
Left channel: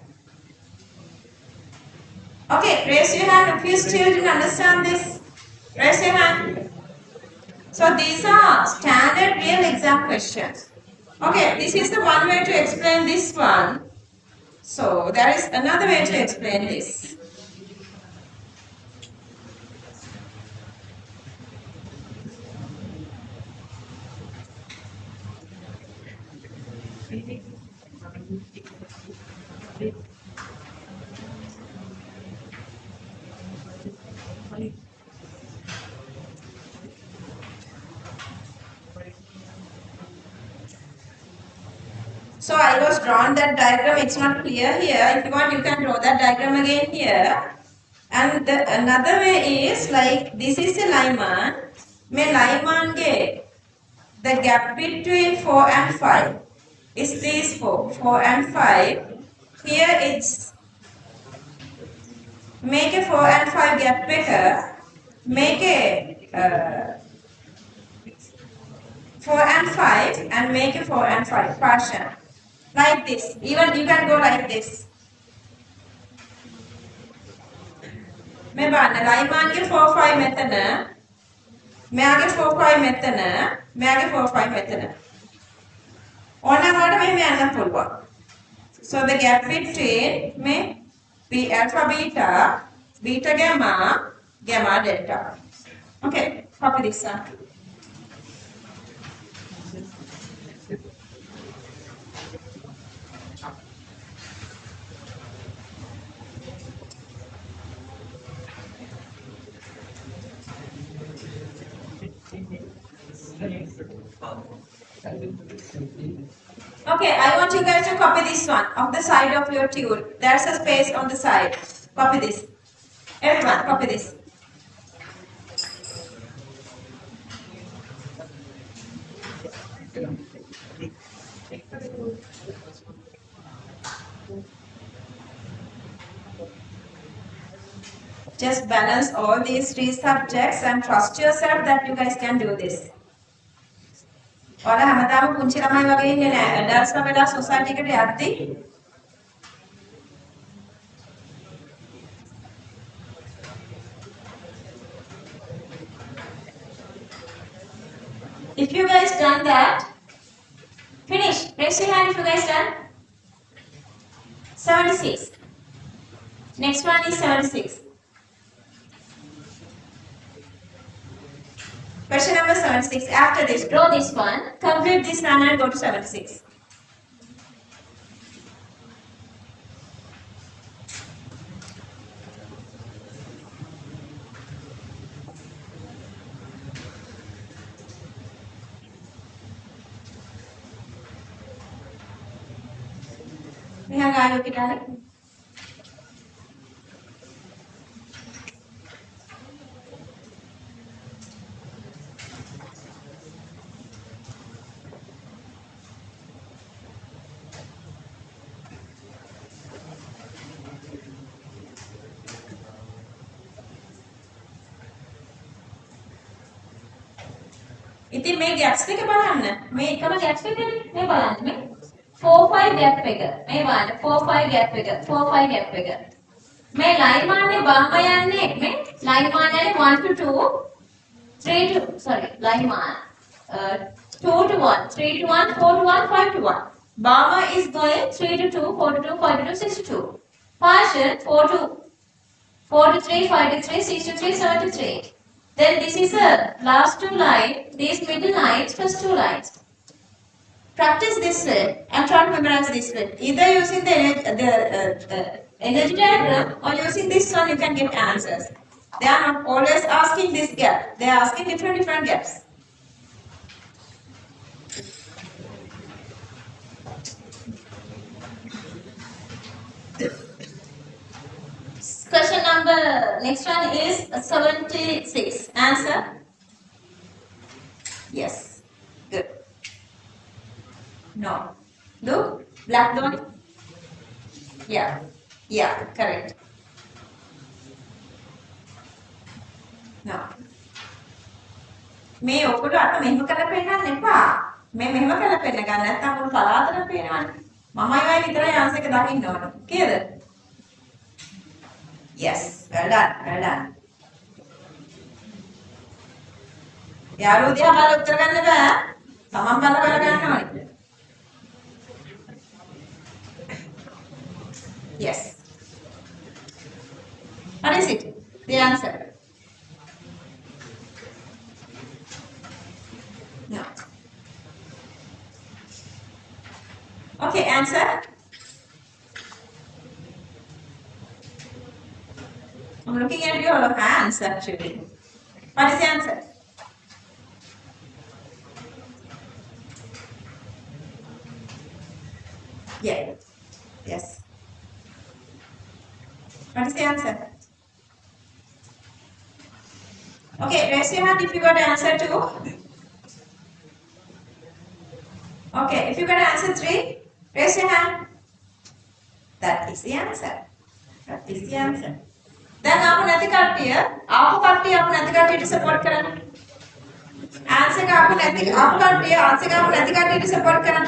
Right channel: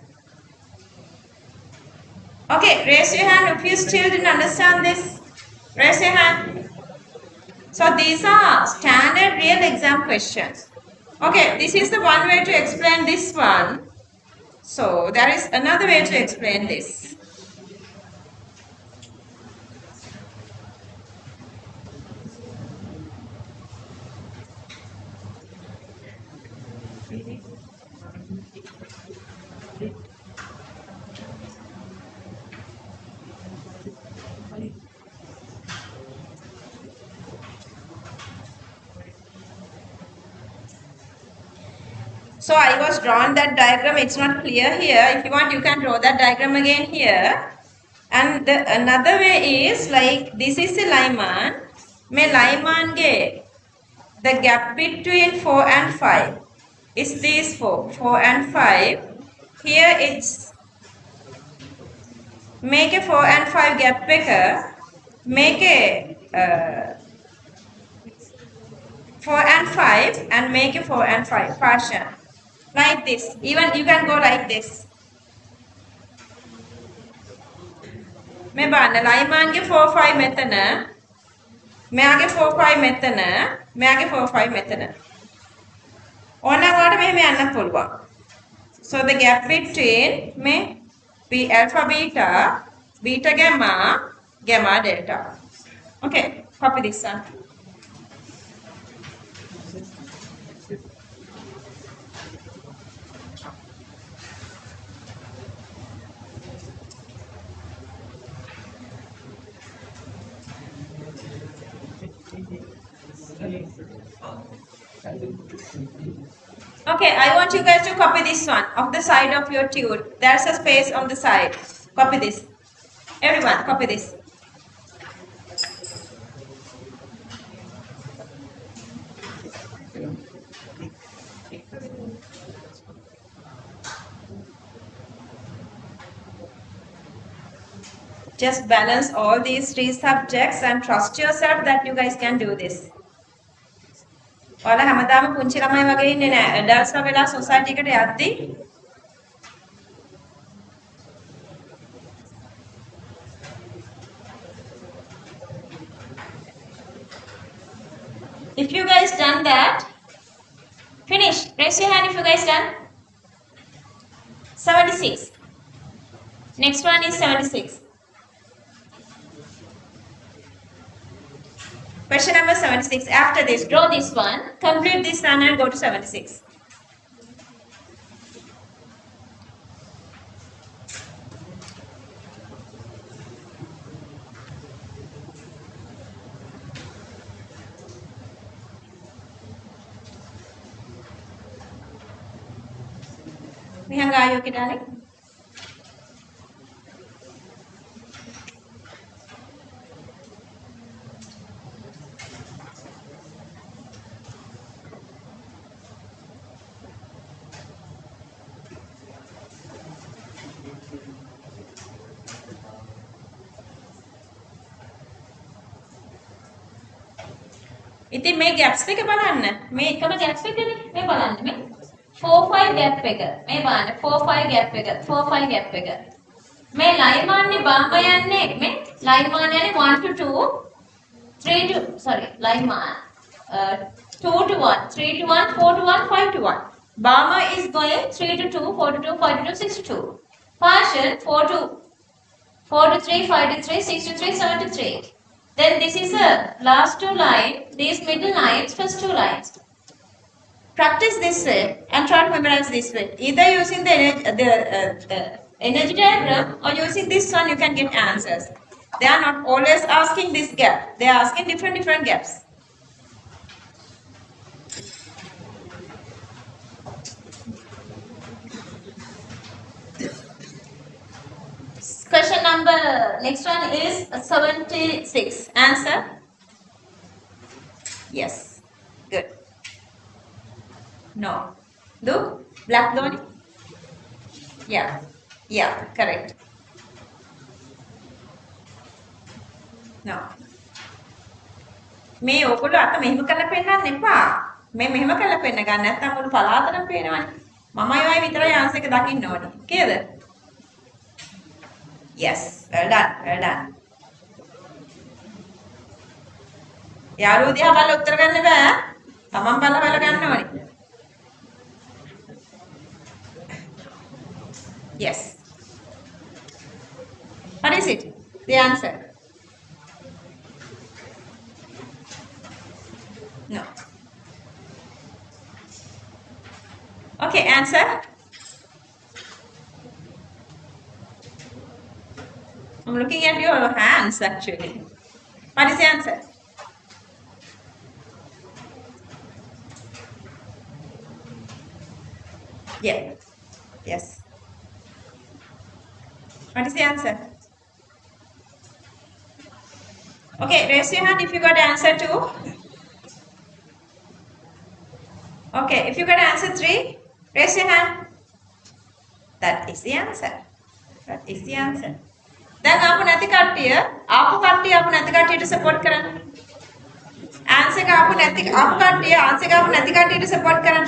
Okay, raise your hand if you still didn't understand this. Raise your hand. So these are standard real exam questions. Okay, this is the one way to explain this one. So there is another way to explain this. So I was drawn that diagram. It's not clear here. If you want, you can draw that diagram again here. And another way is like this is the Lyman. May Lyman get the gap between 4 and 5 is these 4 and 5. Here it's make a 4 and 5 gap bigger. Make a 4 and 5 and make a 4 and 5 partition. Like this. Even you can go like this. මේ බලන්න ලයිමාන්ගේ 4 5 මෙතන මෙයාගේ 4 5 මෙතන මෙයාගේ 4 5 මෙතන ඕනනම් ඔයාලට මෙහෙම යන්න පුළුවන්. So the gap between මේ b alpha beta beta gamma gamma delta. Okay, copy this one. Okay, I want you guys to copy this one of the side of your tube. There's a space on the side. Copy this. Everyone, copy this. Just balance all these 3 subjects and trust yourself that you guys can do this. ඔයාලා හැමදාම පුංචි ළමයි වගේ ඉන්නේ නෑ. ඇඩල්ට්ස්ලා වෙලා society එකට යද්දී if you guys done that, finish. Raise your hand if you guys done. 76. Next one is 76. Question number 76. After this, draw this one, complete this one and go to 76. Mihanga, are you okay, darling? ඉතින් මේ gaps එක බලන්න. මේ එකම gaps එකනේ. මේ බලන්න මේ 4 5 gap එක. මේ බලන්න 4 5 gap එක. 4 5 gap එක. මේ line මාන්නේ බාම යන්නේ මේ line මාන යන්නේ 1 to 2 3 to sorry line මාන 2 to 1 3 to 1 4 to 1 5 to 1. Bama is going 3 to 2 4 to 2 5 to 2 6 to 2. Partial 4 to 3 5 to 3 6 to 3 7 to 3. Then this is the last 2 lines, these middle lines, first 2 lines. Practice this way and try to memorize this way. Either using the energy diagram or using this one, you can get answers. They are not always asking this gap. They are asking different gaps. Question number, next one is 76. Answer? Yes. Good. No. Do? Black Dhoni? Yeah. Yeah, correct. No. මේ ඔයගොල්ලෝ අත මෙහෙම කරලා පෙන්නන්න එපා. මේ මෙහෙම කරලා පෙන්න ගන්න නැත්නම් උන් පලාතට පේනවනේ. මමයි ඔය විතරයි ආන්සර් එක දකින්න ඕනේ. කීයද? Yes, well done, well done. යාළුවෝ දිහා බලලා උත්තර ගන්න බෑ. තමන් බලලා ගන්න ඕනේ. Yes. What is it? The answer? No. Okay, answer. I'm looking at your hands actually. What is the answer? Yeah. Yes. What is the answer? Okay, raise your hand if you got answer 2. Okay, if you got answer 3, raise your hand. That is the answer. That is the answer. දැන් ආපු නැති කට්ටිය ආපු කට්ටියට support කරන්න. Answer එක ආපු කට්ටිය ආන්සර් එක ආපු නැති කට්ටියට සපෝට් කරන්න.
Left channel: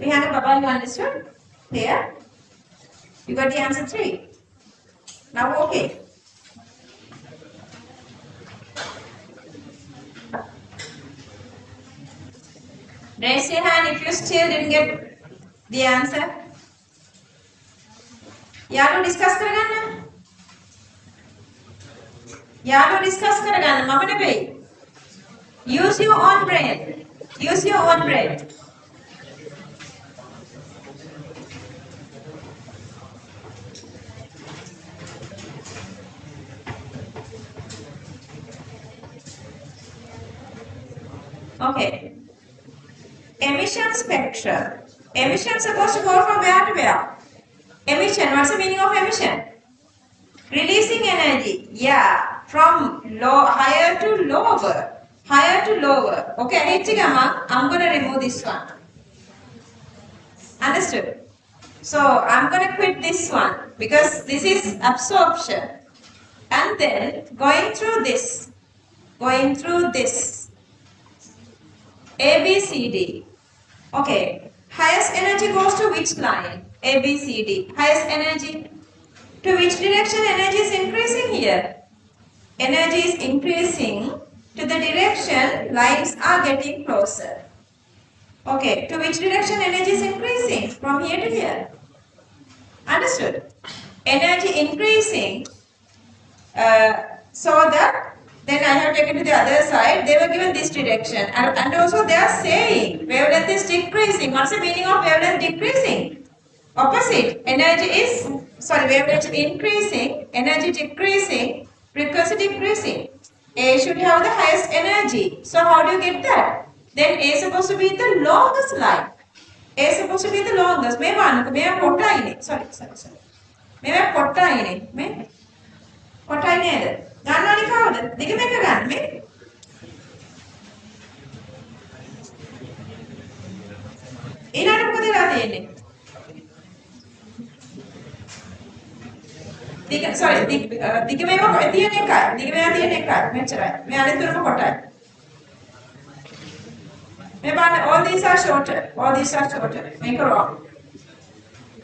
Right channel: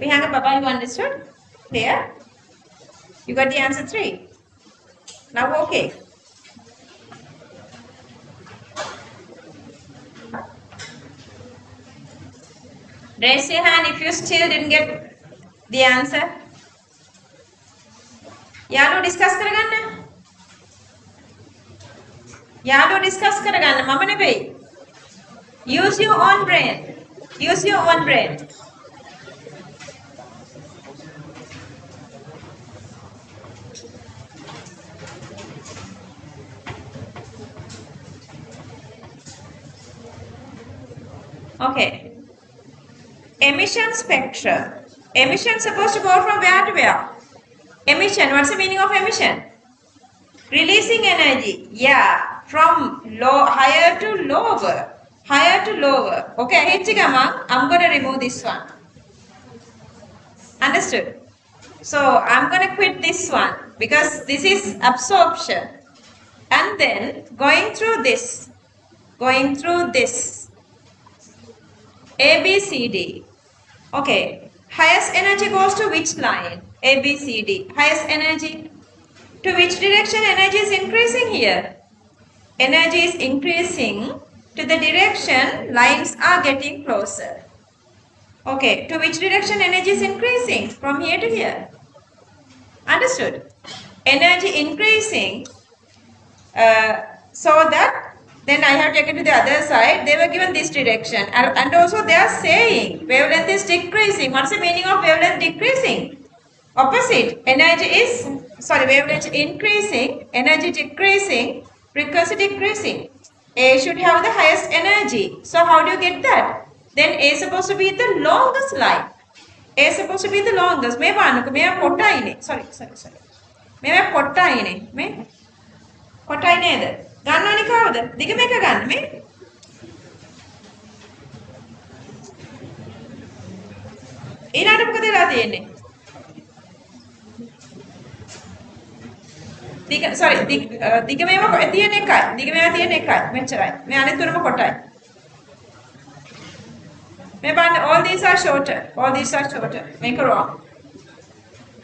Vihana Baba, you understood? Clear? You got the answer 3. Now okay. Raise your hand if you still didn't get the answer. යාළුවෝ discuss කරගන්න. යාළුවෝ discuss කරගන්න මම නෙවෙයි. Use your own brain. Use your own brain. Okay. Emission spectrum. Emission supposed to go from where to where? Emission. What's the meaning of emission? Releasing energy. Yeah. From higher to lower. Higher to lower. Okay. I'm going to remove this one. Understood? So I'm going to quit this one because this is absorption. And then going through this. A, B, C, D. Okay. Highest energy goes to which line? A, B, C, D. Highest energy. To which direction energy is increasing here? Energy is increasing to the direction lines are getting closer. Okay. To which direction energy is increasing? From here to here. Understood? Energy increasing so that then I have taken to the other side. They were given this direction. And also they are saying wavelength is decreasing. What's the meaning of wavelength decreasing? Opposite. Wavelength increasing, energy decreasing, frequency decreasing. A should have the highest energy. So how do you get that? Then A is supposed to be the longest line. A is supposed to be the longest. Sorry. කොටයි නේද? ගන්නවනේ කවුද? දිග මේක ගන්න මේ. ඊළඟට මොකද වෙලා තියෙන්නේ? දිග මේව තියෙන එකයි. මෙච්චරයි. මේ අනිත් තුනම කොටයි. මේ බලන්න all these are shorter. Make a wrong.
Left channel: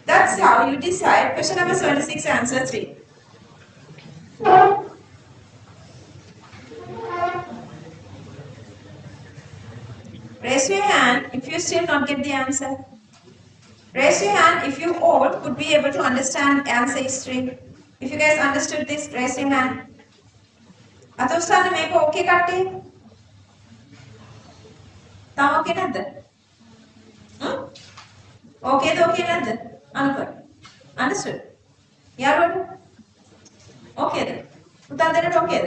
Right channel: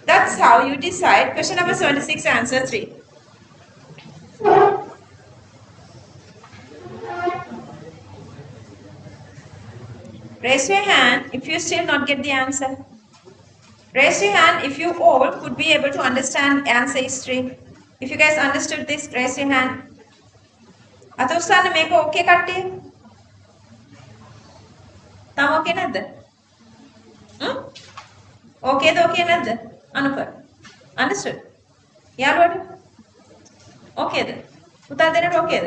That's how you decide question number 76 answer 3. Raise your hand if you still not get the answer. Raise your hand if you all could be able to understand answer history. If you guys understood this, raise your hand. Atosana make okay කට්ටිය? තම okay නැද්ද? Okay නැද්ද? අනුප. Understood? යාළුවනේ? Okay. උත්තර දෙන්නට okay ද?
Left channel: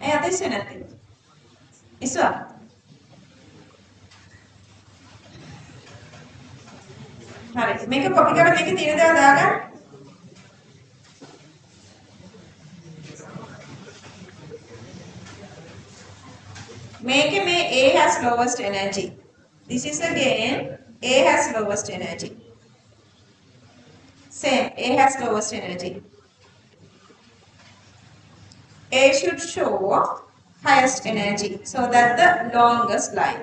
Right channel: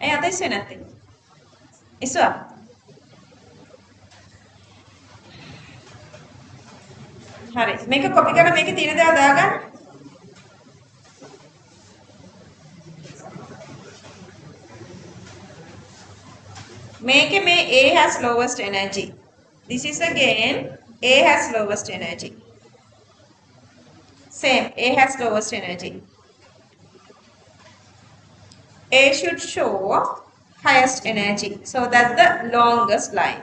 ඇයි අත ඉස්සෙ නැත්තේ? ඉස්සුවා? හරි. මේක කොපි කරලා මේකේ තියෙන දේවල් දාගන්න. මේකේ මේ A has lowest energy. This is again A has lowest energy. Same. A has lowest energy. A should show highest energy. So that's the longest line.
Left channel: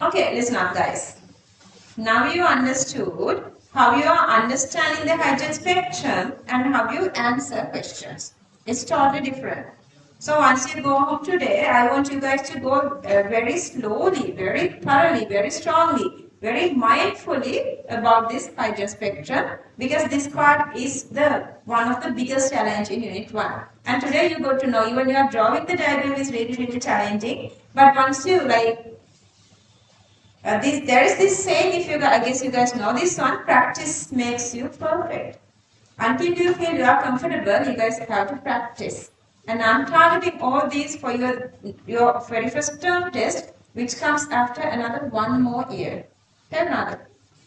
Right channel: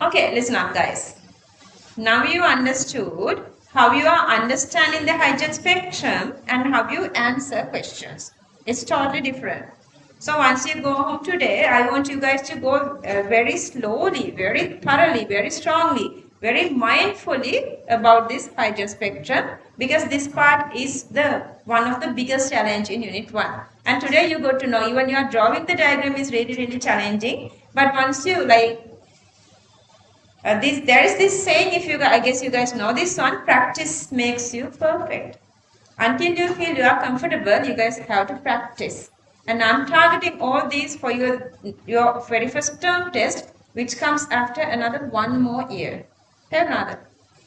Okay, listen up guys. Now you understood how you are understanding the hygiene spectrum and how you answer questions. It's totally different. So once you go home today, I want you guys to go very slowly, very thoroughly, very strongly, very mindfully about this hygiene spectrum, because this part is the one of the biggest challenge in Unit 1. And today you got to know, even you are drawing the diagram is really, really challenging. But once you there is this saying, if you, I guess you guys know this one, practice makes you perfect. Until you feel you are comfortable, you guys have to practice. And I'm targeting all these for your very first term test, which comes after another 1 more year. Tell another.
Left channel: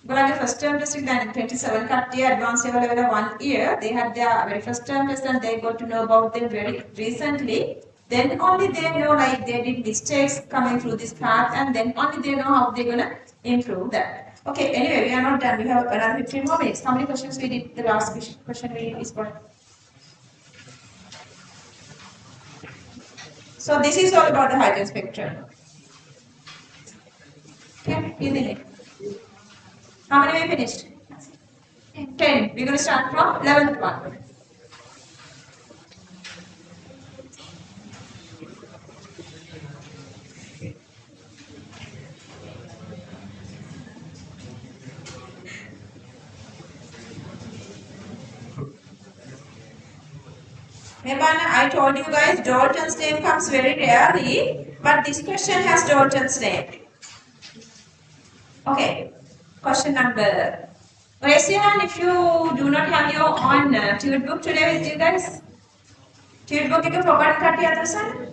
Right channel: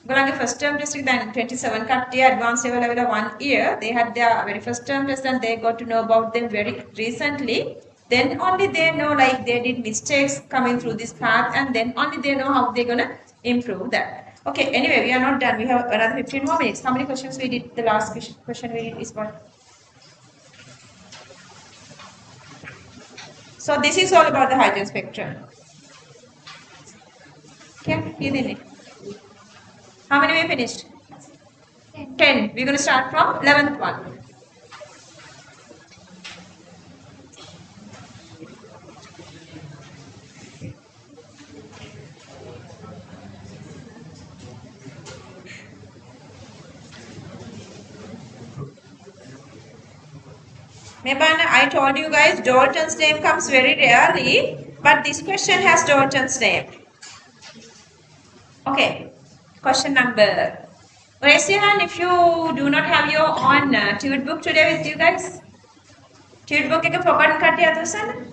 Well, first term test in 27 කට්ටිය advanced level 1 year, they had their very first term test and they got to know about them very recently. Then only they know like they did mistakes coming through this path, and then only they know how they're gonna improve that. Okay, anyway, we are not done. We have another 15 more minutes. How many questions we did? The last question we did is what? So this is all about the hygiene spectrum. Yeah, you did it. How many we finished? 10. We're going to start from 11th one. Mebana, I told you guys Dalton's name comes very rarely, but this question has Dalton's name. Okay, question number. Raise your hand if you do not have your own tute book today with you guys. Tute book එක forgotten කට්ටිය අතසන්න.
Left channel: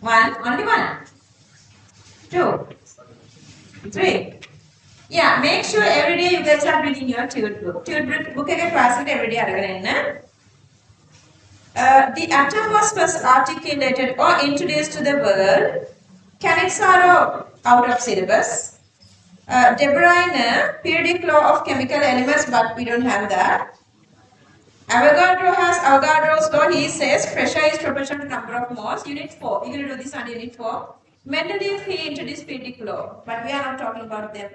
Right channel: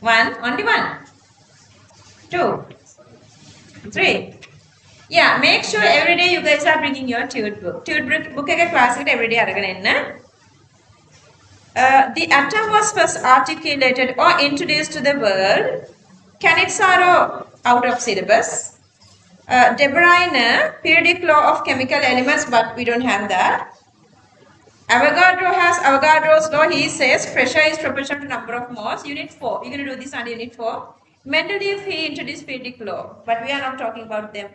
One, only one. 2, 3. Yeah, make sure every day you guys are bringing your tute book. Tute book එක class එකට every day අරගෙන එන්න. The atom was first articulated or introduced to the world. Cannizzaro out of syllabus. De Bruyne, periodic law of chemical elements, but we don't have that. Avogadro has Avogadro's law. He says pressure is proportional to number of moles. Unit 4. We're going to do this on Unit 4. Mendeleev, he introduced periodic law, but we are not talking about them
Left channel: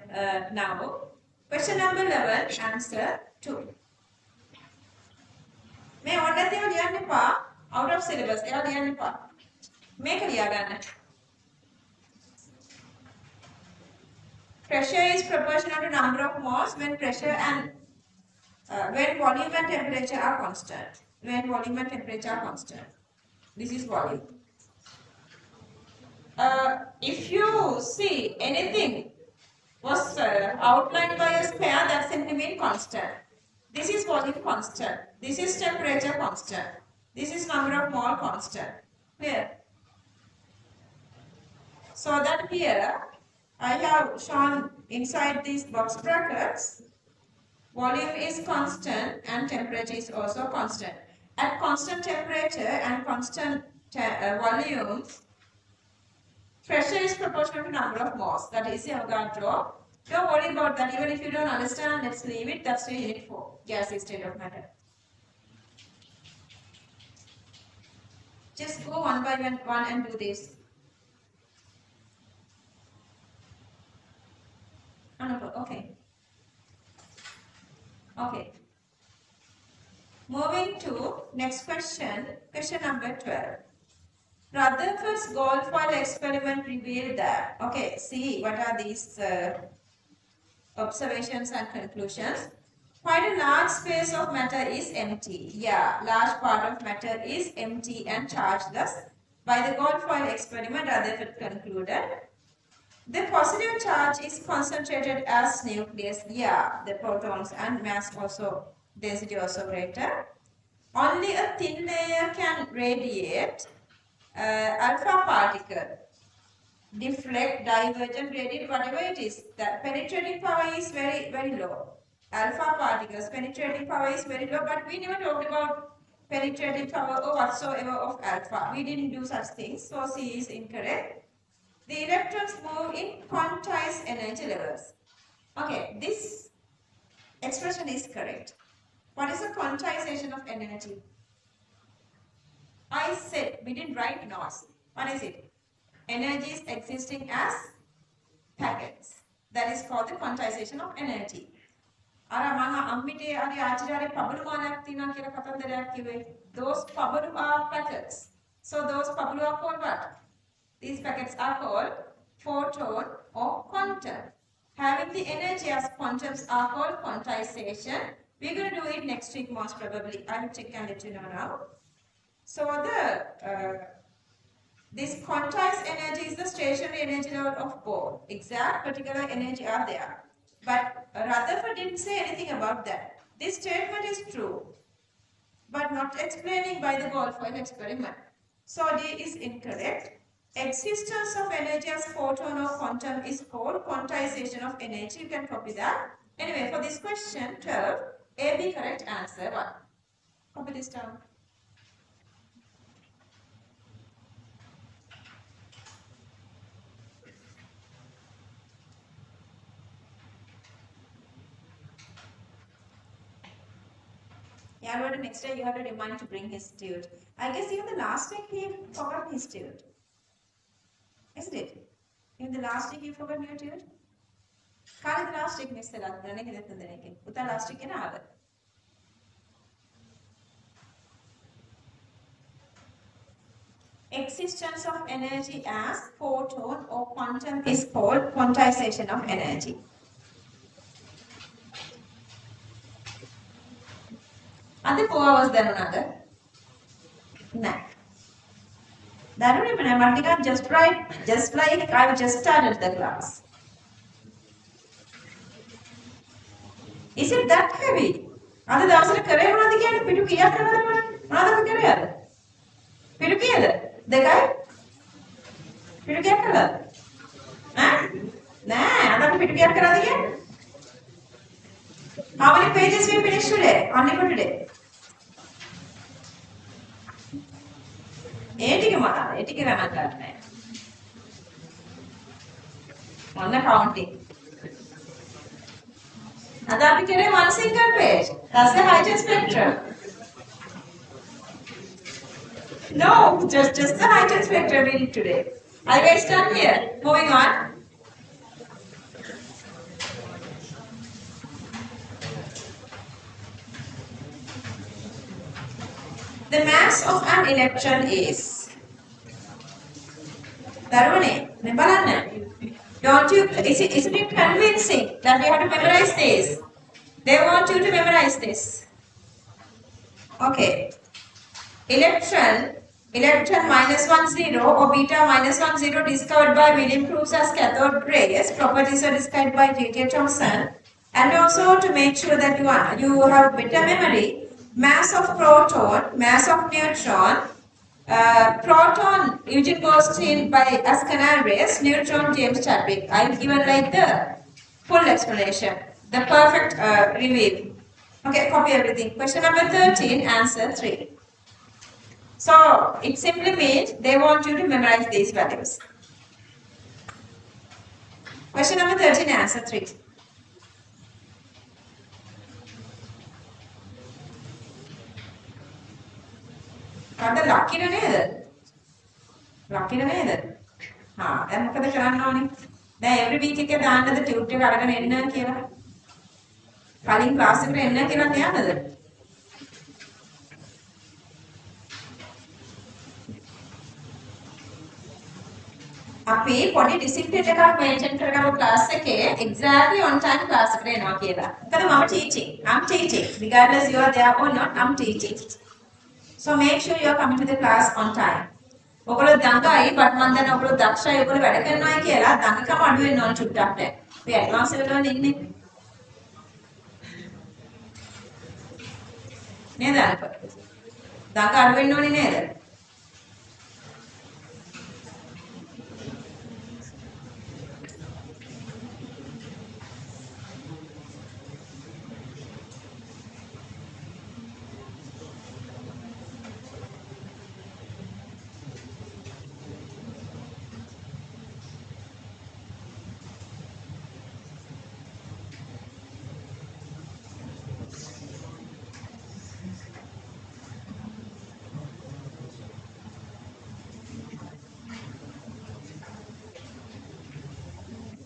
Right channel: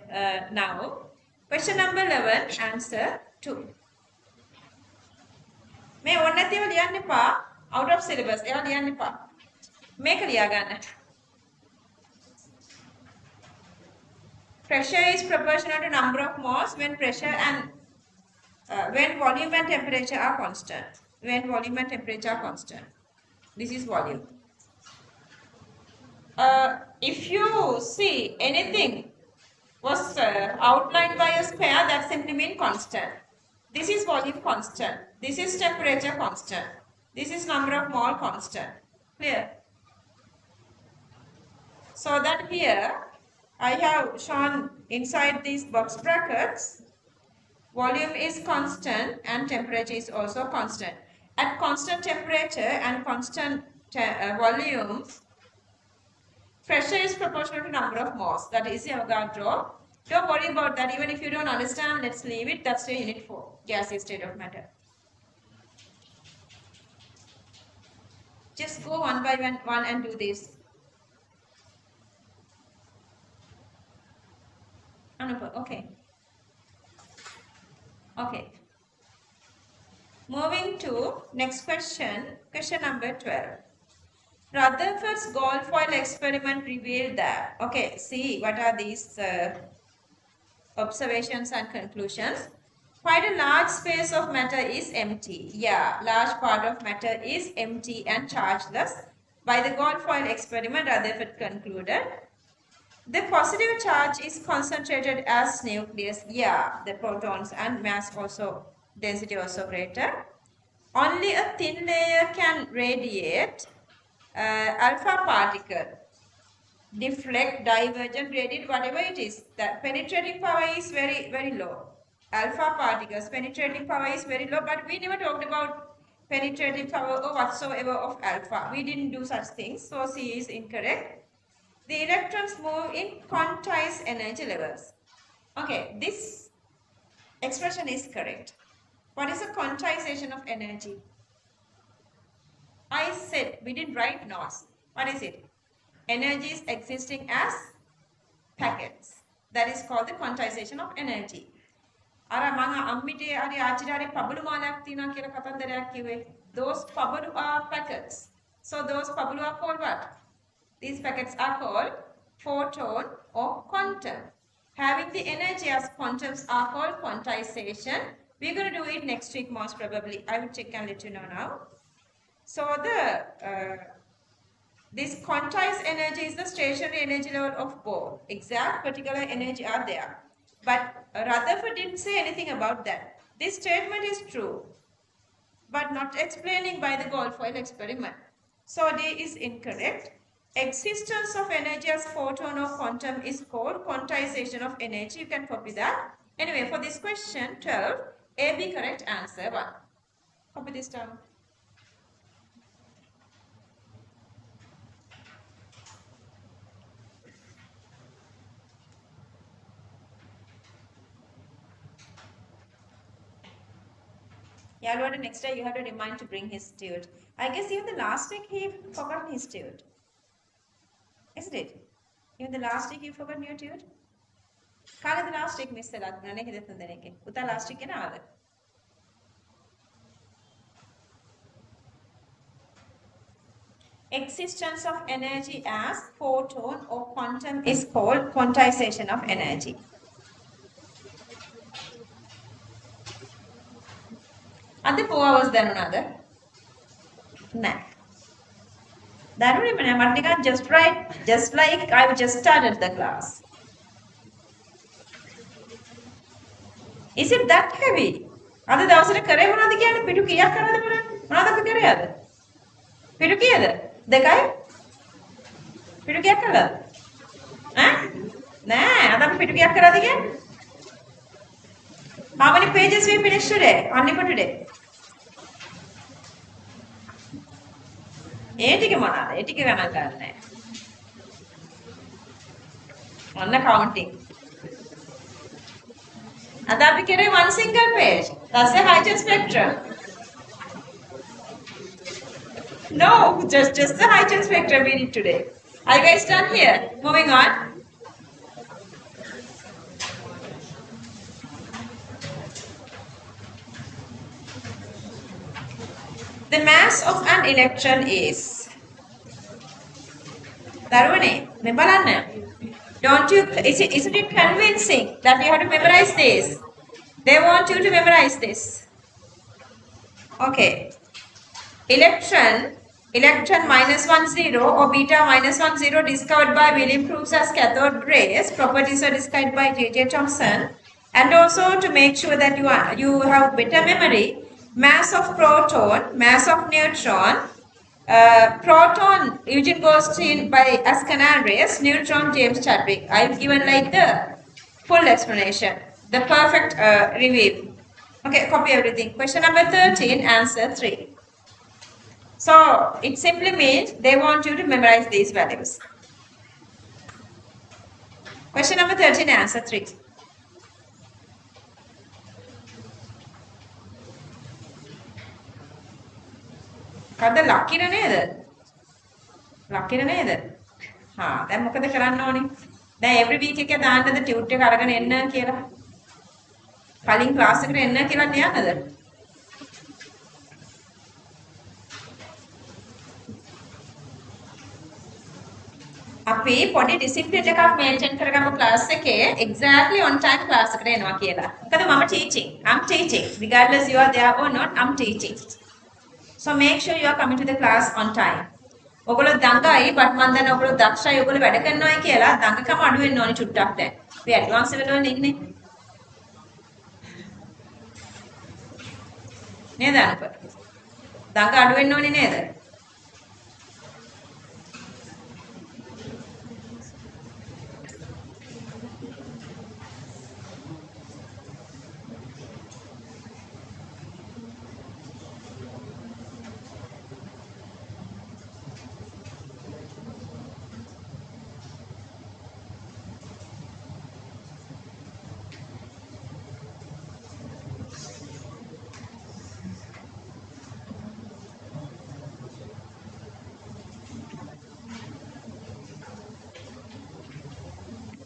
now. Question number 11, answer 2. මේ ඕන නැතිව ලියන්න එපා. Out of syllabus. ඒවා ලියන්න එපා. මේක ලියා ගන්න. Pressure is proportional to number of moles when pressure and when volume and temperature are constant. When volume and temperature are constant. This is volume. If you see anything was outlined by a square, that simply means constant. This is volume constant. This is temperature constant. This is number of mole constant. Clear? So that here I have shown inside these box brackets, volume is constant and temperature is also constant. At constant temperature and constant volume, pressure is proportional to number of moles. That is the Avogadro. Don't worry about that. Even if you don't understand, let's leave it. That's the unit 4, gaseous state of matter. Just go one by one and do this. Okay. Okay. Moving to next question, question number 12. Rutherford's gold foil experiment revealed that. Okay, see what are these observations and conclusions. Quite a large space of matter is empty. Yeah, large part of matter is empty and chargeless. By the gold foil experiment, Rutherford concluded the positive charge is concentrated as nucleus. Yeah, the protons and mass also, density also greater. Only a thin layer can radiate. Alpha particle, deflect, divergent, radiate, whatever it is. The penetrating power is very, very low. Alpha particles, penetrating power is very low, but we never talked about penetrating power or whatsoever of alpha. We didn't do such things, so C is incorrect. The electrons move in quantized energy levels. Okay, this expression is correct. What is the quantization of energy? I said we didn't write NOS. What is it? Energy is existing as packets. That is called the quantization of energy. අර මම අම්මිටේ හරි ආච්චිලාගේ පබළු මානක් තියෙනවා කියලා කතන්දරයක් කිව්වේ. Those පබළු are packets. So those පබළු are called what? These packets are called photon or quantum. Having the energy as quantums are called quantization. We're going to do it next week most probably. I will check and let you know now. So this quantized energy is the stationary energy level of both. Exact particular energy are there. But Rutherford didn't say anything about that. This statement is true, but not explaining by the Goldfoil experiment. So D is incorrect. Existence of energy as photon or quantum is called quantization of energy. You can copy that. Anyway, for this question 12, A, B correct answer 1. Copy this down. Yeah, Lord, next day you have to remind to bring his steward. I guess even the last week he forgot his steward. Isn't it? Even the last week you forgot your steward? Kala the last week miss the last week. Uta last week na ada. Existence of energy as photon or quantum is called quantization of energy. Are the 4 hours then another? No. That would mean I'm just right, just like I just started the class. Is it that heavy? අද දවසට කරේ මොනවද කියන්නේ? පිටු කීයක් කරලාද බලන්න. මොනවද කරේ අද? පිටු කීයද? දෙකයි? පිටු කීයක් කරලාද? ඈ? නෑ, අද අපි පිටු කීයක් කරාද කියන්නේ? How many pages we finished today? Only for today. ඒ ටික මොනවාද? ඒ ටික ගණන් ගන්නෑ. ඔන්න counting. අද අපි කරේ one single page. That's the hydrogen spectrum. No, just the hydrogen spectrum we did today. Are you guys done here? Moving on. The mass of an electron is. Darwane, me balanna. Don't you, isn't it convincing that we have to memorize this? They want you to memorize this. Okay. Electron -10 or beta -10 discovered by William Crookes as cathode rays. Properties are described by J.J. Thomson. And also to make sure that you have better memory, mass of proton, mass of neutron, proton Eugene Goldstein by as canal rays, neutron James Chadwick. I've given like the full explanation, the perfect reveal. Okay, copy everything. Question number 13, answer 3. So it simply means they want you to memorize these values. Question number 13, answer 3. කද්ද ලක්කින නේද? ලක්කින නේද? හා දැන් මොකද කරන්න ඕනේ? දැන් every week එකේ දාන්නද tute එක අරගෙන එන්න කියලා? කලින් ක්ලාස් එකට එන්න කියලා තියන්නද? අපි පොඩි ඩිසිප්ලින් එකක් මේන්ටේන් කරගමු ක්ලාස් එකේ exactly on time ක්ලාස් එකට එනවා කියලා. මොකද මම I'm teaching regardless you are there or not, I'm teaching. So make sure you are coming to the class on time. ඔයගොල්ලෝ දඟයි but මම දන්නේ ඔයගොල්ලෝ දක්ෂයි ඔයගොල්ලෝ වැඩ කරනවායි කියලා දඟකම අඩු වෙන්න ඕනේ චුට්ටක් දැන්. අපි ඇඩ්වාන්ස් වෙලානේ ඉන්නේ. නේද අනක? දඟ අඩු වෙන්න ඕනේ නේද?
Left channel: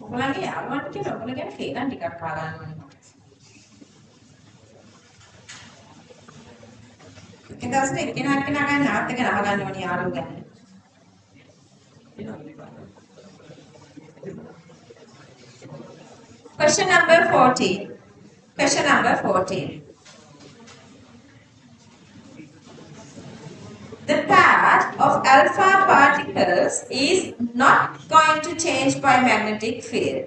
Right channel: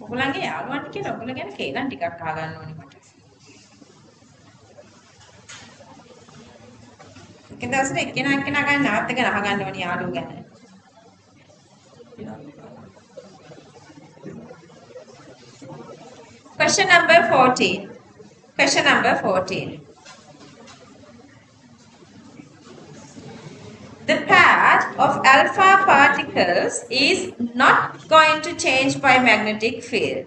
ඔයගොල්ලන්ගේ යාළුවන්ට කියලා ඔයගොල්ලෝ ගැන කේලම් ටිකක් අහගන්න ඕනේ මට. ඒක දැස්නේ එක්කෙනා ගැන නැවත් එක අහගන්න ඕනේ යාළුවෝ ගැන. Question number 14. Question number 14. The path of alpha particles is not going to change by magnetic field.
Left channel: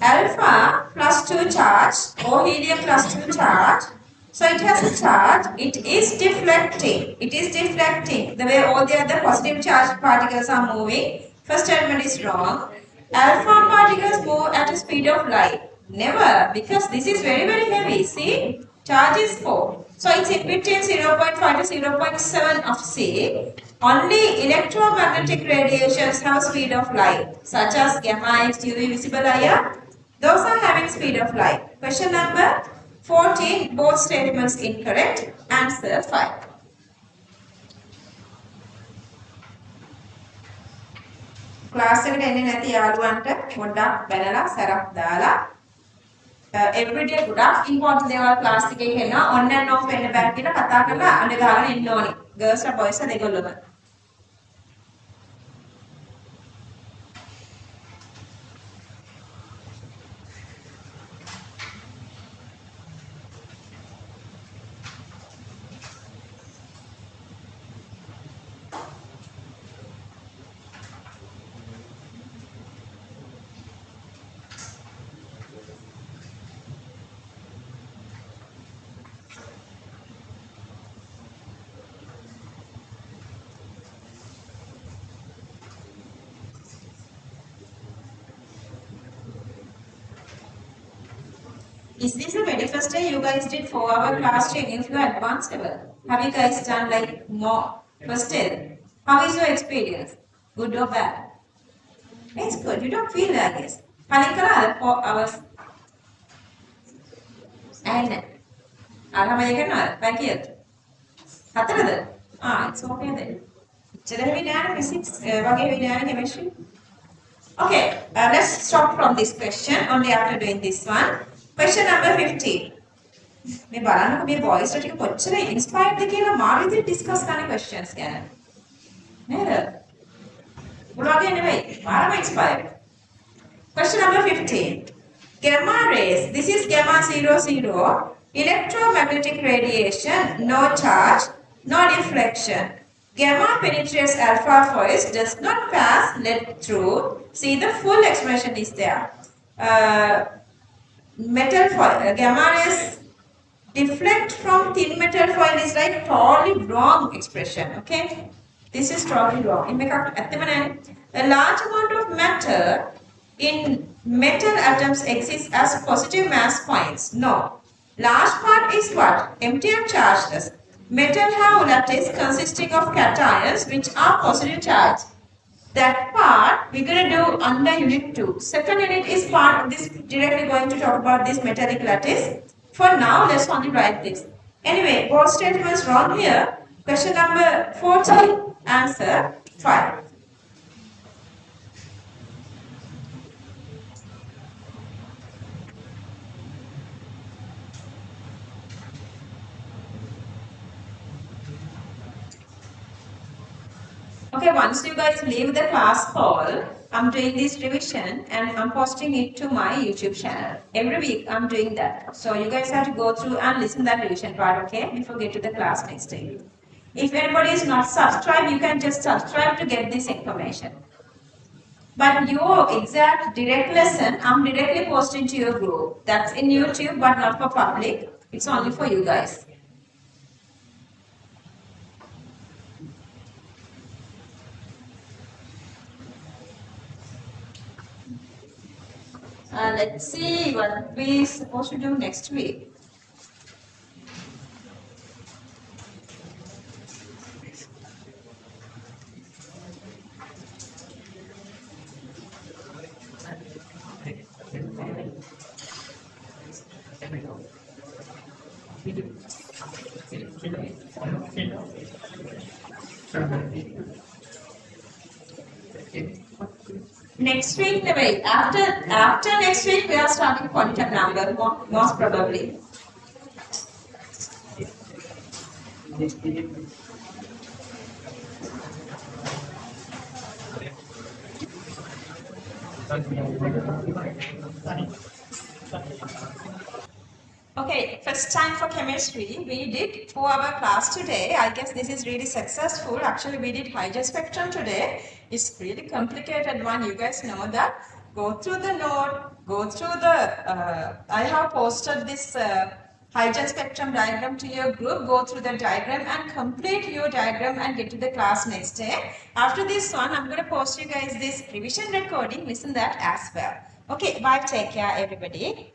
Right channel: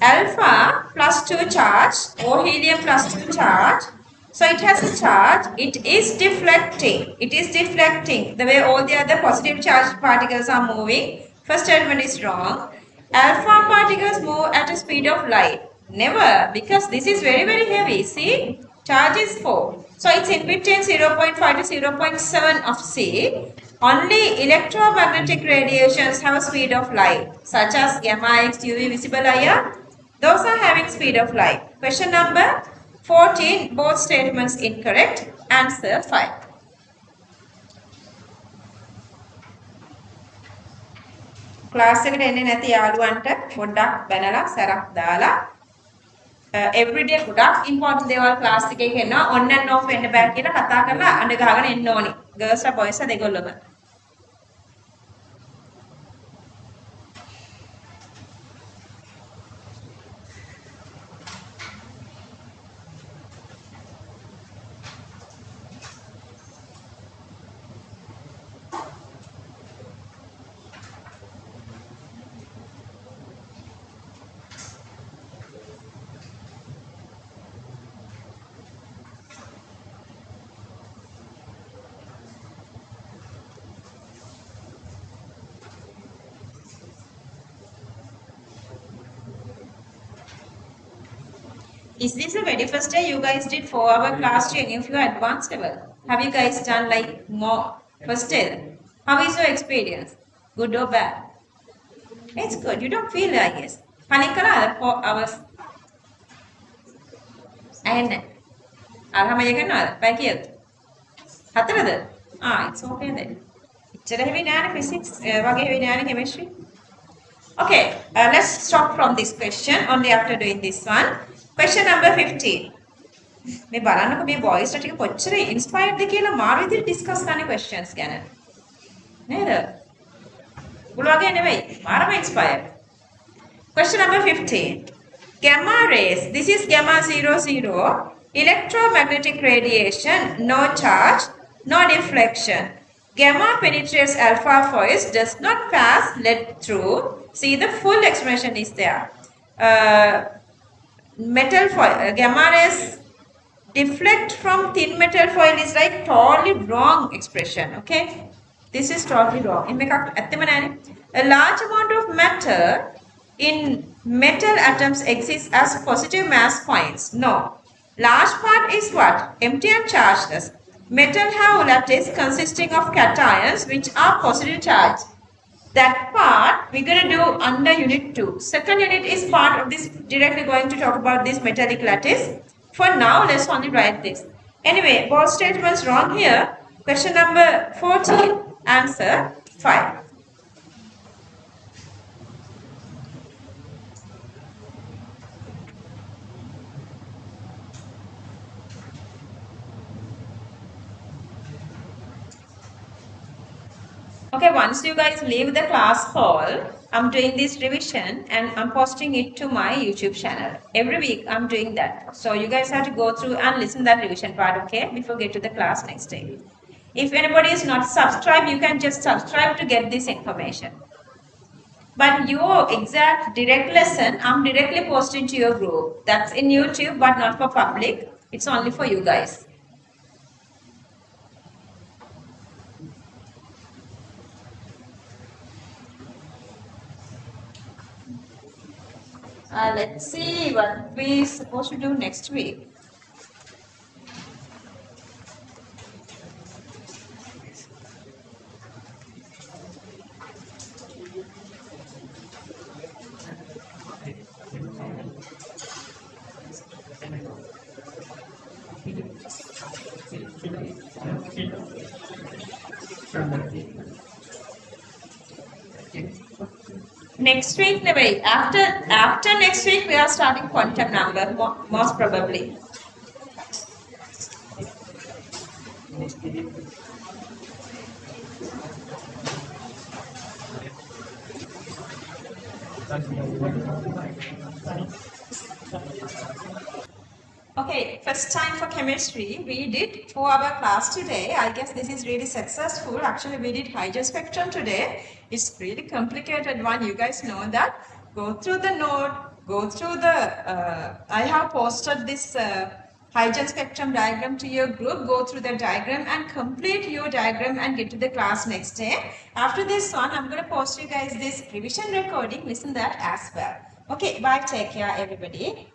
Alpha plus 2 charge or helium plus 2 charge. So it has a charge. It is deflecting. It is deflecting. The way all the other positive charged particles are moving. First statement is wrong. Alpha particles move at a speed of light. Never, because this is very, very heavy. See, charge is 4. So it's in between 0.5 to 0.7 of C. Only electromagnetic radiations have speed of light, such as gamma, X, UV, visible IR. Those are having speed of light. Question number 14, both statements incorrect. Answer 5. Class එකට එන්නේ නැති යාළුවන්ට පොඩ්ඩක් බැලලා සරක් දාලා everyday ගොඩක් important දේවල් class එකේ කියනවා on and off වෙන්න බෑ කියලා කතා කරලා අඬ ගහගෙන එන්න ඕනි. girls and boys දෙගොල්ලම. Is this the very first day you guys did 4-hour class training of your advanced level? Have you guys done like more first day? How is your experience? Good or bad? It's good. You don't feel it, I guess. Panikala 4 hours. And Alhamdulillah, thank you. Hatrada? It's okay then. Physics, chemistry. Okay, let's stop from this question only after doing this one. Question number 15. මේ බලන්නකො මේ boys ටික කොච්චර inspired ද කියලා මාරු විදිහට discuss කරන questions ගැන. නේද? උගලගේ නෙවෙයි. මාරම inspired. Question number 15. Gamma rays. This is gamma 00. Electromagnetic radiation, no charge, no deflection. Gamma penetrates alpha foils, does not pass lead through. See, the full expression is there. Metal foil, gamma rays deflect from thin metal foil is like totally wrong expression. Okay, this is totally wrong. A large amount of matter in metal atoms exists as positive mass points. No, large part is what? Empty and chargeless. Metal have lattice consisting of cations which are positive charge. That part we're going to do under unit 2. Second unit is part of this, directly going to talk about this metallic lattice. For now, let's only write this. Anyway, both statements wrong here. Question number 14, answer 5. Okay, once you guys leave the class hall, I'm doing this revision and I'm posting it to my YouTube channel. Every week I'm doing that. So you guys have to go through and listen that revision part, okay? Before get to the class next day. If anybody is not subscribed, you can just subscribe to get this information. But your exact direct lesson, I'm directly posting to your group. That's in YouTube, but not for public. It's only for you guys. Let's see what we're supposed to do next week. next week, wait, after next week, we are starting quantum number, most probably. Okay, first time for chemistry. We did 4-hour class today. I guess this is really successful. Actually, we did hydrogen spectrum today. It's really complicated one. You guys know that. Go through the note. Go through the. I have posted this hydrogen spectrum diagram to your group. Go through the diagram and complete your diagram and get to the class next day. After this one, I'm going to post you guys this revision recording. Listen that as well. Okay, bye. Take care, everybody.